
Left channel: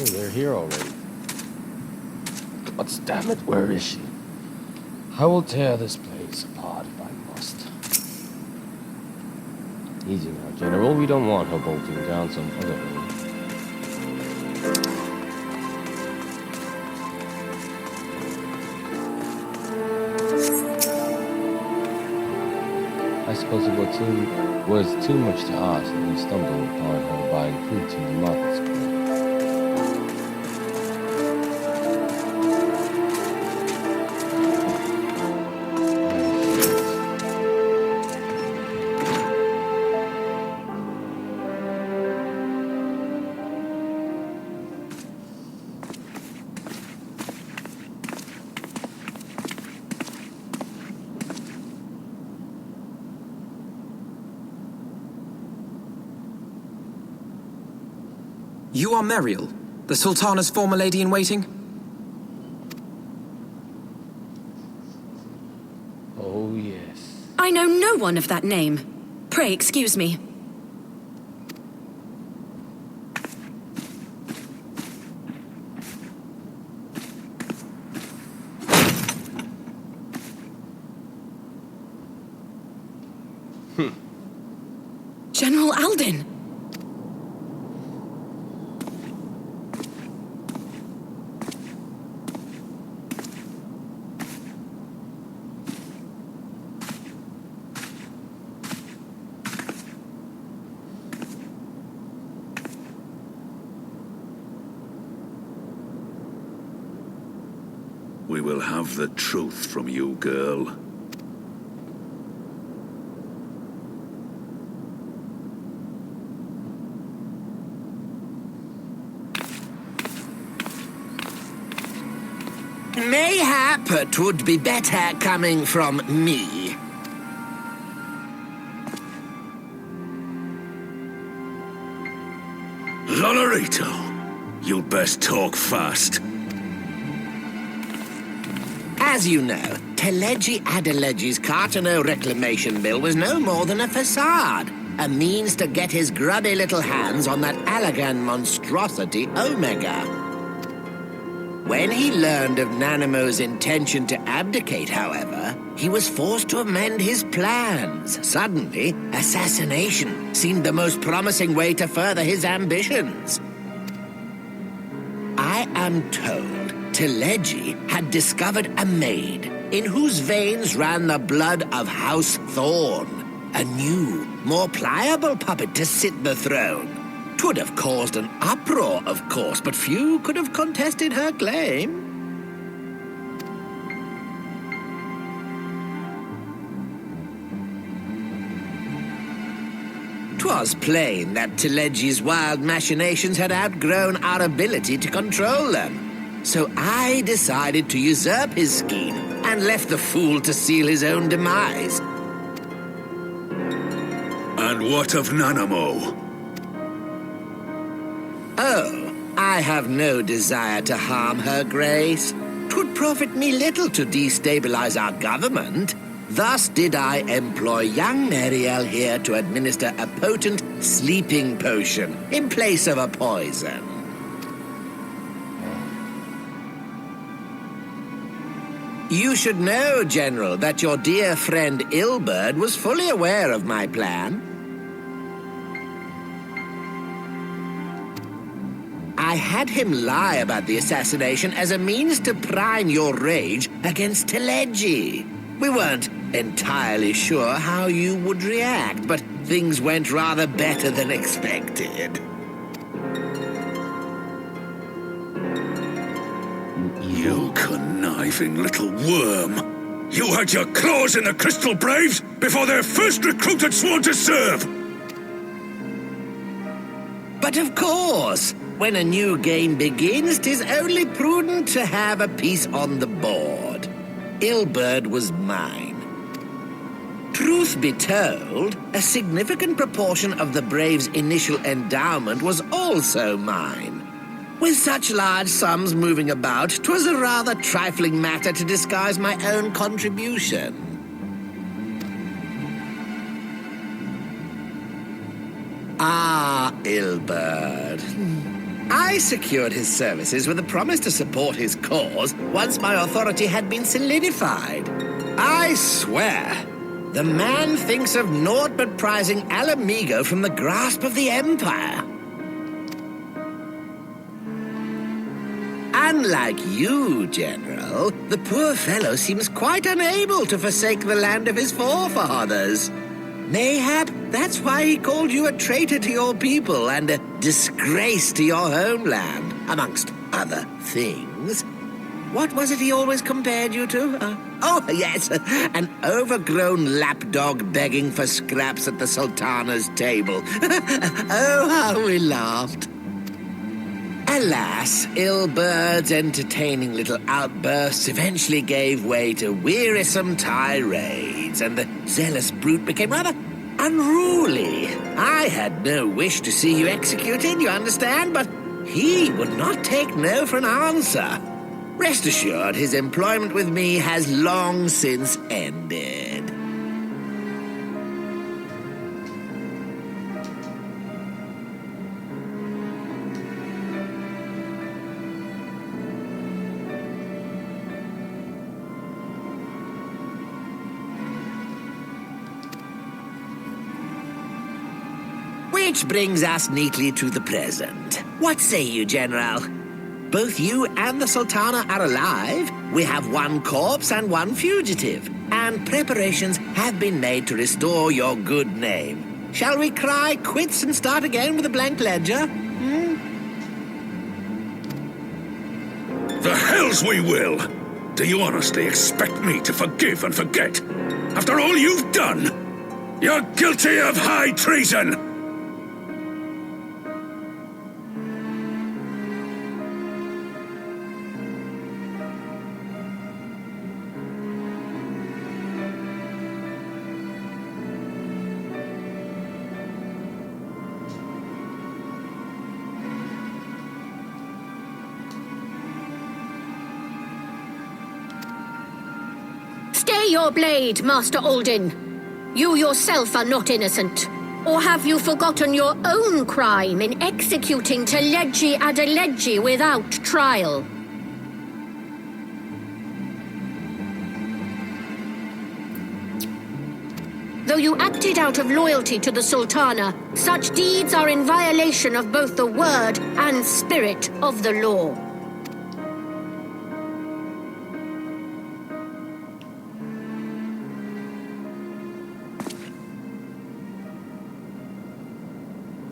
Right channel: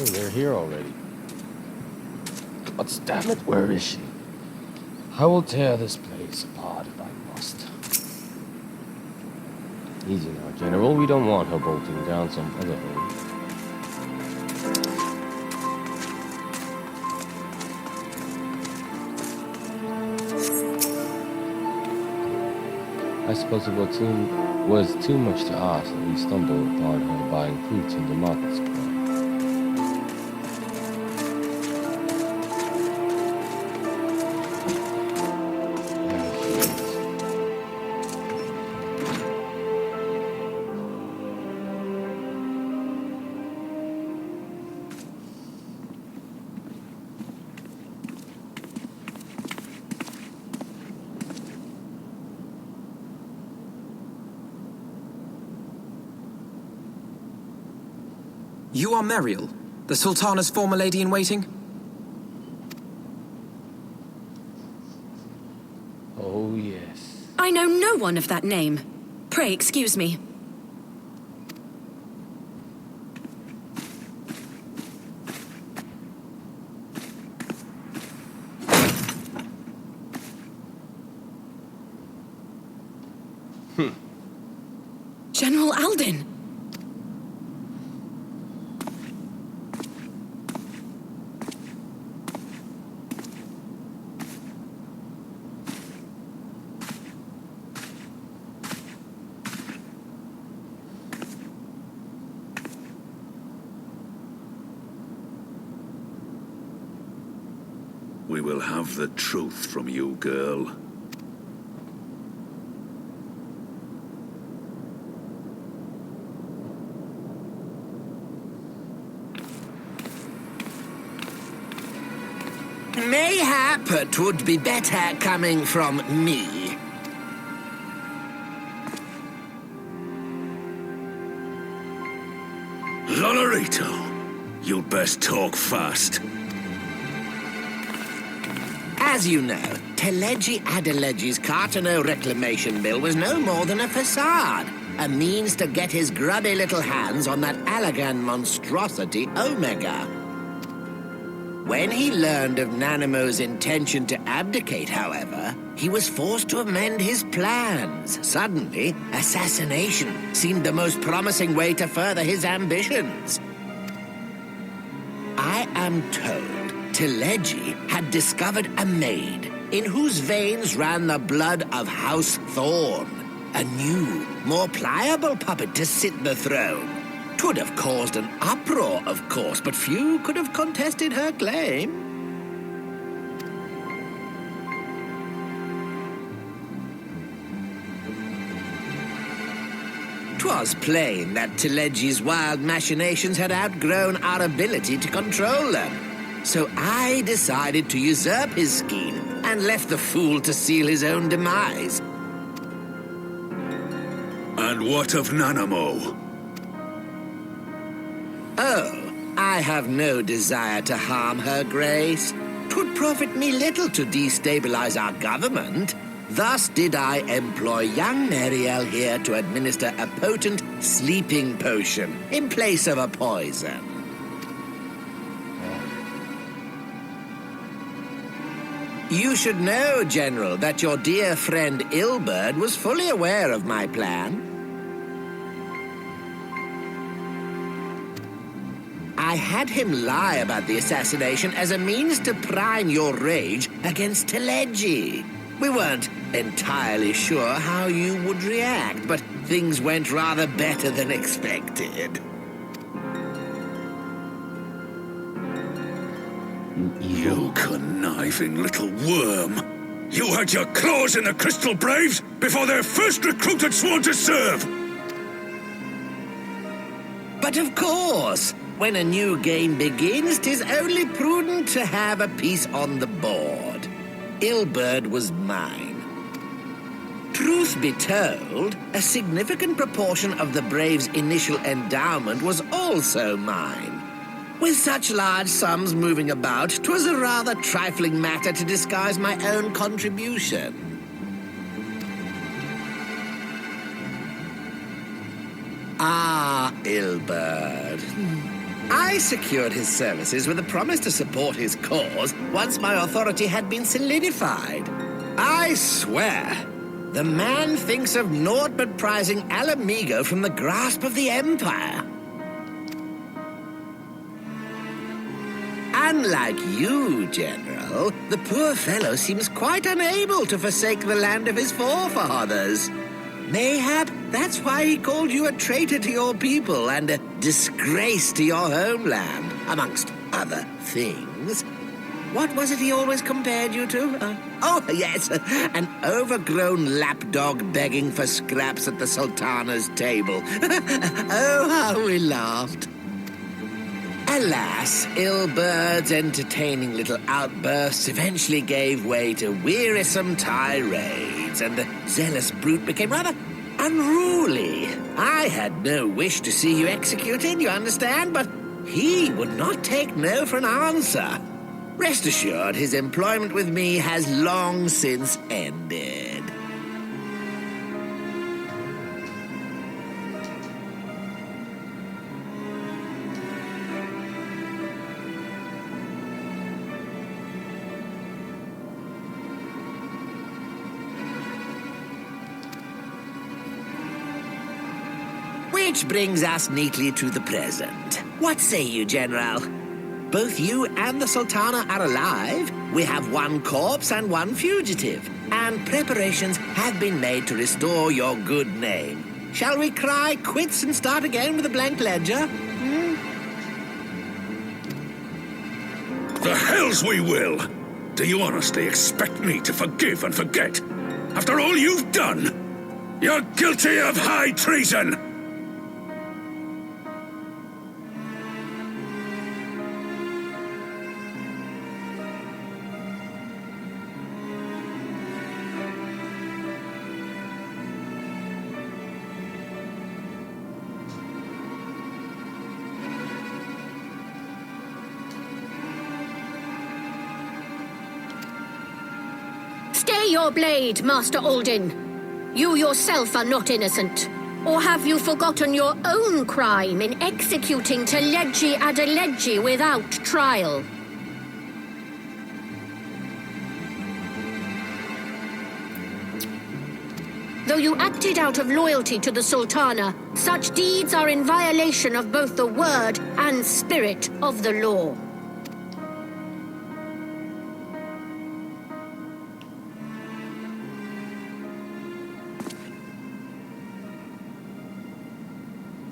Oh, they're here already. God damn it, where is she? I will tear this place apart if I must. Easy now, General. We don't want her bolting down some other hole. I suppose it was too much to ask that we stumbled upon her buying fruits in the market square. You are Meriel, the Sultana's former lady-in-waiting? Oh, yes. I know no one of that name. Pray excuse me. General Alden! We will have the truth from you, girl. Mayhap it would be better coming from me. Lonorito, you'd best talk fast. As you know, Teleji Adeleji's Cartano reclamation bill was no more than a facade, a means to get his grubby little hands on that Allagan monstrosity Omega. When he learned of Nanamo's intention to abdicate, however, he was forced to amend his plans. Suddenly, assassination seemed the most promising way to further his ambitions. I am told Teleji had discovered a maid in whose veins ran the blood of House Thorn, a new, more pliable puppet to sit the throne. 'Twould have caused an uproar, of course, but few could have contested her claim. 'Twas plain that Teleji's wild machinations had outgrown our ability to control them. So I decided to usurp his scheme and left the fool to seal his own demise. And what of Nanamo? Oh, I have no desire to harm her grace. 'Twould profit me little to destabilize our government. Thus did I employ young Meriel here to administer a potent sleeping potion in place of a poison. You should know, General, that your dear friend Ilberd was fully aware of my plan. I had him lie about the assassination as a means to prime your rage against Teleji. We weren't entirely sure how you would react, but things went rather better than expected. You conniving little worm! You had your claws in the Crystal Braves before their first recruit had sworn to serve! But of course, when a new game begins, 'tis only prudent to have a piece on the board. Ilberd was mine. Truth be told, a significant proportion of the Braves' initial endowment was also mine. With such large sums moving about, 'twas a rather trifling matter to disguise my own contribution. Ah, Ilberd. I secured his services with a promise to support his cause once my authority had been solidified. I swear, the man thinks of naught but prizing Alamigo from the grasp of the Empire. Unlike you, General, the poor fellow seems quite unable to forsake the land of his forefathers. Mayhap that's why he called you a traitor to your people and a disgrace to your homeland, amongst other things. What was it he always compared you to? Oh, yes, an overgrown lapdog begging for scraps at the Sultana's table. Oh, how we laughed. Alas, Ilbert's entertaining little outbursts eventually gave way to wearisome tirades, and the zealous brute became rather unruly. I had no wish to see you executed, you understand, but he would not take no for an answer. Rest assured, his employment with me has long since ended. Which brings us neatly to the present. What say you, General? Both you and the Sultana are alive. We have one corpse and one fugitive. And preparations have been made to restore your good name. Shall we cry quits and start again with a blank ledger? The hells we will! Do you honestly expect me to forgive and forget? After all you've done? You're guilty of high treason! Stay your blade, Master Alden. You yourself are not innocent. Or have you forgotten your own crime in executing Teleggi Adeleggi without trial? Though you acted out of loyalty to the Sultana, such deeds are in violation of both the word and spirit of the law.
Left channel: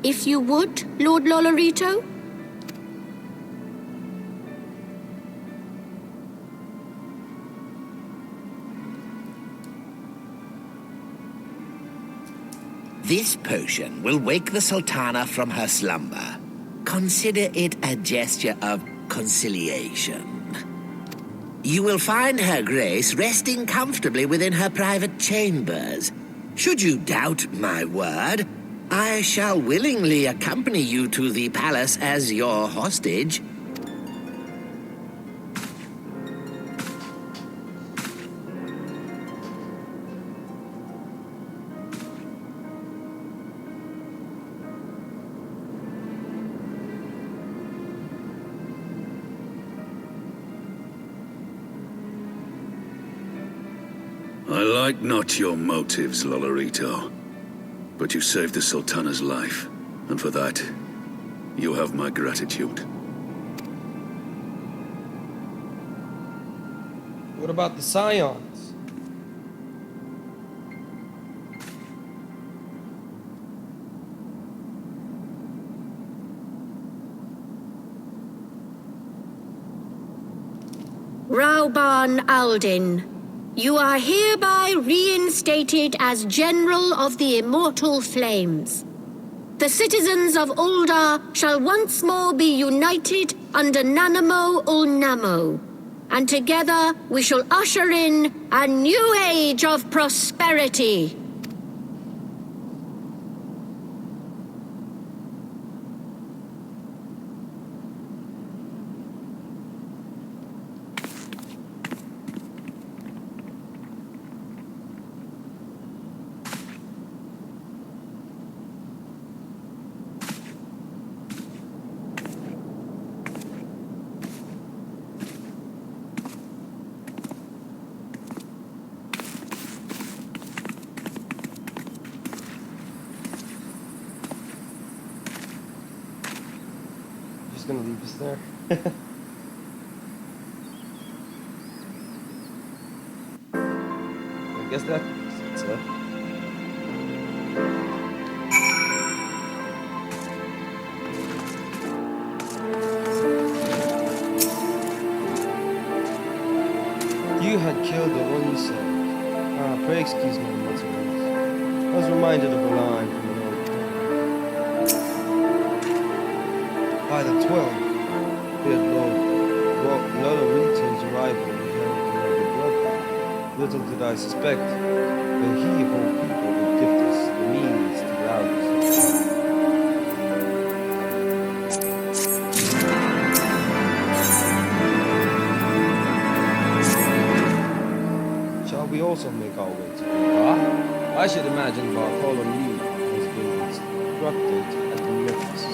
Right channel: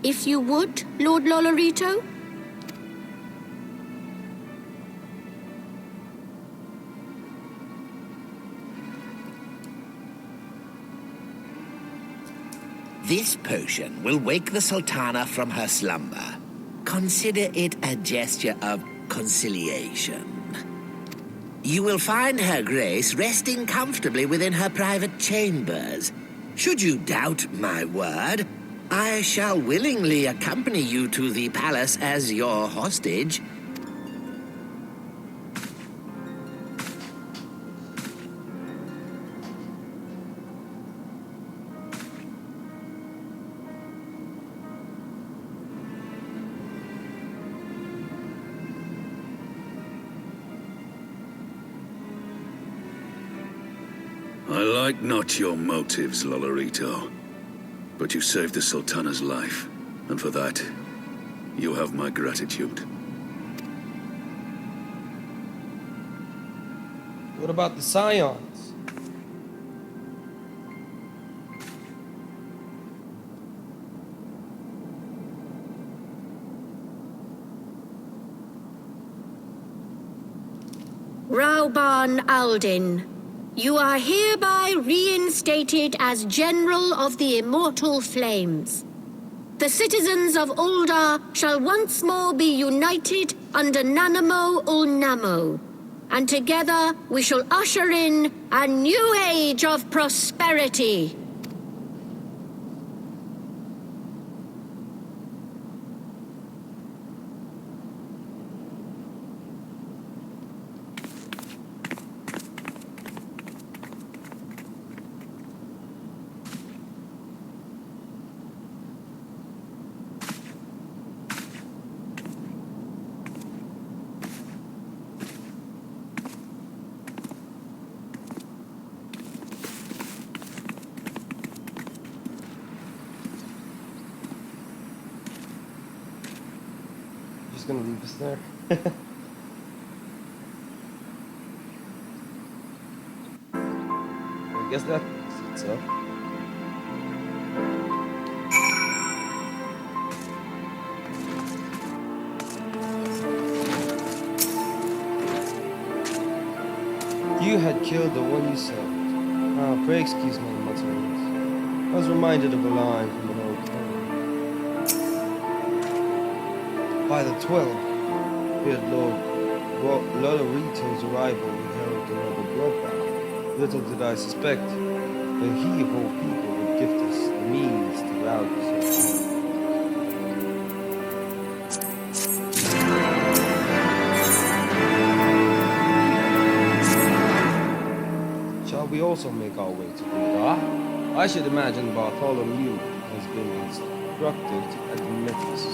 If you would, Lord Lolorito? This potion will wake the Sultana from her slumber. Consider it a gesture of conciliation. You will find Her Grace resting comfortably within her private chambers. Should you doubt my word, I shall willingly accompany you to the palace as your hostage. I like not your motives, Lolorito. But you saved the Sultana's life, and for that, you have my gratitude. What about the Scions? Rauban Aldin, you are hereby reinstated as General of the Immortal Flames. The citizens of Uldar shall once more be united under Nanamo Ulnamo, and together we shall usher in a new age of prosperity. gonna leave us there. I guess that's it, so. You had killed the one you served. Ah, pray excuse my mutterings. I was reminded of a line from an old poem. By the 12th, feared Lord Lolorito's arrival heralded another bloodbath. Little did I suspect that he of all people would gift us the means to rouse. Shall we also make our way to Cuba? I should imagine Bartholomew has been instructed at the Memphis.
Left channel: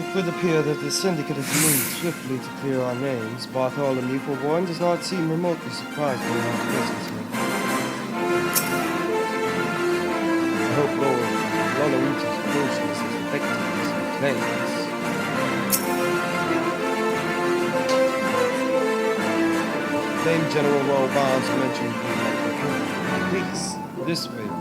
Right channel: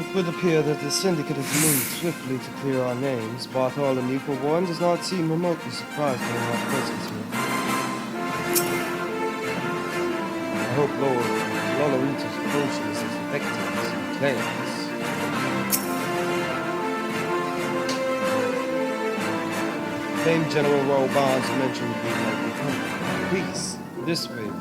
It would appear that the syndicate has moved swiftly to clear our names. Bartholomew, for one, does not seem remotely surprised by our presence here. I hope Lord Lolorito's potion is as effective as he claims. Famed General Royal Barnes mentioned you might be coming. Please, this way, if you will.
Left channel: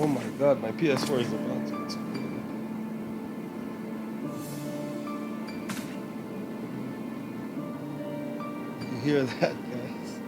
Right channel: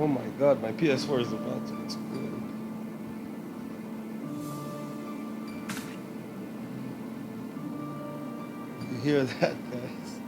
Oh my god, my PS4 is about to explode. You hear that, guys?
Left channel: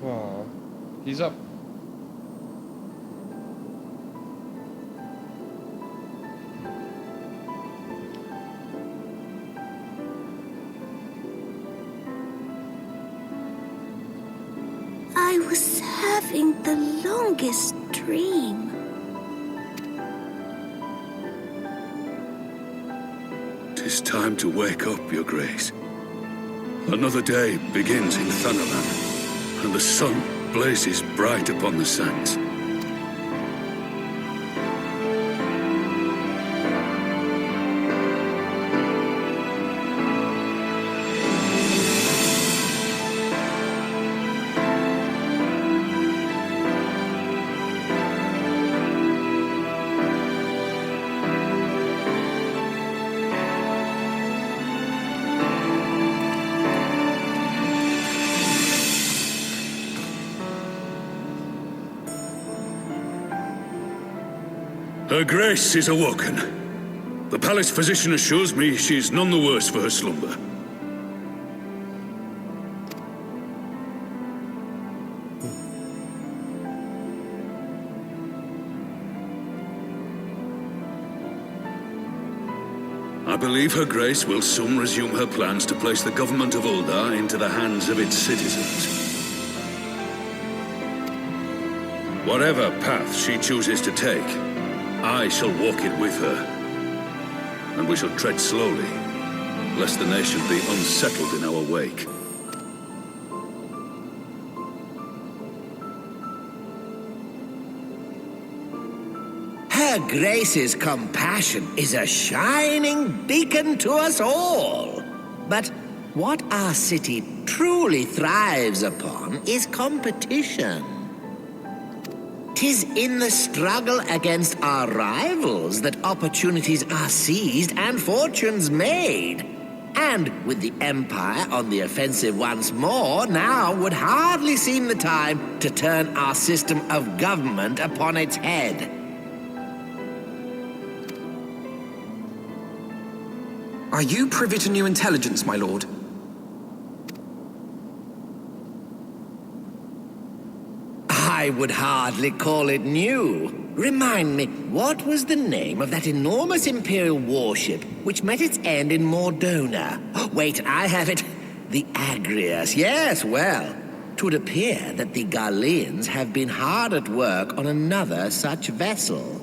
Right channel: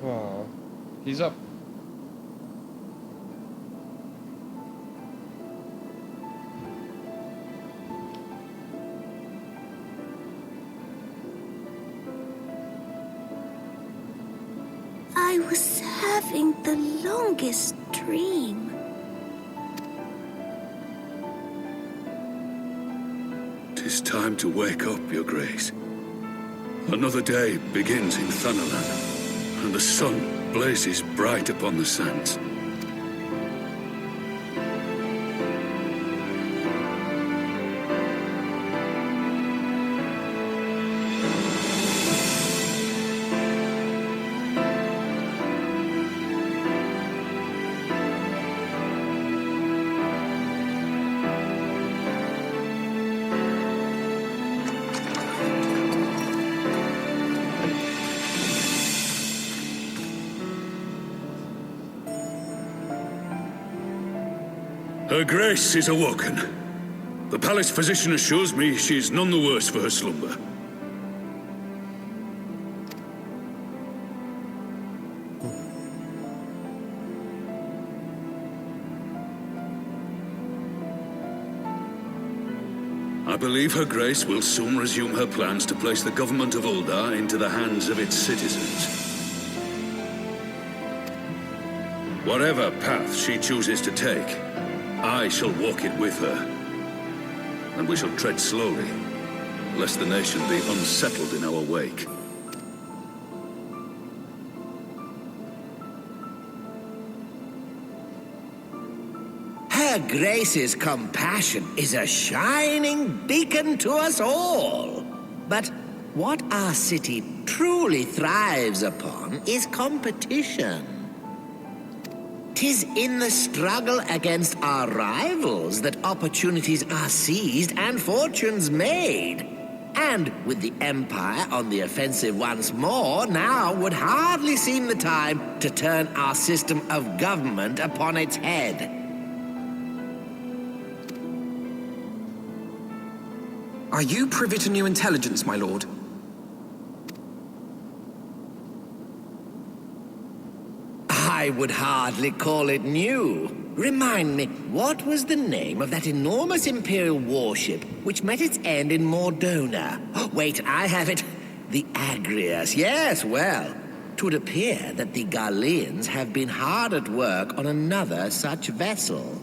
Aw, he's up. was having the longest dream. "'Tis time to wake up, Your Grace. Another day begins in Thanalan, and the sun blazes bright upon the sands. Her Grace is awoken. The palace physician assures me she is none the worse for her slumber. I believe Her Grace will soon resume her plans to place the government of Uldar into the hands of its citizens. Whatever path she chooses to take, I shall walk it with her, and we shall tread slowly, lest the nation be unsettled in our wake. Her Grace's compassion is a shining beacon to us all. But what our city truly thrives upon is competition. 'Tis in the struggle against our rivals that opportunities are seized and fortunes made. And with the Empire on the offensive once more, now would hardly seem the time to turn our system of government upon its head. Are you privy to new intelligence, my lord? I would hardly call it new. Remind me, what was the name of that enormous Imperial warship which met its end in Mordona? Wait, I have it. The Agrias. Yes, well, 'twould appear that the Garleans have been hard at work on another such vessel.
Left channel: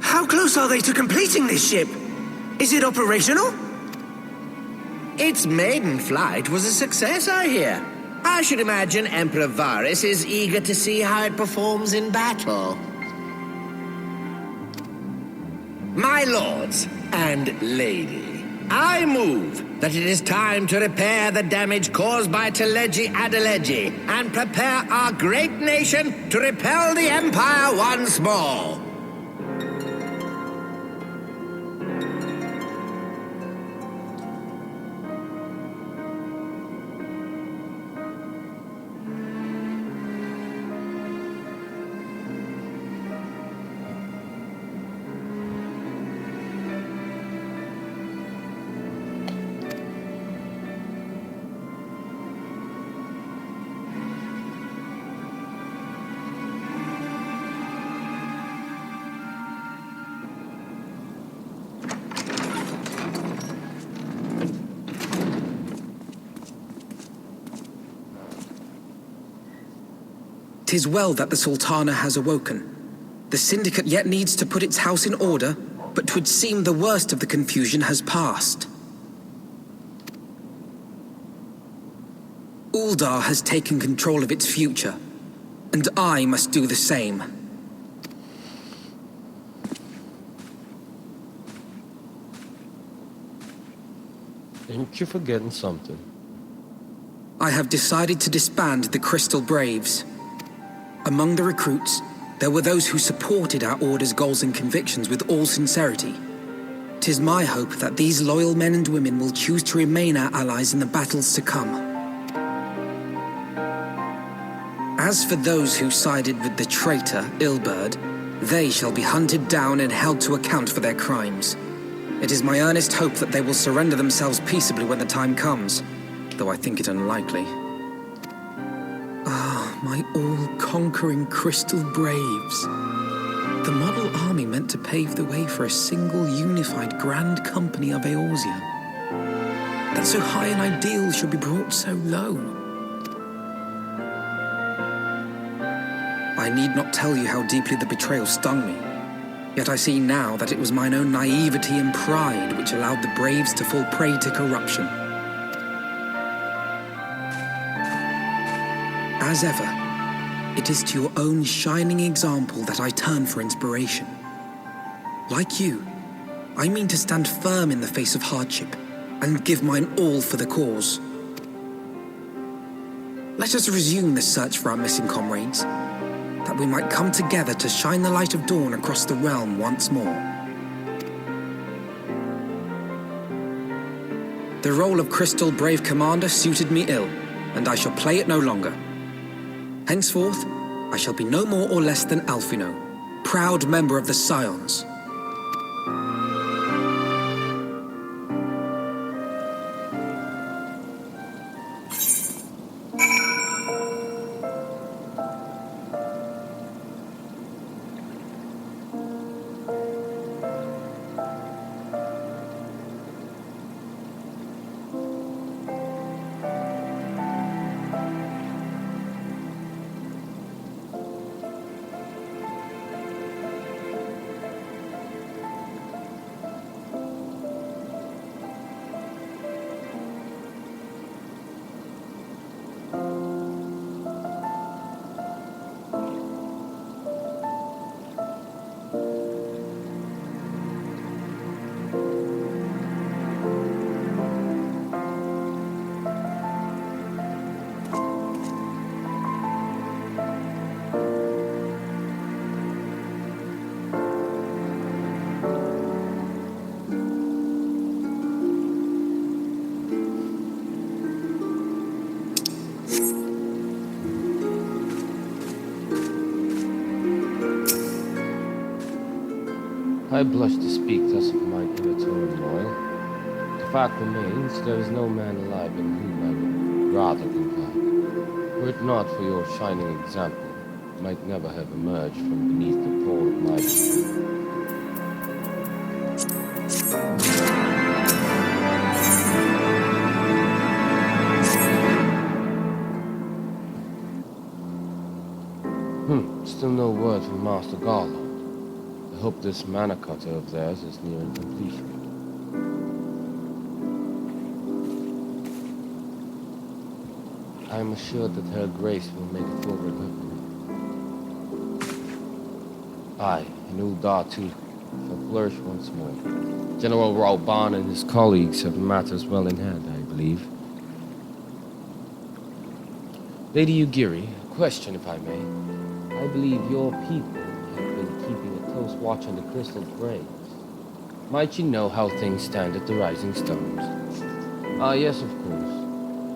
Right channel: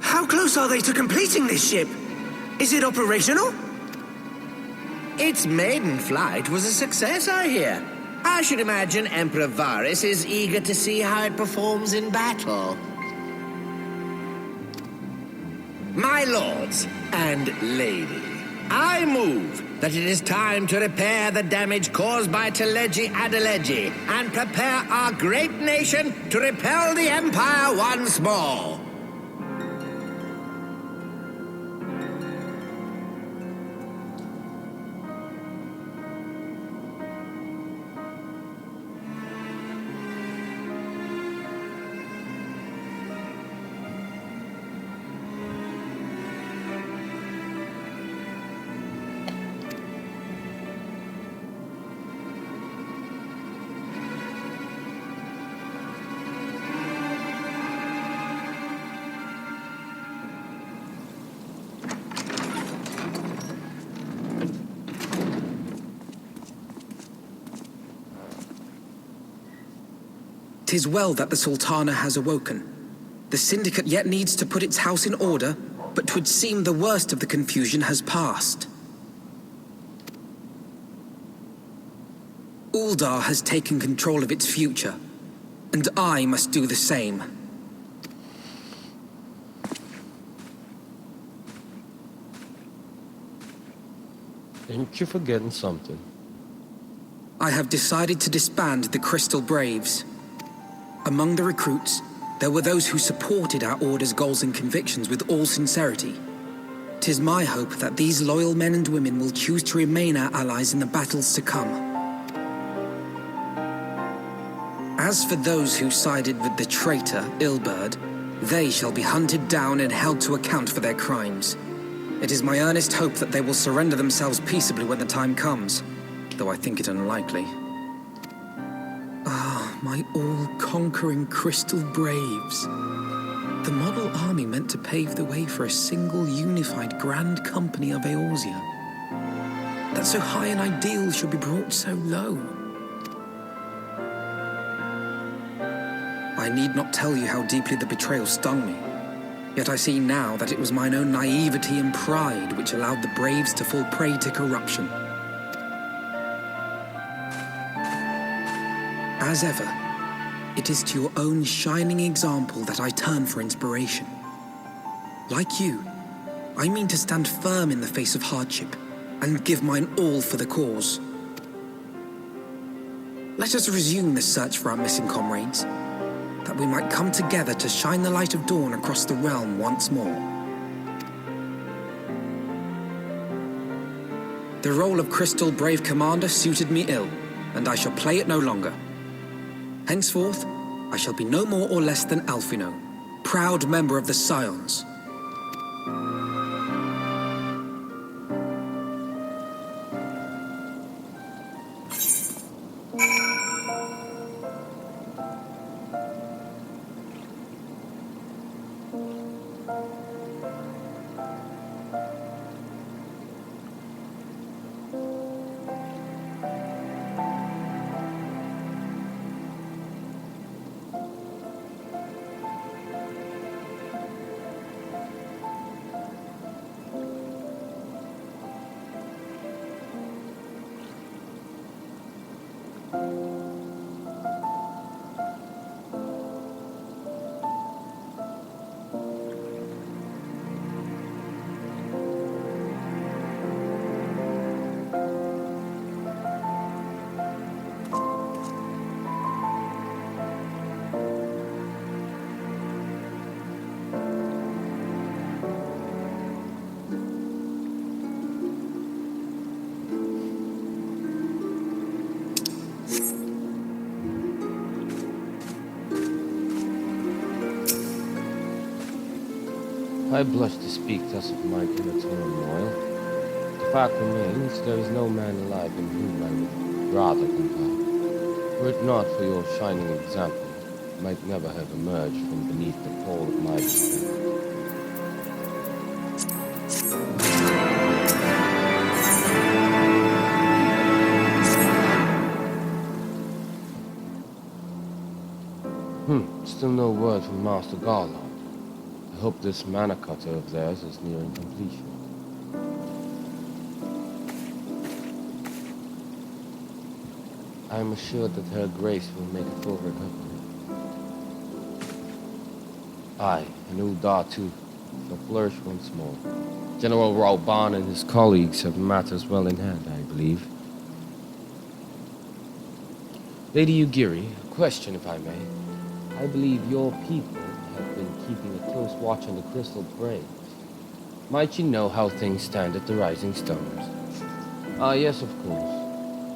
How close are they to completing this ship? Is it operational? Its maiden flight was a success, I hear. I should imagine Emperor Varys is eager to see how it performs in battle. My lords and lady, I move that it is time to repair the damage caused by Teleji Adeleji and prepare our great nation to repel the Empire once more. "'Tis well that the Sultana has awoken. The Syndicate yet needs to put its house in order, but 'twould seem the worst of the confusion has passed. Uldar has taken control of its future, and I must do the same. Ain't you forgetting something? I have decided to disband the Crystal Braves. Among the recruits, there were those who supported our order's goals and convictions with all sincerity. 'Tis my hope that these loyal men and women will choose to remain our allies in the battles to come. As for those who sided with the traitor, Ilberd, they shall be hunted down and held to account for their crimes. It is my earnest hope that they will surrender themselves peaceably when the time comes, though I think it unlikely. My all-conquering Crystal Braves. The model army meant to pave the way for a single unified Grand Company of Eorzea. That so high an ideal should be brought so low. need not tell you how deeply the betrayal stung me. Yet I see now that it was mine own naivety and pride which allowed the braves to fall prey to corruption. As ever, it is to your own shining example that I turn for inspiration. Like you, I mean to stand firm in the face of hardship and give mine all for the cause. Let us resume the search for our missing comrades, that we might come together to shine the light of dawn across the realm once more. The role of Crystal Brave Commander suited me ill, and I shall play it no longer. Henceforth, I shall be no more or less than Alphino, proud member of the Scions. I blush to speak thus of mine inner turmoil. The fact remains, there is no man alive in whom I would rather confide. Were it not for your shining example, I might never have emerged from beneath the pall of my betrayal. Still no word from Master Garland. I hope this mana cutter of theirs is nearing completion. I am assured that Her Grace will make a full recovery. I, and Uldar too, shall flourish once more. General Rauban and his colleagues have matters well in hand, I believe. Lady Ugiri, a question if I may. I believe your people have been keeping a close watch on the Crystal Braves. Might you know how things stand at the Rising Stones? Ah, yes, of course.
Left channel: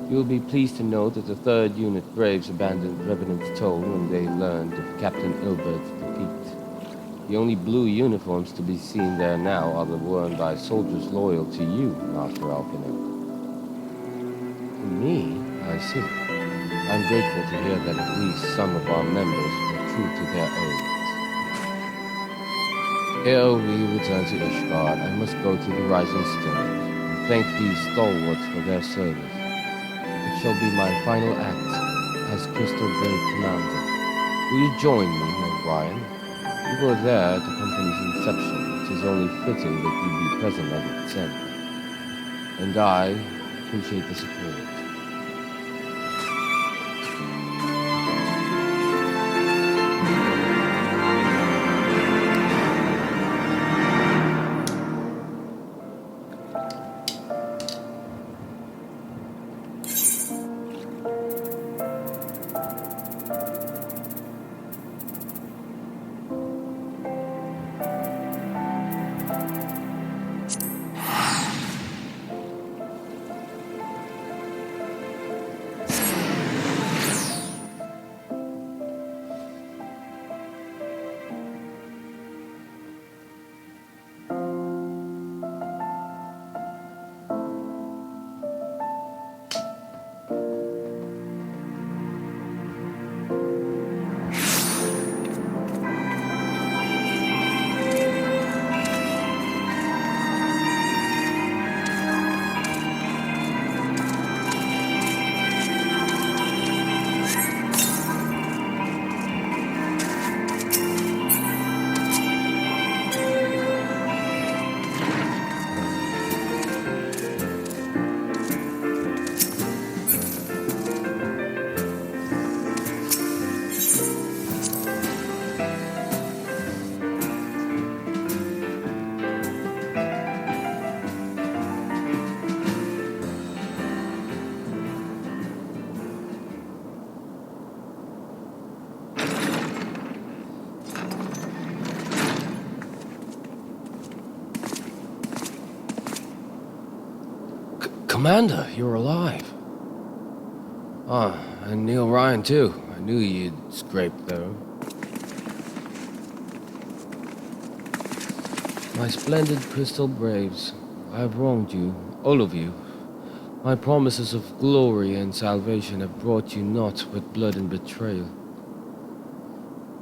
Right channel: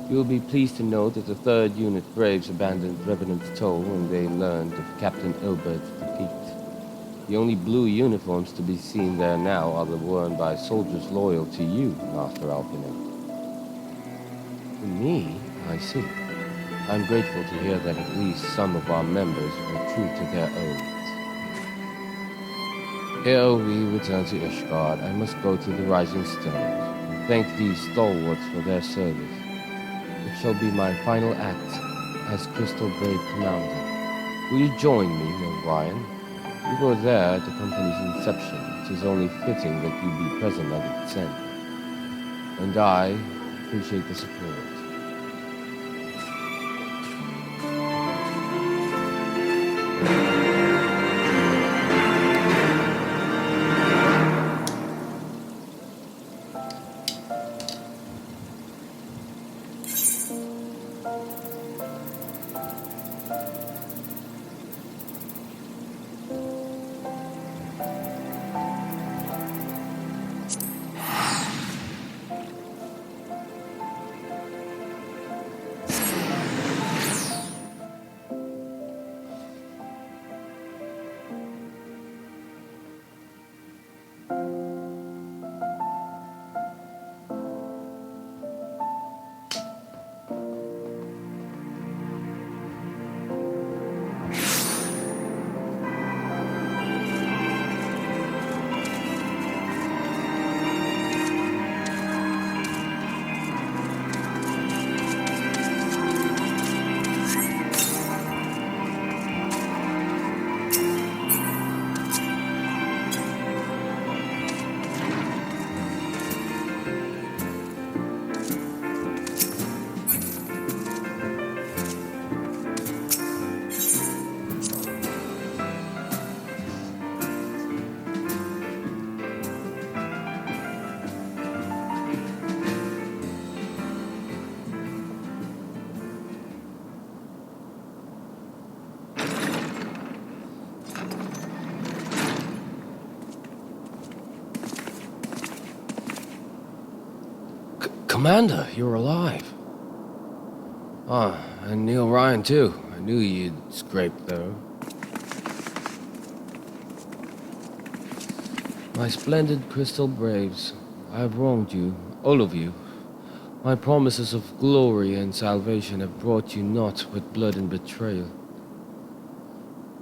You will be pleased to know that the 3rd Unit Braves abandoned Revenant's Toll when they learned of Captain Ilbert's defeat. The only blue uniforms to be seen there now are the worn by soldiers loyal to you, Master Alpino. To me, I see. I'm grateful to hear that at least some of our members were true to their oaths. Ere we return to Ishgard, I must go to the Rising Stones and thank these stalwarts for their service. It shall be my final act as Crystal Brave Commander. Will you join me, Orion? You were there at the company's inception. It is only fitting that you be present at its end. And I appreciate the support. Commander, you're alive. Ah, and Neil Ryan too. I knew you'd scrape though. My splendid Crystal Braves, I have wronged you, all of you. My promises of glory and salvation have brought you naught but blood and betrayal.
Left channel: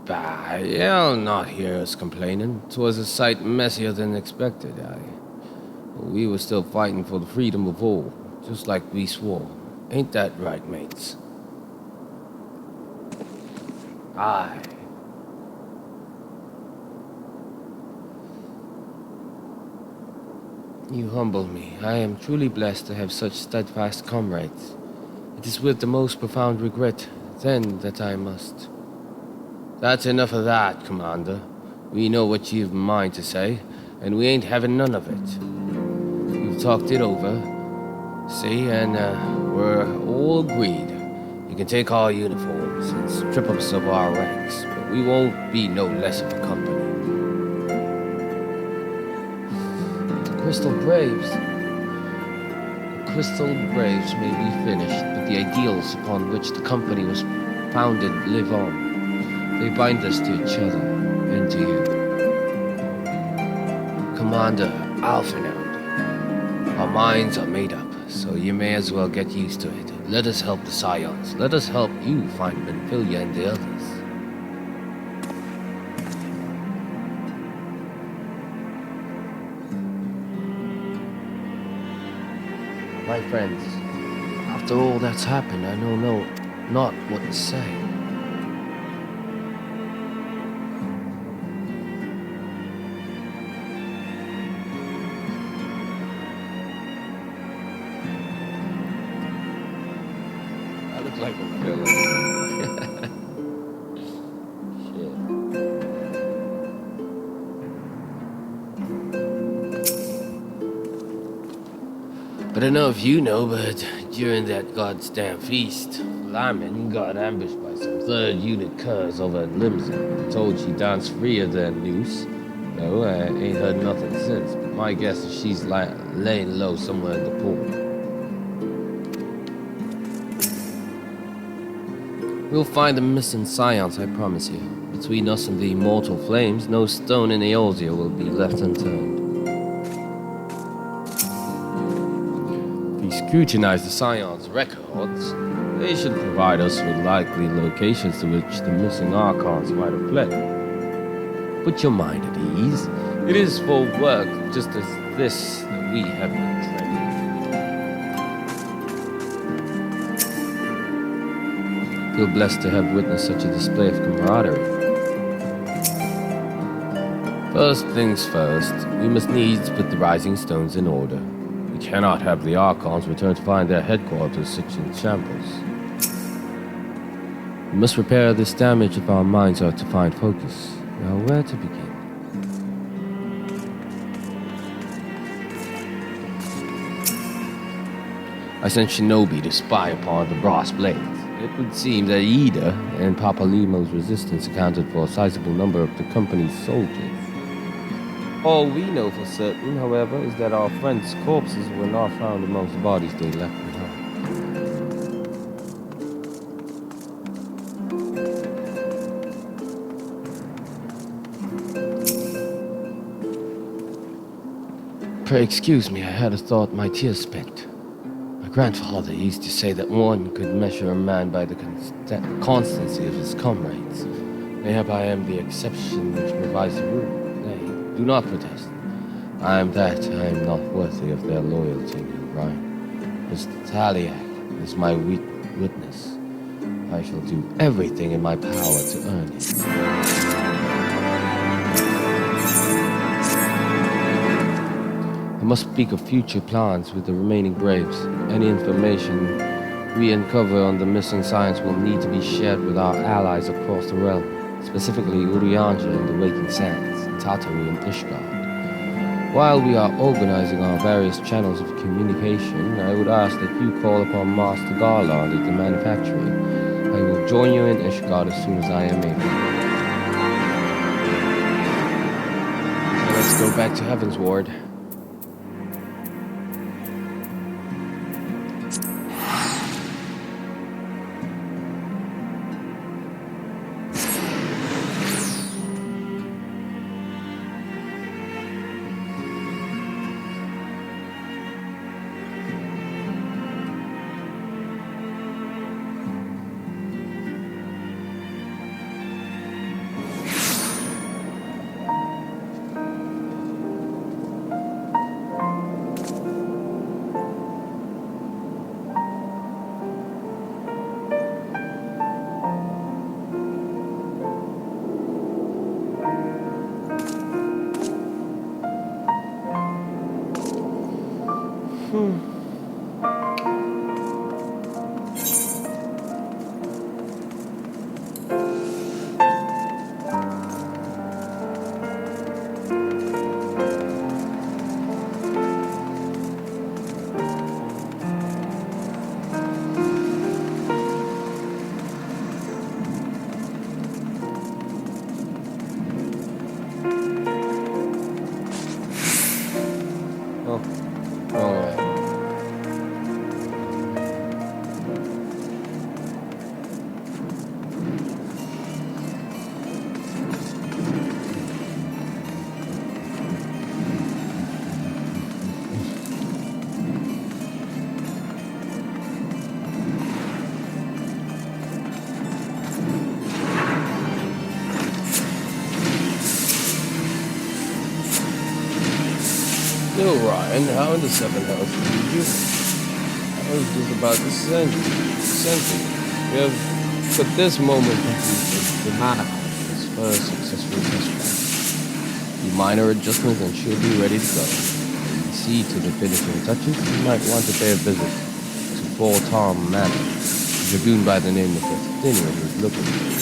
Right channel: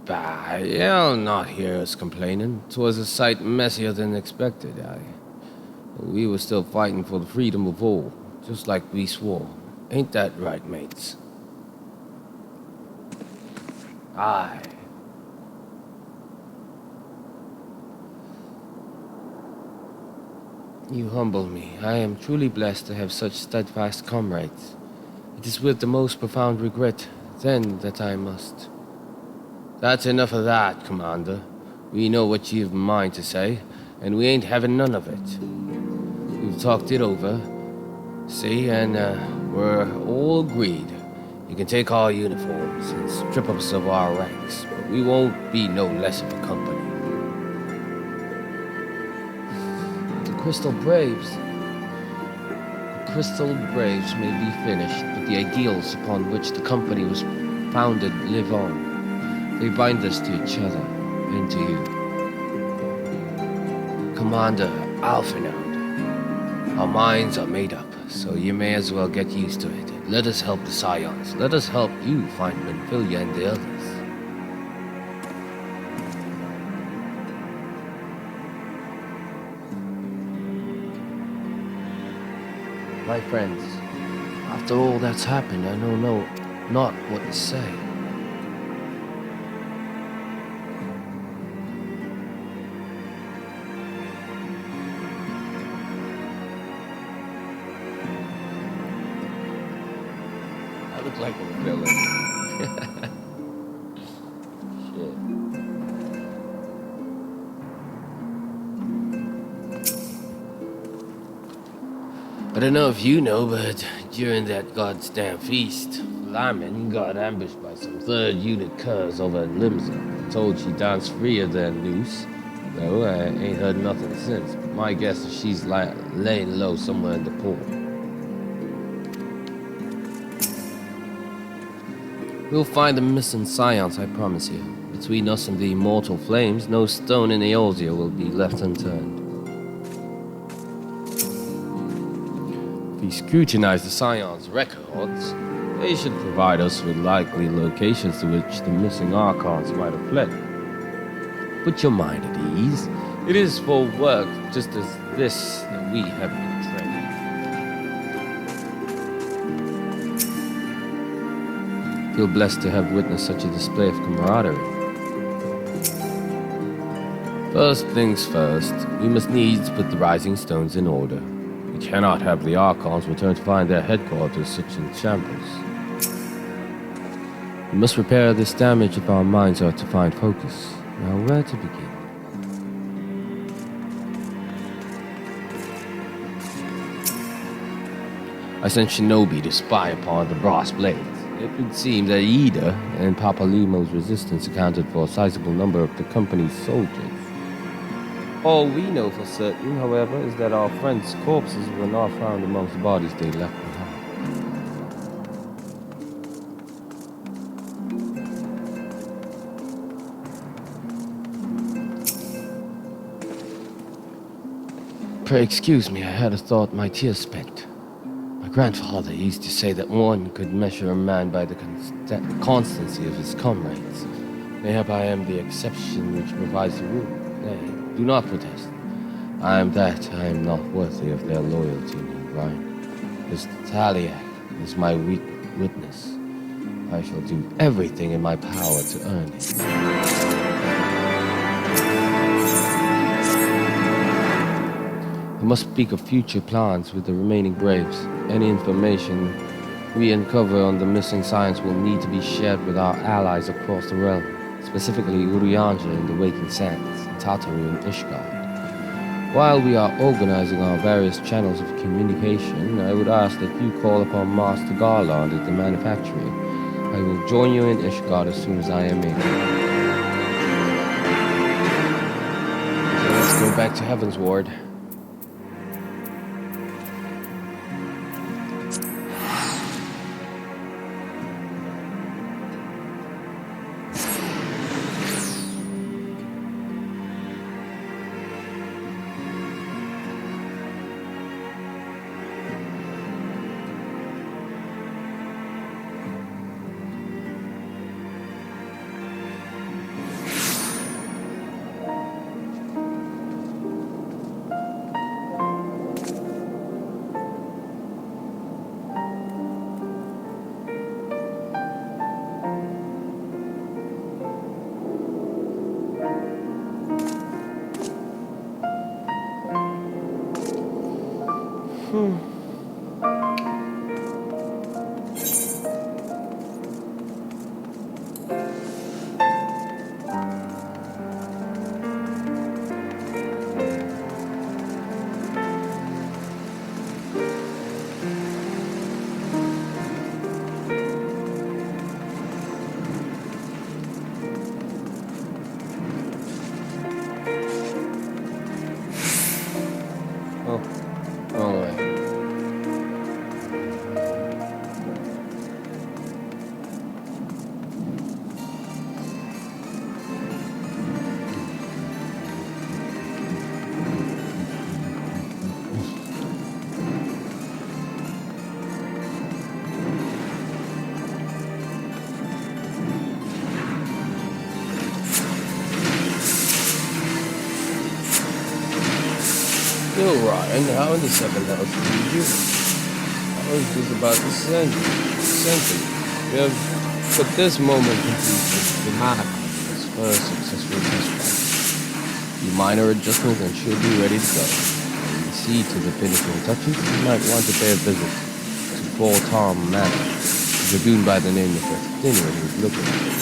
Bah, you'll not hear us complaining. 'Twas a sight messier than expected, We were still fighting for the freedom of all, just like we swore. Ain't that right, mates? Aye. You humble me. I am truly blessed to have such steadfast comrades. It is with the most profound regret, then, that I must. That's enough of that, Commander. We know what you've in mind to say, and we ain't having none of it. We've talked it over, see, and we're all agreed. You can take our uniforms and strip us of our ranks, but we won't be no less of a company. The Crystal Braves may be finished, but the ideals upon which the company was founded live on. They bind us to each other and to you. Commander Alphinaud, our minds are made up, so you may as well get used to it. Let us help the Scions. Let us help you find Benfilia and the others. My friends, after all that's happened, I know not what to say. I look like a villain. Shit. I don't know if you know, but during that goddamn feast, Lyman got ambushed by some 3rd unit curs over at Limsa. Told she danced freer than loose. No, I ain't heard nothing since. But my guess is she's laying low somewhere in the port. We'll find the missing Scions, I promise you. Between us and the immortal flames, no stone in Eorzea will be left unturned. If we scrutinize the Scions' records, they should provide us with likely locations to which the missing Archons might have fled. Put your mind at ease. It is for work just as this that we have been training. Feel blessed to have witnessed such a display of camaraderie. First things first, we must needs put the Rising Stones in order. We cannot have the Archons return to find their headquarters such in shambles. We must repair this damage if our minds are to find focus. Now, where to begin? I sent Shinobi to spy upon the brass blades. It would seem that Ida and Papalimo's resistance accounted for a sizable number of the company's soldiers. All we know for certain, however, is that our friends' corpses were not found amongst the bodies they left behind. Pray excuse me, I had a thought my tears spent. My grandfather used to say that one could measure a man by the constancy of his comrades. Mayhap I am the exception which provides the rule. Nay, do not protest. I am not worthy of their loyalty, Neil Ryan. Mr. Taliak is my witness. I shall do everything in my power to earn it. I must speak of future plans with the remaining Braves. Any information we uncover on the missing Scions will need to be shared with our allies across the realm, specifically Urianger in the Waking Sands, Tataru and Ishgard. While we are organizing our various channels of communication, I would ask that you call upon Master Garland at the manufactory. I will join you in Ishgard as soon as I am able. So let's go back to Heaven's Ward. Oh, wrong way. Yo, Ryan, how in the seventh house did you? I was just about to send you. We have put this moment completely to Mana's first successful test flight. The minor adjustments and she'll be ready to go. When you see to the finishing touches, you might want to pay a visit to Fort Tom Manor. A dragoon by the name of Justinian is looking for you.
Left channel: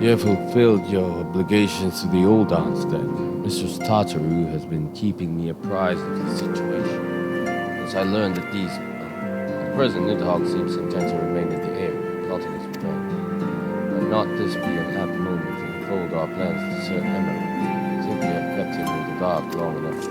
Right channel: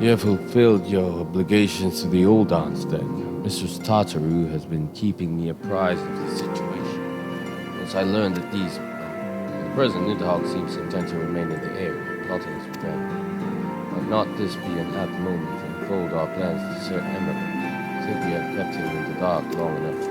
You have fulfilled your obligations to the old aunts then. Mistress Tartaru has been keeping me apprised of the situation. Once I learned that the present Nidhogg seems content to remain in the area, plotting his revenge. Might not this be an apt moment to unfold our plans to Sir Emmerich? I think we have kept him in the dark long enough.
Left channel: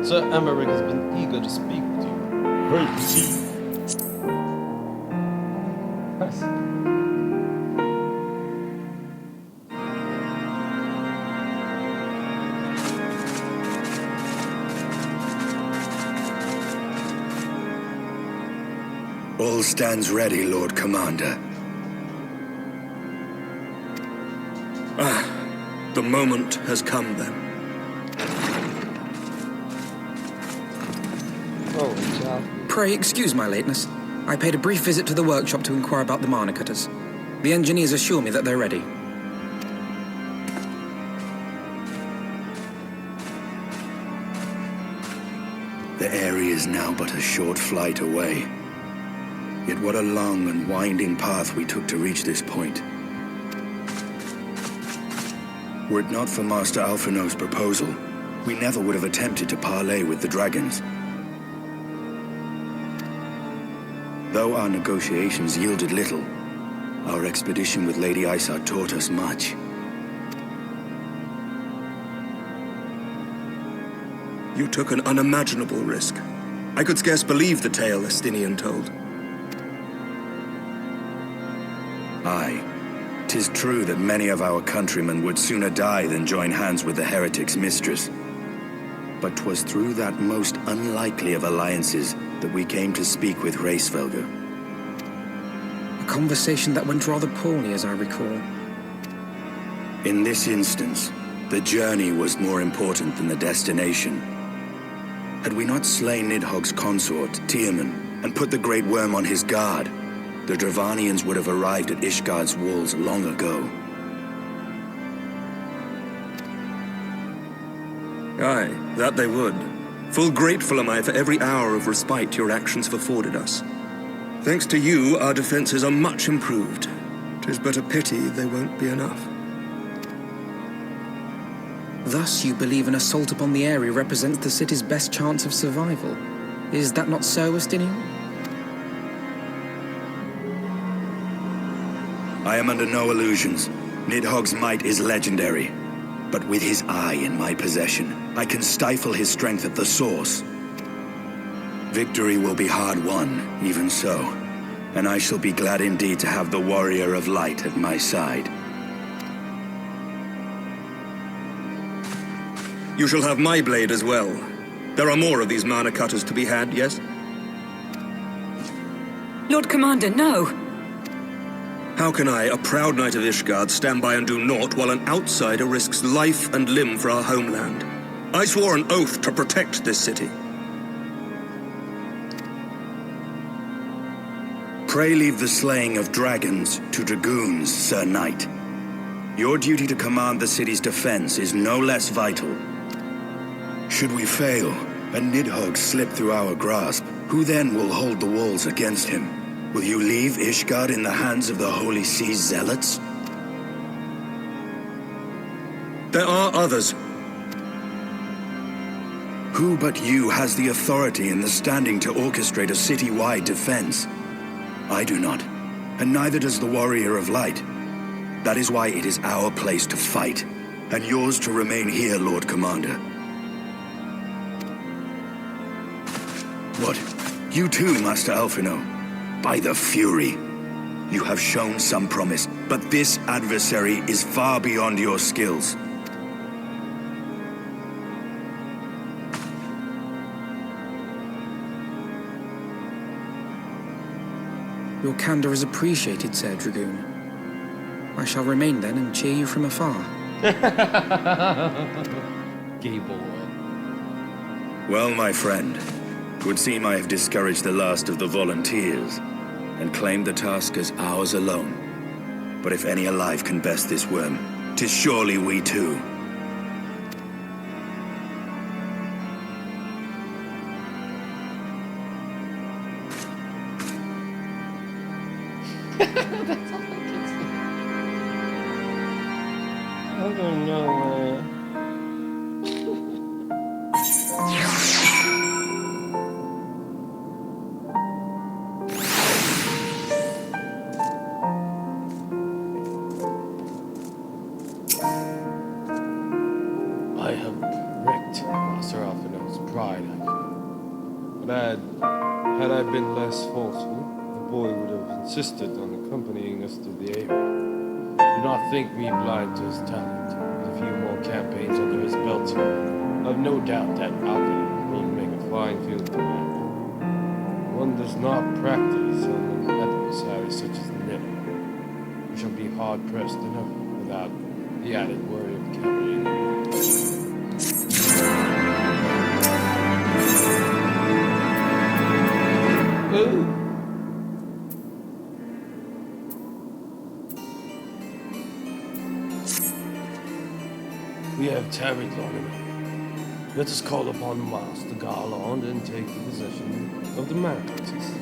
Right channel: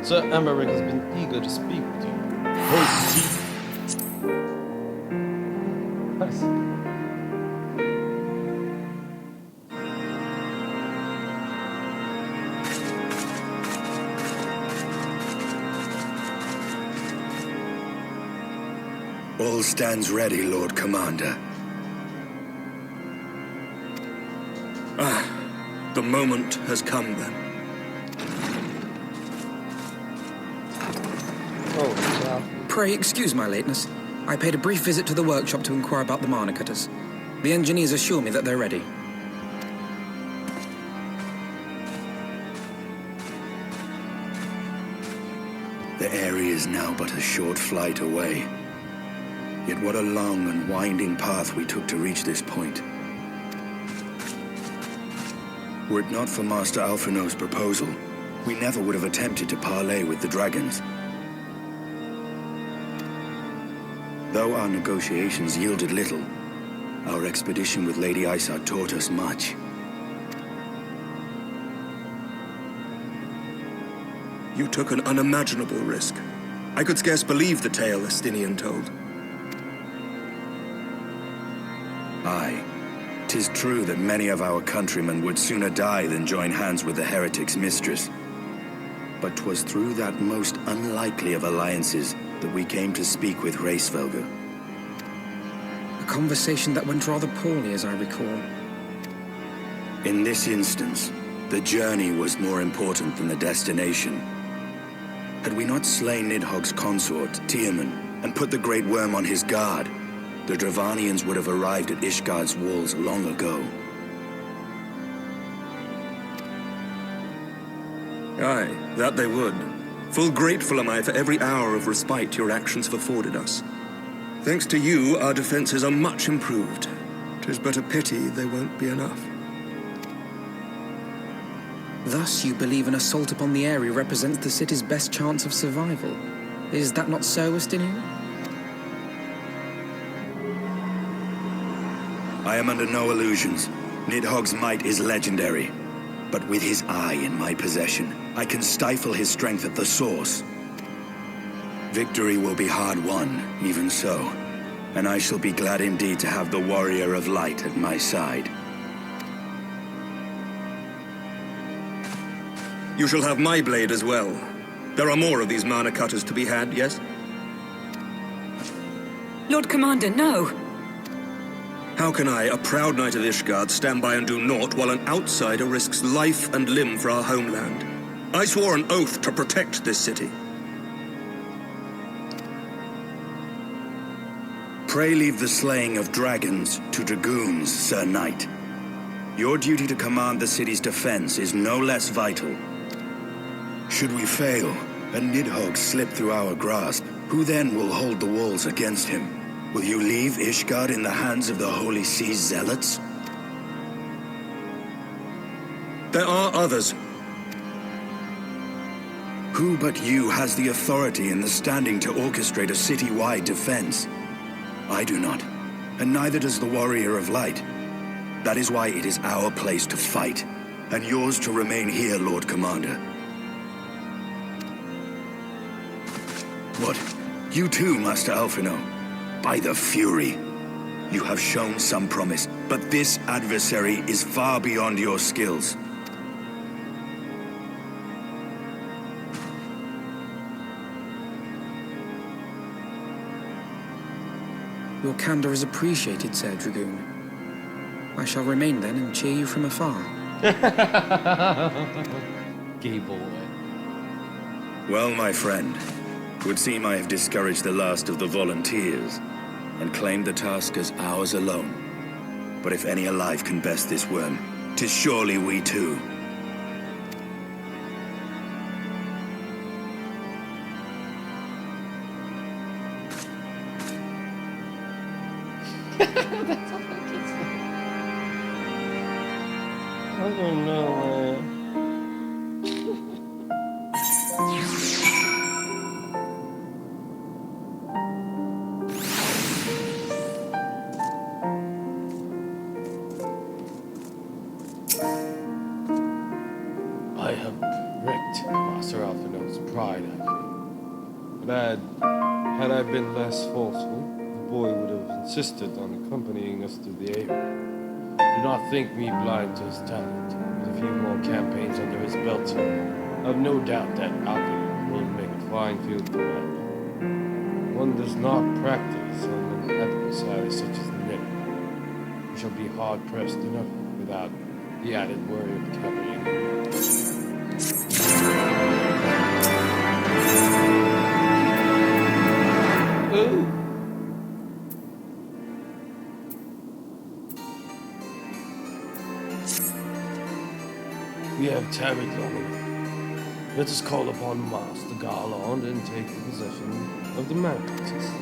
Sir Emmerich has been eager to speak with you. Proceed. Nice. All stands ready, Lord Commander. The moment has come then. Oh, child. Pray excuse my lateness. I paid a brief visit to the workshop to inquire about the Mana cutters. The engineers assure me that they're ready. The area is now but a short flight away. Yet what a long and winding path we took to reach this point. Were it not for Master Alphino's proposal, we never would have attempted to parley with the dragons. Though our negotiations yielded little, our expedition with Lady Isard taught us much. You took an unimaginable risk. I could scarce believe the tale Estinian told. Aye, 'Tis true that many of our countrymen would sooner die than join hands with the heretic's mistress. But 'twas through that most unlikely of alliances that we came to speak with Hraesvelgr. A conversation that went rather poorly, as I recall. In this instance, the journey was more important than the destination. Had we not slain Nidhogg's consort, Tiaman, and put the Great Worm on his guard, the Dravanians would have arrived at Ishgard's walls long ago. Aye, that they would. Full grateful am I for every hour of respite your actions have afforded us. Thanks to you, our defenses are much improved. 'Tis but a pity they won't be enough. Thus, you believe an assault upon the area represents the city's best chance of survival. Is that not so, Estinian? I am under no illusions. Nidhogg's might is legendary. But with his eye in my possession, I can stifle his strength at the source. Victory will be hard won, even so. And I shall be glad indeed to have the Warrior of Light at my side. You shall have my blade as well. There are more of these mana cutters to be had, yes? Lord Commander, no. How can I, a proud knight of Ishgard, stand by and do naught while an outsider risks life and limb for our homeland? I swore an oath to protect this city. Pray leave the slaying of dragons to dragoons, Sir Knight. Your duty to command the city's defense is no less vital. Should we fail, and Nidhogg slip through our grasp, who then will hold the walls against him? Will you leave Ishgard in the hands of the Holy Sea's zealots? There are others. Who but you has the authority and the standing to orchestrate a city-wide defense? I do not, and neither does the Warrior of Light. That is why it is our place to fight, and yours to remain here, Lord Commander. What? You too, Master Alphino? By the Fury. You have shown some promise, but this adversary is far beyond your skills. Your candor is appreciated, Sir Dragoon. I shall remain then and cheer you from afar. Gay boy. Well, my friend, 'twould seem I have discouraged the last of the volunteers, and claimed the task as ours alone. But if any alive can best this worm, 'tis surely we too. That's all I can say. I don't know, man. I have wrecked Master Alphino's pride, I feel. But had I been less forceful, the boy would have insisted on accompanying us to the area. Do not think me blind to his talent. With a few more campaigns under his belt, I've no doubt that Alphino will make a fine field commander. One does not practice on an adversary such as Nidhogg. We shall be hard-pressed enough without the added worry of carrying him. Ooh. We have tarried long enough. Let us call upon Master Garland and take possession of the Maracas.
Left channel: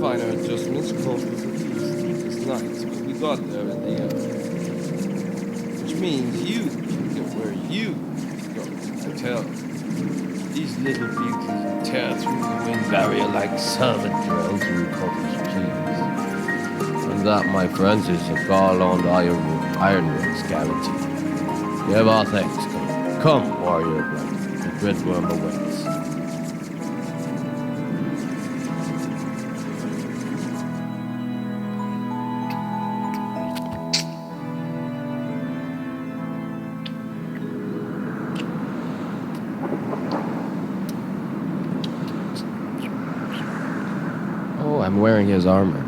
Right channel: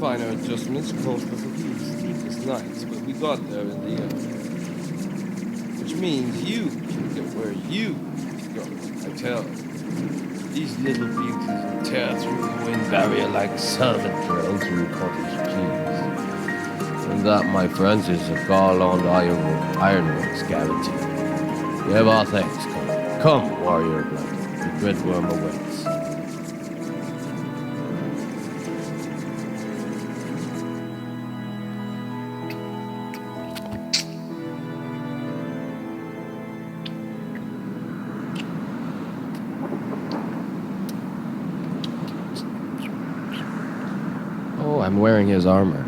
Finer adjustments called for the sleepless nights, but we got there in the end. Which means you can get where you go. I tell. These little beauties tear through the wind barrier like servant drill through cottage cheese. And that, my friends, is a garland ironworks guarantee. Give our thanks, come. Come, warrior blood. The dreadworm awaits. Oh, I'm wearing his armor.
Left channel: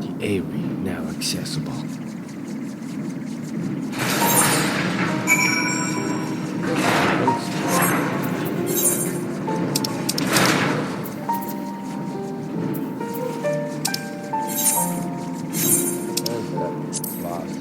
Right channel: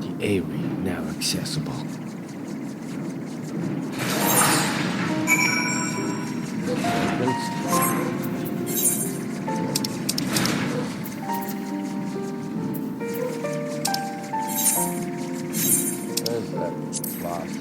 The Aerie now accessible. There's that blast.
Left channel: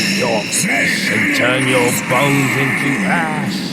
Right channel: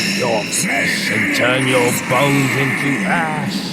up your flesh and turn your bones into ash.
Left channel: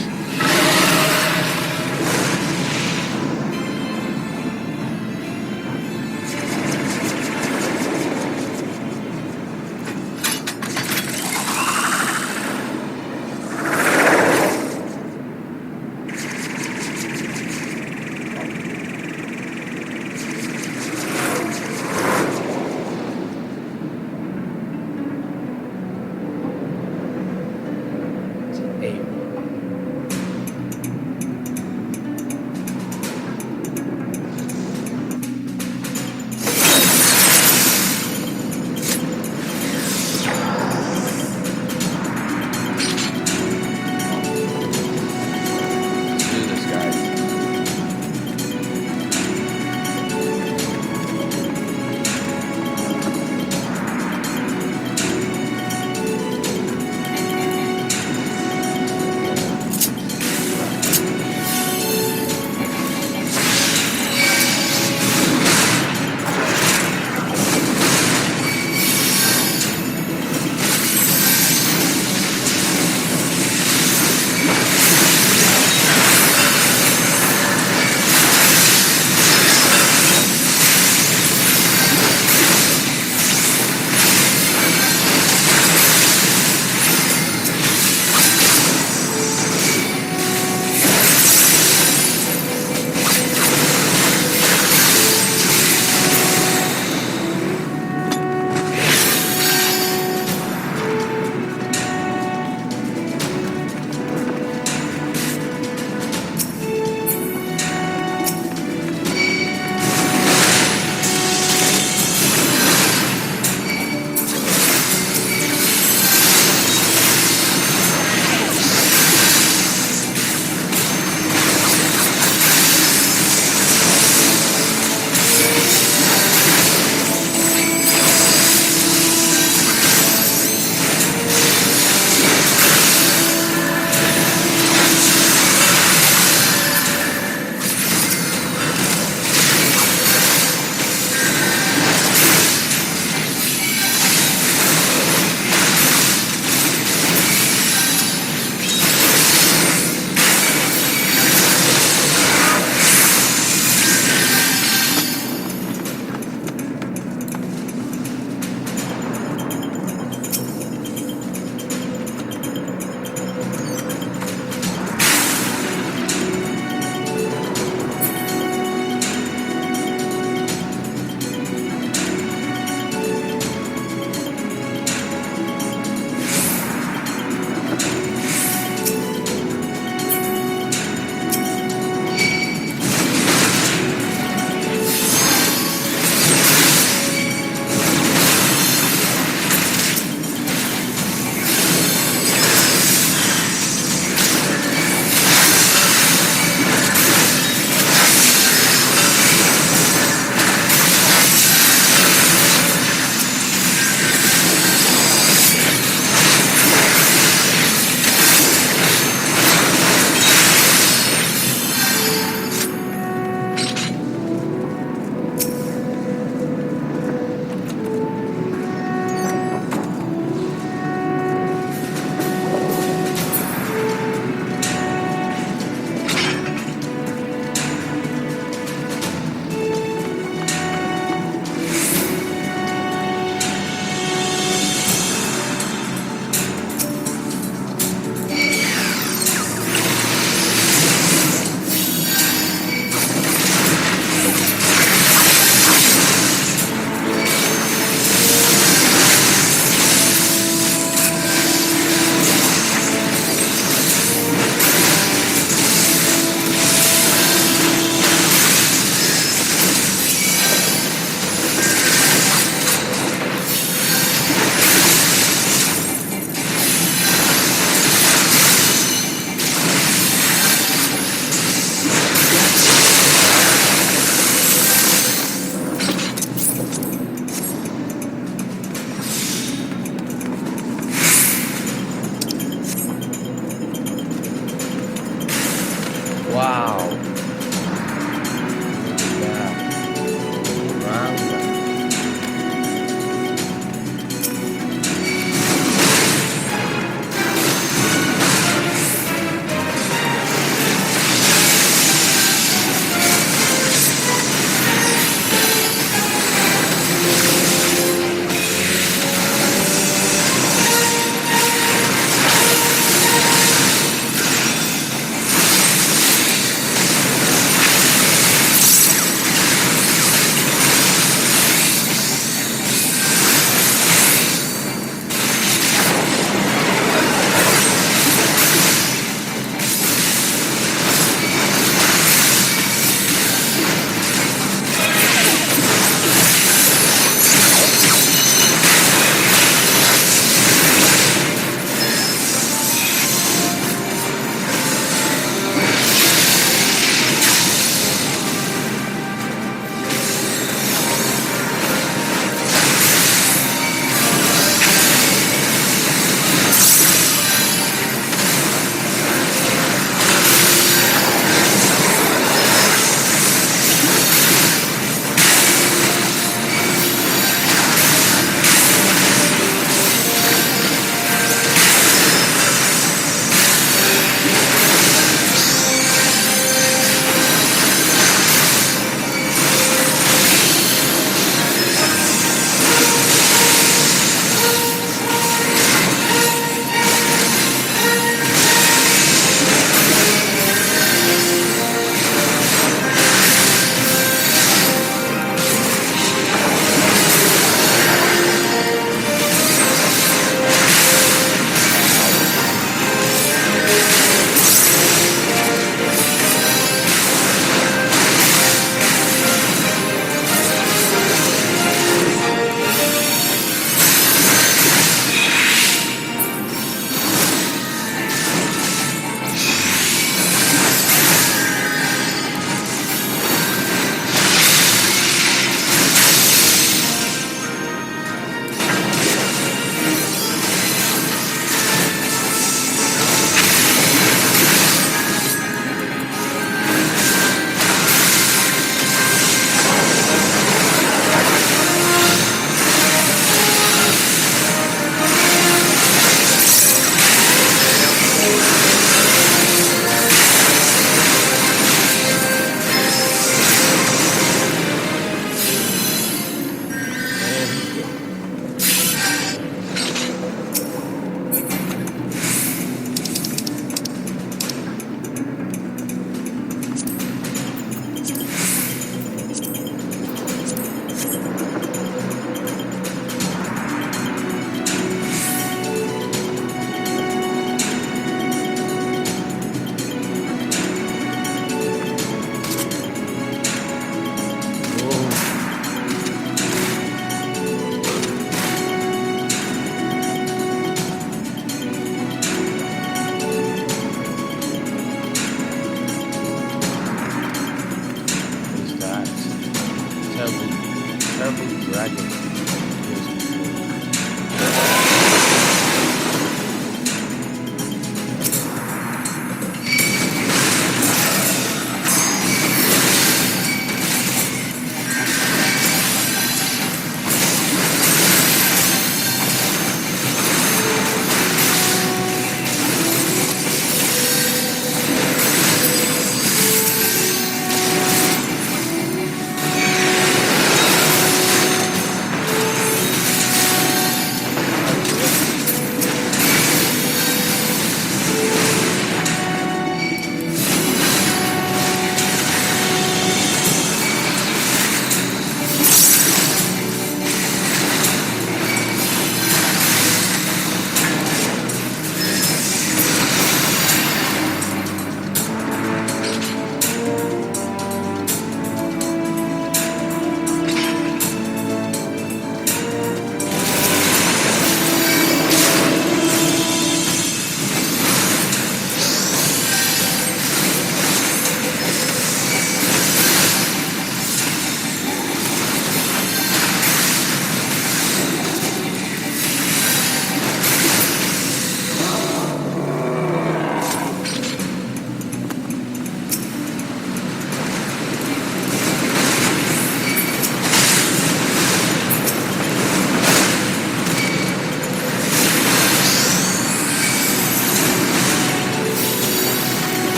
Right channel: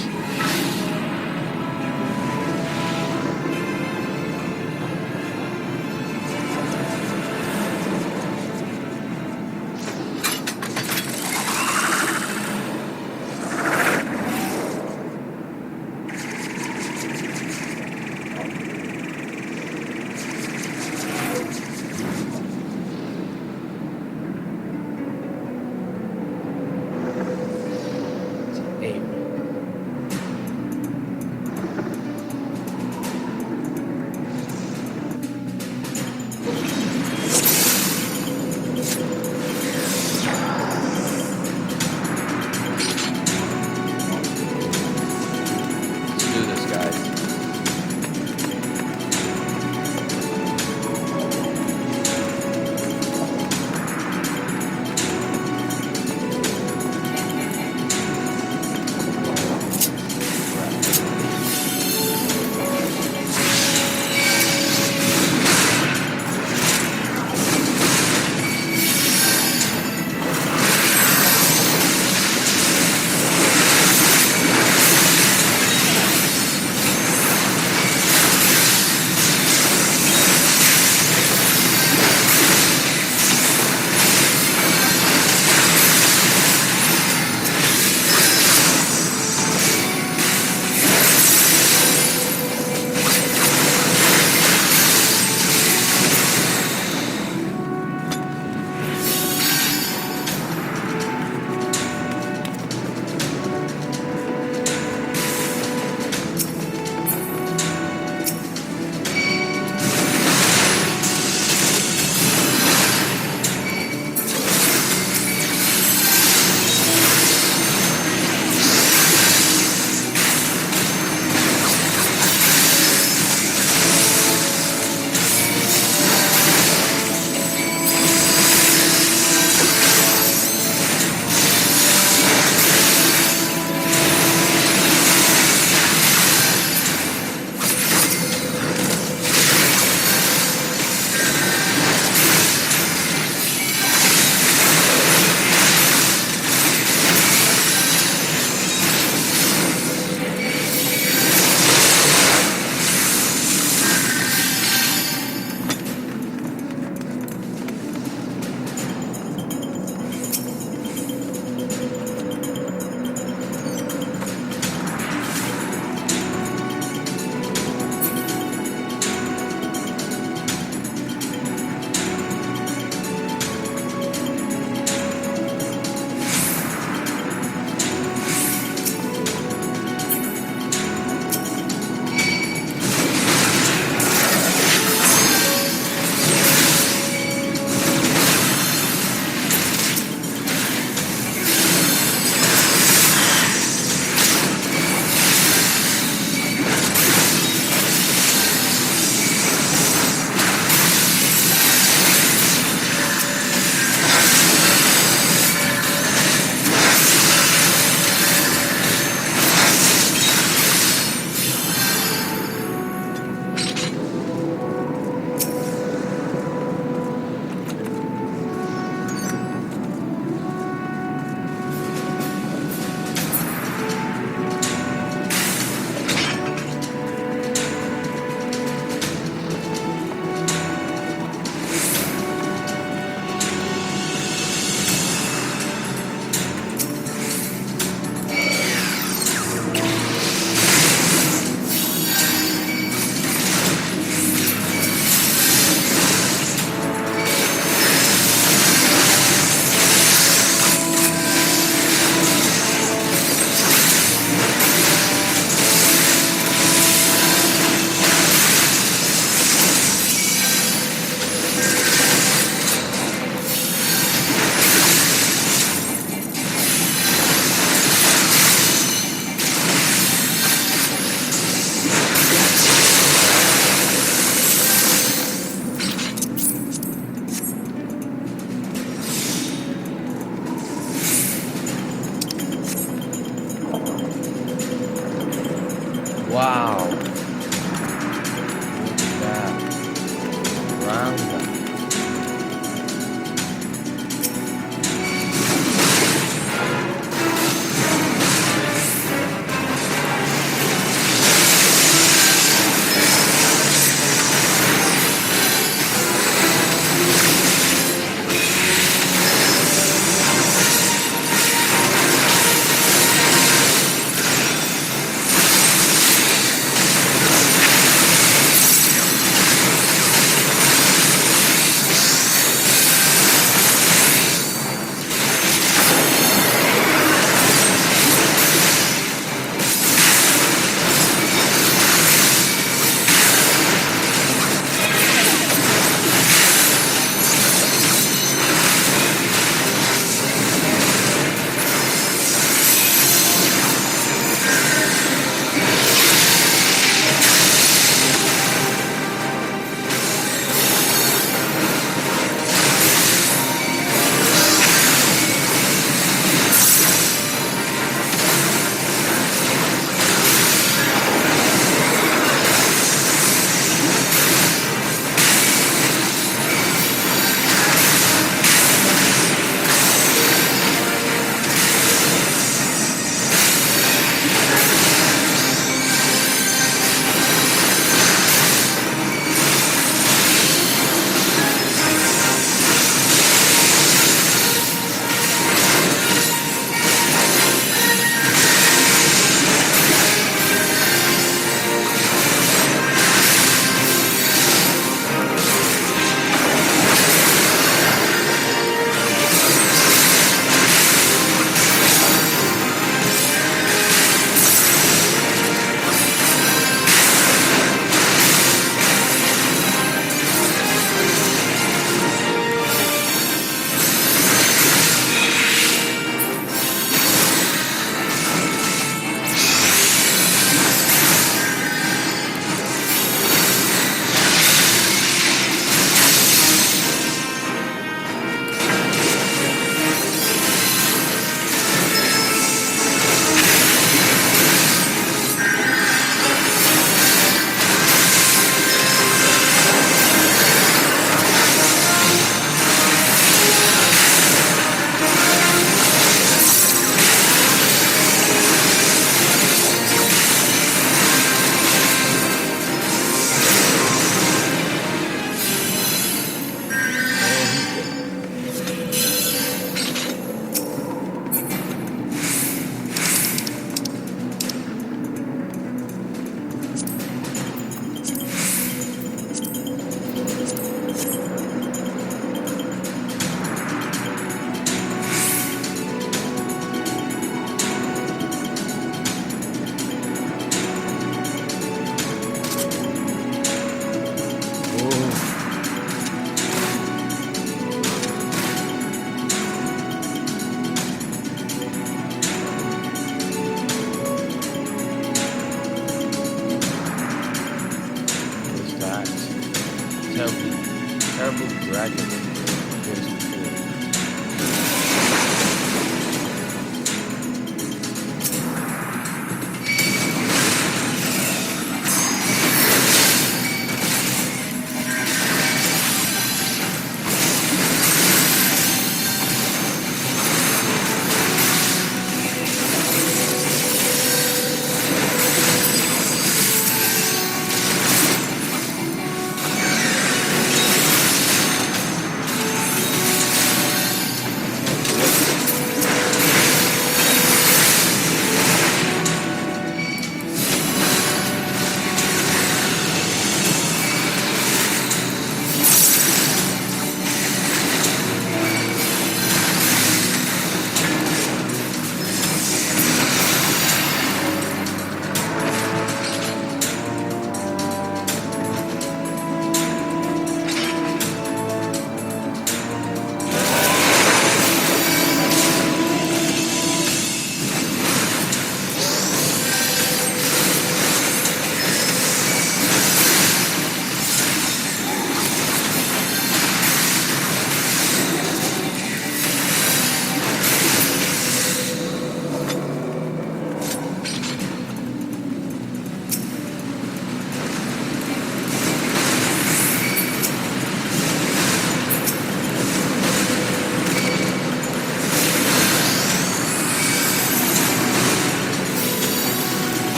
Wow. Look at that. Round up. terrible dragon appears before you.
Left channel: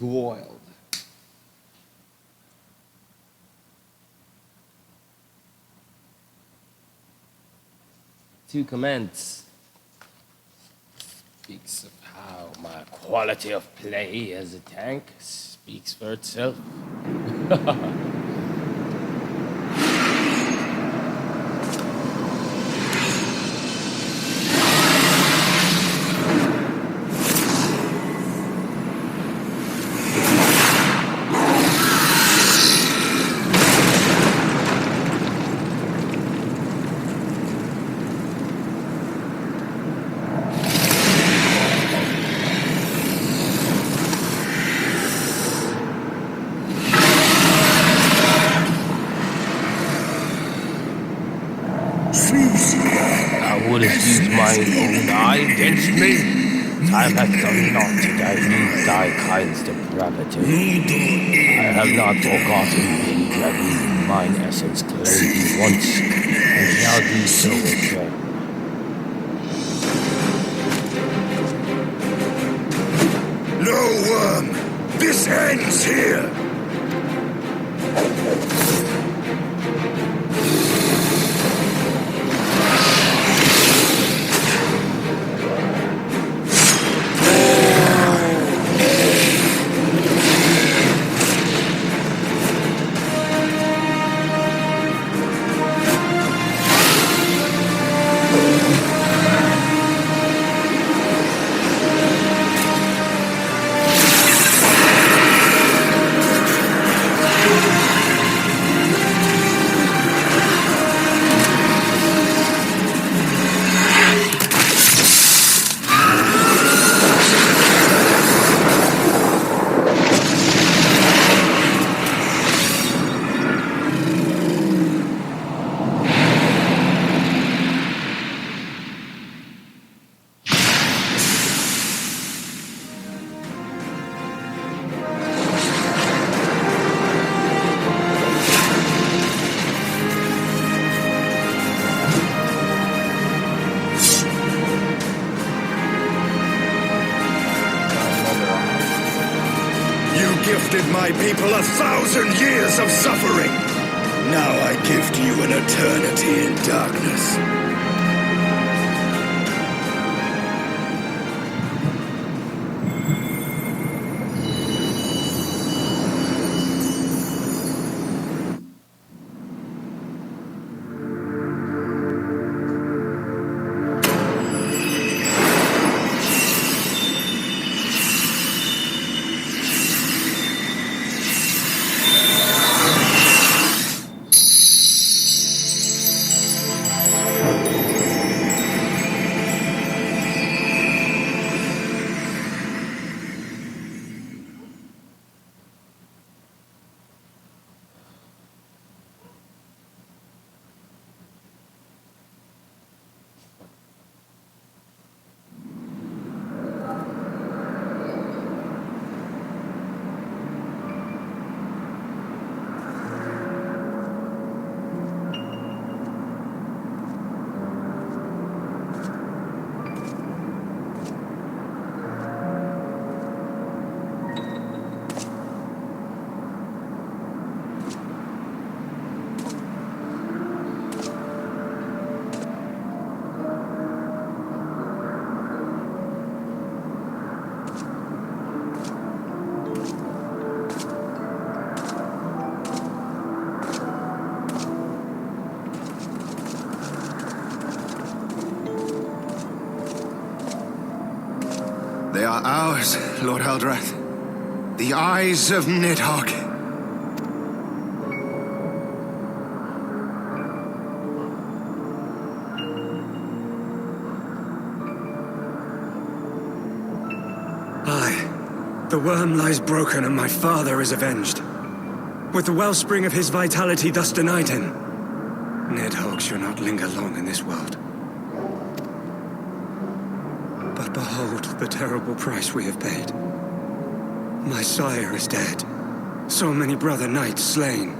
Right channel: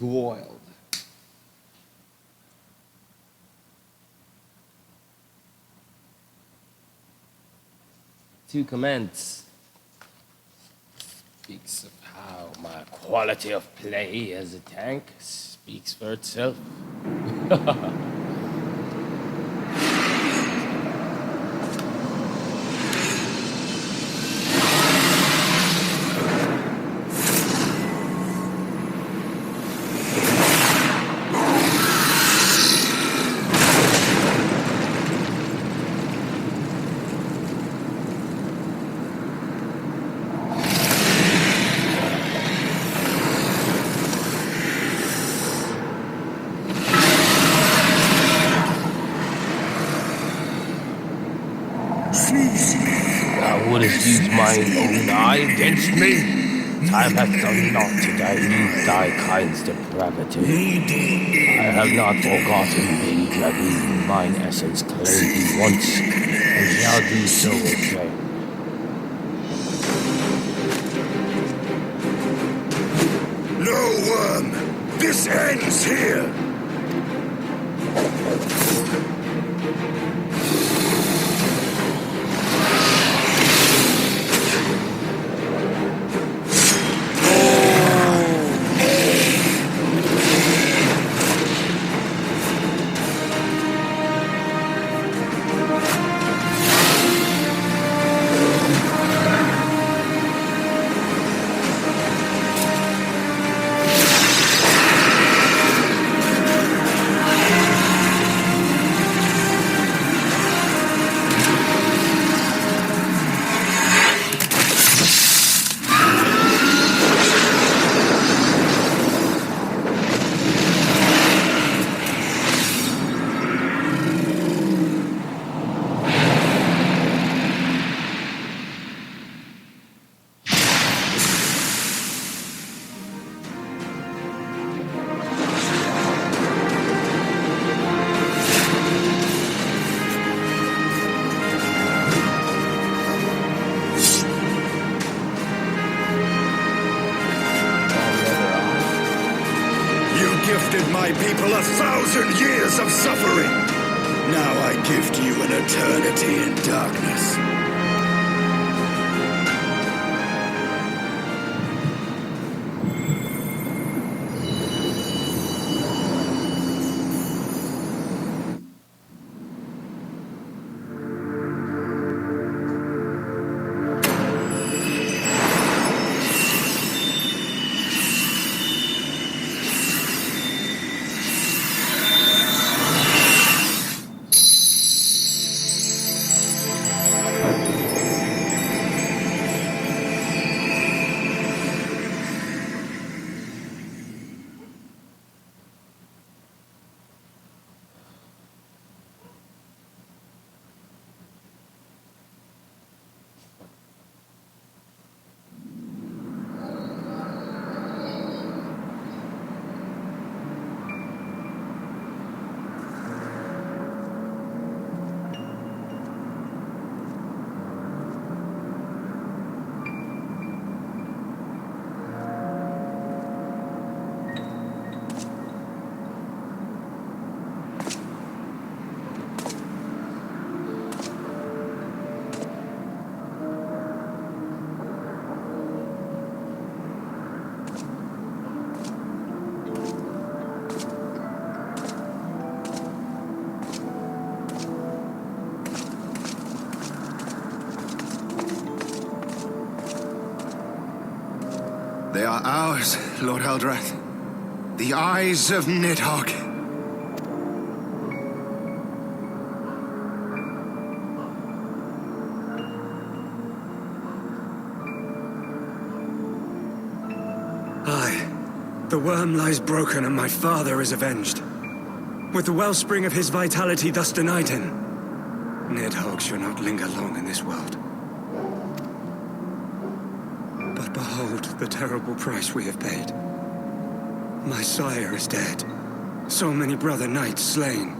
Wild. To commence speaks of how my quality of play as a tank speaks for itself. Thou wouldst use mine own eye against me? Time hath done naught to dilute thy kind's depravity. I have not forgotten thee, Dragoon. Mine essence claimed thee once, and shall do so again. No, Worm! This ends here! Gifted my people 1,000 years of suffering. Now I gift you an eternity in darkness. They are ours, Lord Haldrath. The eyes of Nidhogg. Aye. The worm lies broken and my father is avenged. With the wellspring of his vitality thus denied him, Nidhogg shall not linger long in this world. But behold the terrible price we have paid. My sire is dead. So many brother knights slain.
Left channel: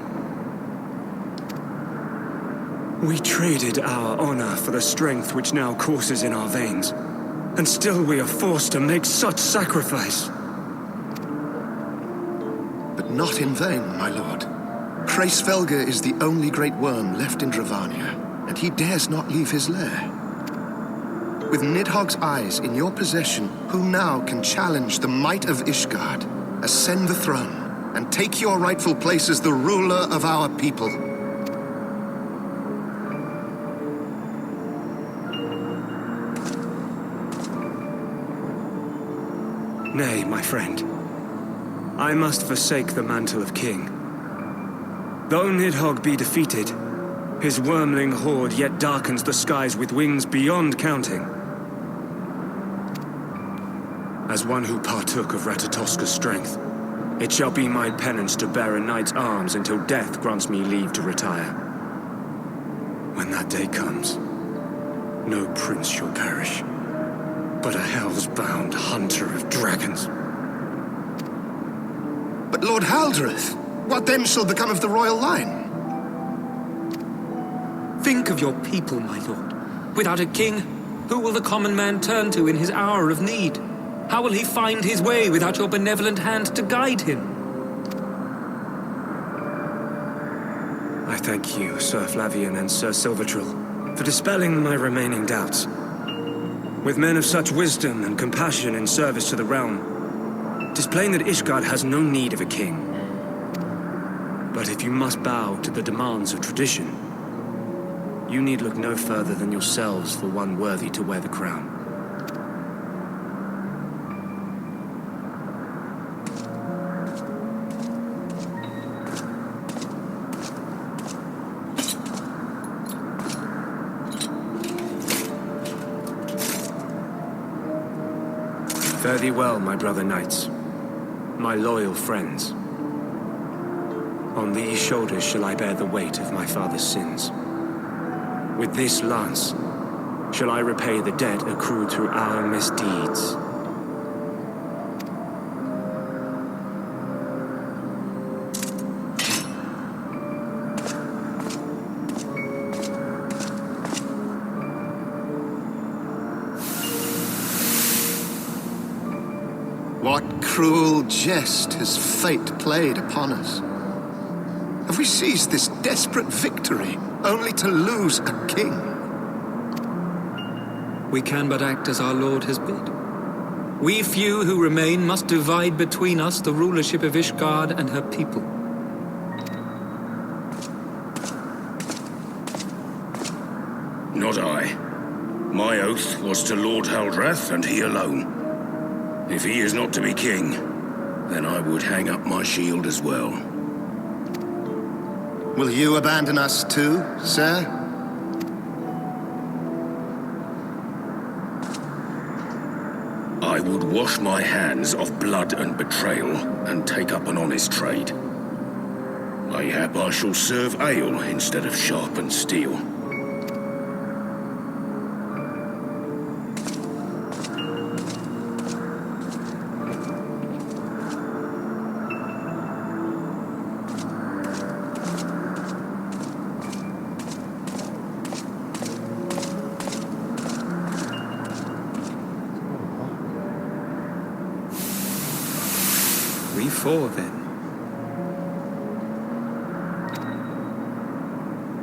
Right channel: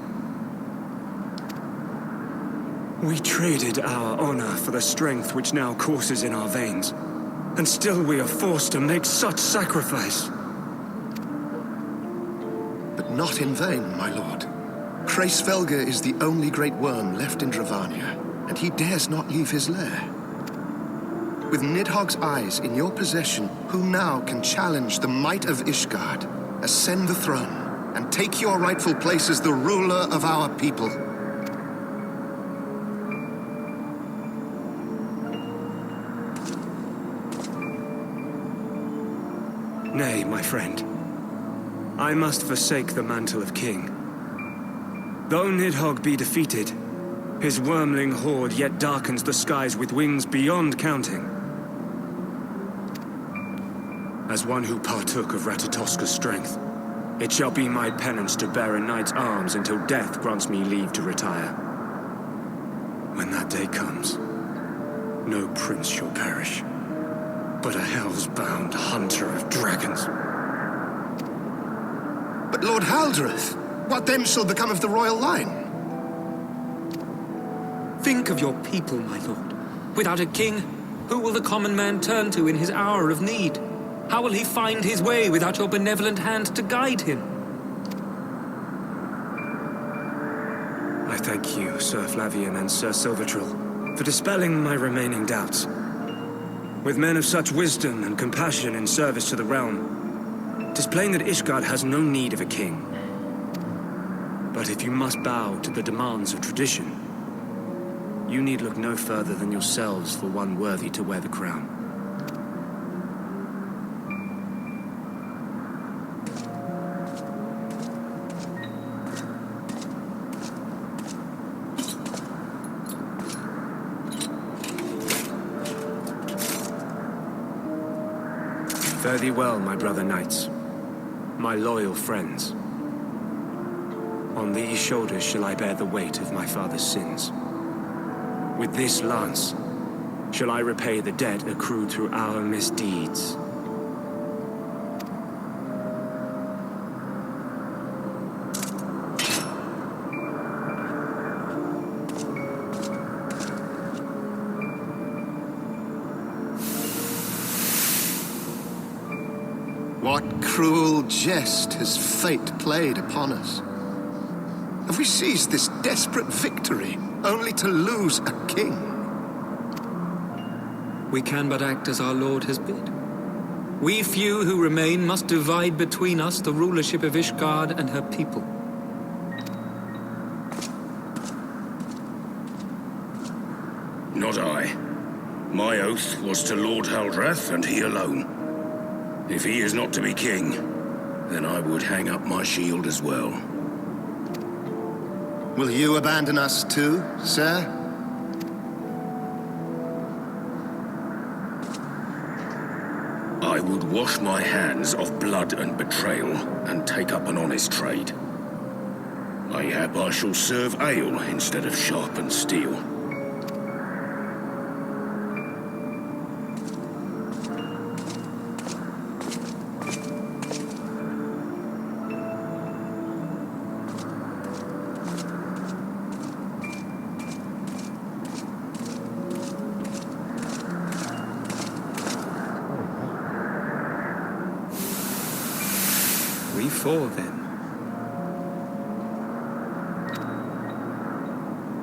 We traded our honor for the strength which now courses in our veins. And still we are forced to make such sacrifice. But not in vain, my lord. Hraesvelgr is the only great worm left in Dravania, and he dares not leave his lair. With Nidhogg's eyes in your possession, who now can challenge the might of Ishgard, ascend the throne, and take your rightful place as the ruler of our people? Nay, my friend. I must forsake the mantle of king. Though Nidhogg be defeated, his wormling horde yet darkens the skies with wings beyond counting. As one who partook of Ratatoska's strength, it shall be my penance to bear a knight's arms until death grants me leave to retire. When that day comes, no prince shall perish, but a hell's-bound hunter of dragons. But Lord Haldrath, what then shall become of the royal line? Think of your people, my lord. Without a king, who will the common man turn to in his hour of need? How will he find his way without your benevolent hand to guide him? I thank you, Sir Flavian and Sir Silvertrill, for dispelling my remaining doubts. With men of such wisdom and compassion in service to the realm, 'tis plain that Ishgard has no need of a king. But if you must bow to the demands of tradition, you need look no further than yourselves for one worthy to wear the crown. Fare thee well, my brother knights, my loyal friends. On these shoulders shall I bear the weight of my father's sins. With this lance shall I repay the debt accrued through our misdeeds. What cruel jest has fate played upon us? Have we seized this desperate victory only to lose a king? We can but act as our lord has bid. We few who remain must divide between us the rulership of Ishgard and her people. Not I. My oath was to Lord Haldrath, and he alone. If he is not to be king, then I would hang up my shield as well. Will you abandon us too, sir? I would wash my hands of blood and betrayal, and take up an honest trade. Mayhap I shall serve ale instead of sharpened steel. We four, then.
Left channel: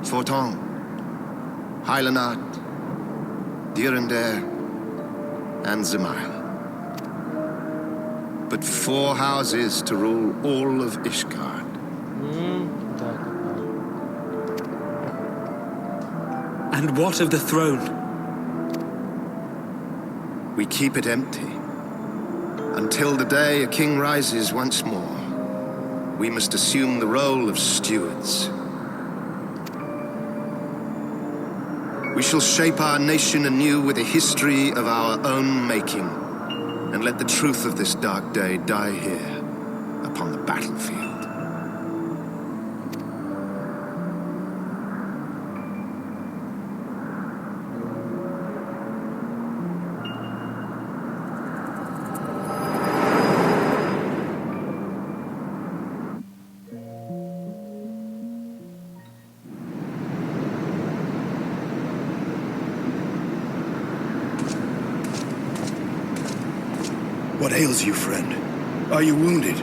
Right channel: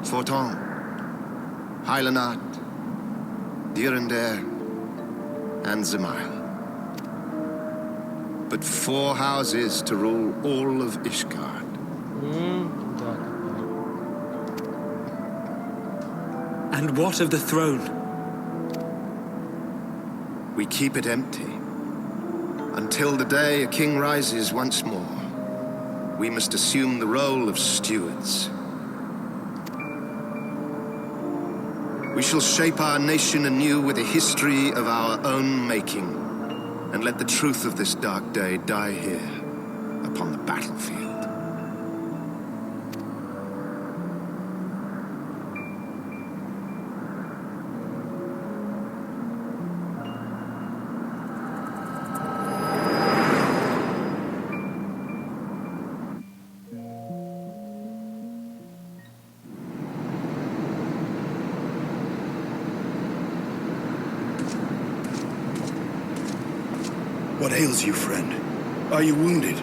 Forton, Heilenard, Dyrendare, and Zemail. But 4 houses to rule all of Ishgard. And what of the throne? We keep it empty, Until the day a king rises once more, we must assume the role of stewards. We shall shape our nation anew with a history of our own making, and let the truth of this dark day die here, upon the battlefield. What ails you, friend? Are you wounded?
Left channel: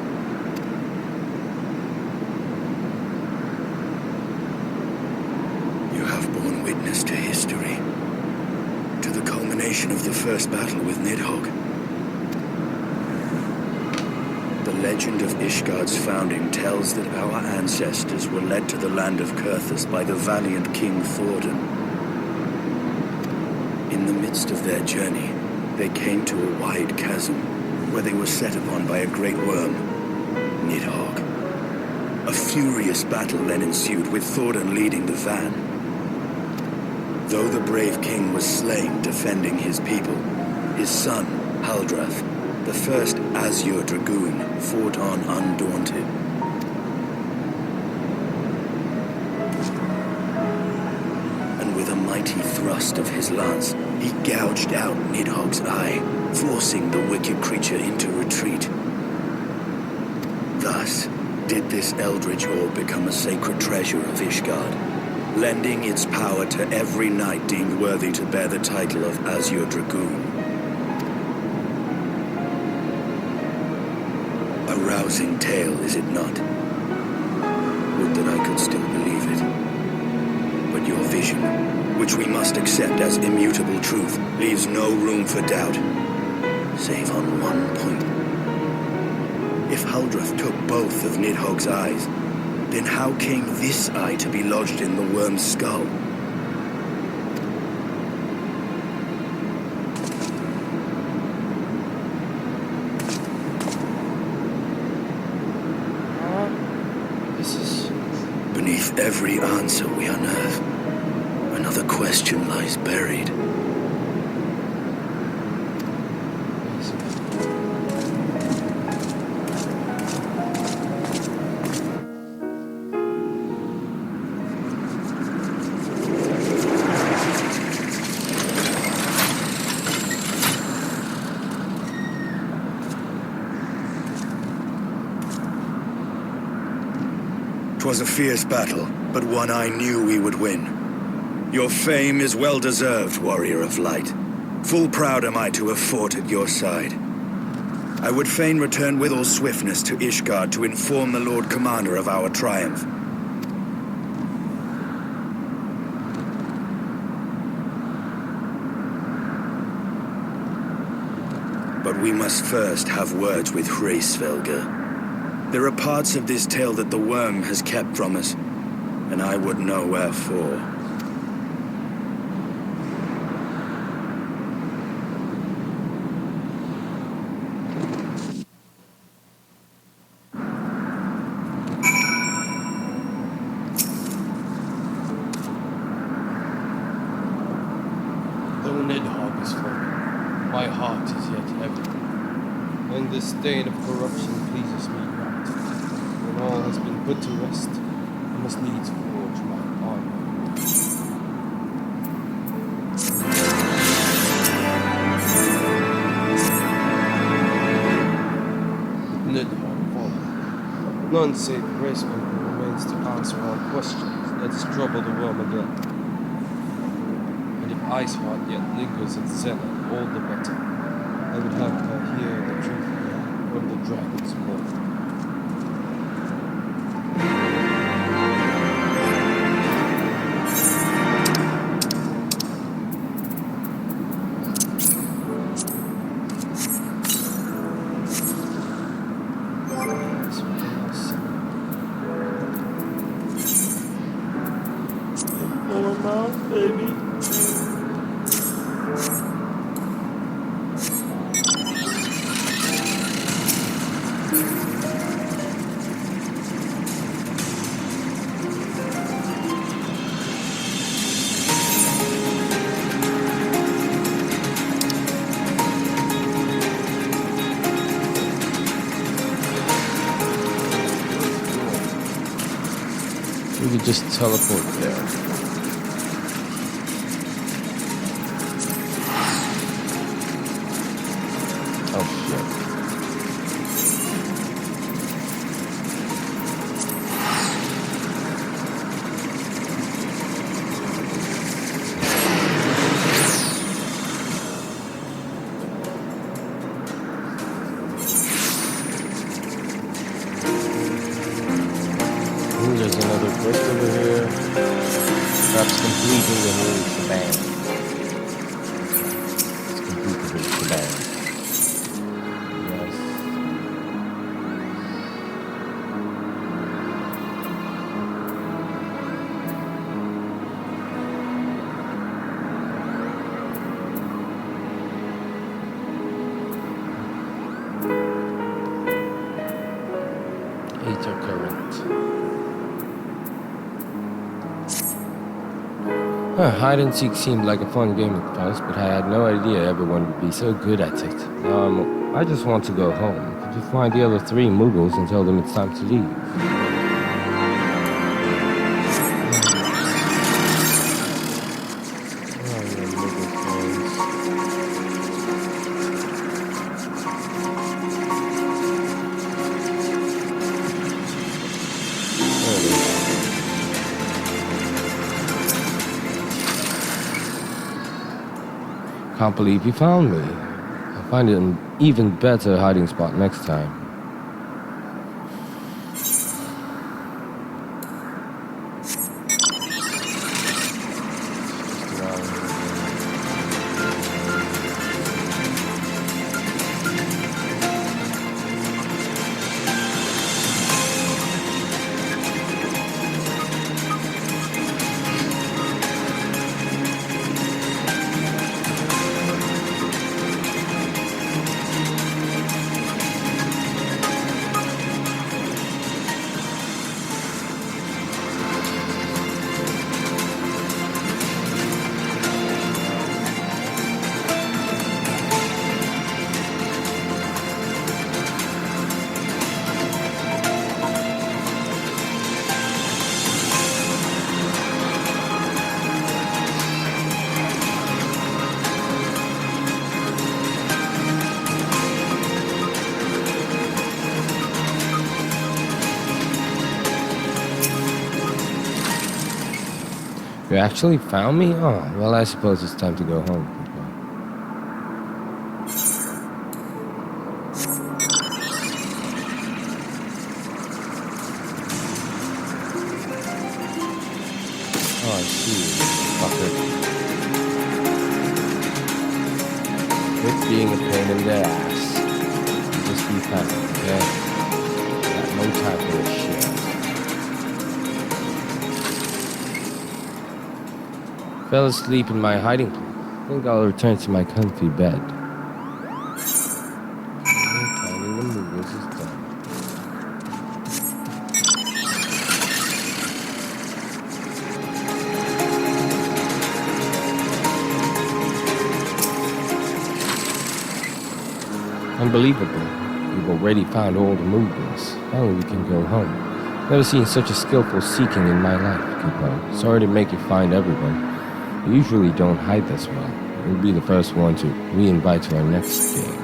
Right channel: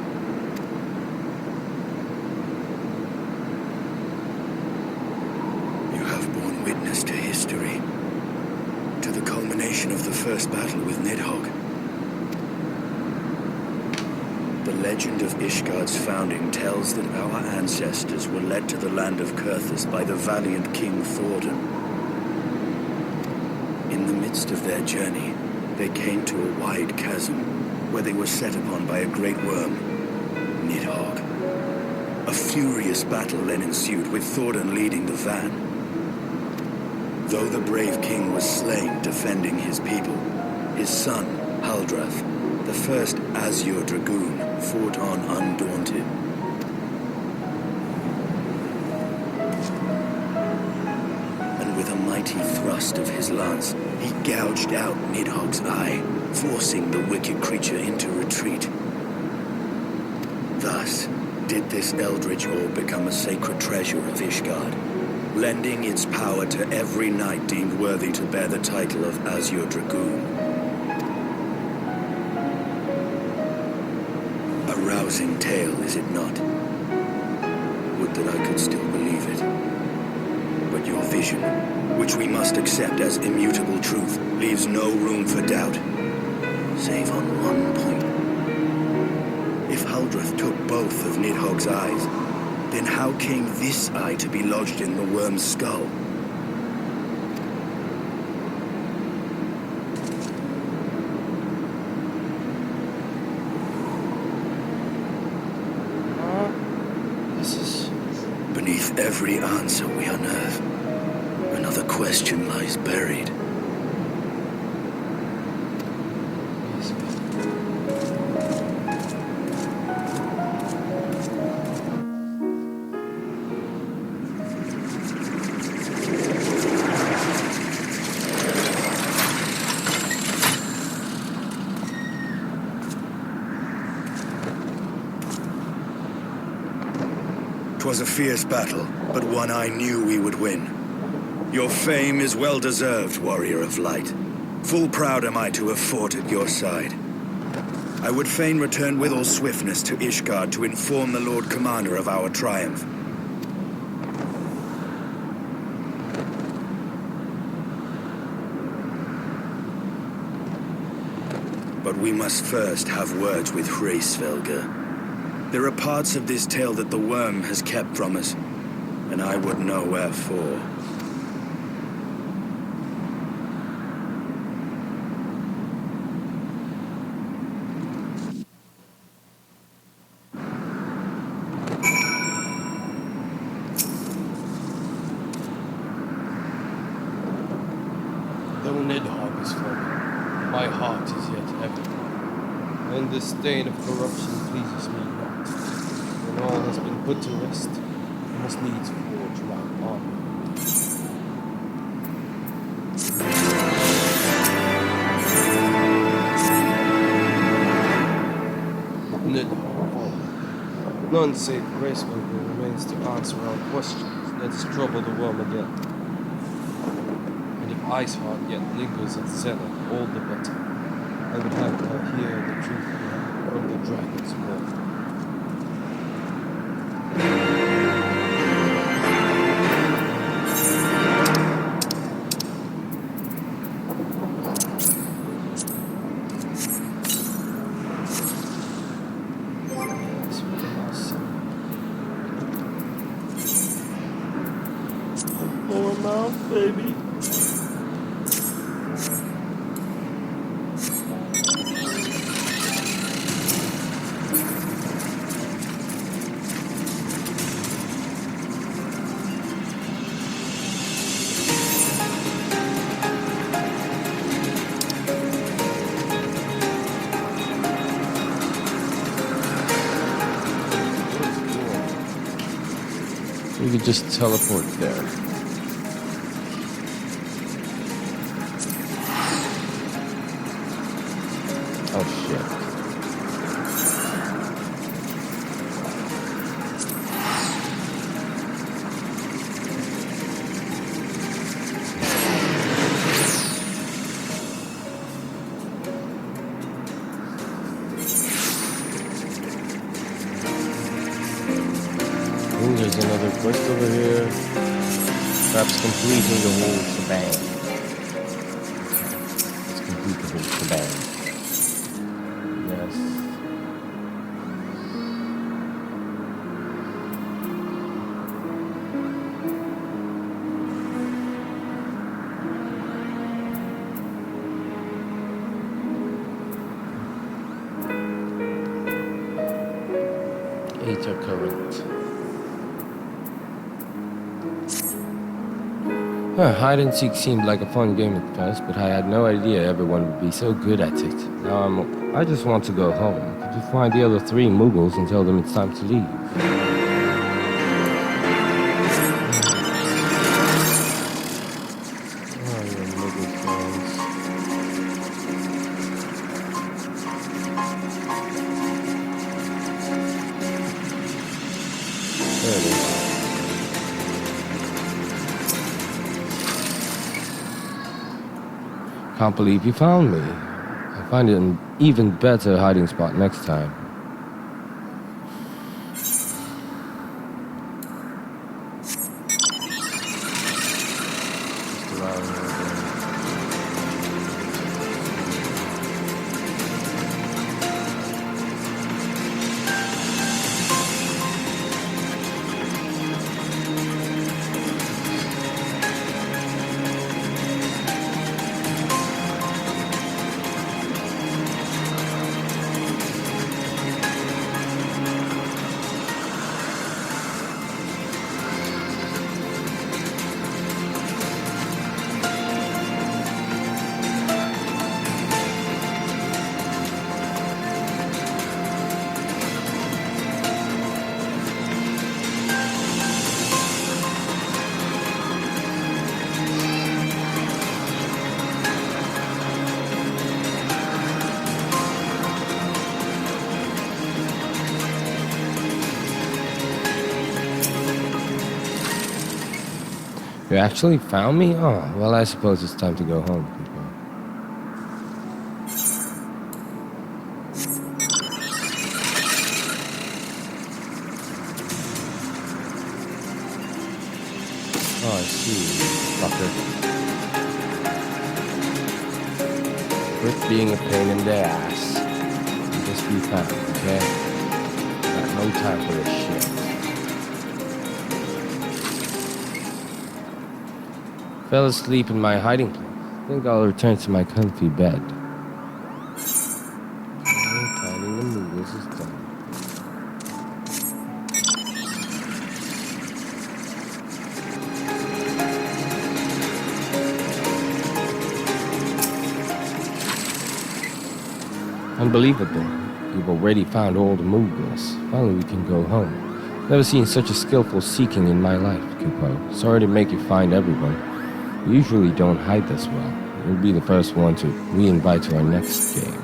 You have borne witness to history, to the culmination of the first battle with Nidhogg. The legend of Ishgard's founding tells that our ancestors were led to the land of Kurthus by the valiant King Thordan. In the midst of their journey, they came to a wide chasm, where they were set upon by a great worm, Nidhogg. A furious battle then ensued, with Thordan leading the van. Though the brave king was slain defending his people, his son, Haldrath, the first Azure Dragoon, fought on undaunted. And with a mighty thrust of his lance, he gouged out Nidhogg's eye, forcing the wicked creature into retreat. Thus, did this eldritch orb become a sacred treasure of Ishgard, lending its power to every knight deemed worthy to bear the title of Azure Dragoon. A rousing tale, is it not? Would that I could still believe it. But your vision, which we must accept as immutable truth, leaves no room for doubt. Save on one point. If Haldrath took both of Nidhogg's eyes, then how came this eye to be lodged in the worm's skull? This is... Beneath every answer we unearth, another question lies buried. Twas a fierce battle, but one I knew we would win. Your fame is well deserved, warrior of light. Full proud am I to have fought at your side. I would fain return with all swiftness to Ishgard to inform the Lord Commander of our triumph. But we must first have words with Hraesvelgr. There are parts of this tale that the worm has kept from us, and I would know wherefore. Though Nidhogg is fallen, my heart is yet heavy, and the stain of corruption pleases me not. When all has been put to rest, I must needs forge my honor. Nidhogg fallen. None save Hraesvelgr remains to answer our questions. Let's trouble the worm again. And if Iceheart yet lingers at Zenith, all the better. I would have her hear the truth from the dragon's mouth. Lower mouth, baby. could just teleport there. Oh shit. Ooh, there's another quest over here. Perhaps completing the whole shebang. Let's complete the whole shebang. Yes. Aether current. Hide and seek seemed like a fun game at first, but I had no idea everyone would be so good at it. Now I just want to go home. Could you find the other 3 Mughals and tell them it's time to leave? Oh, your Mughal friends. There it is. Can't believe you found me. I'll find an even better hiding spot next time. Just around here again. You actually found me? Oh, well, I suppose it's time to go home. Oh, I see. Fucker. Quit being a pain in the ass. Just be found, okay? Got no time for this shit. Fell asleep in my hiding place. I think I'll return to my comfy bed. Finding the Mughals is done. Unbelievable. You've already found all the Mughals. Finally we can go home. Never seen such a skillful seeking in my life, Kupo. Sorry to make you find everyone. You usually don't hide this well. You'll be the first one to re-invite to our next game.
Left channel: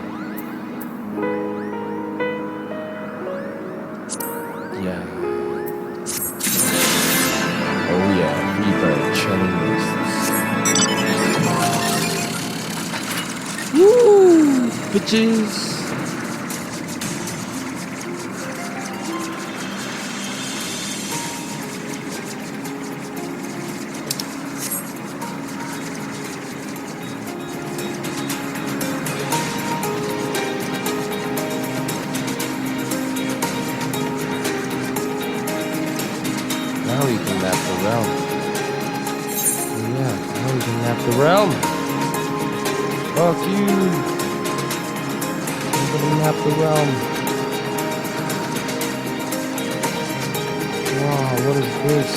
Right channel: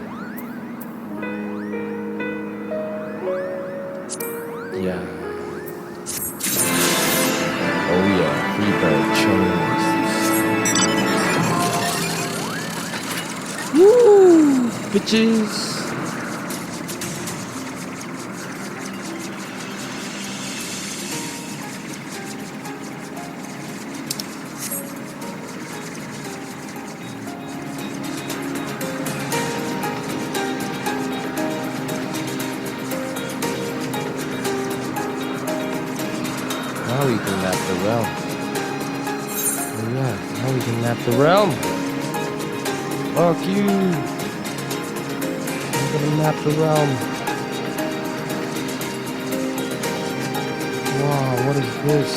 Yeah. Oh yeah, free bird churning lists. Woo! Bitches! Now we can map the realm. Oh yeah, now we can map the realm. Fuck you. I'm gonna map the realm. Wow, what is this?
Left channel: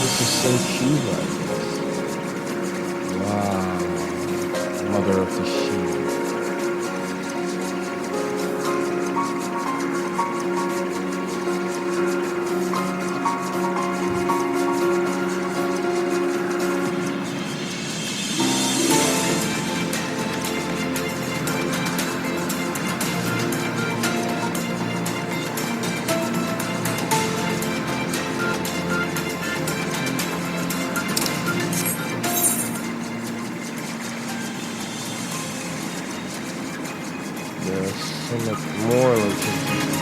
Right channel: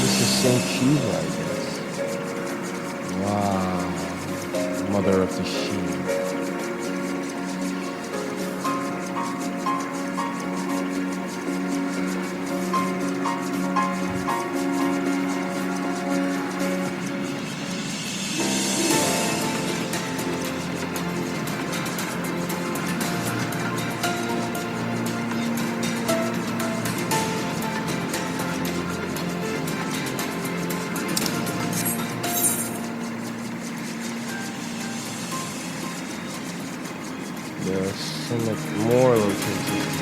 This is St. Shiva, I guess. Holder of the Shield. There's so much more locations.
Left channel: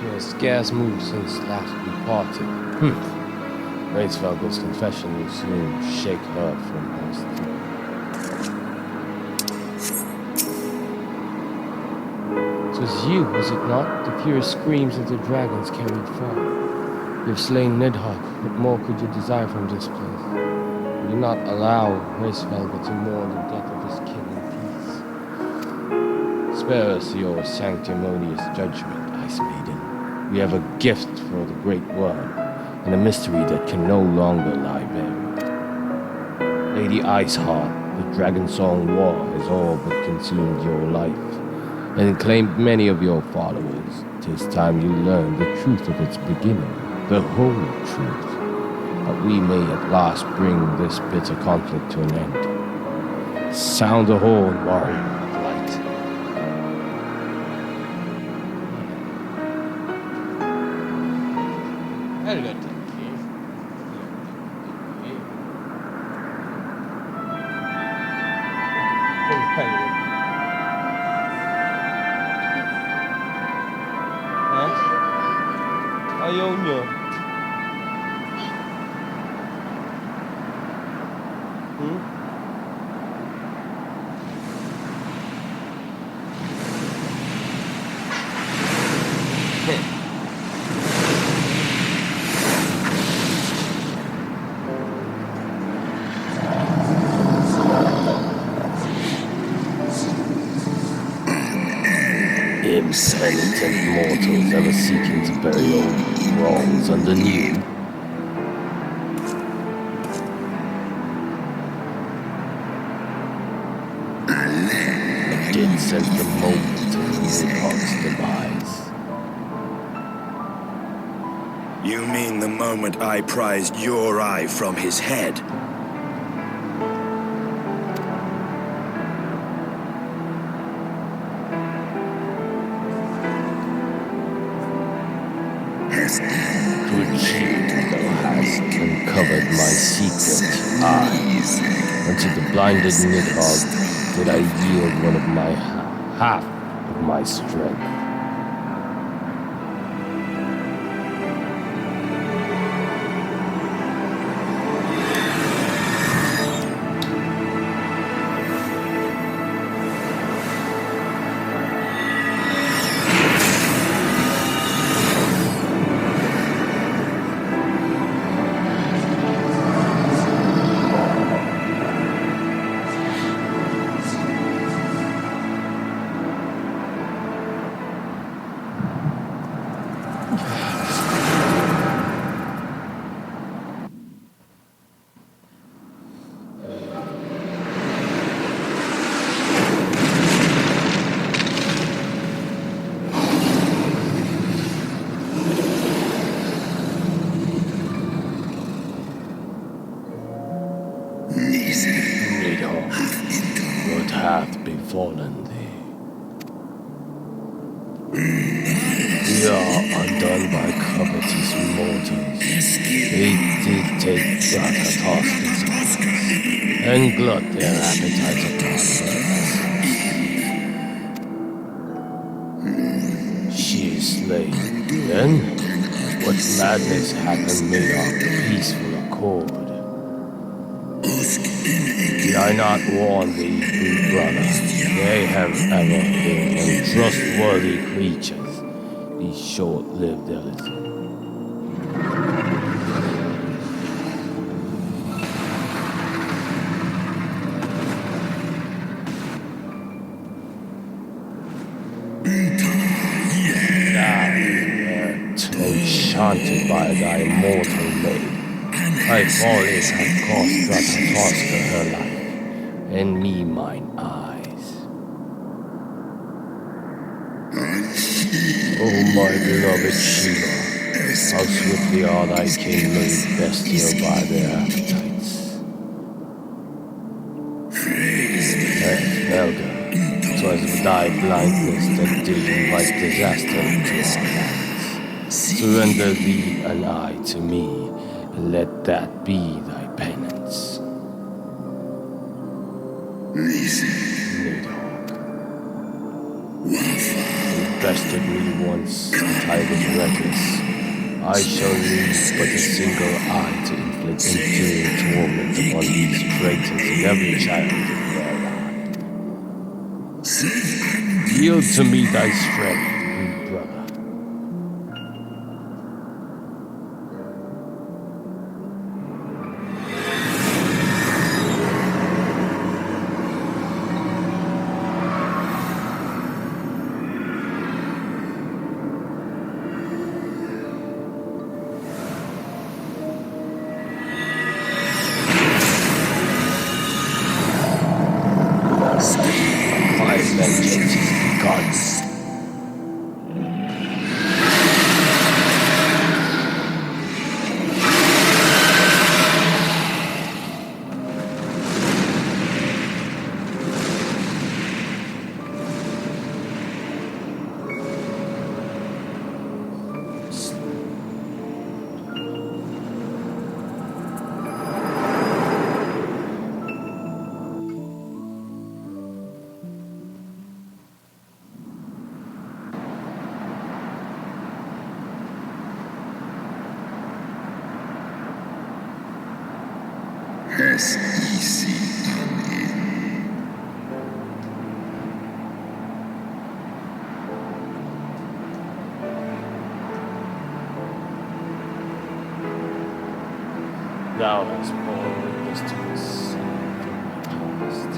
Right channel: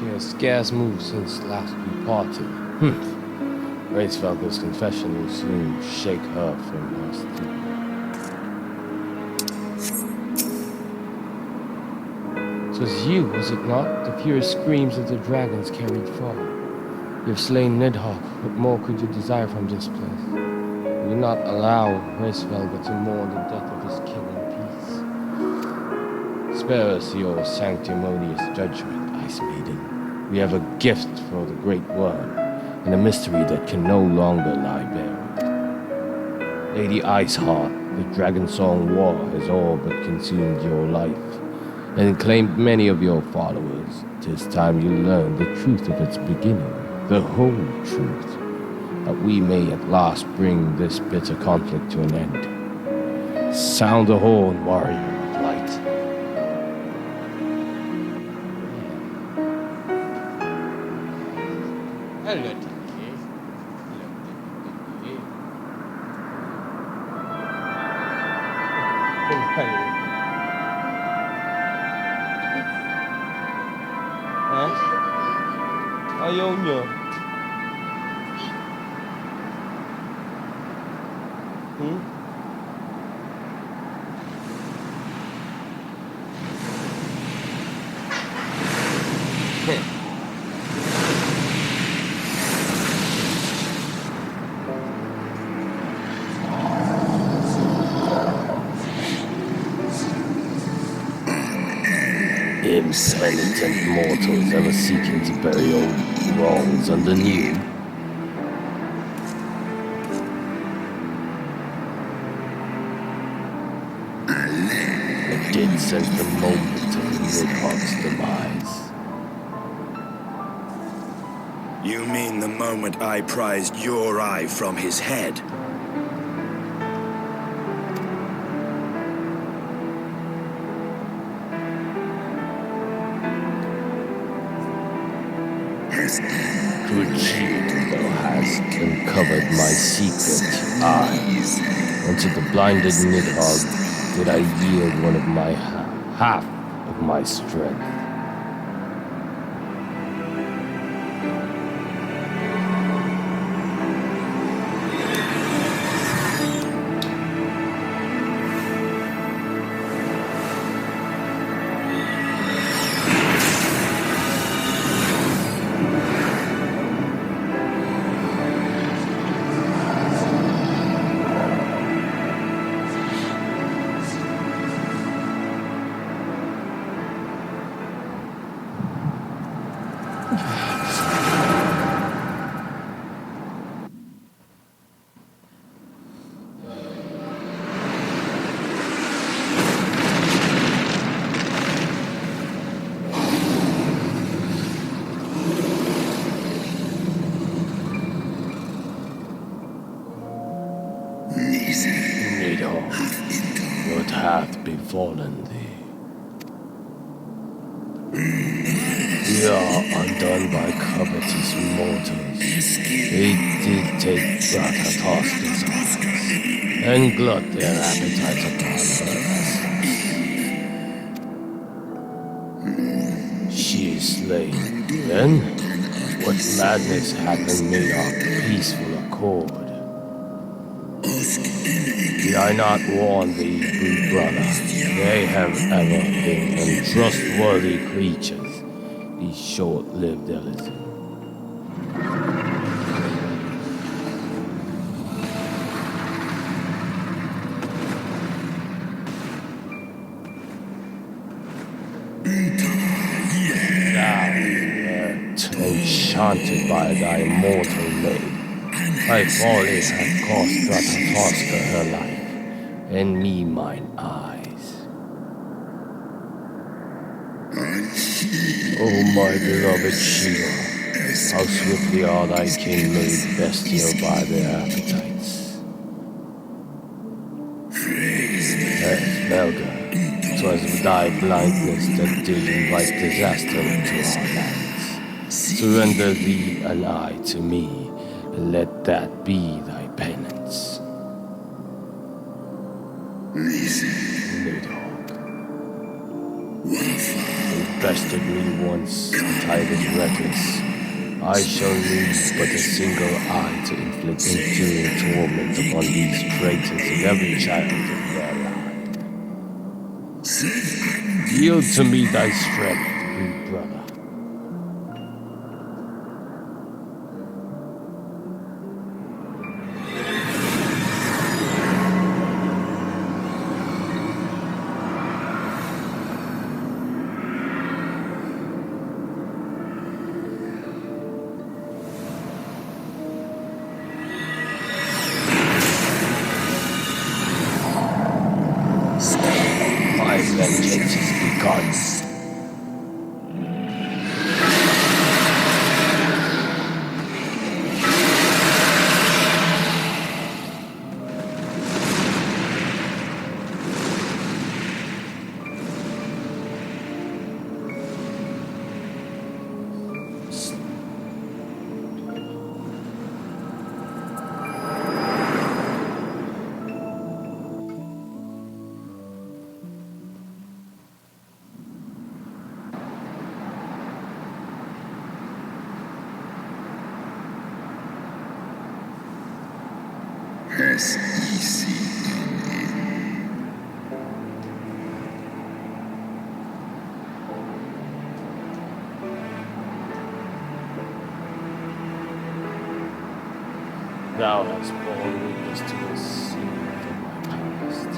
He has scarce moved since last we parted. Reisvelger's confession will soon shake her from her sleep. It was you, was it not? The furious screams of the dragons carried far. You have slain Nidhogg. What more could you desire from this place? Will you not allow Reisvelger to mourn the death of his kin in peace? Spare us your sanctimonious judgment, Ice Maiden. We have a gift for the Great Worm, and a mystery that can no longer lie buried. Lady Iceheart, the Dragon Song War has all but consumed your life, and claimed many of your followers. 'Tis time you learn the truth of its beginning, the whole truth, that we may at last bring this bitter conflict to an end. Sound the horn, warrior of light. Hello, Dickie. Ayaw niya. Impenitent mortals ever seeking to bury old wrongs under new. I did sense the moment of Nidhogg's demise. You mean the moment I prized your eye from his head? Good cheat thou hast uncovered my secret. Unto the blinded Nidhogg did I yield one of my half of my strength. Nidhogg, what hath befallen thee? We are undone by covetous mortals. They did take Ratatoska's arms and glut their appetites upon her. She is slain. Then, what madness happened made our peaceful accord? Did I not warn thee, good brother? They have ever been untrustworthy creatures, these short-lived Ellison. Now, enchanted by thy mortal maid, thy folly hath cost Ratatoska her life, and me mine eyes. Oh, my beloved Shiva, how swiftly are thy kin made bestial by their appetites. Helga, 'twas thy blindness that did invite disaster into our lands. Surrender thee and I to me, and let that be thy penance. Nidhogg. bested me once, but I was reckless. I shall need but a single eye to inflict enduring torment upon these traitors and every child of their line. Yield to me thy strength, good brother. My vengeance is begun. Thou hast borne witness to a scene from my past.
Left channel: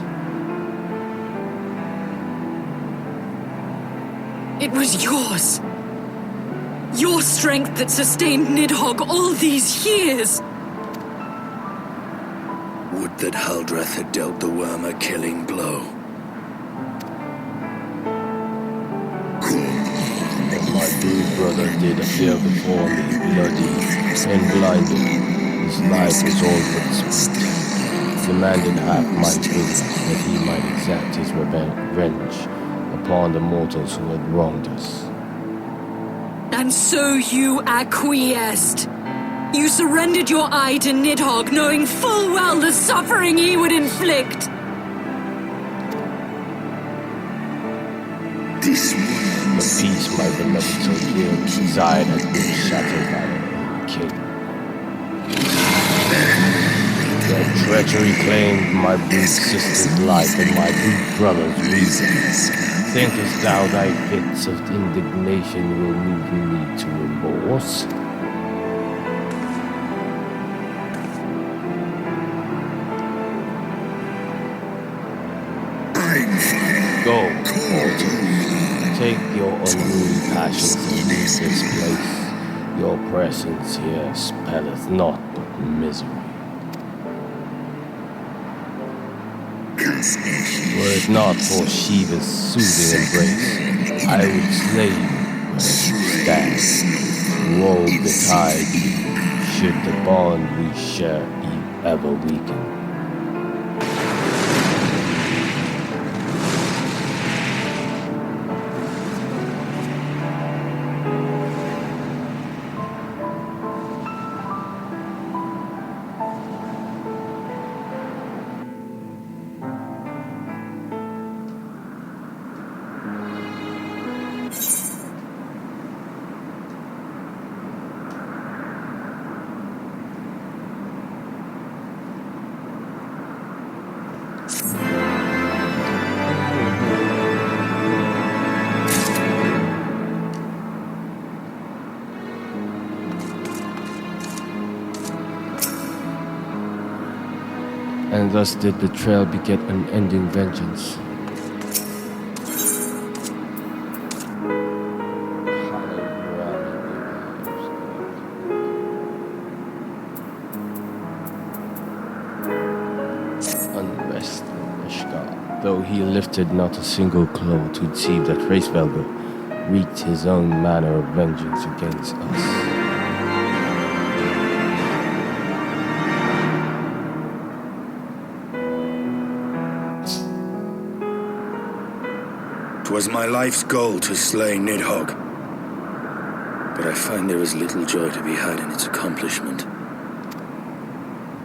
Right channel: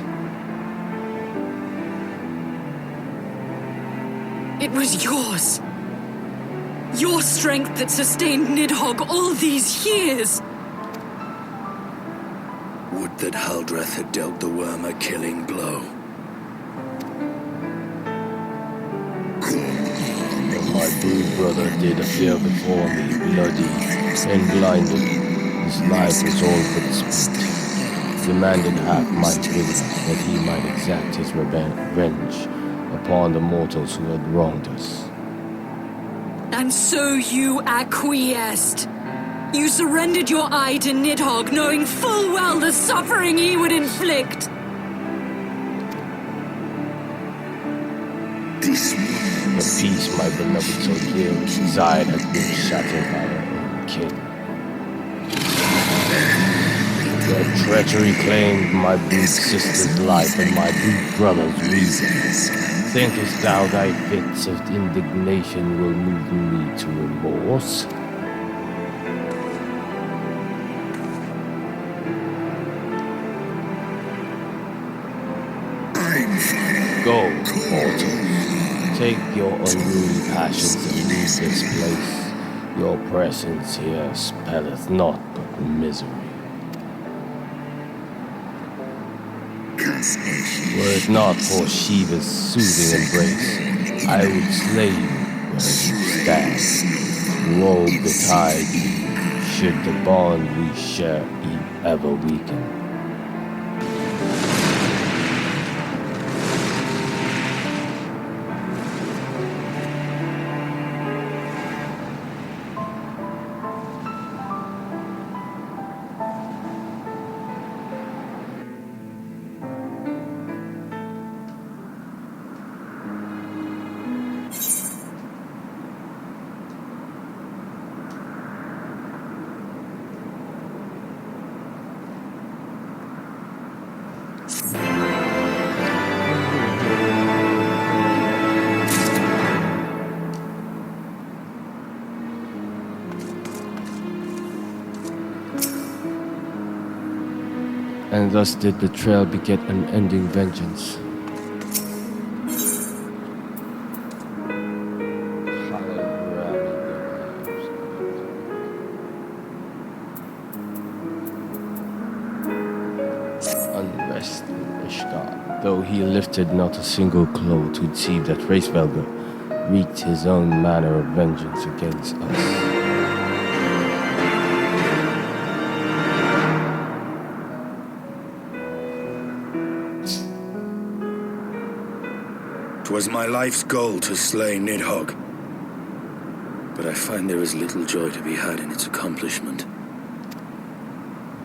It was yours. Your strength that sustained Nidhogg all these years. Would that Huldreth had dealt the worm a killing blow. But my brute brother did appear before me, bloody and blinded. His life was all but spent. Demanded half my vigor that he might exact his revenge upon the mortals who had wronged us. And so you acquiesced. You surrendered your eye to Nidhogg, knowing full well the suffering he would inflict. The peace my beloved so dearly desired has been shattered by her own king. Their treachery claimed my brute sister's life and my brute brother's reason. Thinkest thou thy fits of indignation will move me to remorse? Go, mortal. Take your unruly passions and leave this place. Your presence here spelleth naught but misery. Were it not for Shiva's soothing embrace, I would slay you where you stand. Woe betide you, should the bond we share ever weaken. And thus did betrayal beget unending vengeance. Unrest in Ishgard, though he lifted not a single claw to deceive that Hraesvelgr wreaked his own manner of vengeance against us. 'Twas my life's goal to slay Nidhogg. But I find there is little joy to be had in its accomplishment.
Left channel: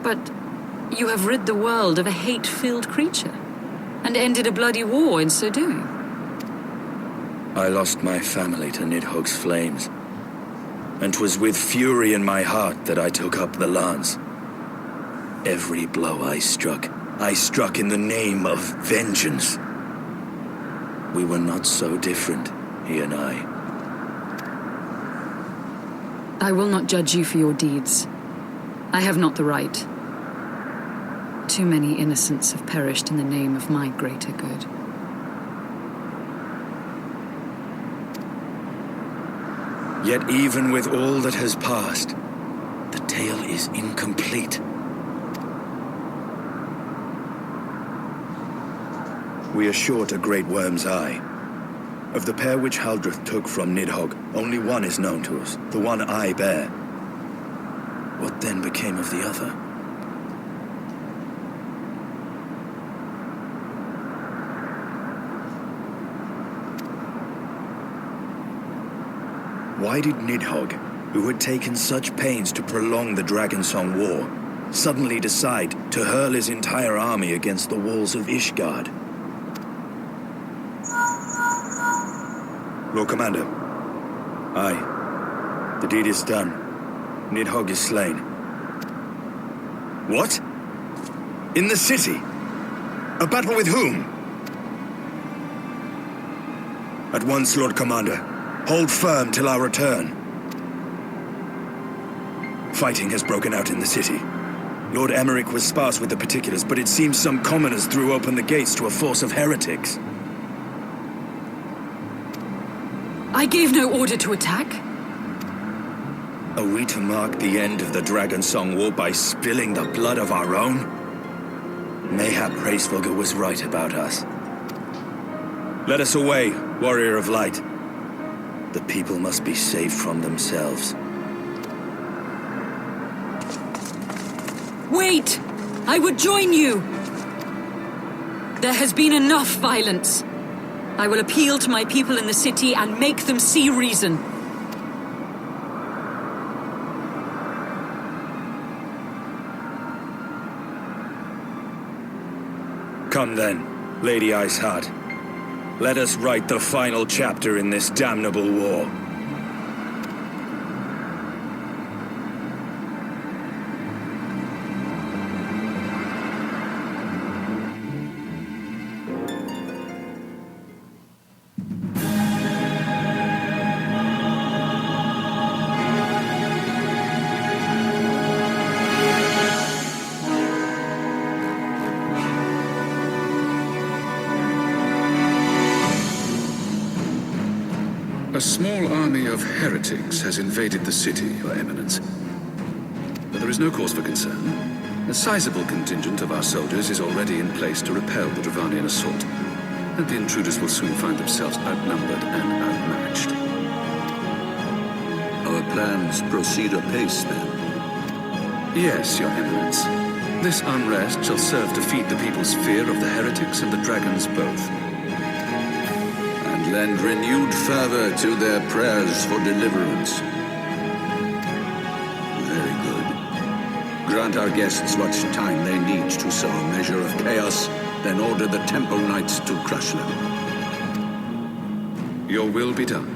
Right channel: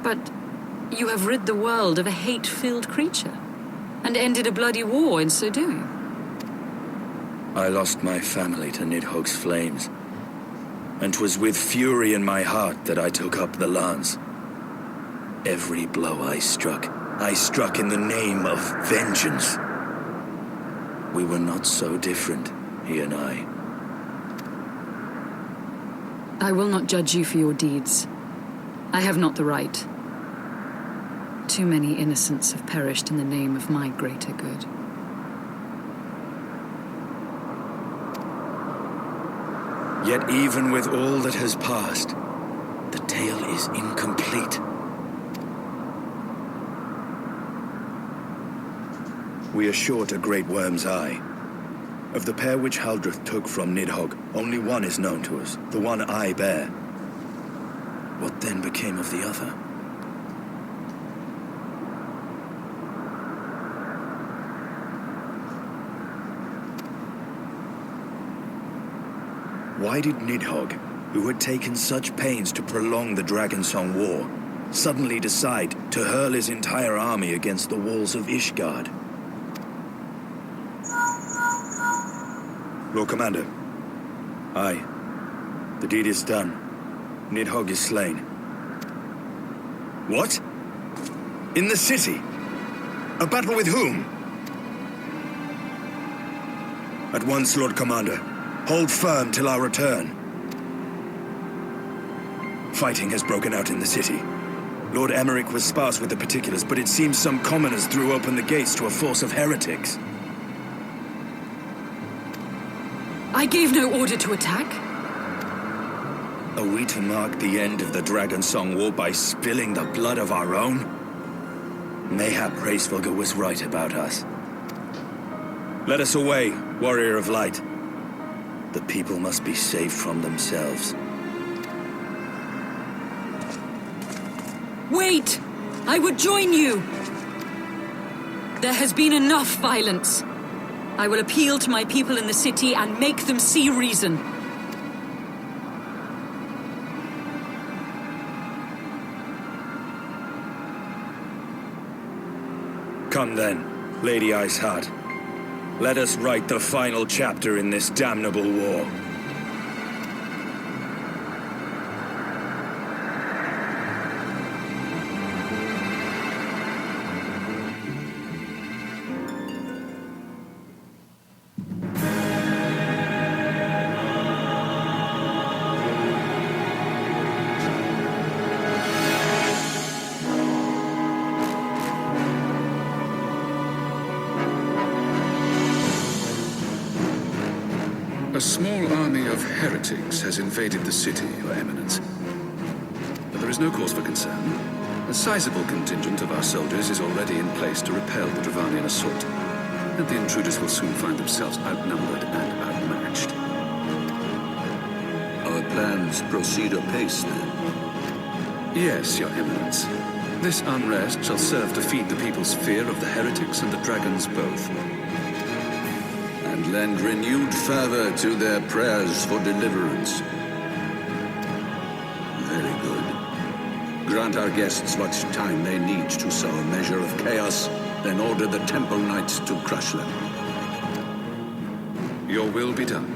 But you have rid the world of a hate-filled creature, and ended a bloody war in so doing. I lost my family to Nidhogg's flames. And 'twas with fury in my heart that I took up the lance. Every blow I struck in the name of vengeance. We were not so different, he and I. I will not judge you for your deeds. I have not the right. Too many innocents have perished in the name of my greater good. Yet even with all that has passed, the tale is incomplete. We are short a great worm's eye. Of the pair which Haldreth took from Nidhogg, only one is known to us, the one I bear. What then became of the other? Why did Nidhogg, who had taken such pains to prolong the Dragonsong War, suddenly decide to hurl his entire army against the walls of Ishgard? Lord Commander. Aye. The deed is done. Nidhogg is slain. What? In the city? A battle with whom? At once, Lord Commander. Hold firm till our return. Fighting has broken out in the city. Lord Emmerich was sparse with the particulars, but it seems some commoners threw open the gates to a force of heretics. I gave no order to attack. Are we to mark the end of the Dragonsong War by spilling the blood of our own? Mayhap Hraesvelgr was right about us. Let us away, warrior of light. The people must be saved from themselves. Wait! I would join you! There has been enough violence. I will appeal to my people in the city and make them see reason. Come then, Lady Iceheart. Let us write the final chapter in this damnable war. A small army of heretics has invaded the city, Your Eminence. But there is no cause for concern. A sizable contingent of our soldiers is already in place to repel the Dravanian assault, and the intruders will soon find themselves outnumbered and outmatched. Our plans proceed apace, then? Yes, Your Eminence. This unrest shall serve to feed the people's fear of the heretics and the dragons both. And lend renewed fervor to their prayers for deliverance. Very good. Grant our guests what time they need to sow a measure of chaos, then order the Temple Knights to crush them. Your will be done.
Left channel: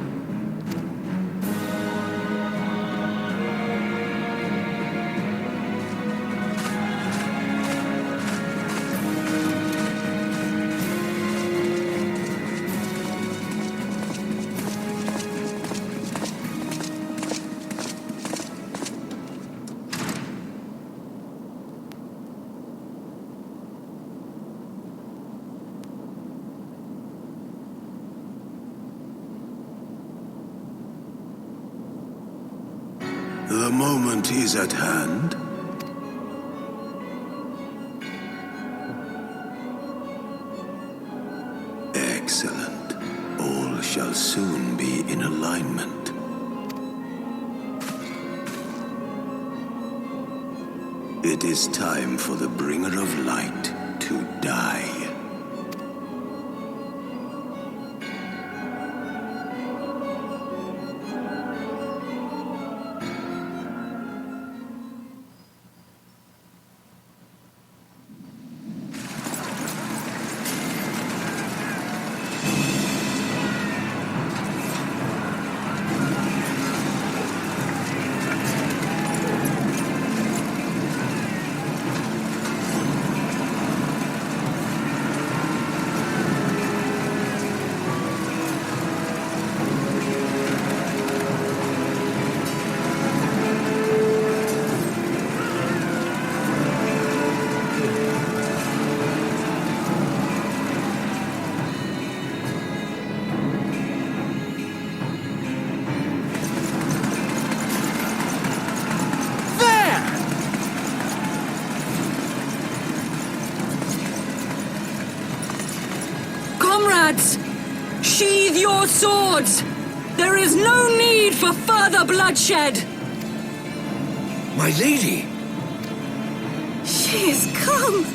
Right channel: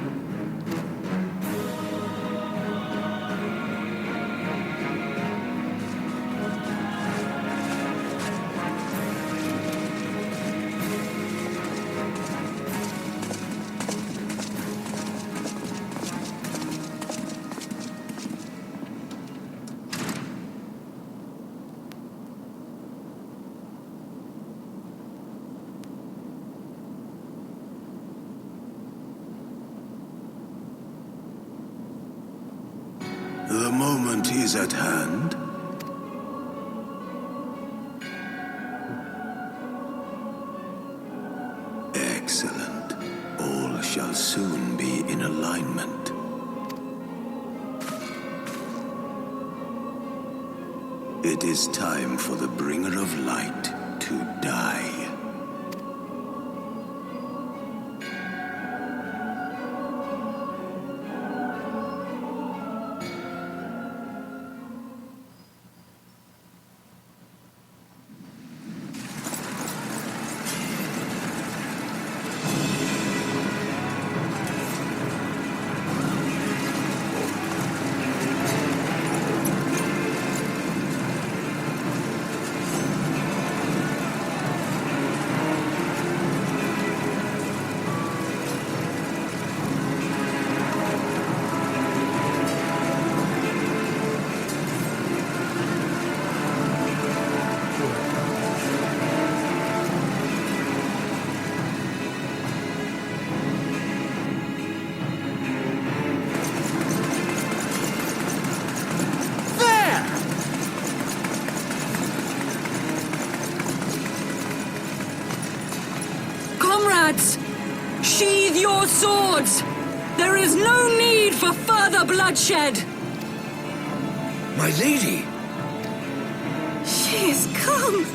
The moment is at hand. Excellent. All shall soon be in alignment. It is time for the Bringer of Light to die. lads! Sheathe your swords! There is no need for further bloodshed! My lady! She is come!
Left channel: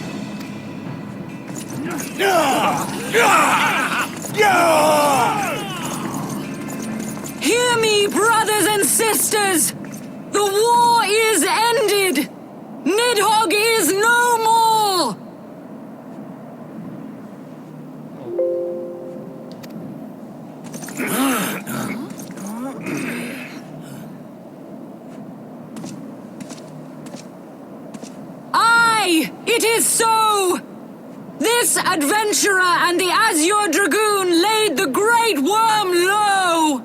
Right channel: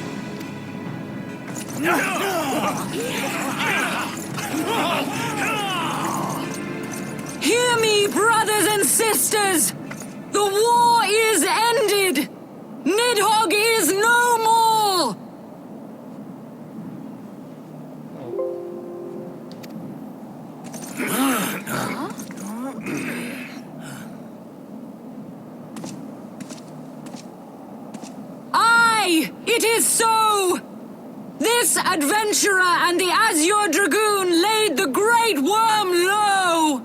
Hear me, brothers and sisters! The war is ended! Nidhogg is no more! Aye, it is so! This adventurer and the Azure Dragoon laid the Great Worm low!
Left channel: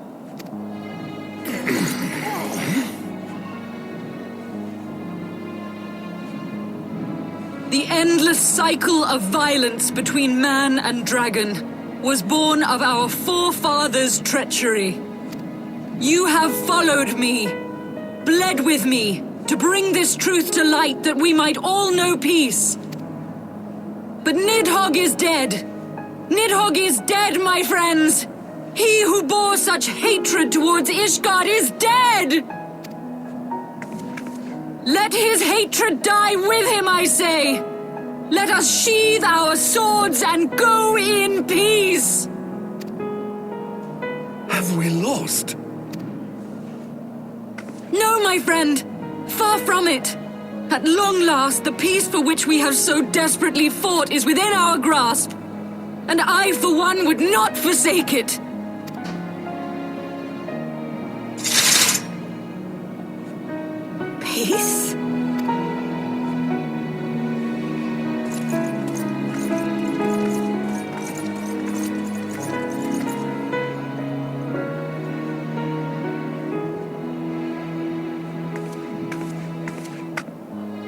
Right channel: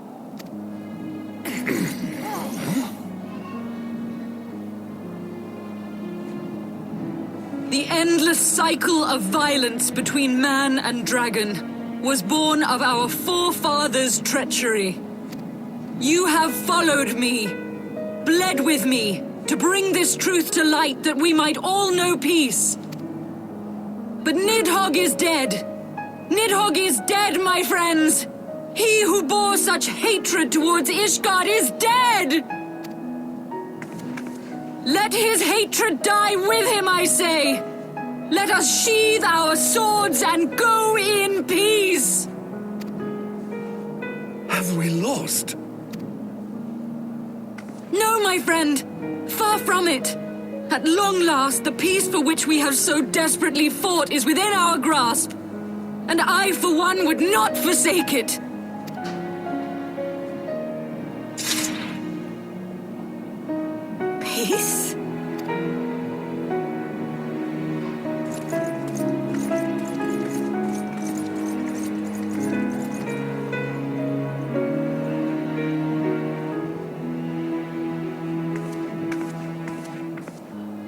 The endless cycle of violence between man and dragon was born of our forefathers' treachery. You have followed me, bled with me, to bring this truth to light that we might all know peace. But Nidhogg is dead. Nidhogg is dead, my friends! He who bore such hatred towards Ishgard is dead! Let his hatred die with him, I say! Let us sheathe our swords and go in peace! Have we lost? No, my friend! Far from it! At long last, the peace for which we have so desperately fought is within our grasp, and I, for one, would not forsake it! Peace?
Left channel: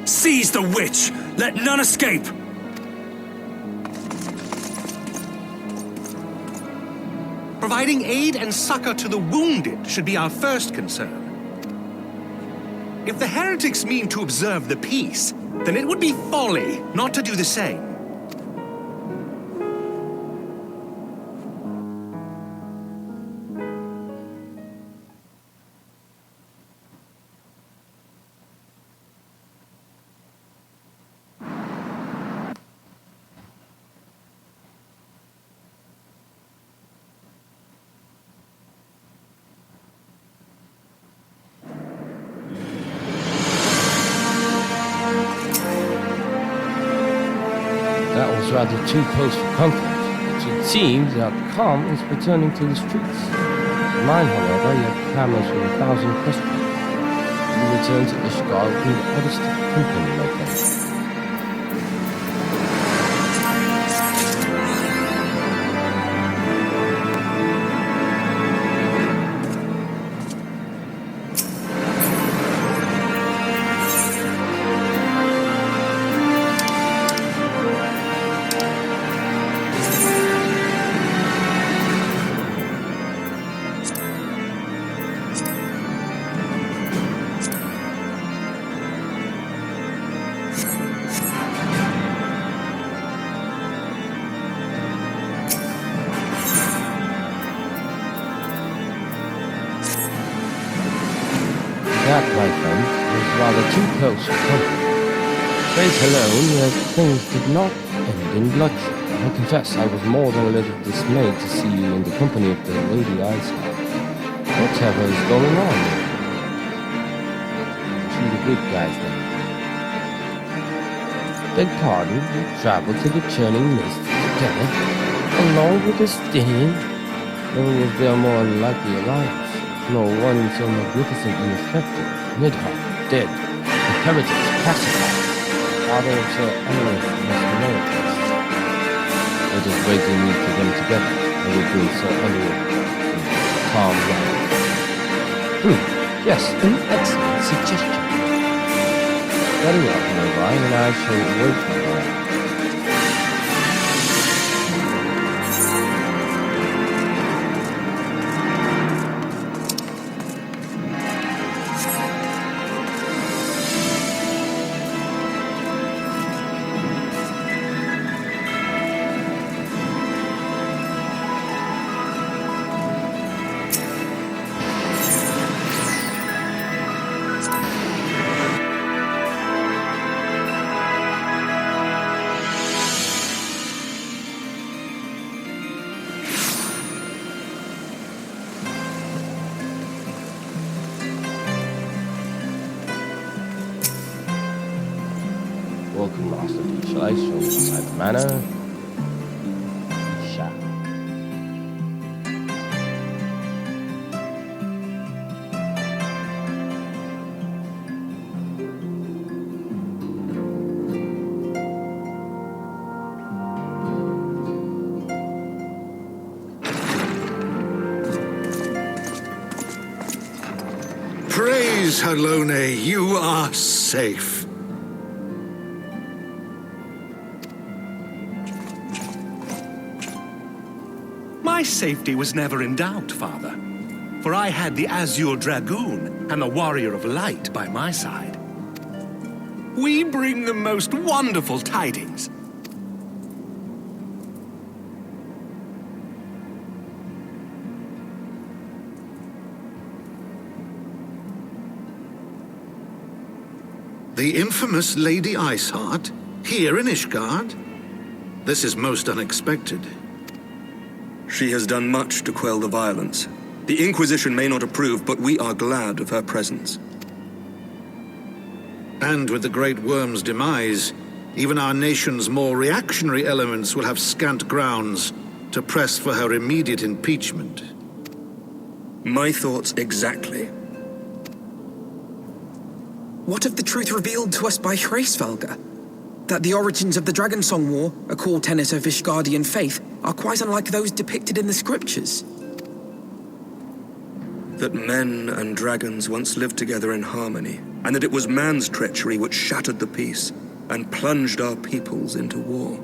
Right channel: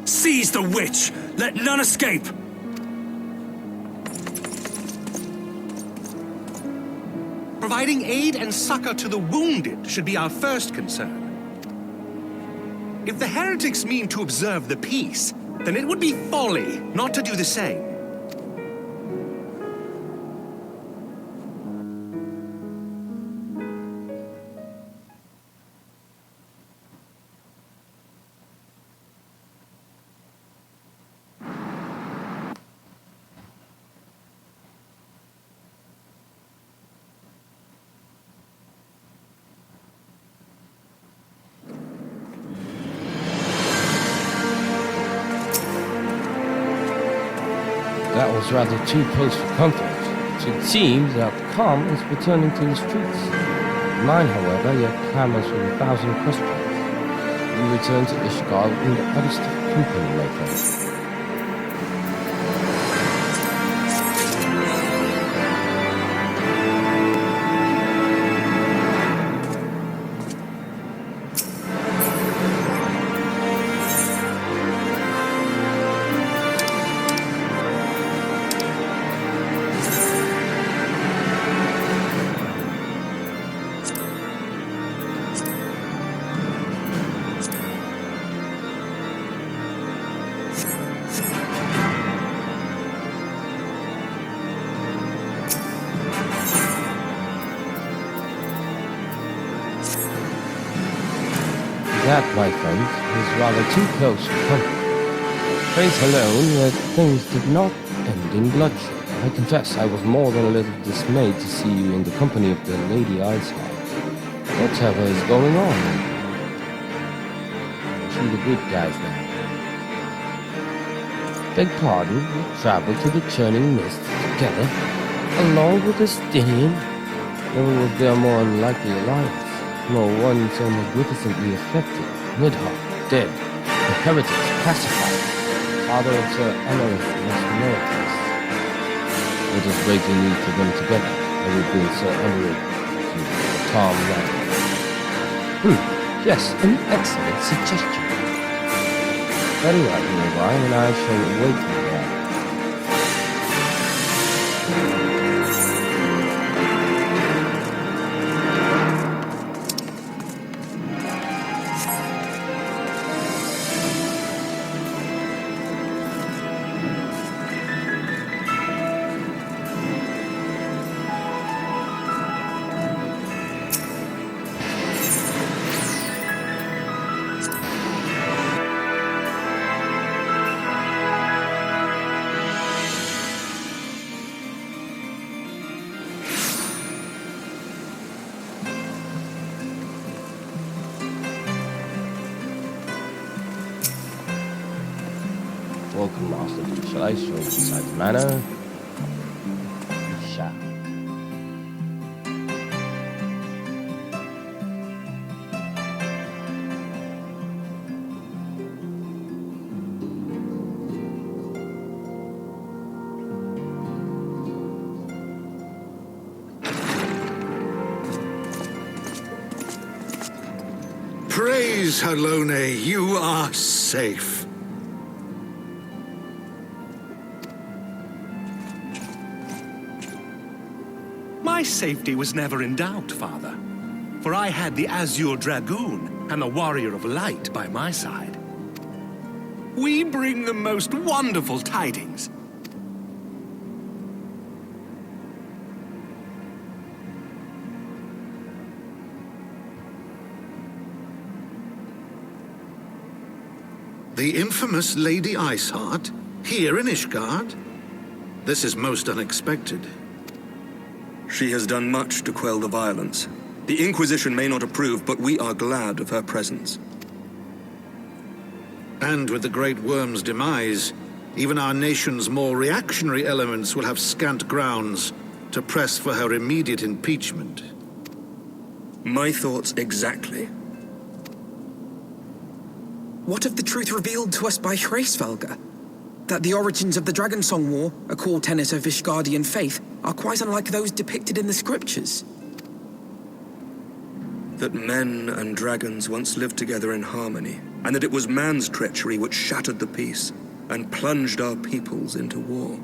Seize the witch! Let none escape! Providing aid and succor to the wounded should be our first concern. If the heretics mean to observe the peace, then it would be folly not to do the same. That was rather too close for comfort. It seems that calm is returning to the streets. Mine, however, yet clamors with 1,000 questions. You return to Ishgard in the oddest company, my friend. That, my friends, was rather too close for comfort. Praise alone, yet things did not end in bloodshed. I confess I was more than a little dismayed to see you in the company of the Lady Iceheart. Whatever is going on? Are she the good guys now? Beg pardon, we traveled to the churning mist together, along with the Stinian. Never was there a more unlikely alliance. Nor one so magnificently affected. Nidhogg, dead. The heretics pacified. Father of Sir Emmerich must know this. Let us break the news to them together. I will bring Sir Emmerich to the Tom Land. Yes, an excellent suggestion. Very well, Ryan, and I shall wait there. Welcome, Master D. Shall I show you inside the manor? Shall. Praise Halone, you are safe. My safety was never in doubt, Father. For I had the Azure Dragoon and the Warrior of Light by my side. We bring the most wonderful tidings. The infamous Lady Iceheart, here in Ishgard? This is most unexpected. She has done much to quell the violence. The Inquisition may not approve, but we are glad of her presence. And with the Great Worm's demise, even our nation's more reactionary elements will have scant grounds to press for her immediate impeachment. My thoughts exactly. What of the truth revealed to us by Hraesvelga? That the origins of the Dragonsong War, a core tenet of Ishgardian faith, are quite unlike those depicted in the scriptures. That men and dragons once lived together in harmony, and that it was man's treachery which shattered the peace and plunged our peoples into war.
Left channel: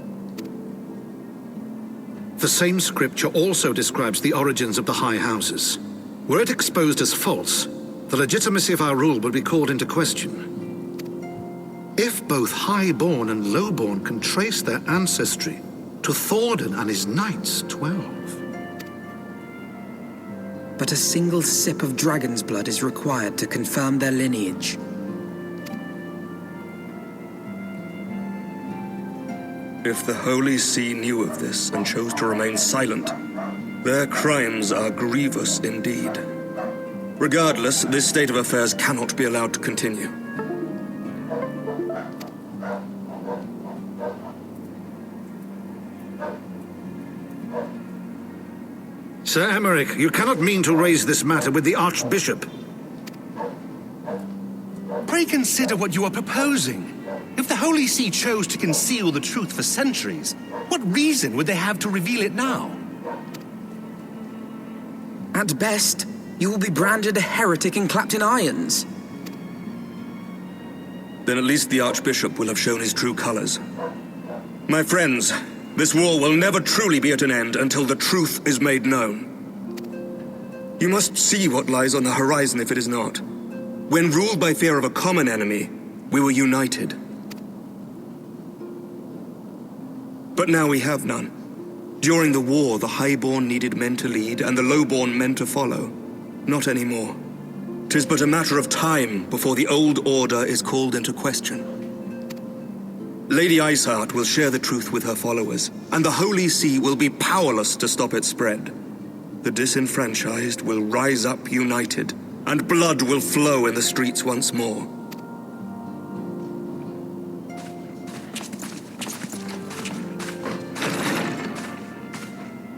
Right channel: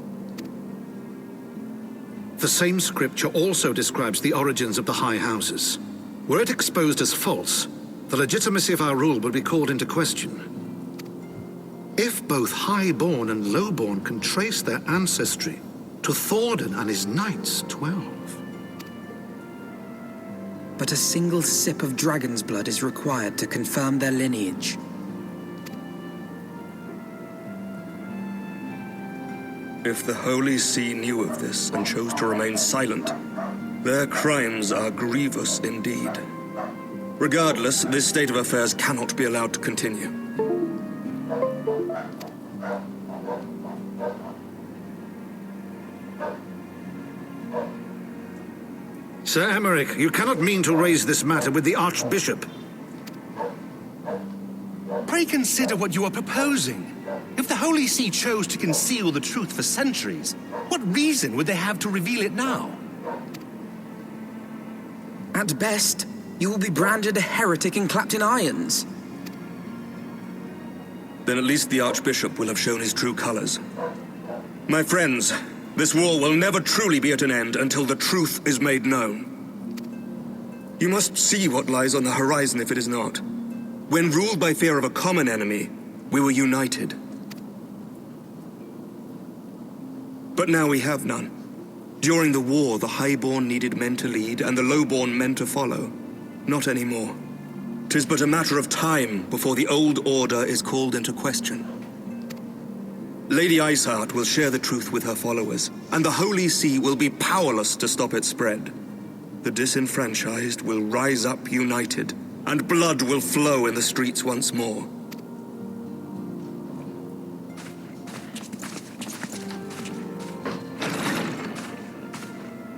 The same scripture also describes the origins of the High Houses. Were it exposed as false, the legitimacy of our rule would be called into question. If both Highborn and Lowborn can trace their ancestry to Thordan and his knights, 12. But a single sip of dragon's blood is required to confirm their lineage. If the Holy See knew of this and chose to remain silent, their crimes are grievous indeed. Regardless, this state of affairs cannot be allowed to continue. Sir Emmerich, you cannot mean to raise this matter with the Archbishop. Pray consider what you are proposing. If the Holy See chose to conceal the truth for centuries, what reason would they have to reveal it now? At best, you will be branded a heretic and clapped in irons. Then at least the Archbishop will have shown his true colors. My friends, this war will never truly be at an end until the truth is made known. You must see what lies on the horizon if it is not. When ruled by fear of a common enemy, we were united. But now we have none. During the war, the Highborn needed men to lead and the Lowborn men to follow. Not anymore. 'Tis but a matter of time before the old order is called into question. Lady Iceheart will share the truth with her followers, and the Holy See will be powerless to stop its spread. The disenfranchised will rise up united, and blood will flow in the streets once more.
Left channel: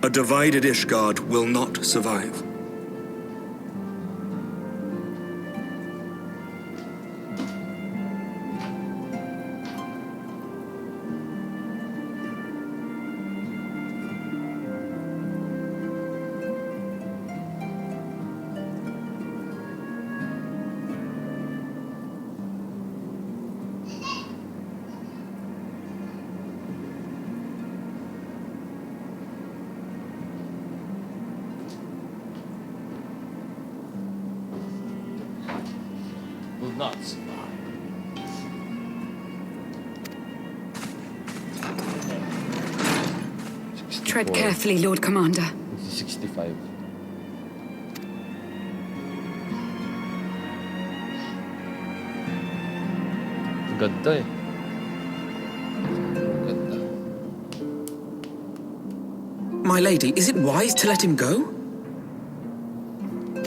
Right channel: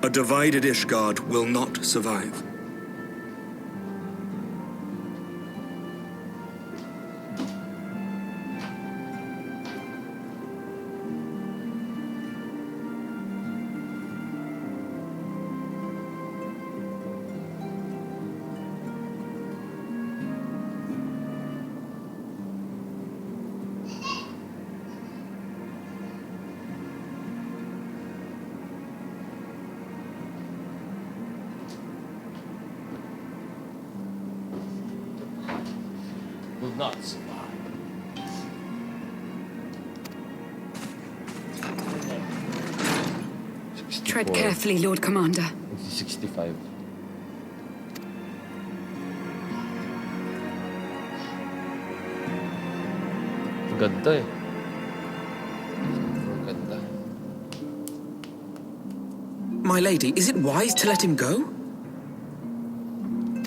A divided Ishgard will not survive. Will not survive. Tread carefully, Lord Commander. 65. Ganda eh. Ganda. My lady, is it wise to let him go?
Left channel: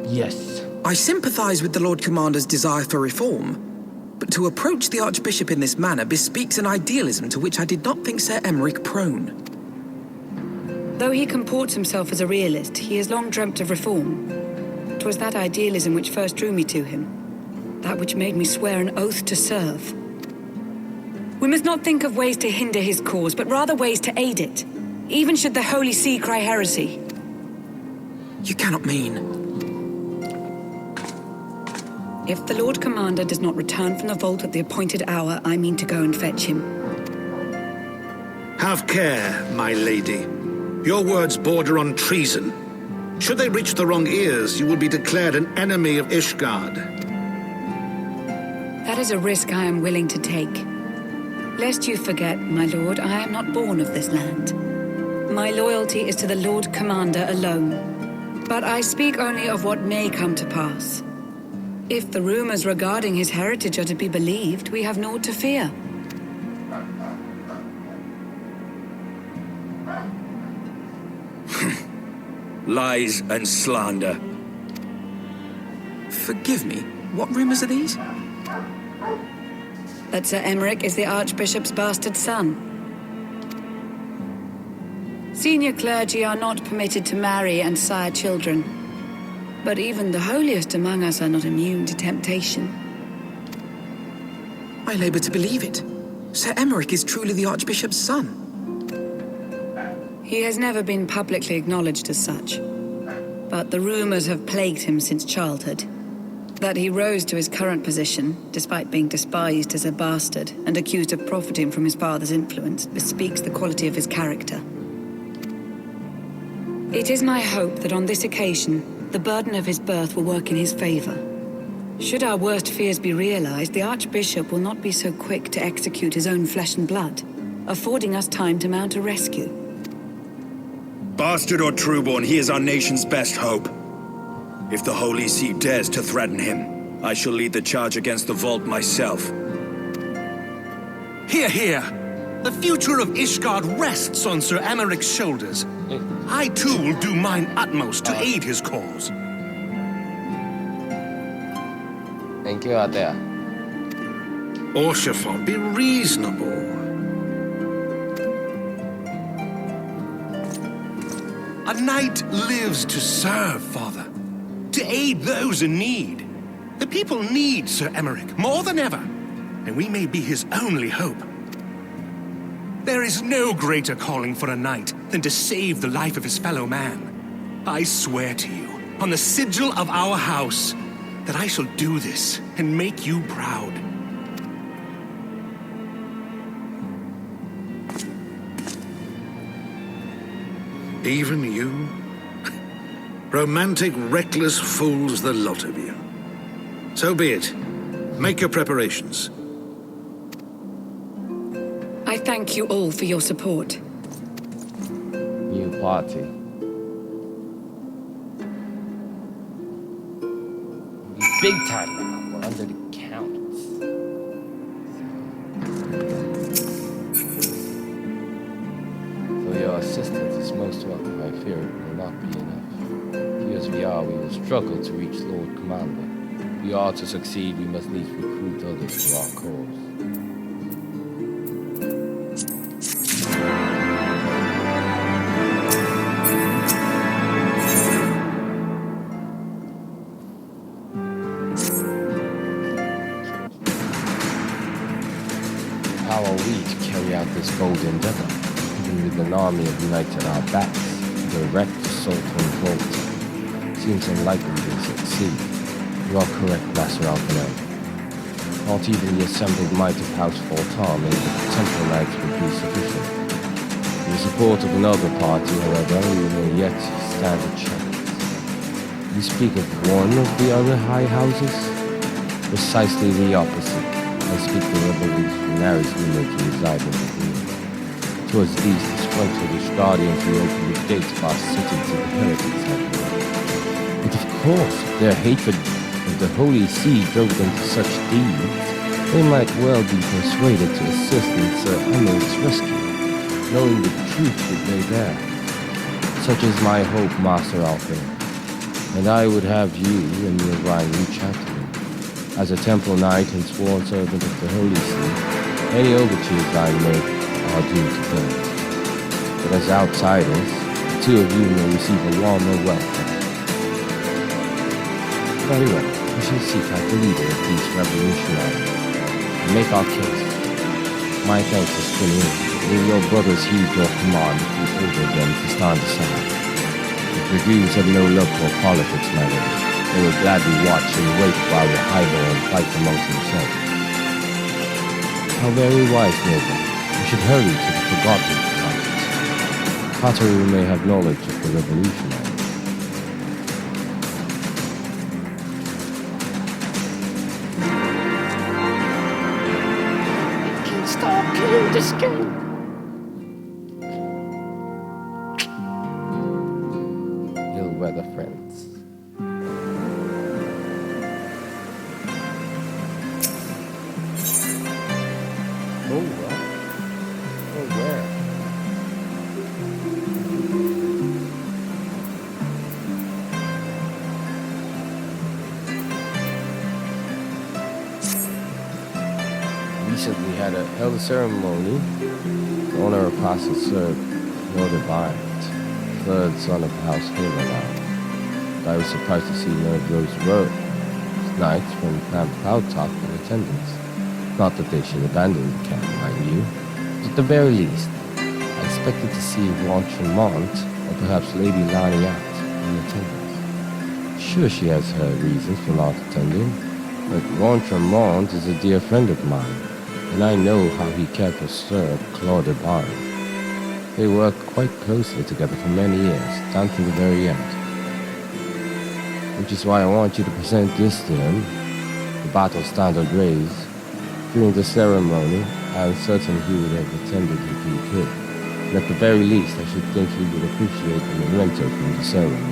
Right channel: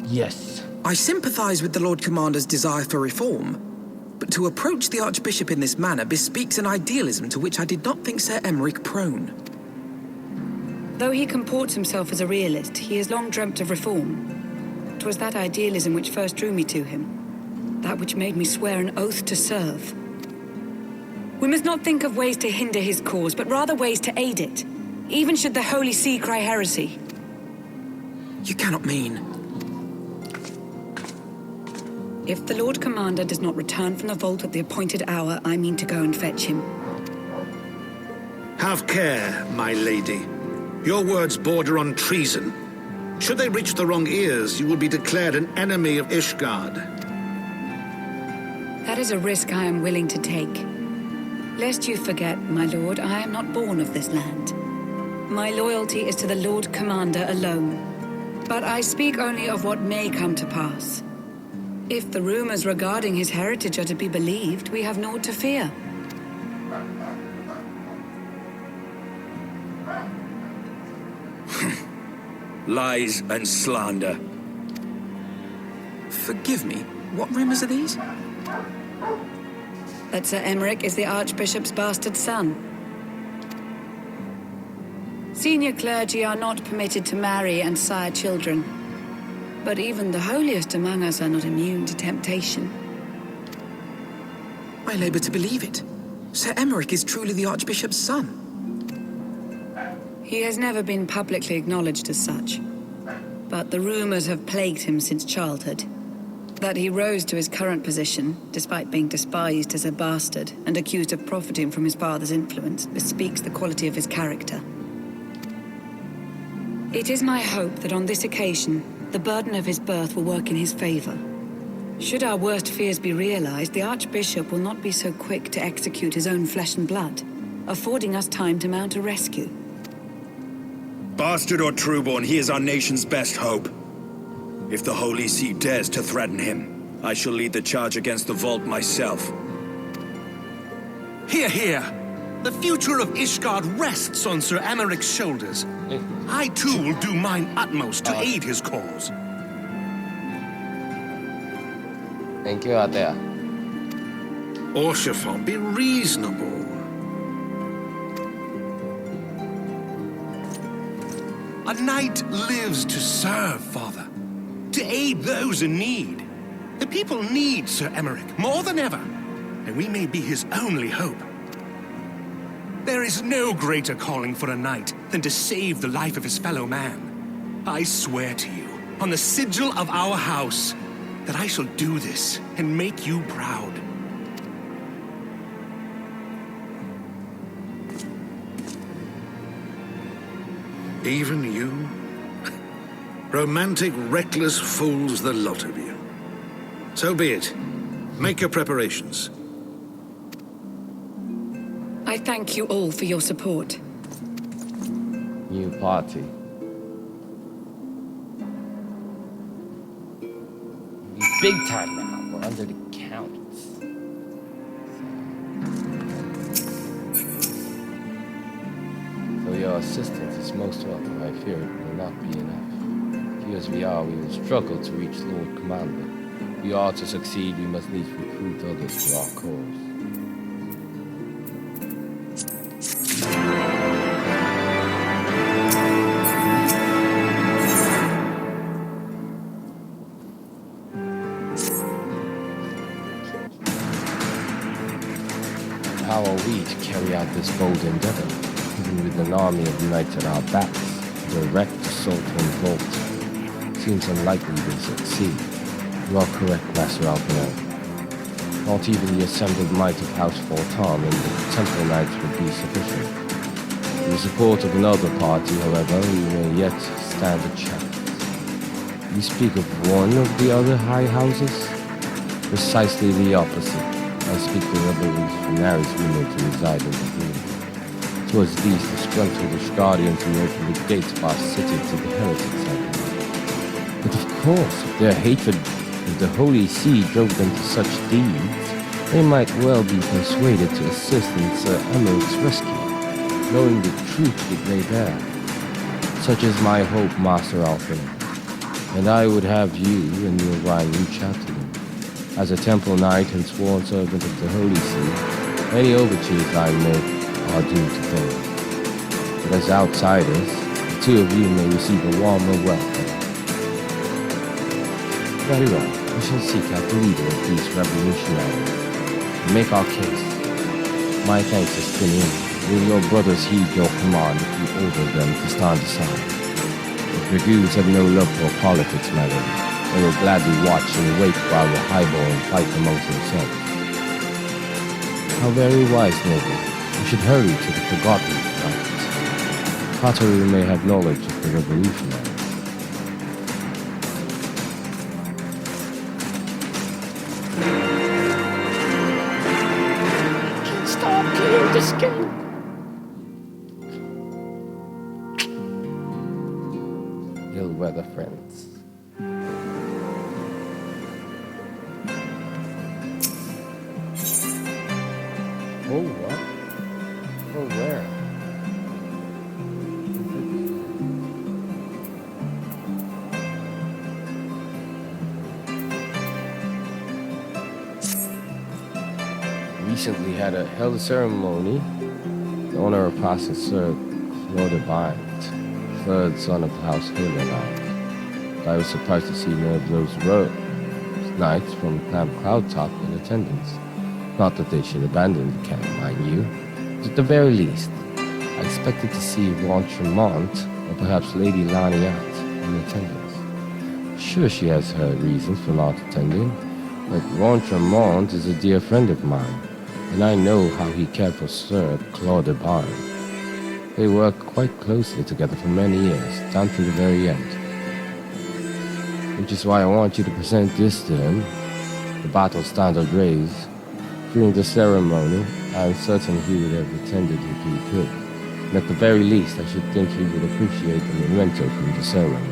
Yes. I sympathize with the Lord Commander's desire for reform, But to approach the Archbishop in this manner bespeaks an idealism to which I did not think Sir Emeric prone. Though he comports himself as a realist, he has long dreamt of reform. 'Twas that idealism which first drew me to him. That which made me swear an oath to serve. We must not think of ways to hinder his cause, but rather ways to aid it, even should the Holy See cry heresy. You cannot mean... If the Lord Commander does not return from the vault at the appointed hour, I mean to go and fetch him. Have care, my lady. Your words border on treason. Should they reach the wrong ears, you will be declared an enemy of Ishgard. That is a risk I am willing to take. Lest you forget, my lord, I am not born of this land. My loyalty is to the Lord Commander alone. But I speak only of what may come to pass. If the rumors regarding his heritage are to be believed, we have naught to fear. Lies and slander. Forgive me, what rumors are these? That Sir Emeric is the Archbishop's bastard son. Senior clergy are not permitted to marry and sire children. But even the holiest among us are not immune to temptation. I labor to believe it. Sir Emeric is truly the Archbishop's son. He has never been publicly acknowledged as such. But the rumors have plagued him since childhood. That he rose to his current position, despite being despised as a bastard and accused of profiting from his father's influence, bespeaks the quality of his character. It is my hope that on this occasion, the burden of his birth will work in his favor. Should our worst fears be realized, the Archbishop will not be so quick to execute his own flesh and blood, affording us time to mount a rescue. Bastard or trueborn, he is our nation's best hope. If the Holy See dares to threaten him, I shall lead the charge against the vault myself. Hear, hear! The future of Ishgard rests on Sir Emeric's shoulders. I too will do mine utmost to aid his cause. Thank you out there. Orshafon, be reasonable. A knight lives to serve, Father. To aid those in need. The people need Sir Emeric more than ever, and we may be his only hope. There is no greater calling for a knight than to save the life of his fellow man. I swear to you, on the sigil of our house, that I shall do this and make you proud. Even you? Romantic, reckless fools, the lot of you. So be it. Make your preparations. I thank you all for your support. New party. Big time now. We're under the counts. So your assistance is most welcome. I fear it will not be enough. Few as we are, we will struggle to reach Lord Commander. If we are to succeed, we must needs recruit others to our cause. How are we to carry out this bold endeavor, even with an army of knights at our backs? The direct assault on Vault seems unlikely to succeed. You are correct, Master Alpinel. Not even the assembled might of House Fortam and the Temple Knights would be sufficient. With the support of another party, however, we may yet stand a chance. You speak of one of the other high houses? Precisely the opposite. I speak the revolutionaries rumored to reside in the green. Towards these disgruntled Ishgardians we opened the gates of our city to the heretics, I believe. But of course, if their hatred of the Holy See drove them to such deeds, they might well be persuaded to assist in Sir Emeric's rescue, knowing the truth would lay bare. Such is my hope, Master Alpin, and I would have you and your Ryan reach out to them. As a temple knight and sworn servant of the Holy See, any overtures I make are due to those. But as outsiders, the two of you may receive a warmer welcome. Very well, we shall seek out the leader of these revolutionaries and make our case. My thanks as King. Will your brothers heed your command if you order them to stand aside? The dragoons have no love for politics, my lord. They will gladly watch and wait while the highborn fight amongst themselves. How very wise, noble. We should hurry to the forgotten light. Kataru may have knowledge of the revolutionaries. I can't stop playing this game. Ill-weather friends. Oh, what? Oh, where? Recently held a ceremony in honor of Apostle Sir Claude, third son of House Halonar. I was surprised to see none of those knights from Camp Cloudtop in attendance. Not that they should abandon the camp, mind you. But at the very least, I expected to see Ron Tremont or perhaps Lady Laniat in attendance. Sure, she has her reasons for not attending, but Ron Tremont is a dear friend of mine, and I know how he cared for Sir Claude. They worked quite closely together for many years, down to the very end. Which is why I want you to present this to him, the battle standard raised. During the ceremony, I am certain he would have attended if he could. And at the very least, I should think he would appreciate the memento from the ceremony.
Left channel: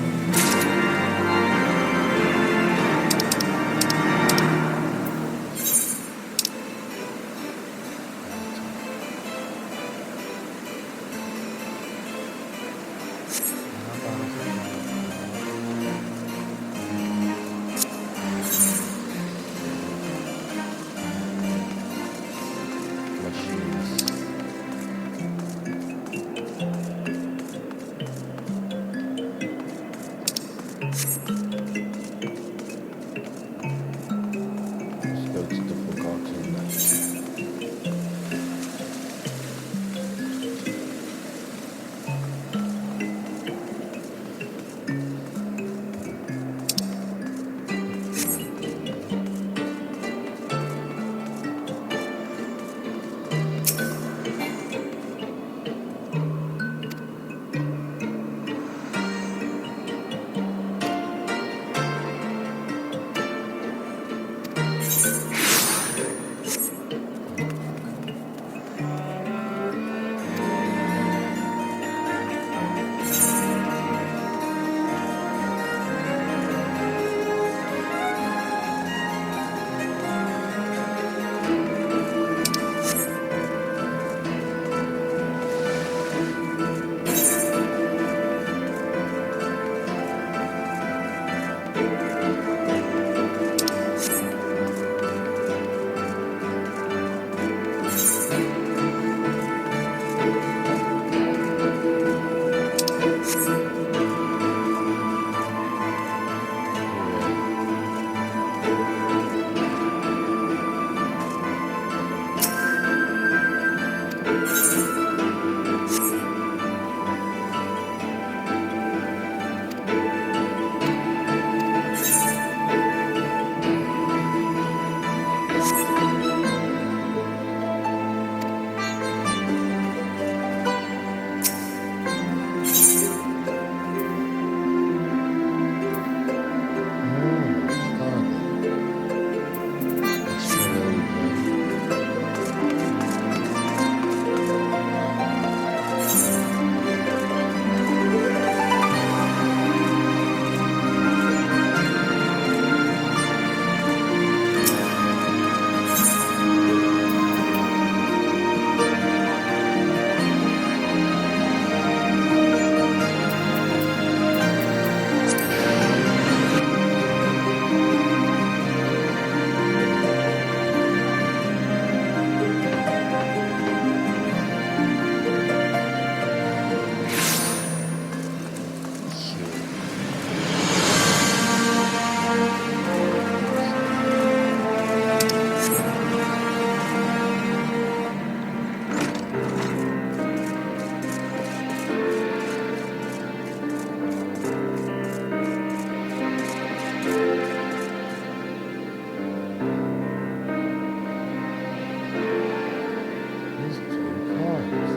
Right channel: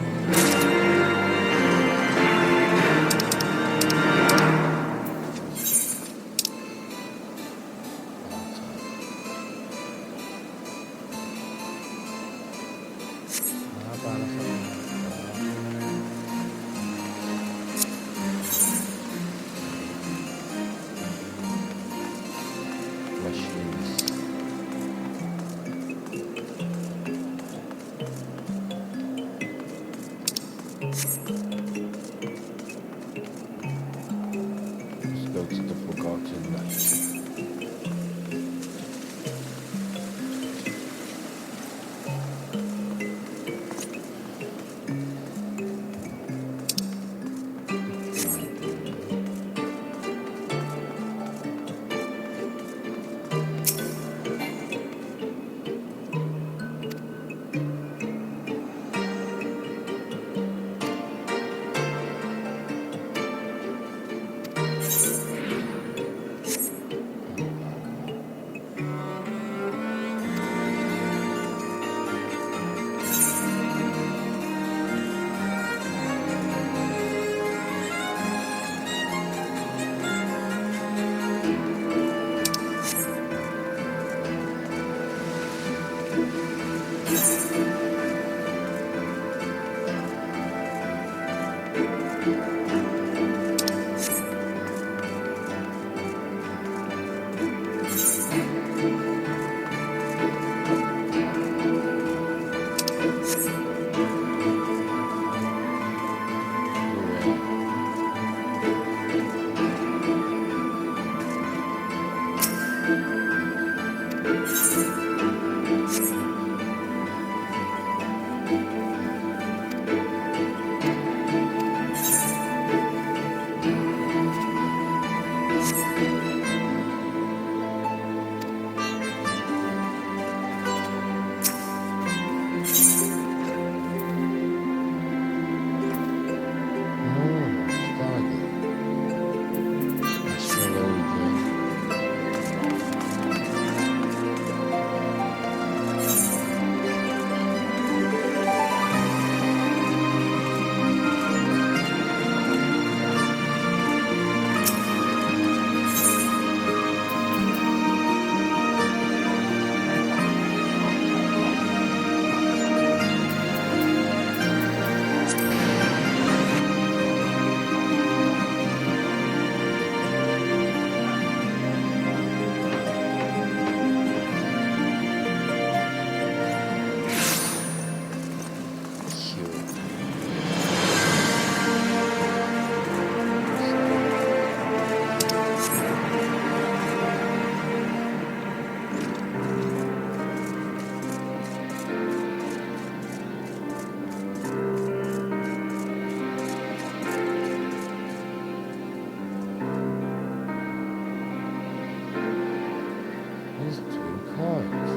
These twin cards.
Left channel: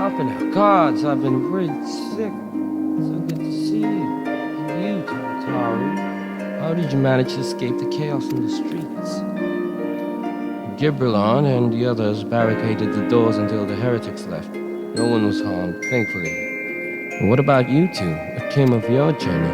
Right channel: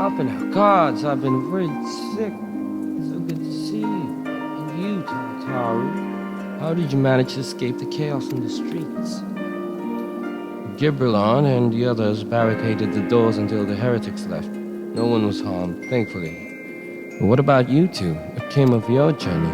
Up in our gods, I've been worried sick. So good to see you. And you, Tartaru. How did you manage to escape the chaos in the streets? Gibberlon and the others barricaded the doors until the heretics left. No one was harmed, thankfully. But what about you two? What came of your journey?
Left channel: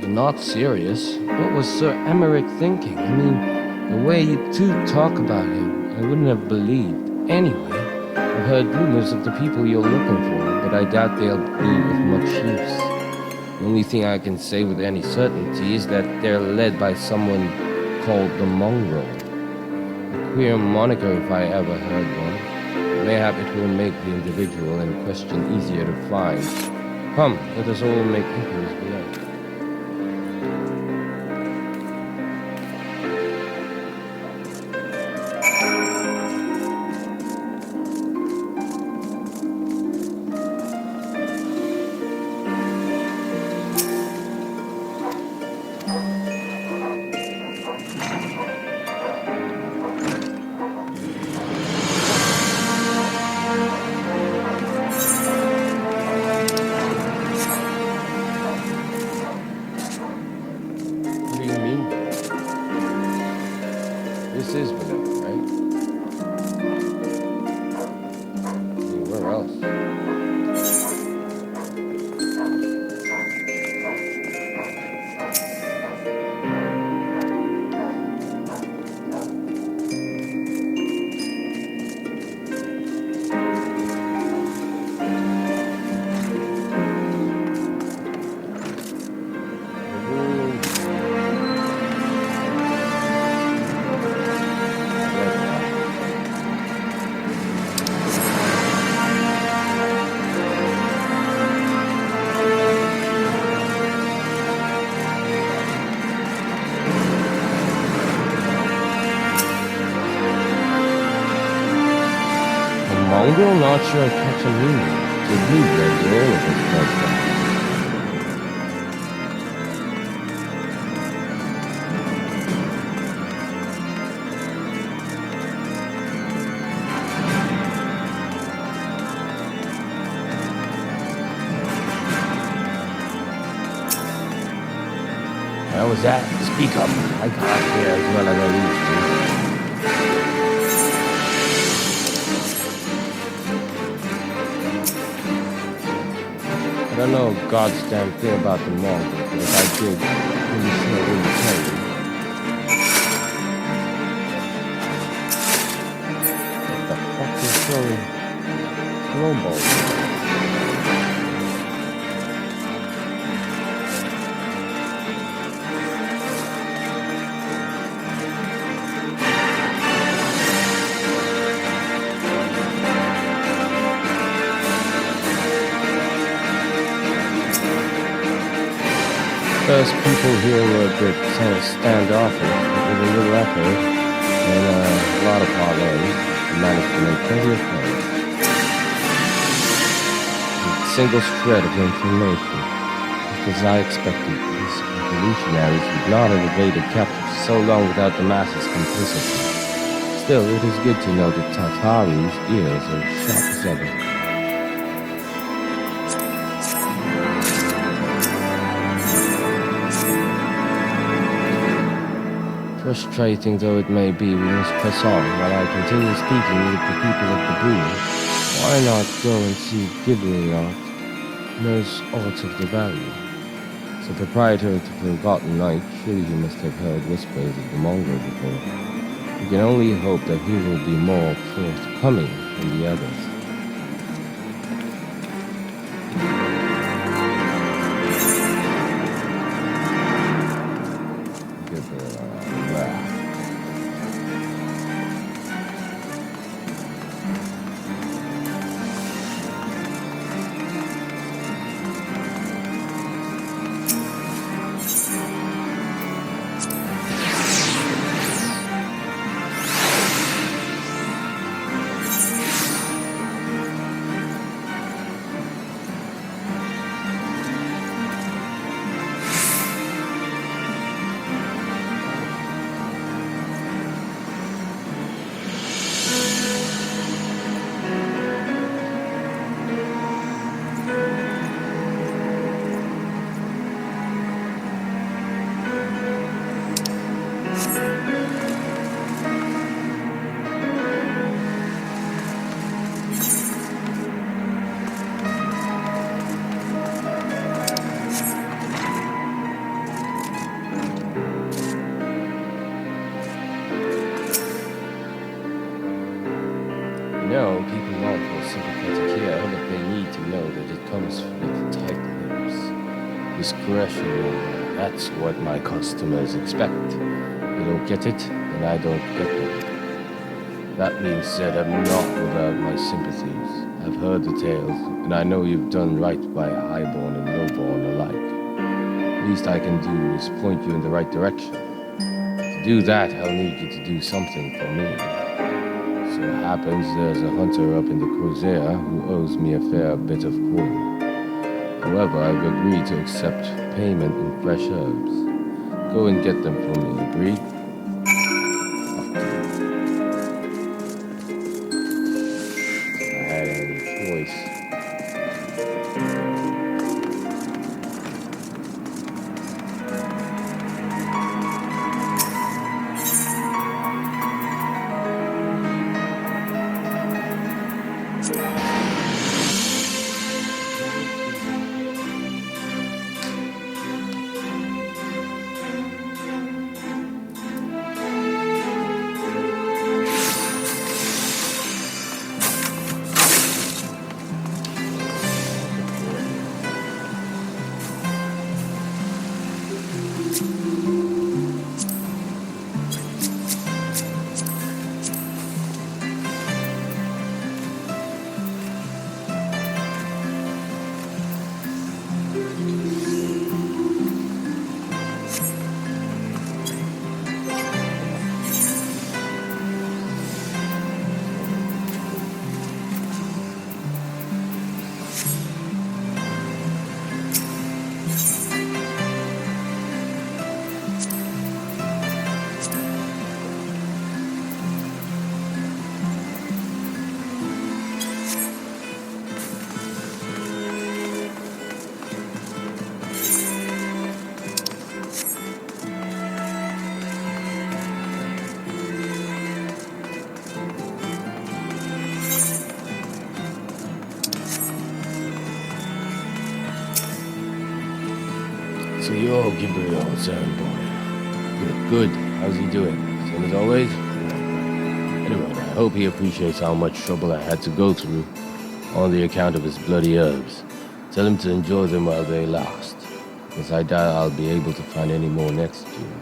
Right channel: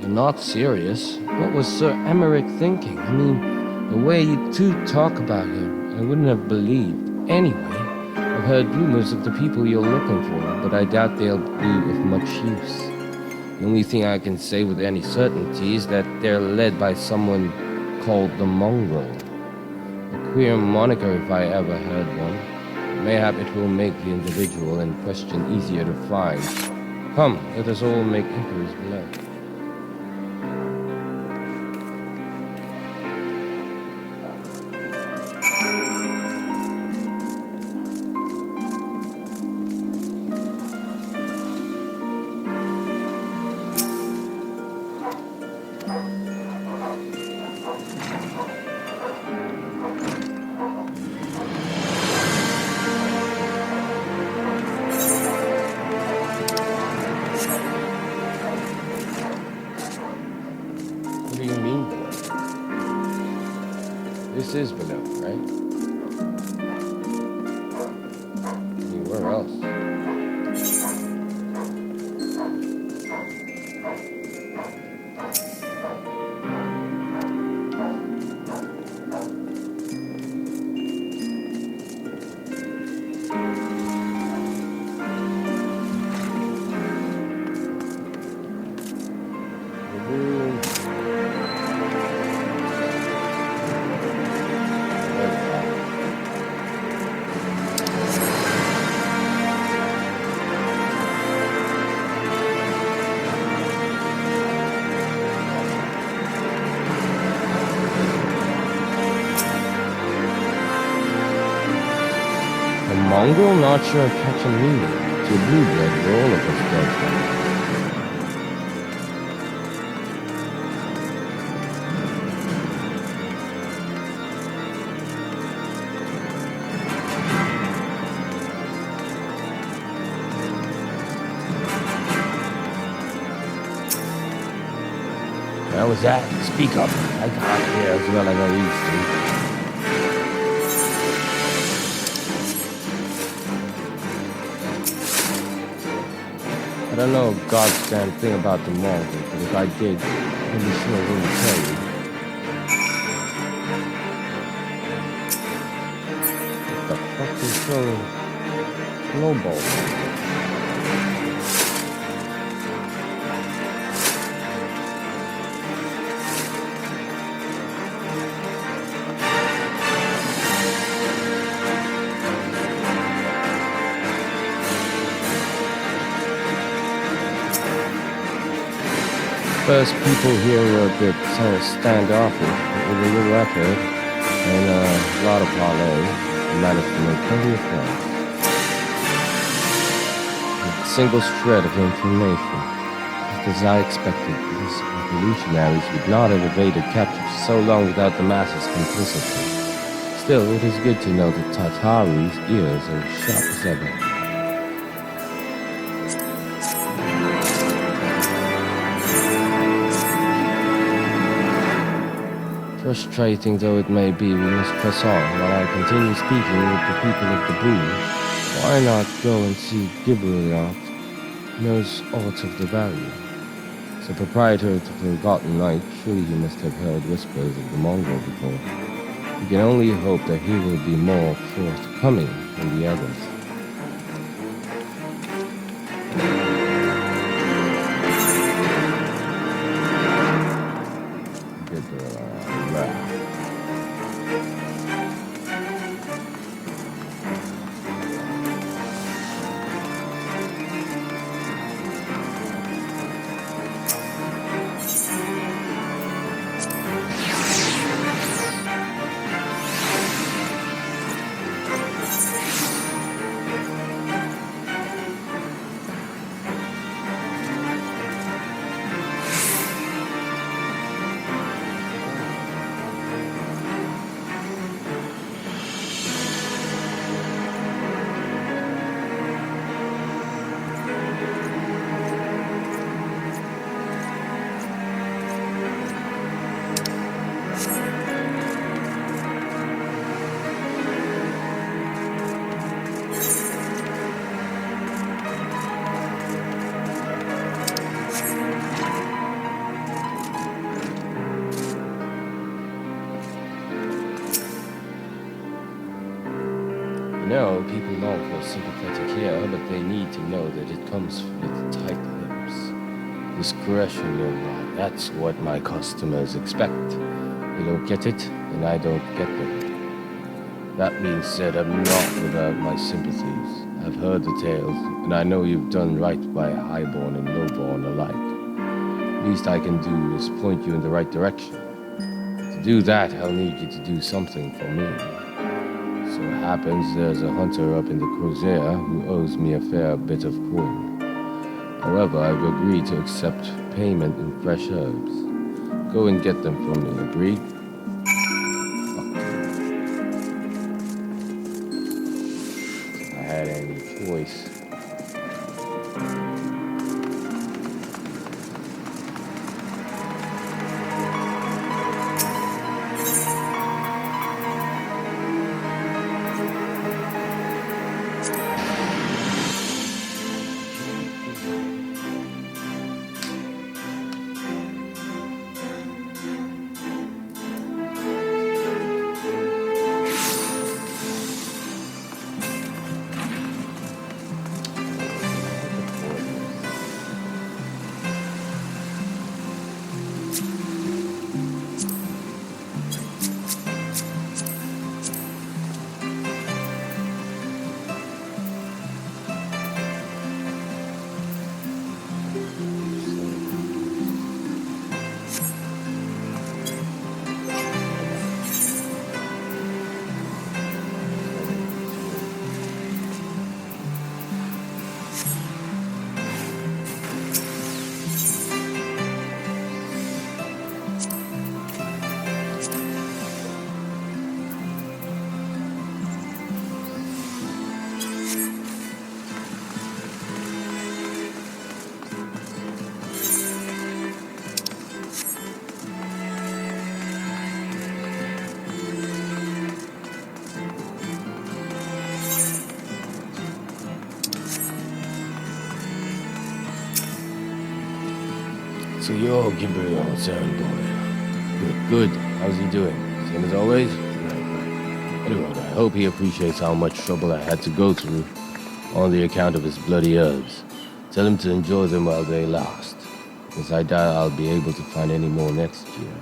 You're not serious. What was Sir Emmerich thinking? I mean, the way you two talk about him, I wouldn't have believed. Anyway, I've heard rumors of the people you're looking for, but I doubt they'll be of much use. The only thing I can say with any certainty is that they're led by someone called the Mongrel. A queer moniker if I ever heard one. Mayhap it will make the individual in question easier to find. Come, let us all make inquiries below. What do you mean below? This is below, right? I mean, where else? A mongrel? Not sure I catch a meaning. To a blue blood, where all of us dogs that. How was that? Speak up. I can't hear as well as I used to. I don't know a god's damn thing about the Mongols, but if I did, I'm pretty sure I wouldn't tell you. What the fuck is throwing snowballs? First people here were a bit standoffish, but with a little effort and a lot of parley, I managed to make plenty of friends. With a single shred of information, just as I expected, these revolutionaries would not have evaded capture for so long without the masses' complicity. Still, it is good to know that Tartaru's ears are as sharp as ever. Frustrating though it may be, we must press on while I continue speaking with the people of the Brew. Why not go and see Gibberlon knows aught of the value? As a proprietor of the Forgotten Knight, surely he must have heard whispers of the Mongol before. We can only hope that he will be more forthcoming than the others. sympathetic here, but they need to know that it comes with tight lips. Discretion, that's what my customers expect. They don't get it, then I don't get them. That being said, I'm not without my sympathies. I've heard the tales, and I know you've done right by highborn and lowborn alike. Least I can do is point you in the right direction. To do that, I'll need you to do something for me. So it happens there's a hunter up in the Crozet who owes me a fair bit of coin. However, I've agreed to accept payment in fresh herbs. Go and get them for me, agreed? If I had any choice. So you're Gabriel's errand boy. Good. How's he doing? Same as always? Right. Anyway, I hope he appreciates how much trouble I had to go through on the account of his bloody herbs. Tell him to enjoy them while they last, because I doubt I'll be able to find any more next year.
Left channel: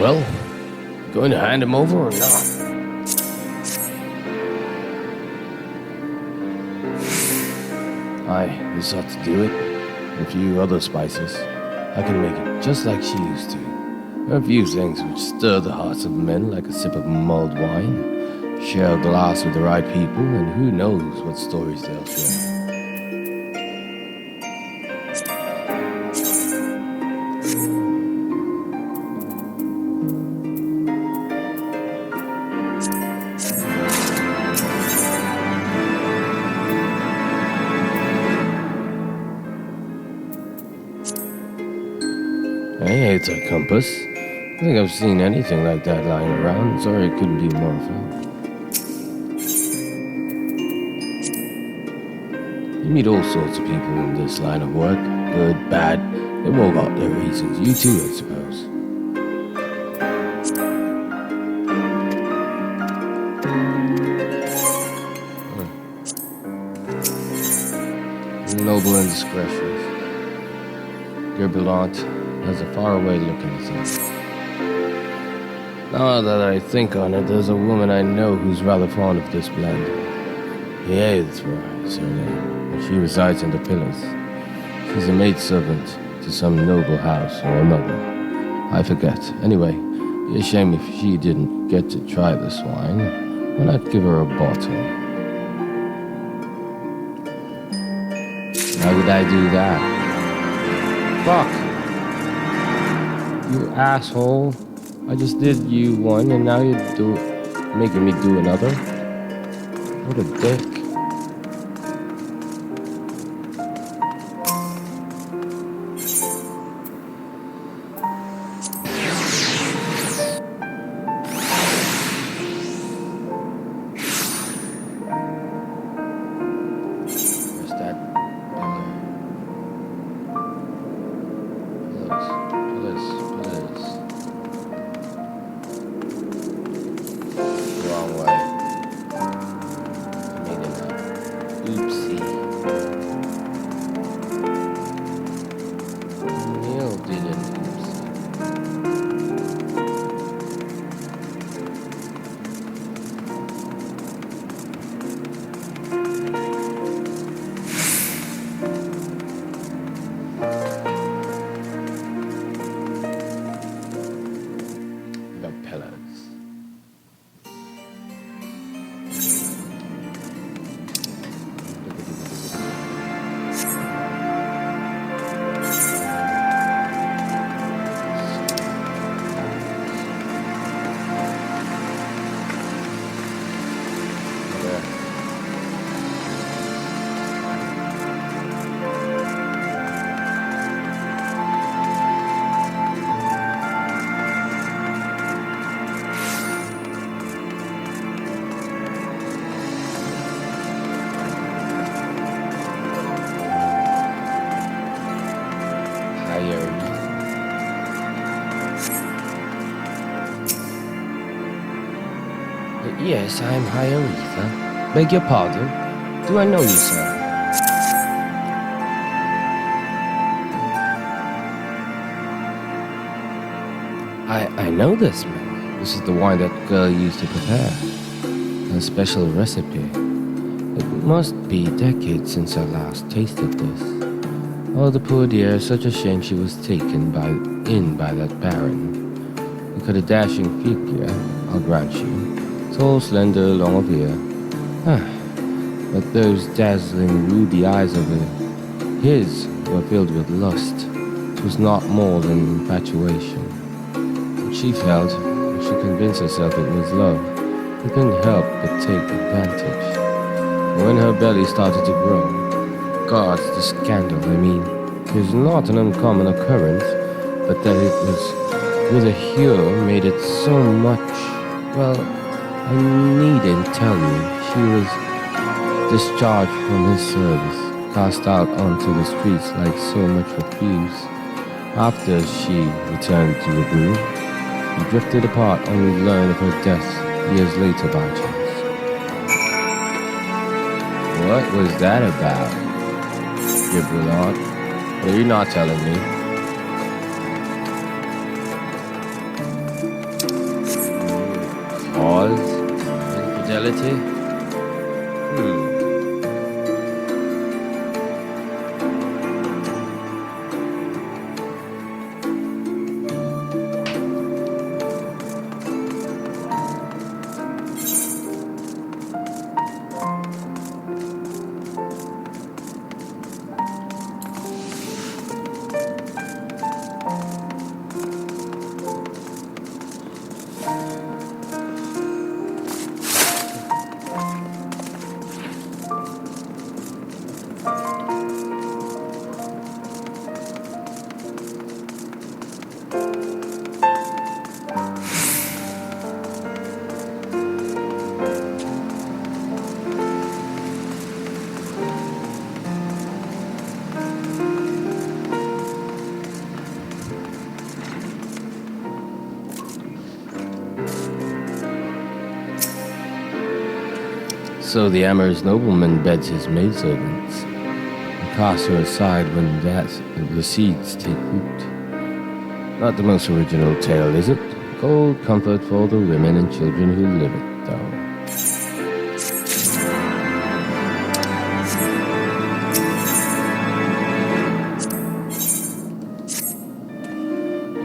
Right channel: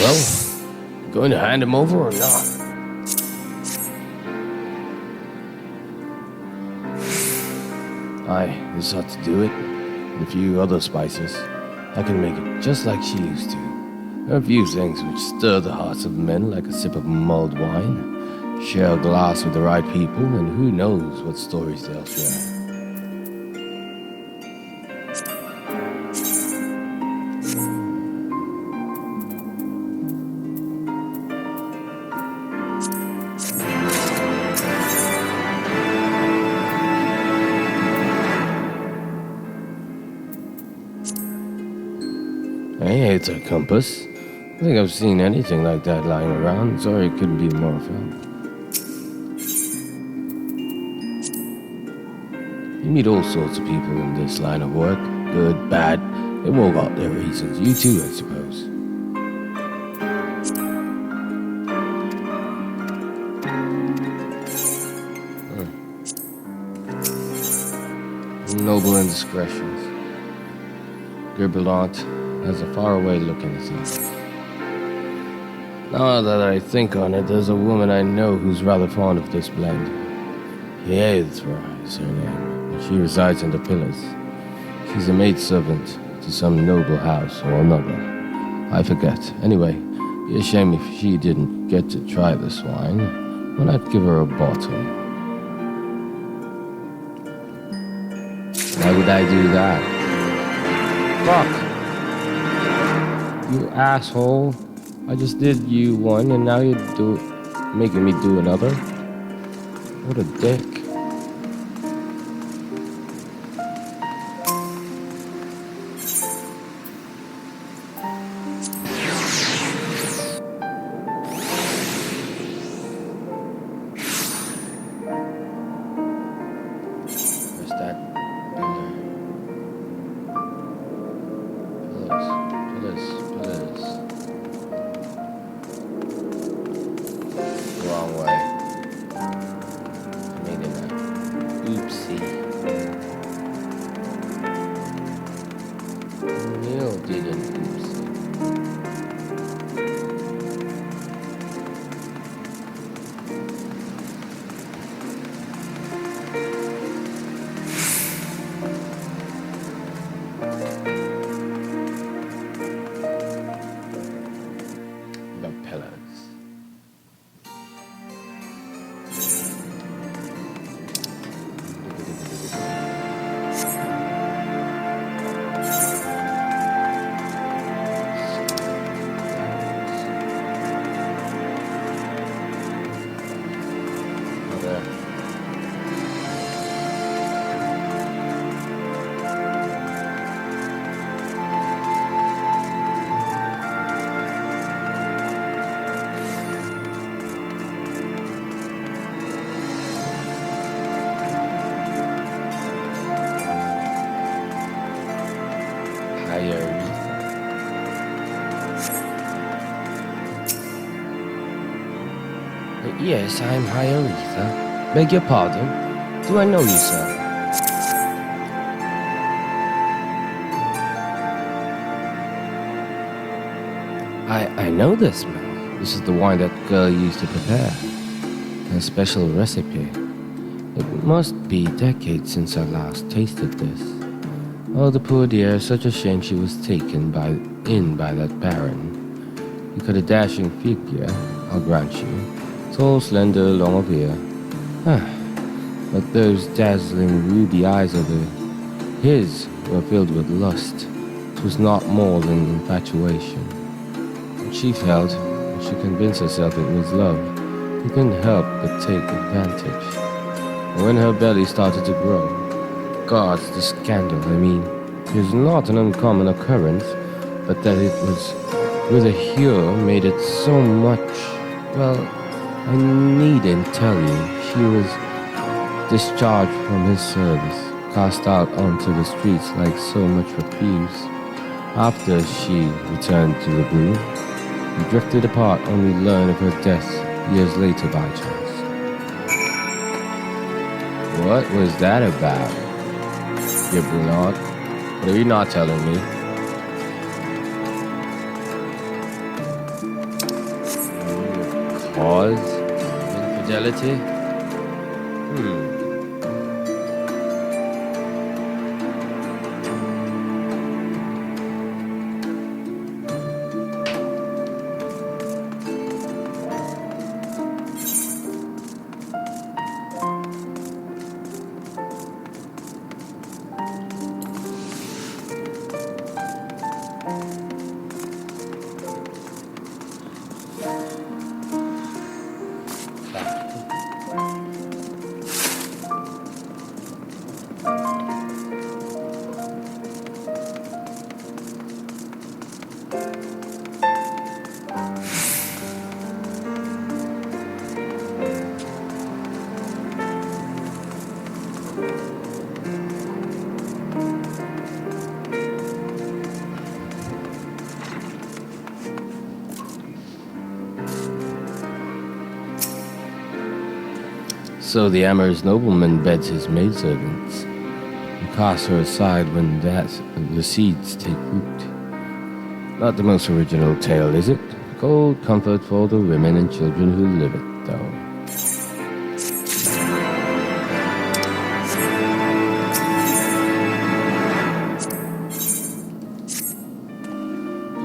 Well, going to hand him over or not? Aye, this ought to do it. And a few other spices. I can make it just like she used to. There are a few things which stir the hearts of men like a sip of mulled wine. Share a glass with the right people, and who knows what stories they'll share. Hey, it's a compass. I think I've seen anything like that lying around. Sorry it couldn't be more found. You meet all sorts of people in this line of work. Good, bad. They've all got their reasons. You too, I suppose. noble indiscretions. Gerbelant has a faraway look in his eyes. Now that I think on it, there's a woman I know who's rather fond of this blend. XIV is her name, and she resides in the Pillars. She's a maidservant to some noble house or another. I forget. Anyway, be a shame if she didn't get to try this wine. Why not give her a bottle? Why would I do that? Fuck! You asshole. I just did you one and now you're making me do another? What a dick. Where's that pillar? Pillars. Wrong way. I made an oopsie. Neil did an oopsie. The pillars. There. Yes, I'm Hyaretha. Beg your pardon? Do I know you, sir? I know this smell. This is the wine that girl used to prepare. A special recipe. It must be decades since I last tasted this. Oh, the poor dear, such a shame she was taken in by that baron. You got a dashing figure, I'll grant you. Tall, slender, long of ear. But those dazzling ruby eyes of his were filled with lust. It was not more than infatuation. When she felt, when she convinced herself it was love, he couldn't help but take advantage. But when her belly started to grow, gods, the scandal, I mean, is not an uncommon occurrence, but that it was with a hue made it so much, well, I needn't tell you, she was discharged from his service, cast out onto the streets like so much refuse. After she returned to the brew, we drifted apart, only learned of her death years later by chance. What was that about? Gerbelant? What are you not telling me? Cause? Infidelity? So the amorous nobleman beds his maidservants. cast her aside when the seeds take root. Not the most original tale, is it? Cold comfort for the women and children who live it, though.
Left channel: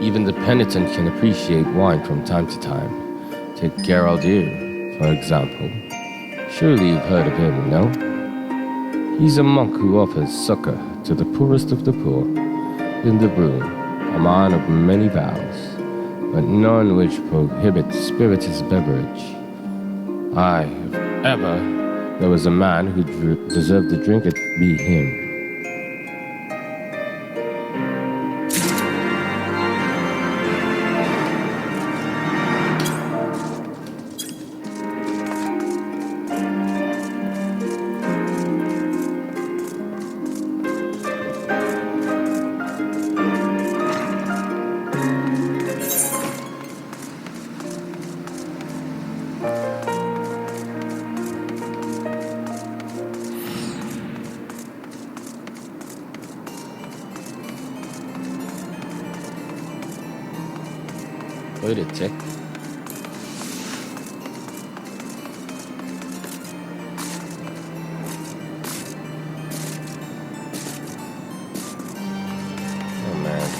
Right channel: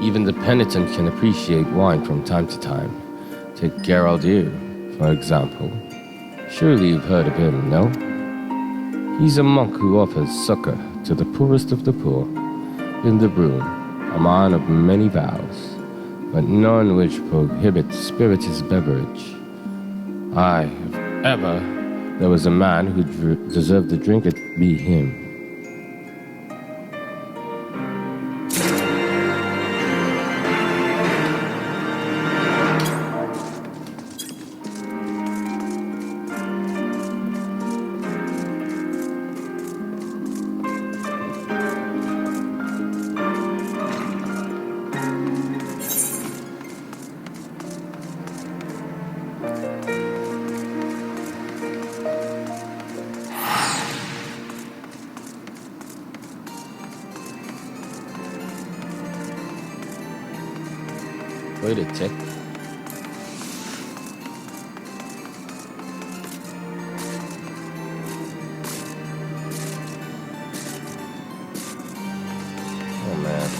Even the penitent can appreciate wine from time to time. Take Geraldir, for example. Surely you've heard of him, no? He's a monk who offers succor to the poorest of the poor. In the broom, a man of many vows, but none which prohibits spirituous beverage. Aye, if ever there was a man who deserved to drink, it be him. Wait a tick. Oh man.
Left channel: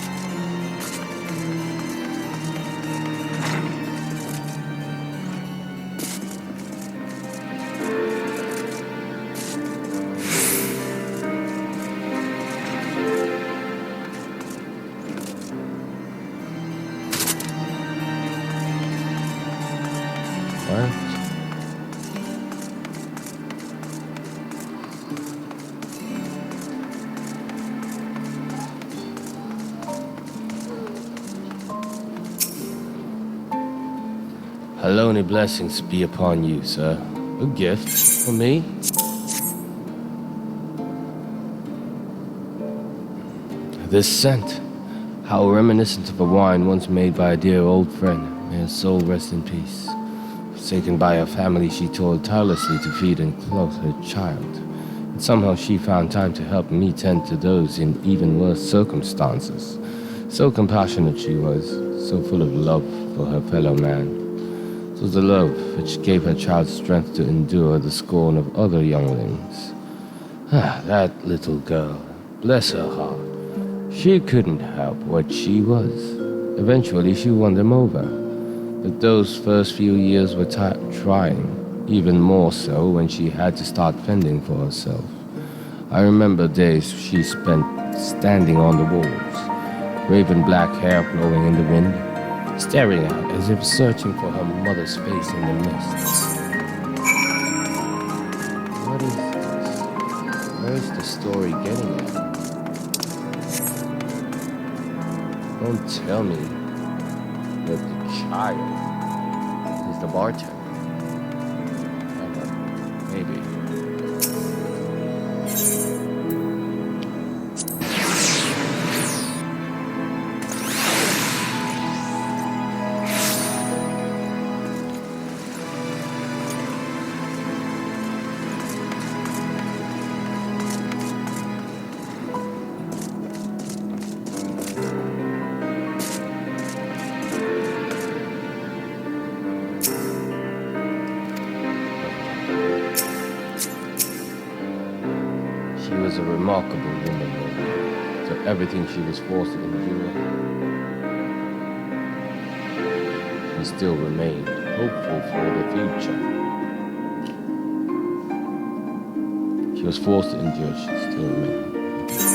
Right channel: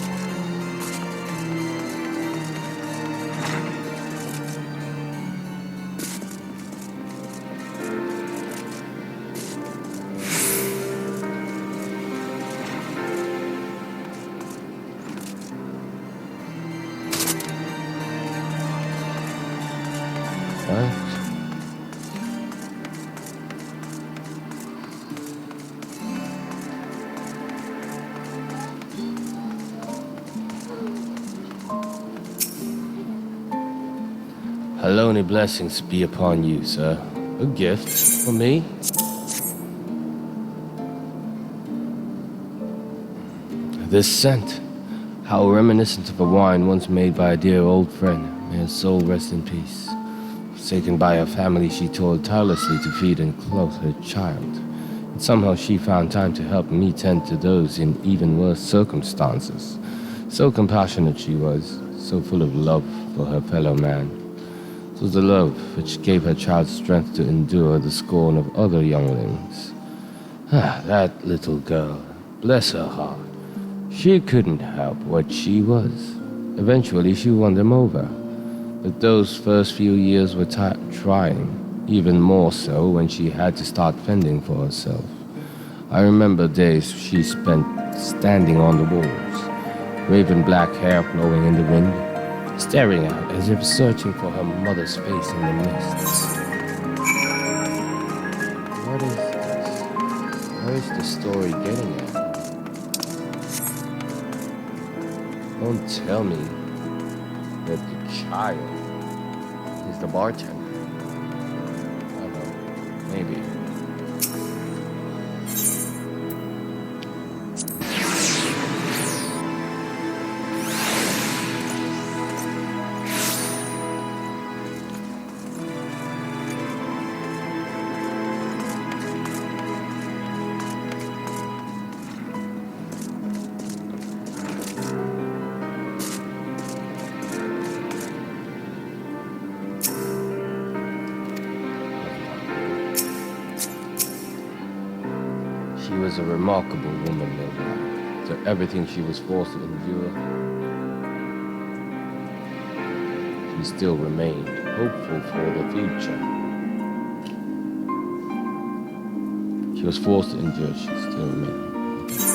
What? Hallowney blessings be upon you, sir. A gift for me? This scent, how reminiscent of a wine once made by a dear old friend. May her soul rest in peace. Forsaken by her family, she toiled tirelessly to feed and clothe her child. And somehow she found time to help me tend to those in even worse circumstances. So compassionate she was, so full of love for her fellow man. It was the love which gave her child strength to endure the scorn of other younglings. Ah, that little girl, bless her heart. She couldn't help what she was. Eventually she won them over. But those first few years were trying, even more so when she had to start fending for herself. I remember days she spent standing on the walls, raven black hair flowing in the wind, staring out as if searching for her mother's face in the mists. What is this? Where's the story getting at? Don't tell me that the child is the bartender. I don't know. Maybe. She was a remarkable woman, no doubt. To everything she was forced to endure, she still remained hopeful for the future. She was forced to endure, she still remained hopeful.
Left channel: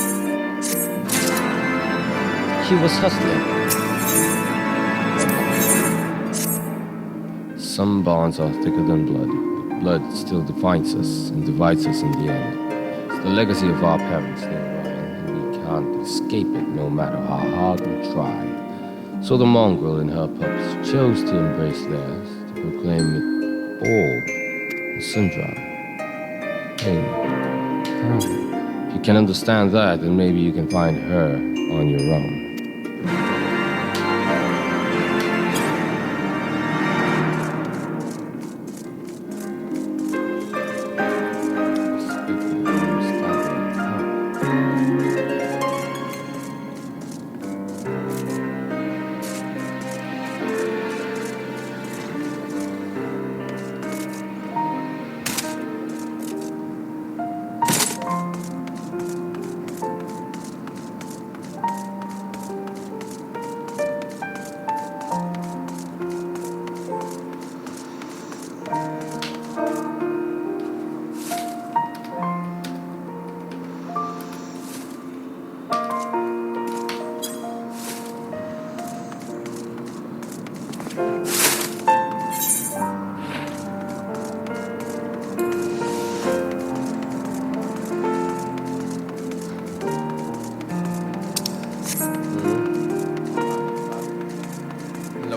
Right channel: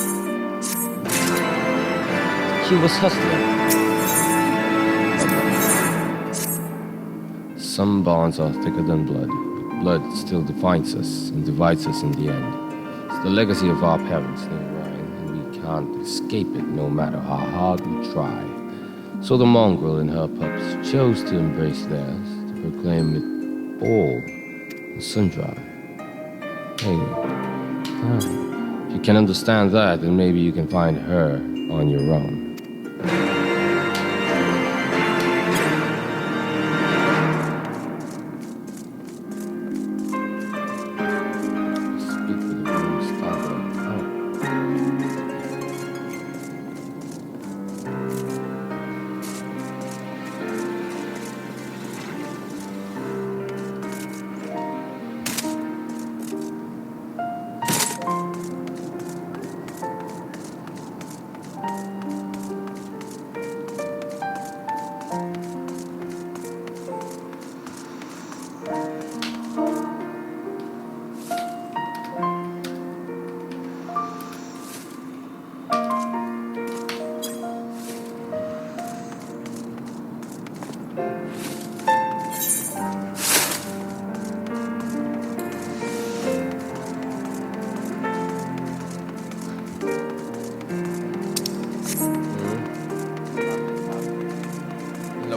She was hustling. Some bonds are thicker than blood, but blood still defines us and divides us in the end. The legacy of our parents, Neil Ryan, and we can't escape it no matter how hard we try. So the mongrel and her pups chose to embrace theirs, to proclaim it all and sundry. Hey, if you can understand that, then maybe you can find her on your own.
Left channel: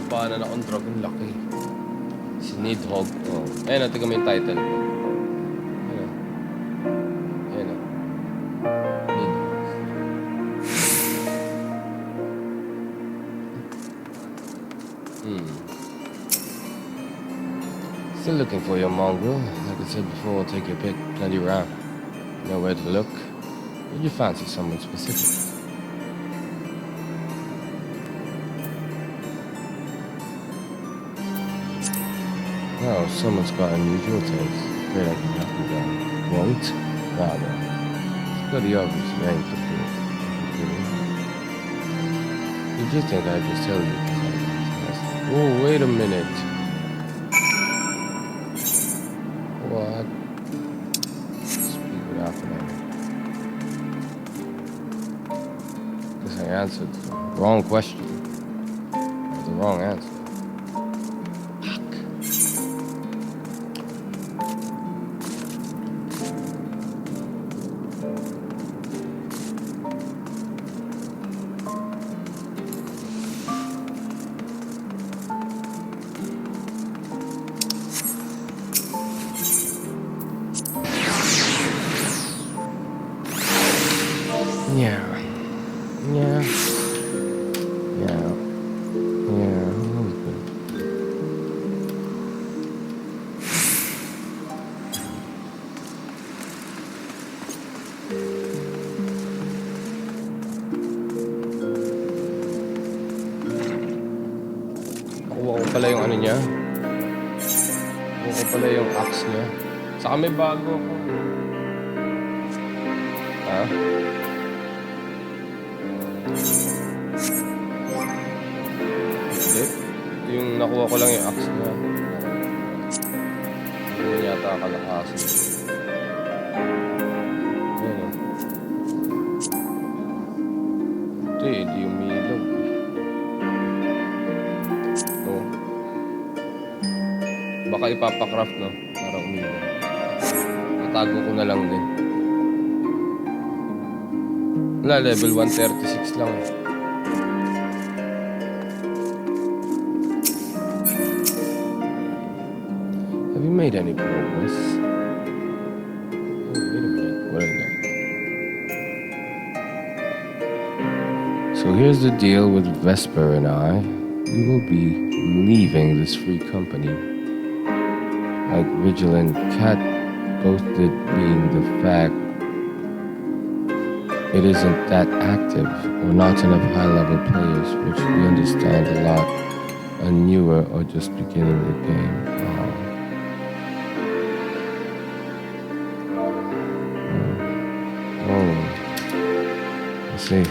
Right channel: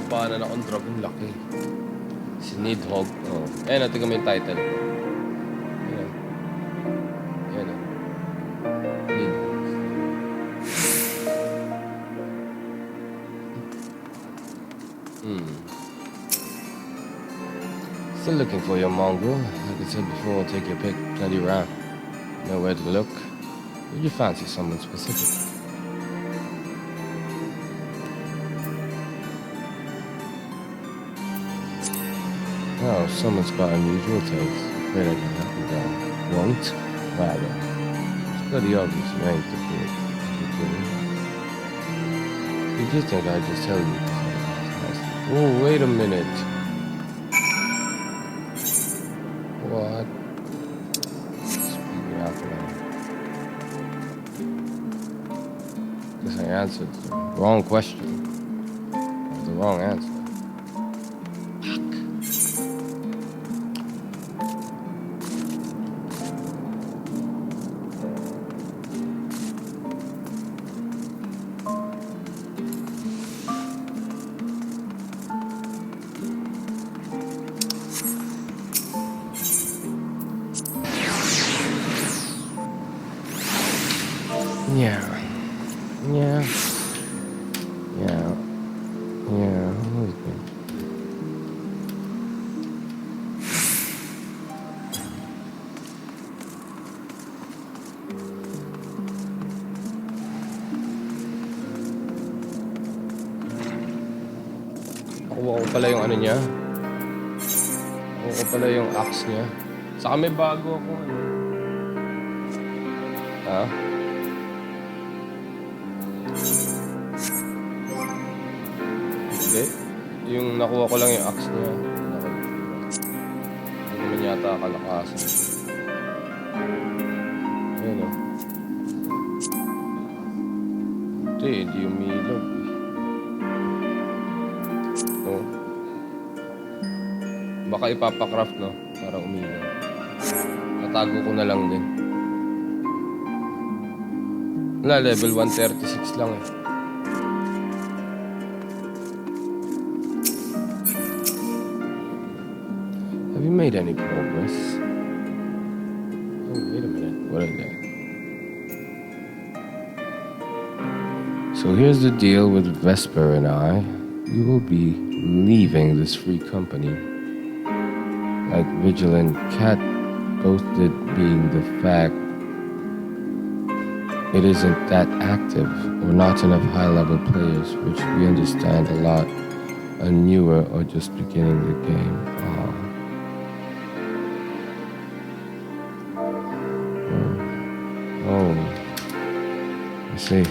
labanan akong dragon laki. Si Nidhogg. Oh. Ayan, tingnan mo yung title ko. Ayan. Ayan, Nidhogg. Still looking for your mongrel. Like I said before, take your pick. Plenty around. You know where to look. Did you fancy someone specific? Oh, someone's got unusual taste. Afraid I can help you though. Won't? Rather. It's bloody obvious you ain't the fool. Did you think I'd just tell you because I asked nicely? Oh, wait a minute. What? Speak it out loud. Because I answered the wrong question. Or the wrong answer. Nakuha ko pala yung ano niya. Nakuha ko pala yung axe niya. Saka may bago ako ano. Ha? Hindi. Yung nakuha ko lang yung axe niya. Hindi naman yata kalakasan. Ayun o. Hindi umilaw. Baka ipapakraft, no? Para umilaw. Natago ko na lang din. Wala, level 136 lang eh. Have you made any progress? Oh, wait a minute. What is that? So here's the deal with Vesper and I. We will be leaving this free company. Like Vigilant Cat boasted, being the fact it isn't that active or not enough high-level players, which we understand a lot, are newer or just beginning the game. Oh, I see.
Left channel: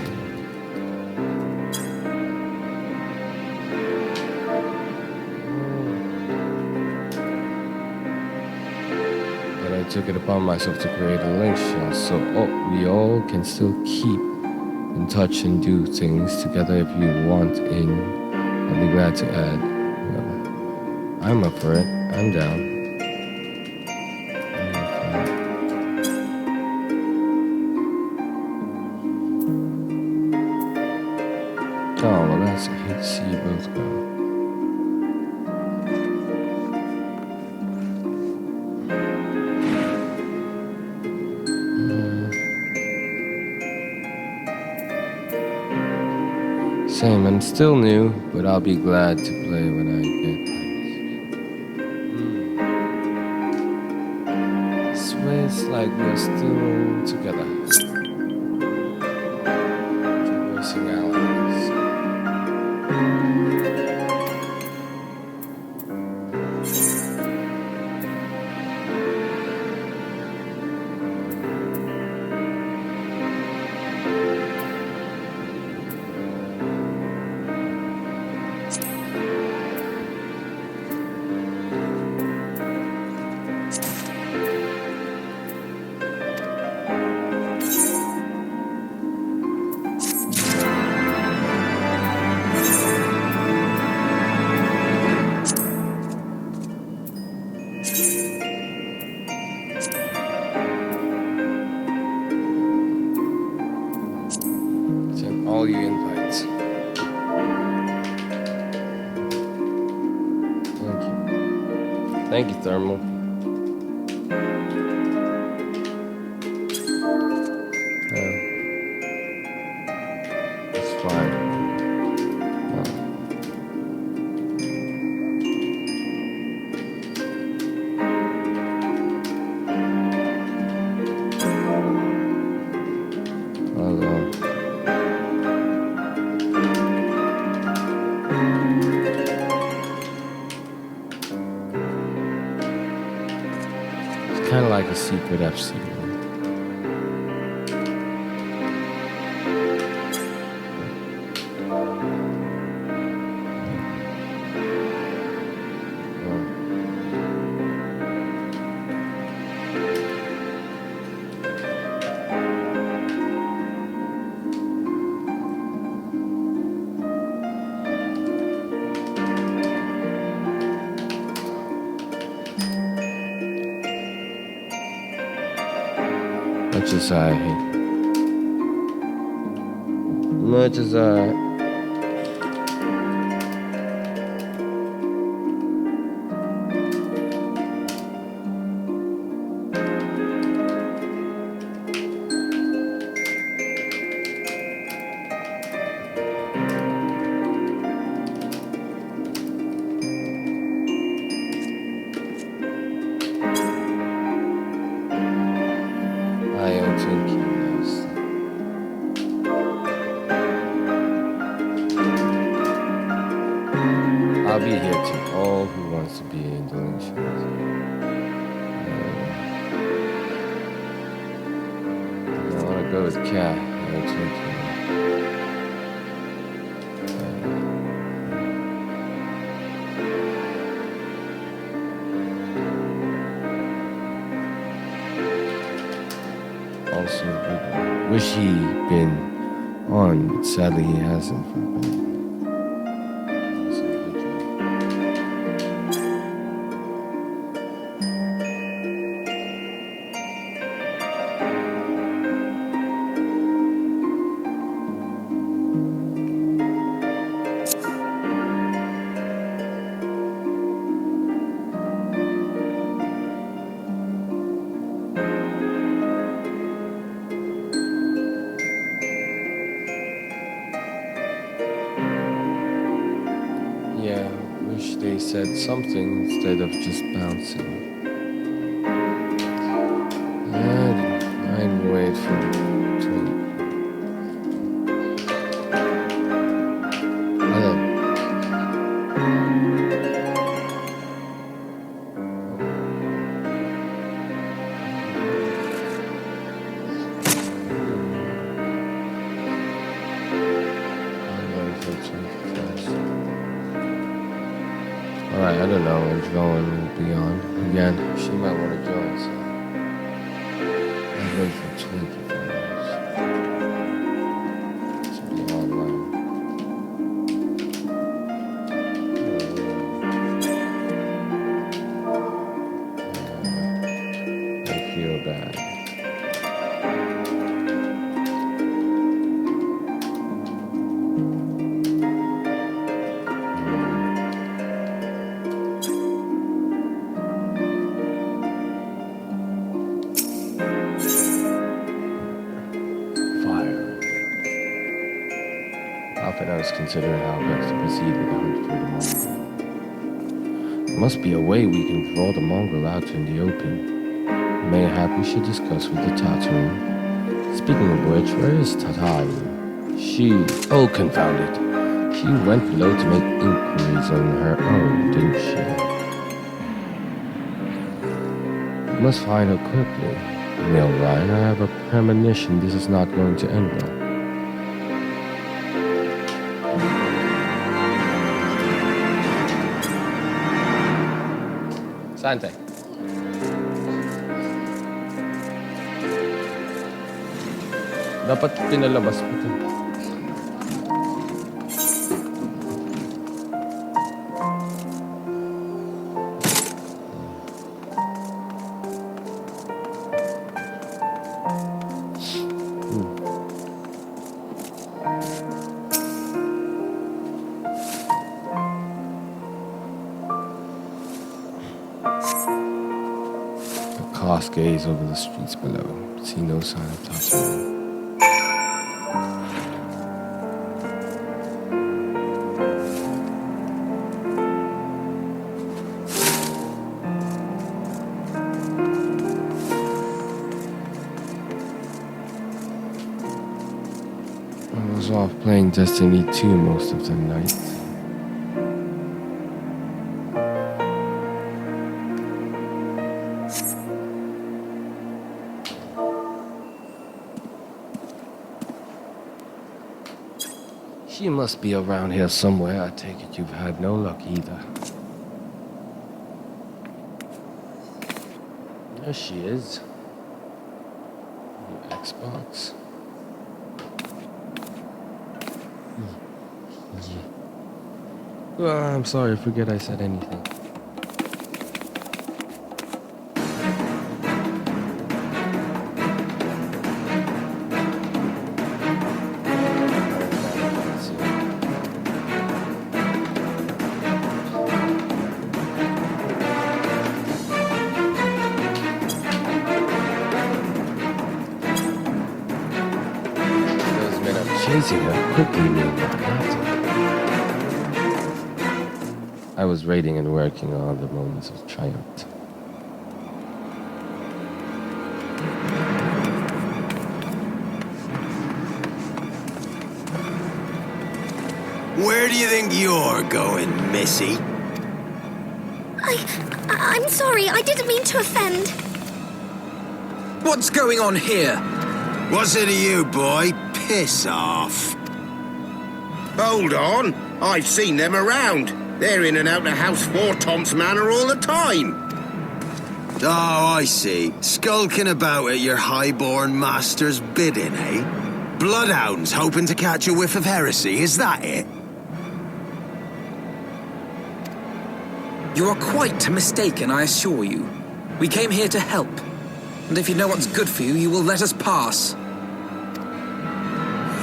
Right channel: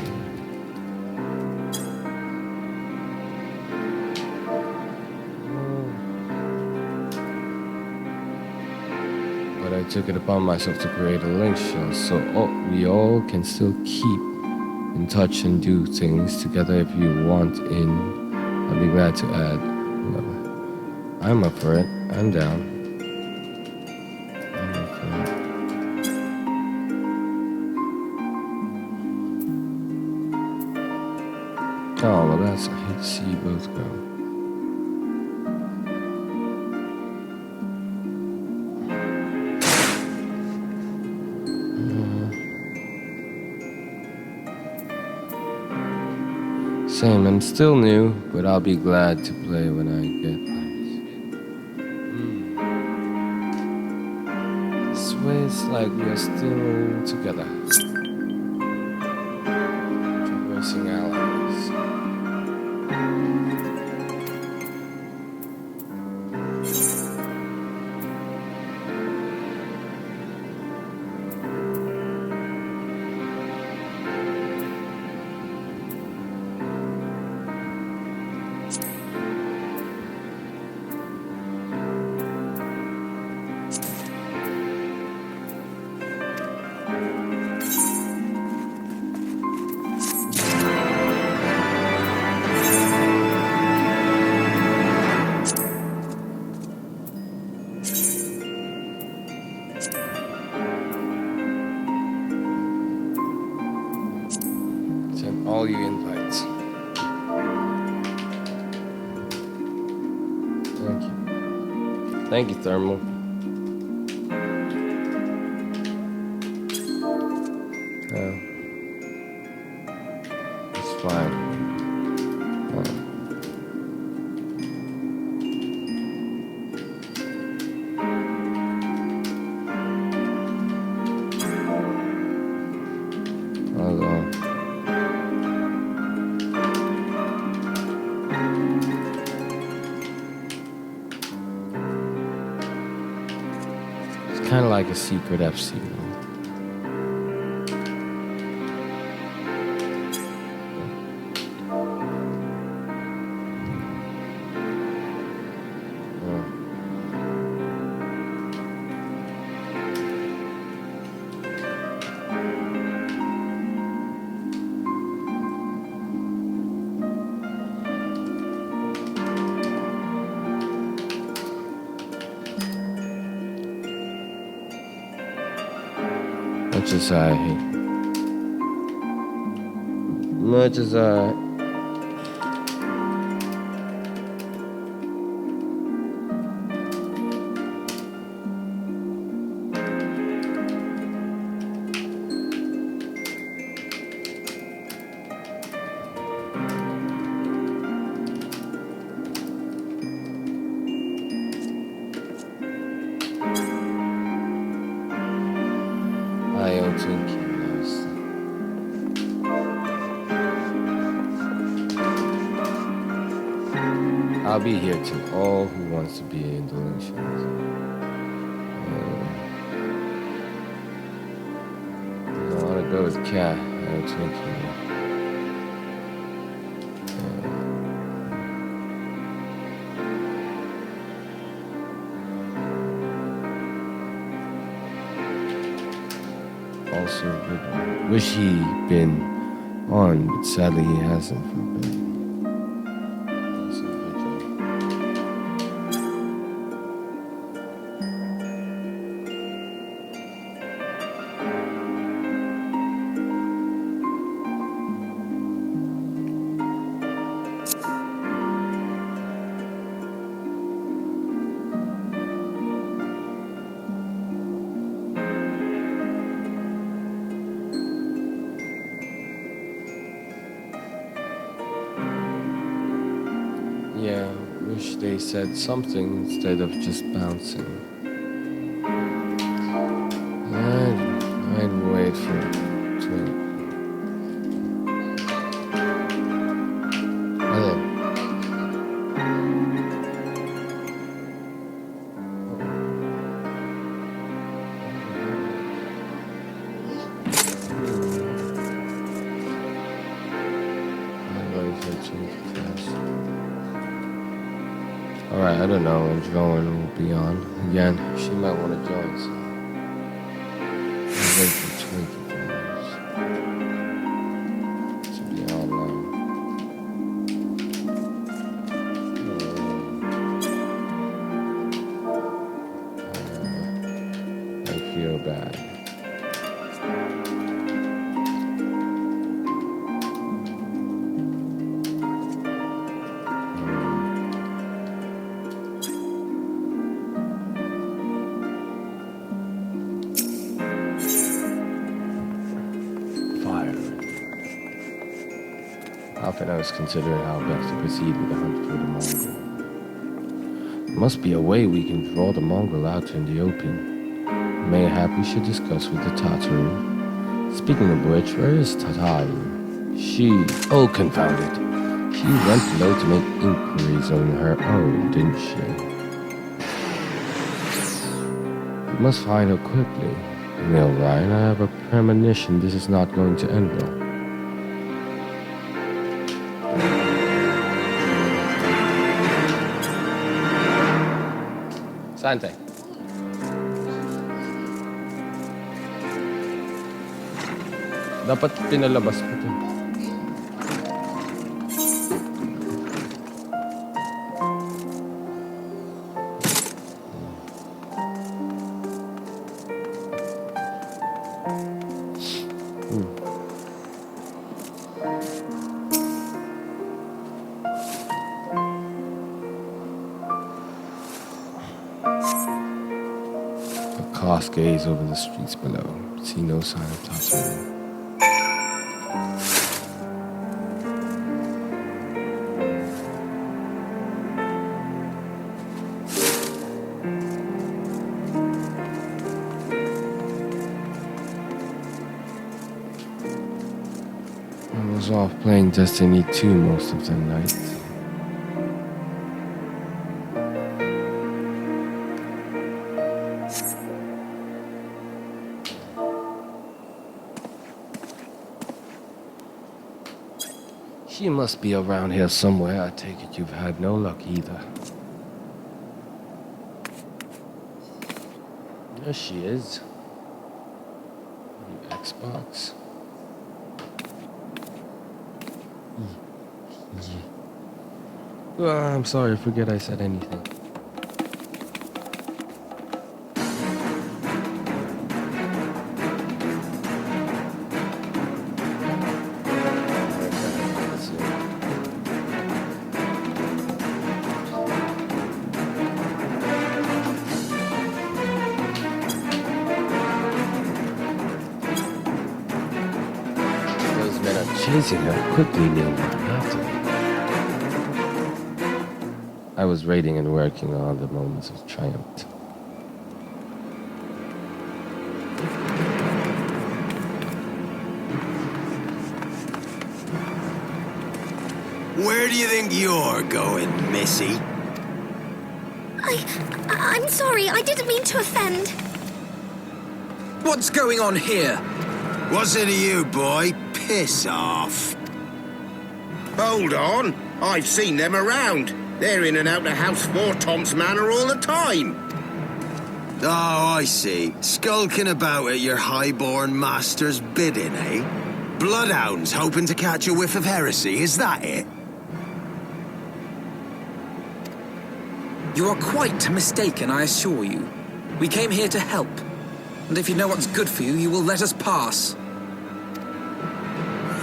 I took it upon myself to create a link shell so we all can still keep in touch and do things together. If you want in, I'll be glad to add whoever. I'm up for it. I'm down. I'm up for it. Oh, well, I hate to see you both go. Same, I'm still new, but I'll be glad to play when I get things. This way it's like we are still together. Traversing allies. All you invites. Thank you, Thermal. It's fine. It's kind of like a secret FC. Much as I don't think he knows. I'll be here to all who wants to be in donations. I want to go with Cat. I don't think he knows. Also, wish he'd been on, but sadly he hasn't for a bit. Yeah, wish they said something instead of just bouncing. I'd wait for it. Alright, I don't know when Joan will be on. Again, she might want to join, so I'll wait for 24 minutes to be online. I feel bad. Often I was considering how best to proceed with the hunt for the Mongol. There must be a way we can draw the Mongol out in the open. Mayhap we should discuss with the Tataru. Speaking of which, where is Tataru? Oh confound it. She went below to make inquiries on her own, didn't she? We must find her quickly. Neil Ryan, I have a premonition this is not going to end well. Sante. Dapat pinalabas mo ito. cast gaze over the streets below. See no sign of Tatooine. I was off playing Destiny 2 most of the night. She must be around here somewhere. I take it you've had no luck either. There she is. The Xbox. Yeah. Well, I'm sorry, I forget I said anything. Those men are chasing her quickly, knew what happened. I was raiding and working on the moments of triumph. Where do you think you're going, Missy? I'm sorry, I didn't mean to offend. What's going on here? What's it to you, boy? Piss off. Hold on. I've seen them around. They're in and out of House Fourtomps Manor all the time. Oh, I see. Skulking about at your highborn master's bidding, eh? Bloodhounds hoping to catch a whiff of heresy, is that it? You are quite mistaken, I assure you. We came here to help. And if you know what's good for you, you will let us pass.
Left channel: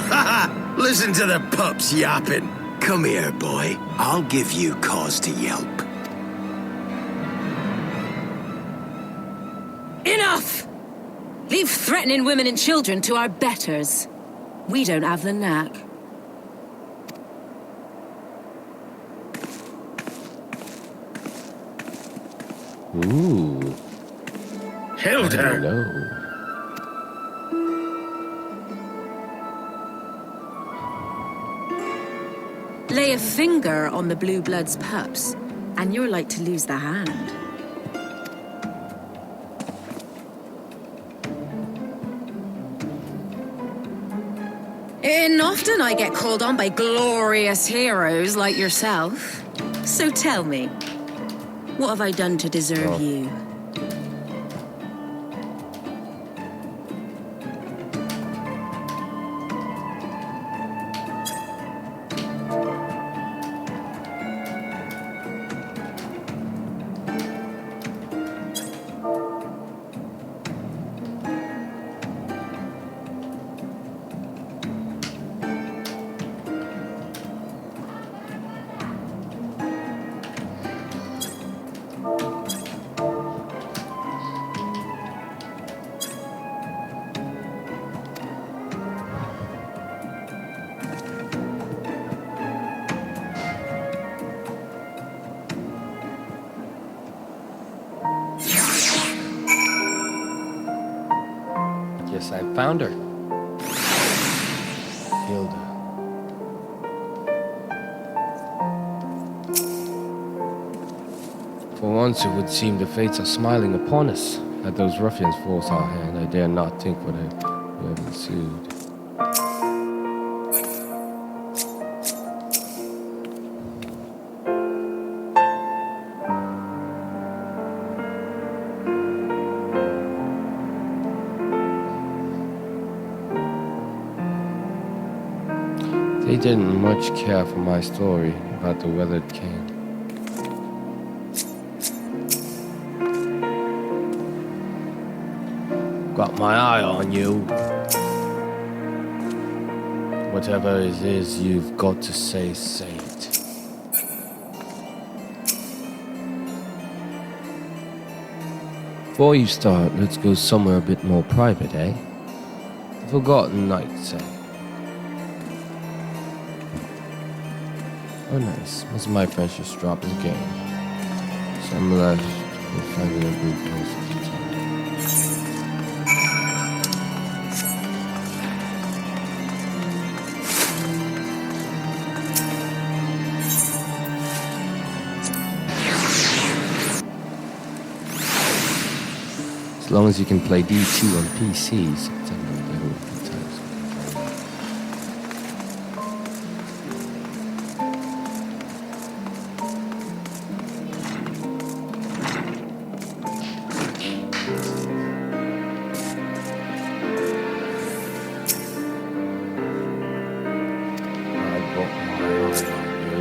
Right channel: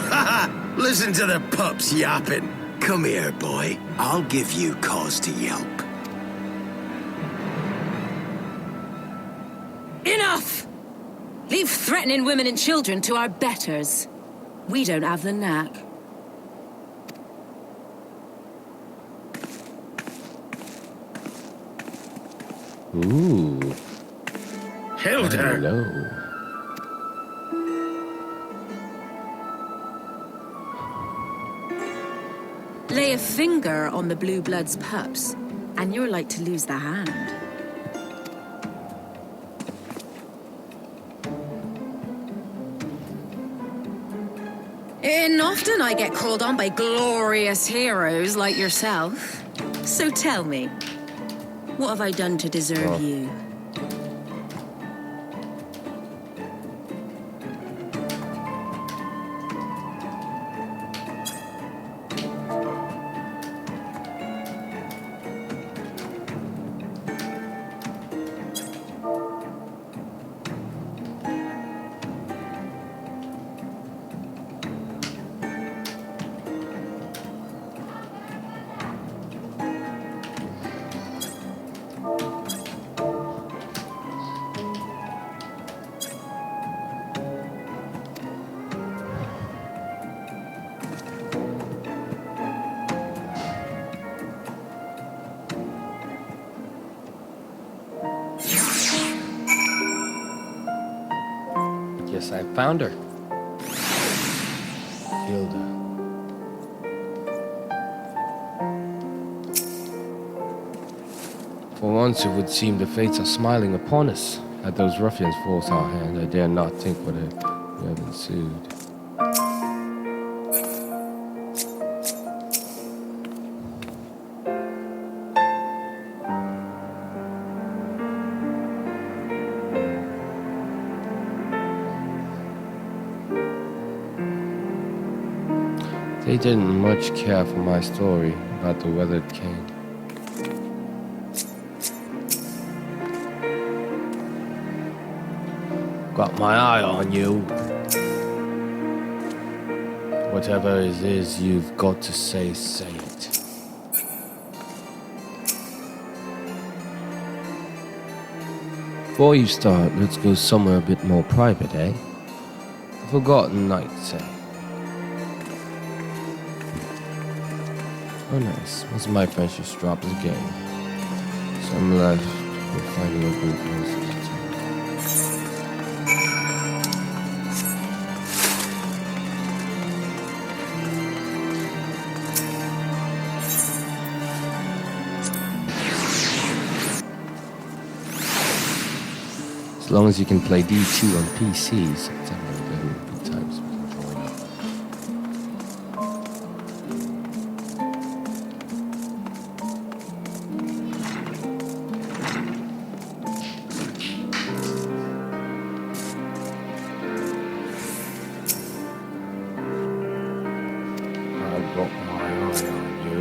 Haha! Listen to the pups yapping. Come here, boy. I'll give you cause to yelp. Enough! Leave threatening women and children to our betters. We don't have the knack. Ooh. Hilda! Hello. Lay a finger on the Blue Blood's pups, and you're like to lose the hand. And often I get called on by glorious heroes like yourself. So tell me, what have I done to deserve you? Yes, I found her. Hilda. For once, it would seem the fates are smiling upon us. Had those ruffians forced our hand, I dare not think what would have ensued. They didn't much care for my story about the weathered cane. Got my eye on you. Whatever it is you've got to say, say it. before you start, let's go somewhere a bit more private, eh? The Forgotten Knights, say. Oh, nice. Most of my friends just dropped the game, so I'm left with finding a group most of the time. As long as you can play D2 on PCs, it's a no good types of controller. I got my eye on you.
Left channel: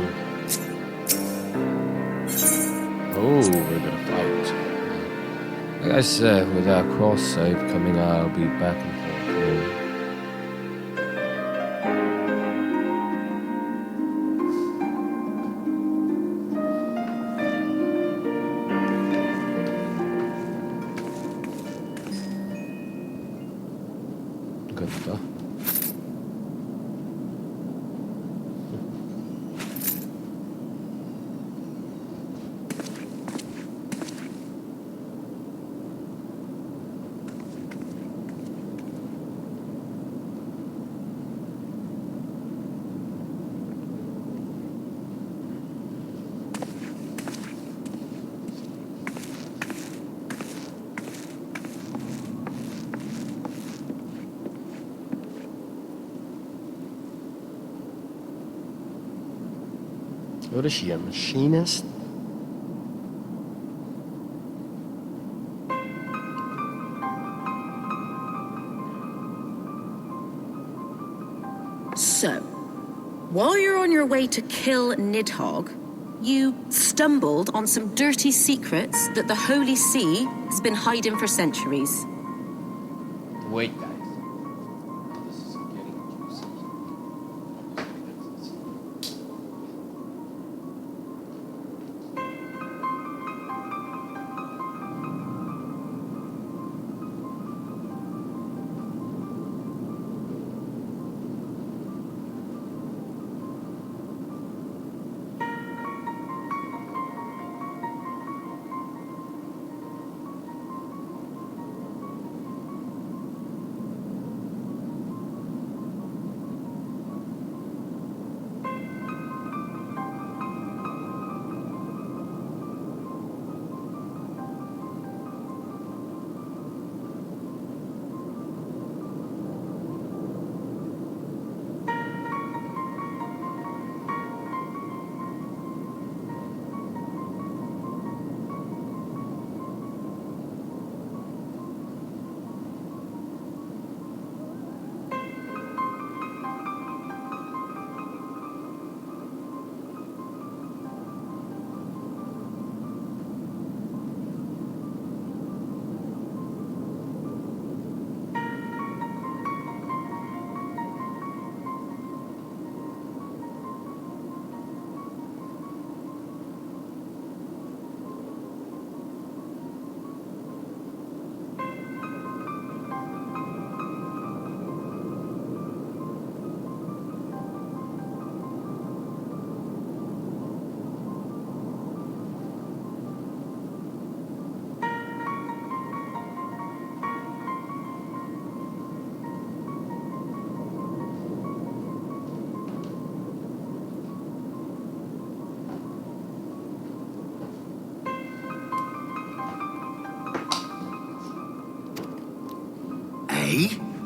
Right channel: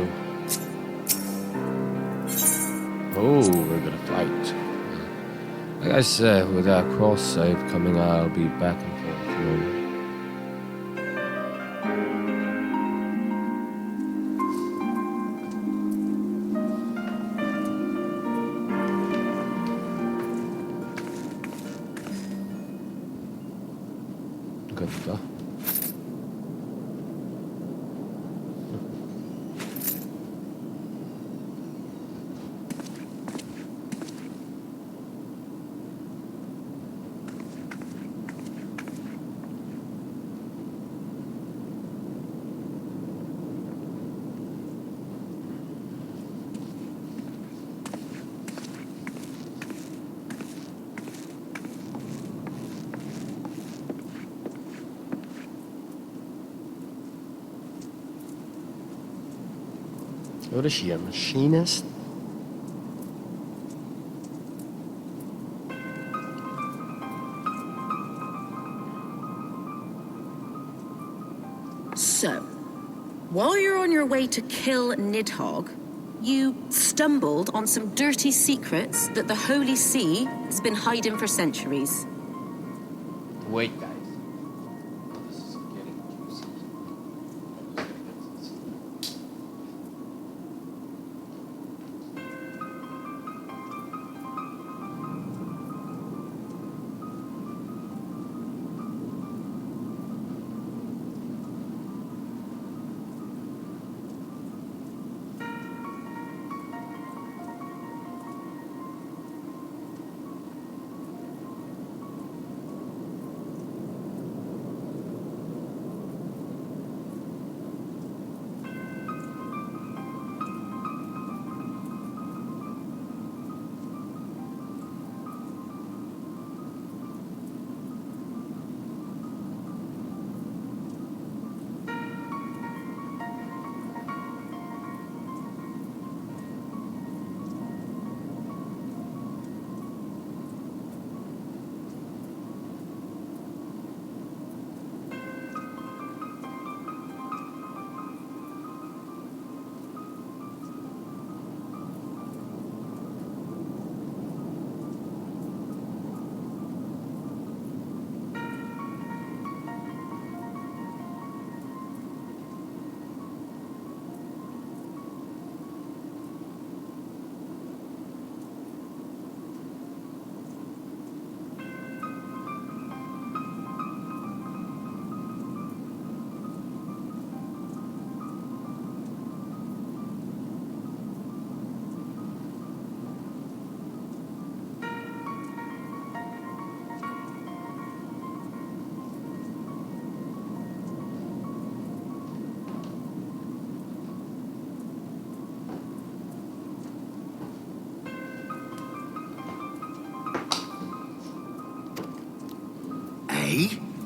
Oh, we're gonna fight. Like I said, with our cross save coming out, I'll be back and forth. Good stuff. What is she, a machinist? So, while you're on your way to kill Nidhogg, you stumbled on some dirty secrets that the Holy See has been hiding for centuries. Wait, guys. This is getting juicy.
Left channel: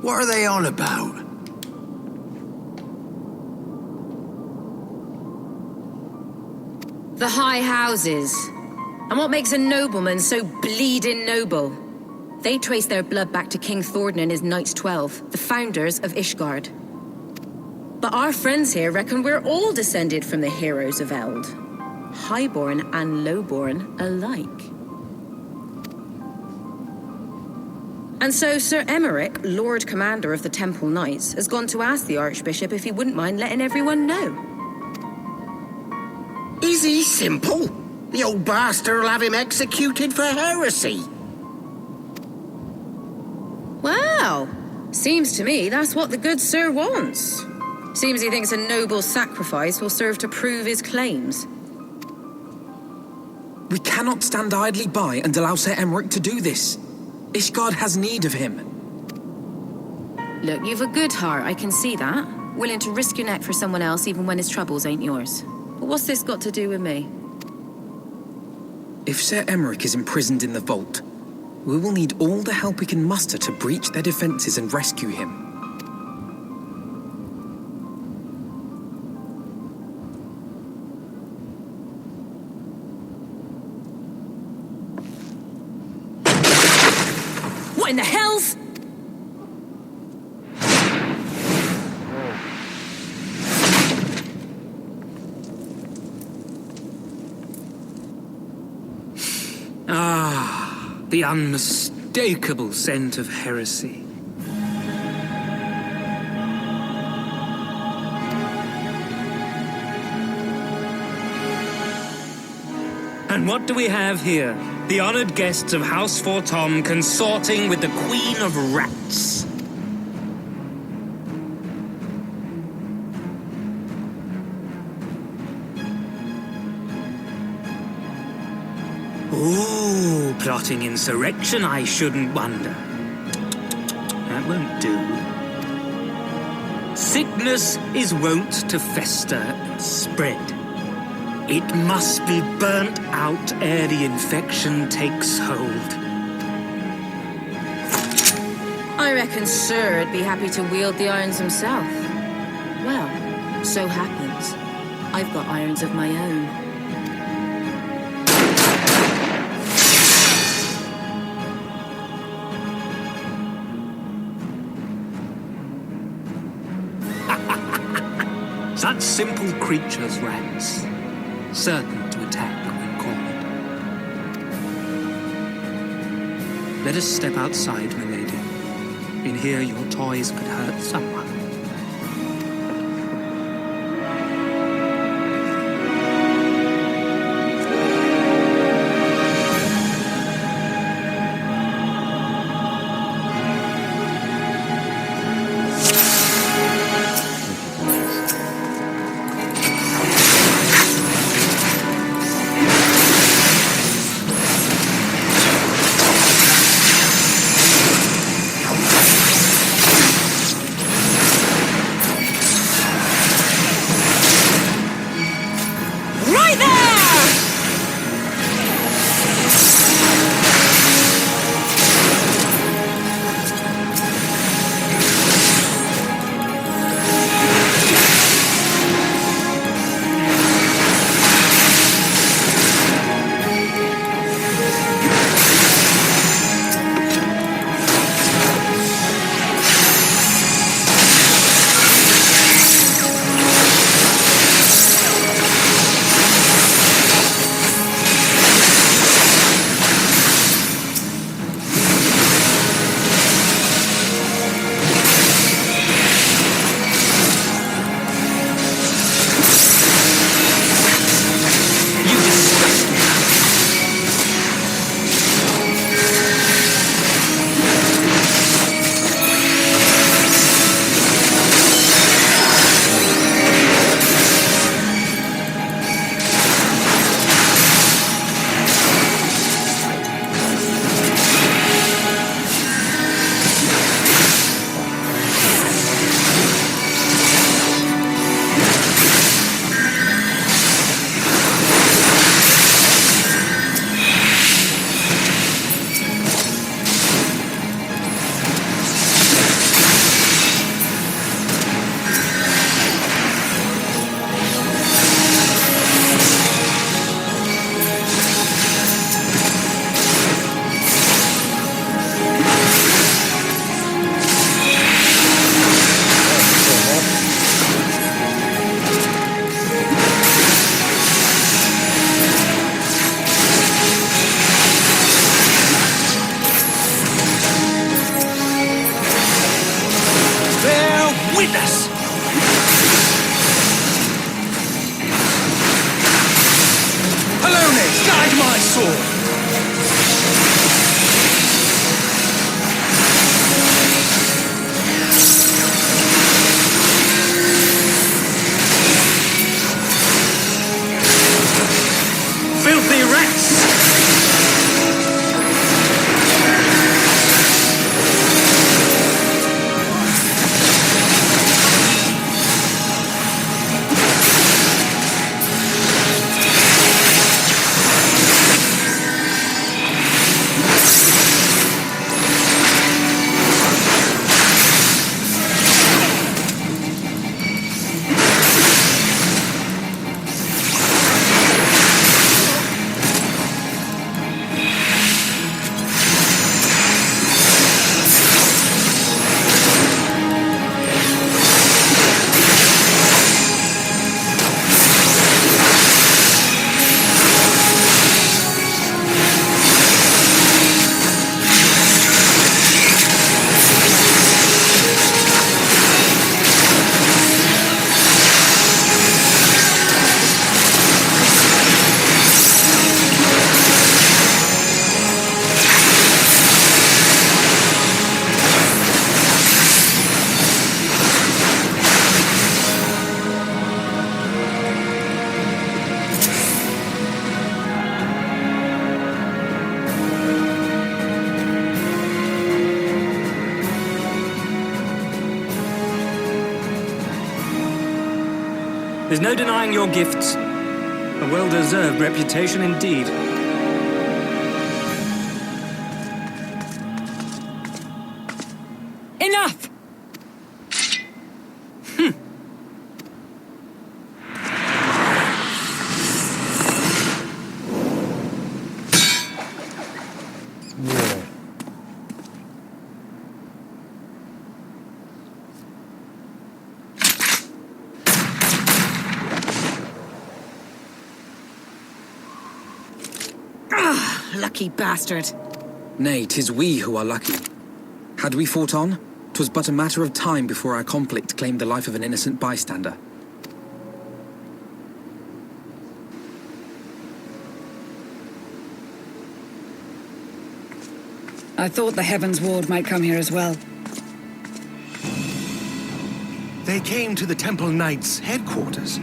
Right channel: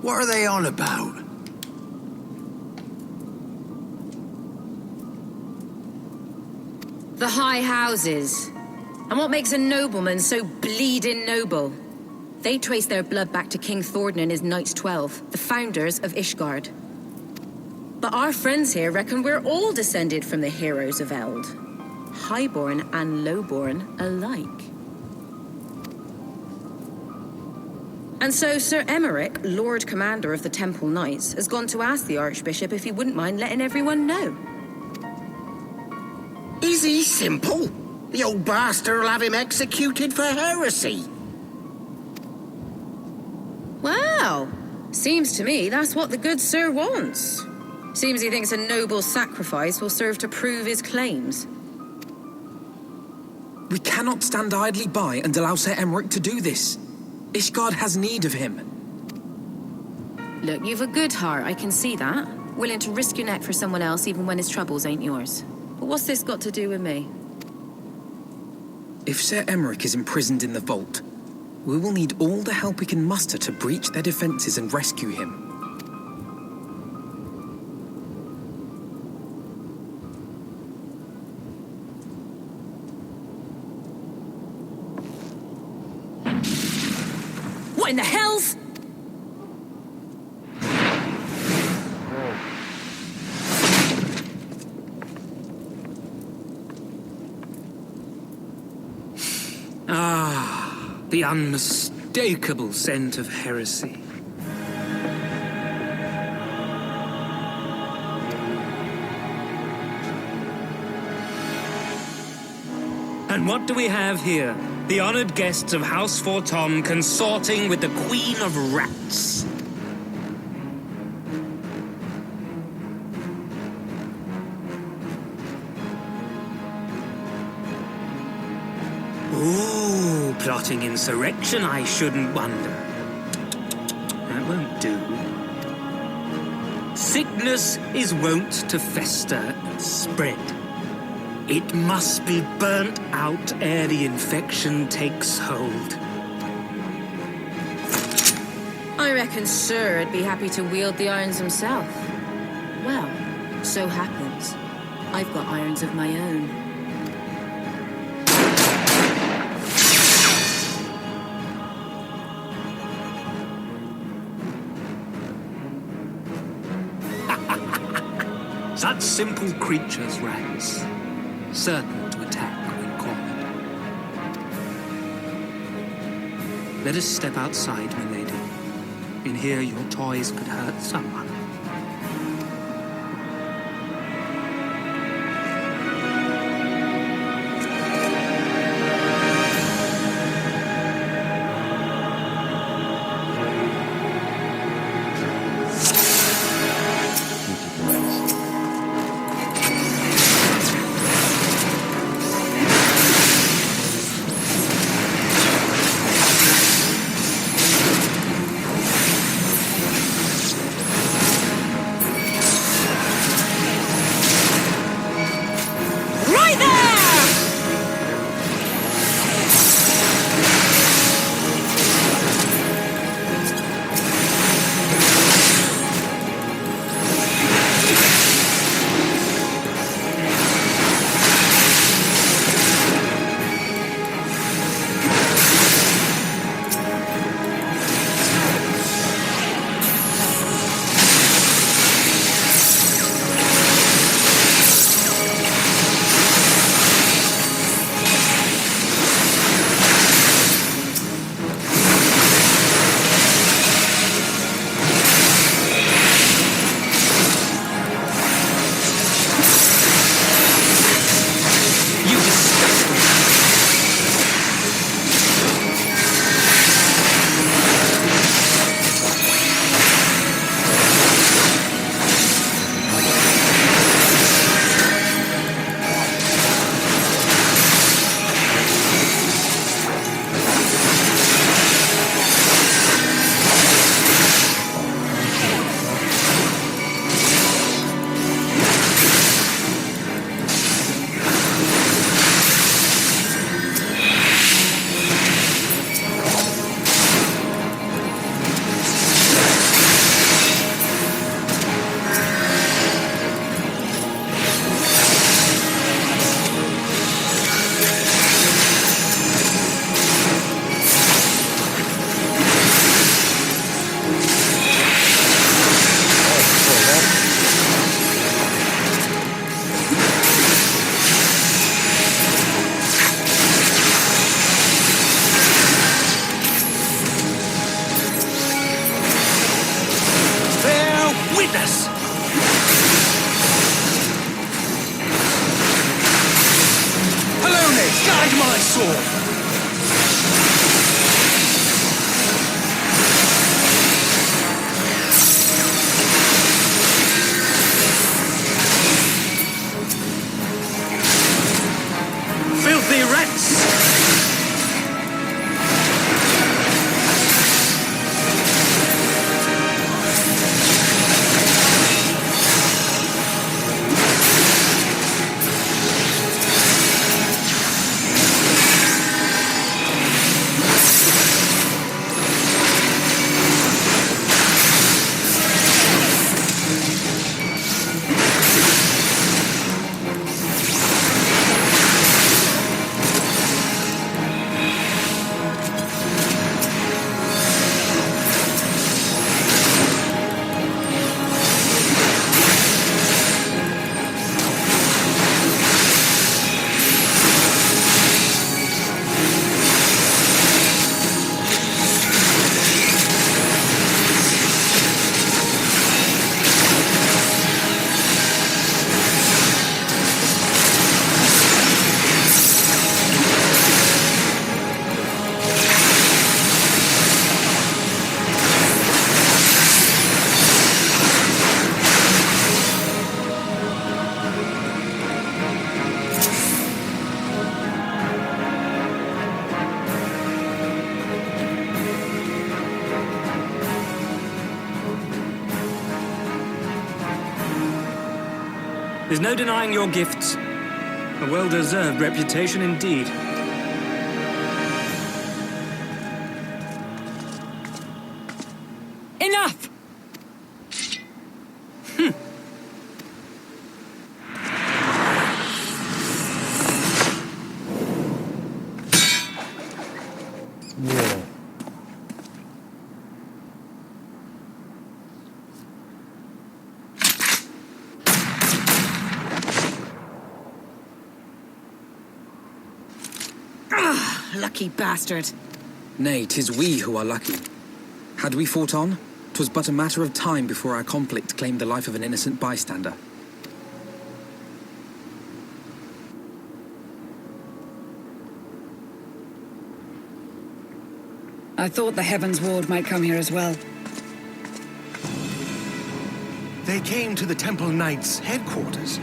What are they on about? The high houses. And what makes a nobleman so bleeding noble? They trace their blood back to King Thornton and his Knights 12, the founders of Ishgard. But our friends here reckon we're all descended from the heroes of Eld. Highborn and lowborn alike. And so Sir Emmerich, Lord Commander of the Temple Knights, has gone to ask the Archbishop if he wouldn't mind letting everyone know. Is he simple? The old bastard will have him executed for heresy. Well, seems to me that's what the good sir wants. Seems he thinks a noble sacrifice will serve to prove his claims. We cannot stand idly by and allow Sir Emmerich to do this. Ishgard has need of him. Look, you've a good heart, I can see that. Willing to risk your neck for someone else even when his troubles ain't yours. But what's this got to do with me? If Sir Emmerich is imprisoned in the vault, we will need all the help we can muster to breach their defenses and rescue him. What in the hell's... Ah, the unmistakable scent of heresy. And what do we have here? The honored guests of House Fortom consorting with the Queen of Rats. Ooh, plotting insurrection, I shouldn't wonder. That won't do. Sickness is wont to fester and spread. It must be burnt out ere the infection takes hold. I reckon Sir would be happy to wield the irons himself. Well, so happens. I've got irons of my own. Such simple creatures, rats. Certain to attack when cornered. Let us step outside, milady. In here, your toys could hurt someone. Witness! Helone, guide my sword! threats! There's no denying your gifts. A well-deserved reputation indeed. Enough! Yeah. Lucky bastard. Nay, 'tis we who are lucky. Had we fought on, 'twas but a matter of time before our conflict claimed the life of an innocent bystander. I thought the Heavens Ward might come here as well. They came to the Temple Knights' headquarters.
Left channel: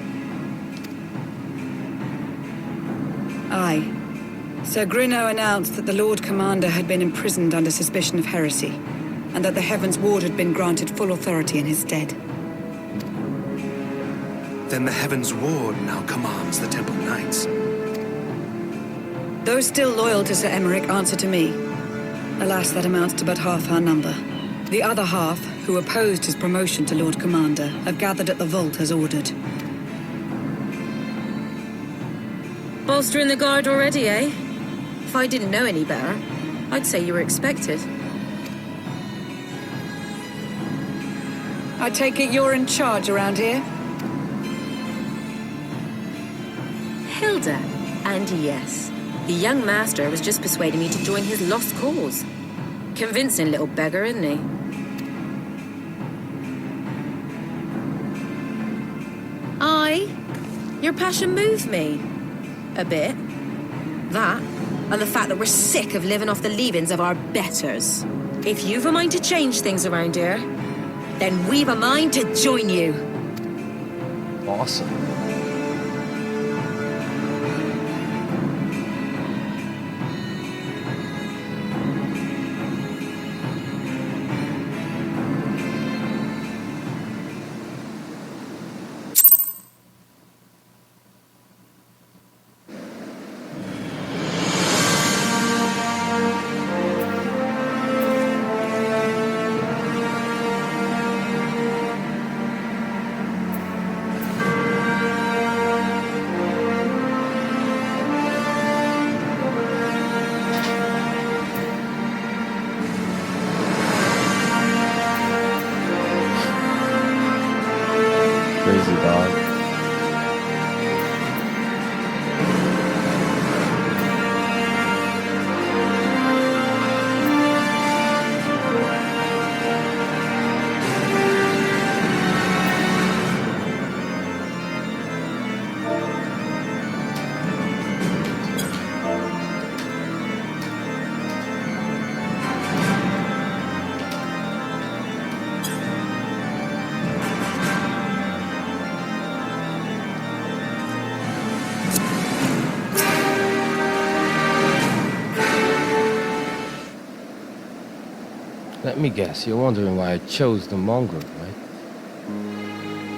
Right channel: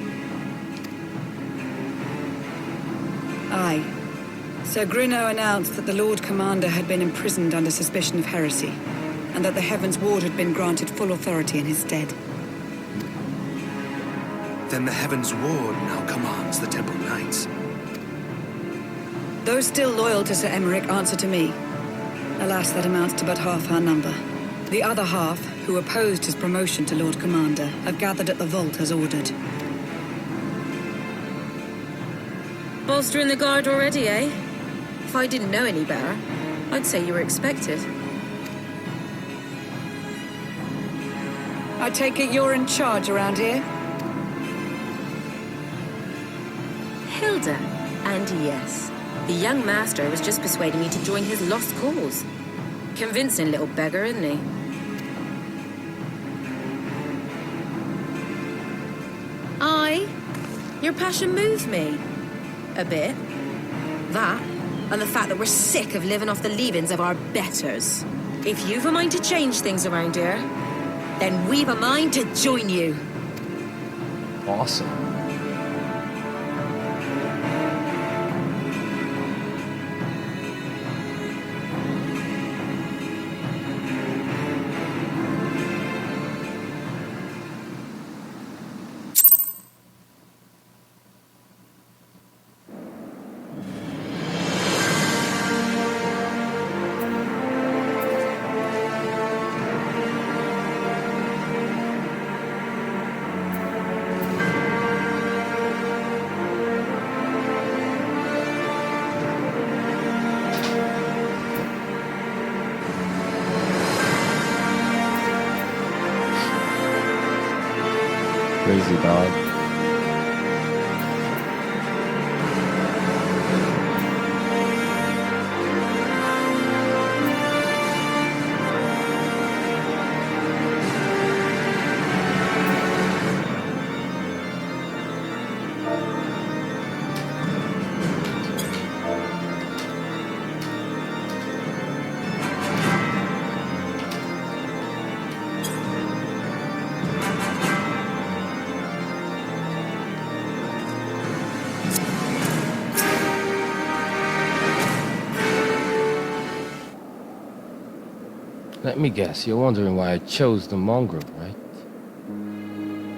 Aye. Sir Grinno announced that the Lord Commander had been imprisoned under suspicion of heresy, and that the Heavens Ward had been granted full authority in his stead. Then the Heavens Ward now commands the Temple Knights. Those still loyal to Sir Emmerich answer to me. Alas, that amounts to but half our number. The other half, who opposed his promotion to Lord Commander, have gathered at the vault as ordered. Bolstering the guard already, eh? If I didn't know any better, I'd say you were expected. I take it you're in charge around here? Hilda. And yes, the young master was just persuading me to join his lost cause. Convincing little beggar, isn't he? Your passion moves me. A bit. That, and the fact that we're sick of living off the leavings of our betters. If you've a mind to change things around here, then we've a mind to join you. Awesome. Crazy dog. Let me guess, you're wondering why I chose the mongrel, right?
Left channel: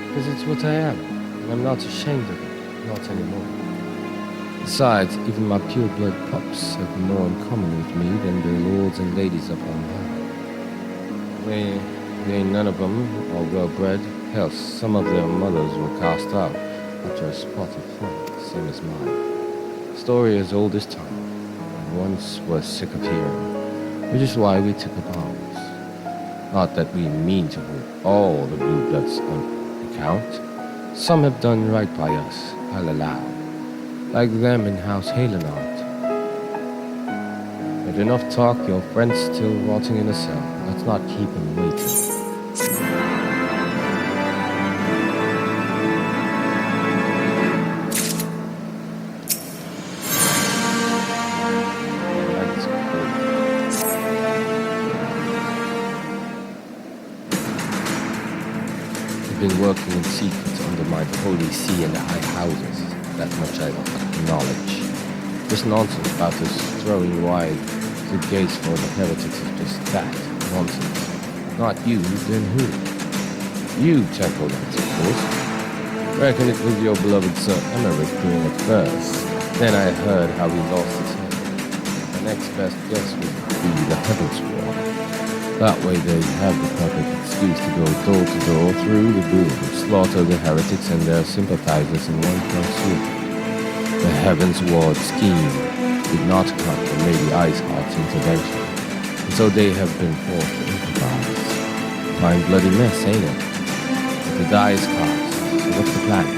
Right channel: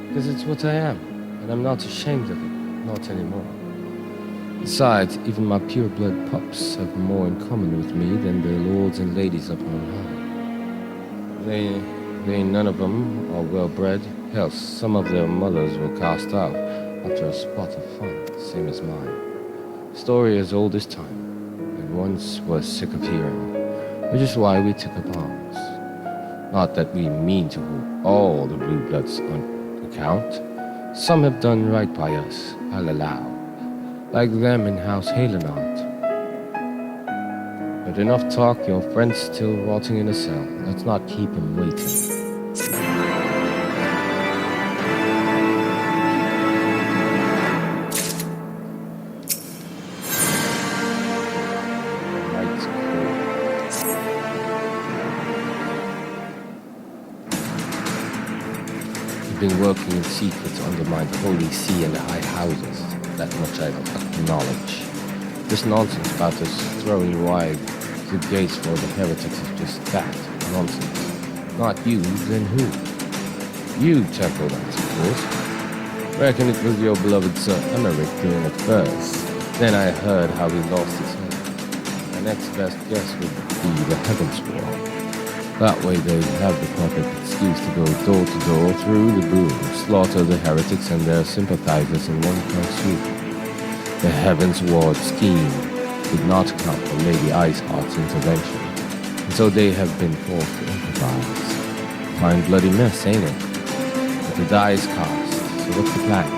Because it's what I am, and I'm not ashamed of it, not anymore. Besides, even my pure-blood pups have more in common with me than the lords and ladies up on high. They none of them are well-bred. Hell, some of their mothers were cast out after a spot of fun, same as mine. Story as old as time, and once was sick of hearing, which is why we took up arms. Not that we mean to hold all the blue bloods on account. Some have done right by us, I'll allow, like them in House Halenart. But enough talk, your friend's still rotting in a cell. Let's not keep him waiting. That's cool. We've been working in secret to undermine the Holy See and the high houses. That much I acknowledge. This nonsense about us throwing wide the gates for the heretics is just that, nonsense. Not you, then who? You, Temple Knights, of course. Reckon it was your beloved Sir Emmerich doing it first. Then I heard how he lost his head. My next best guess would be the Heavens War. That way they'd have the perfect excuse to go door to door through the boom, slaughter the heretics and their sympathizers in one fell swoop. The Heavens Ward scheme did not account for Lady Iceheart's intervention, and so they have been forced to improvise. Fine bloody mess, ain't it? But the die is cast, so what's the plan?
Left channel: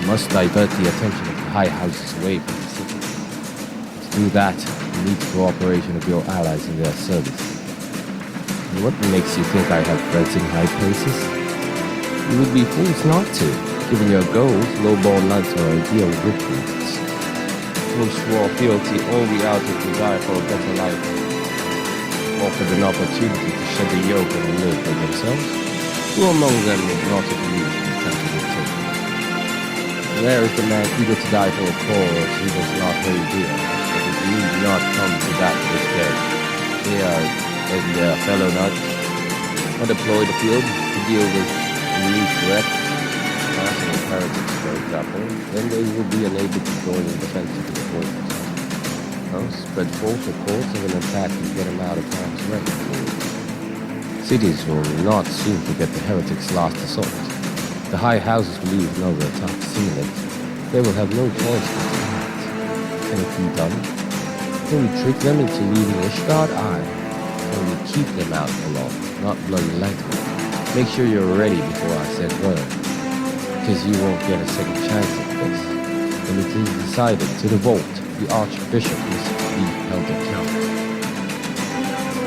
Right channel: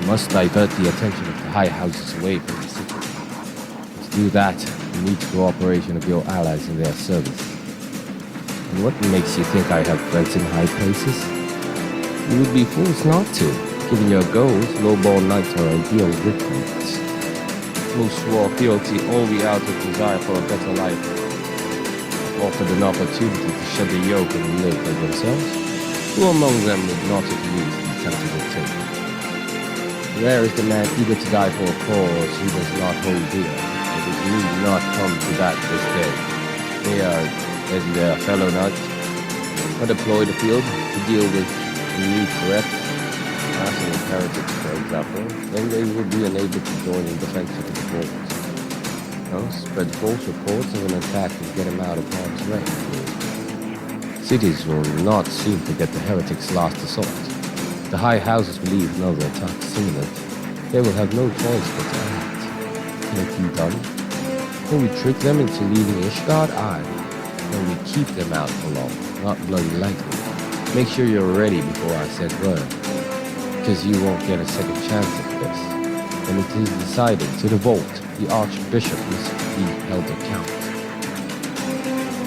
We must divert the attention of the high houses away from the city. And to do that, we need the cooperation of your allies in their service. And what makes you think I have friends in high places? You would be fools not to. Given your goals, low-born knights are ideal recruits. Who swore fealty only out of desire for a better life, offered an opportunity to shed the yoke and live for themselves. Who among them would not at least be tempted to take it? Rare is the man eager to die for a cause he does not hold dear, but it need not come to that this day. They are, as their fellow knights, are deployed afield to deal with new threats. Passing with heretics, for example, then they will be unable to join in defense of the forts. No, spread false reports of an attack to get him out of harm's way. Cities will not soon forget the heretics' last assault. If the high houses believe another attack is imminent, they will have no choice but to act. Can it be done? Can we trick them into leaving Ishgard? Aye. Can we keep them out for long? Not bloody likely. Make sure you're ready before I said word. Because you won't get a second chance at this. When it is decided to the vault, the Archbishop must be held account.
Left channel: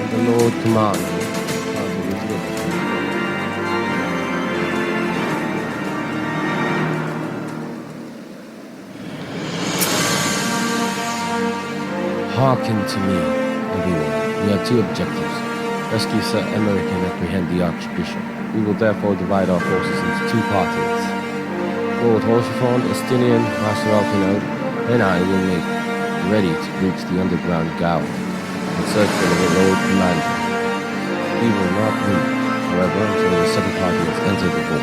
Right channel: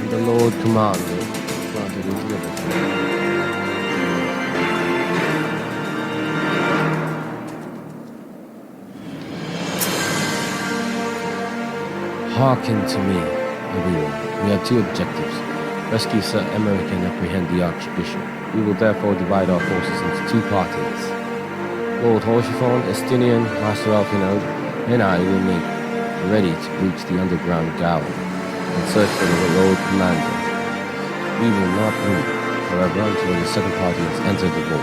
And the Lord commanded, planted his liberty. Hearken to me, everyone. We have two objectives. Rescue Sir Emmerich and apprehend the Archbishop. We will therefore divide our forces into two parties. Lord Horshifon, Estinian, Master Alpinode, and I will make ready to breach the underground gaol and search for the road commander. We will not move, however, until the second party has entered the vault.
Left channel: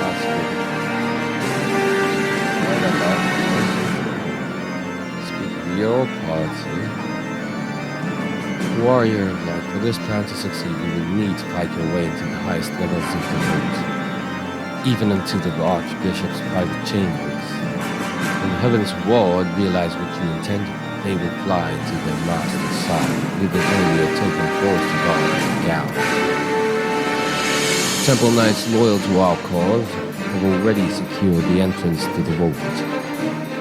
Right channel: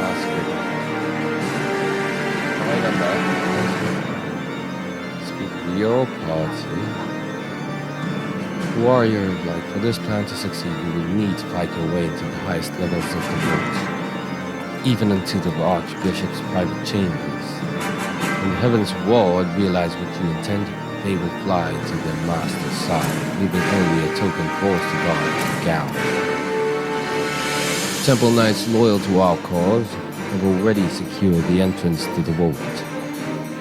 That's good. Right up back. Speak of your party. Warrior of light, for this plan to succeed, you will need to fight your way into the highest levels of the vault, even into the Archbishop's private chambers. When the Heavens Ward realize what you intended, they will fly to their master's side, leaving only a token force to guard the gaol. Temple Knights loyal to our cause have already secured the entrance to the vault.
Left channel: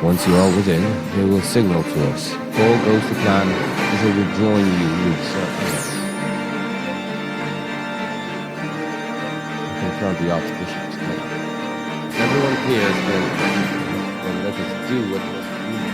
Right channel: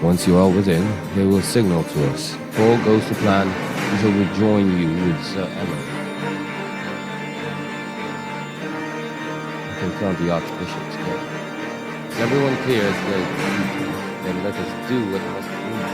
Once you are within, they will signal to us. If all goes to plan, we shall rejoin you with Sir Emmerich. We confront the Archbishop together. If everyone clears their duty, then let us do what must be done.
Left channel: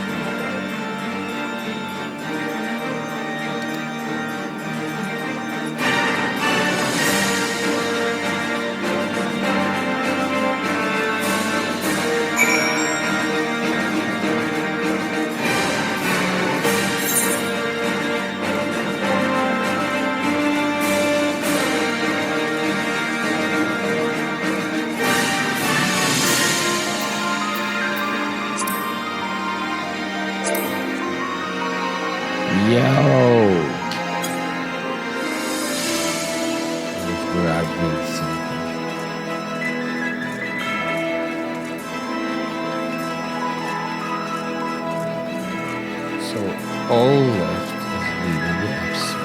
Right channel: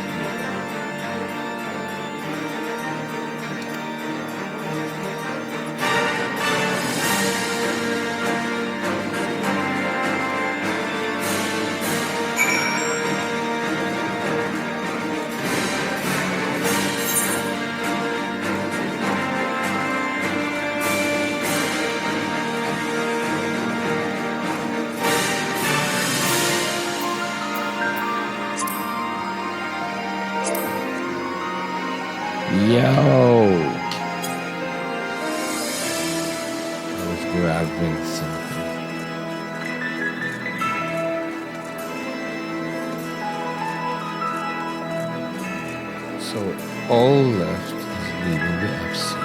Yo! I was grabbing something. So all left is leaving the FC.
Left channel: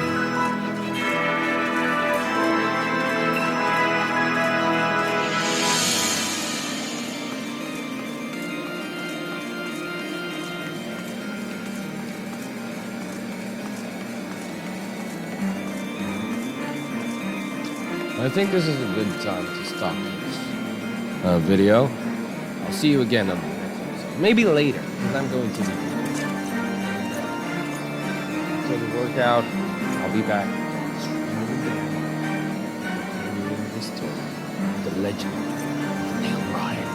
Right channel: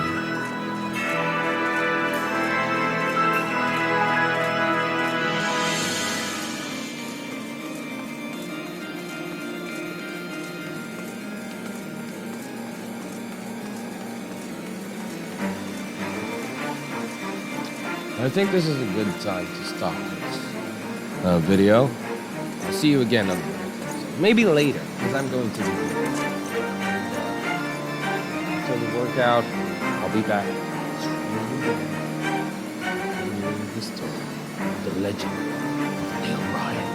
I think this is a good time to stop this video. I'll see you again on the next episode. Maybe later, because I'm going to the after the workout, I'll be back streaming again, continuing the story of the legend of Neil Ryan.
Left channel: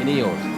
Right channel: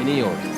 Any yours.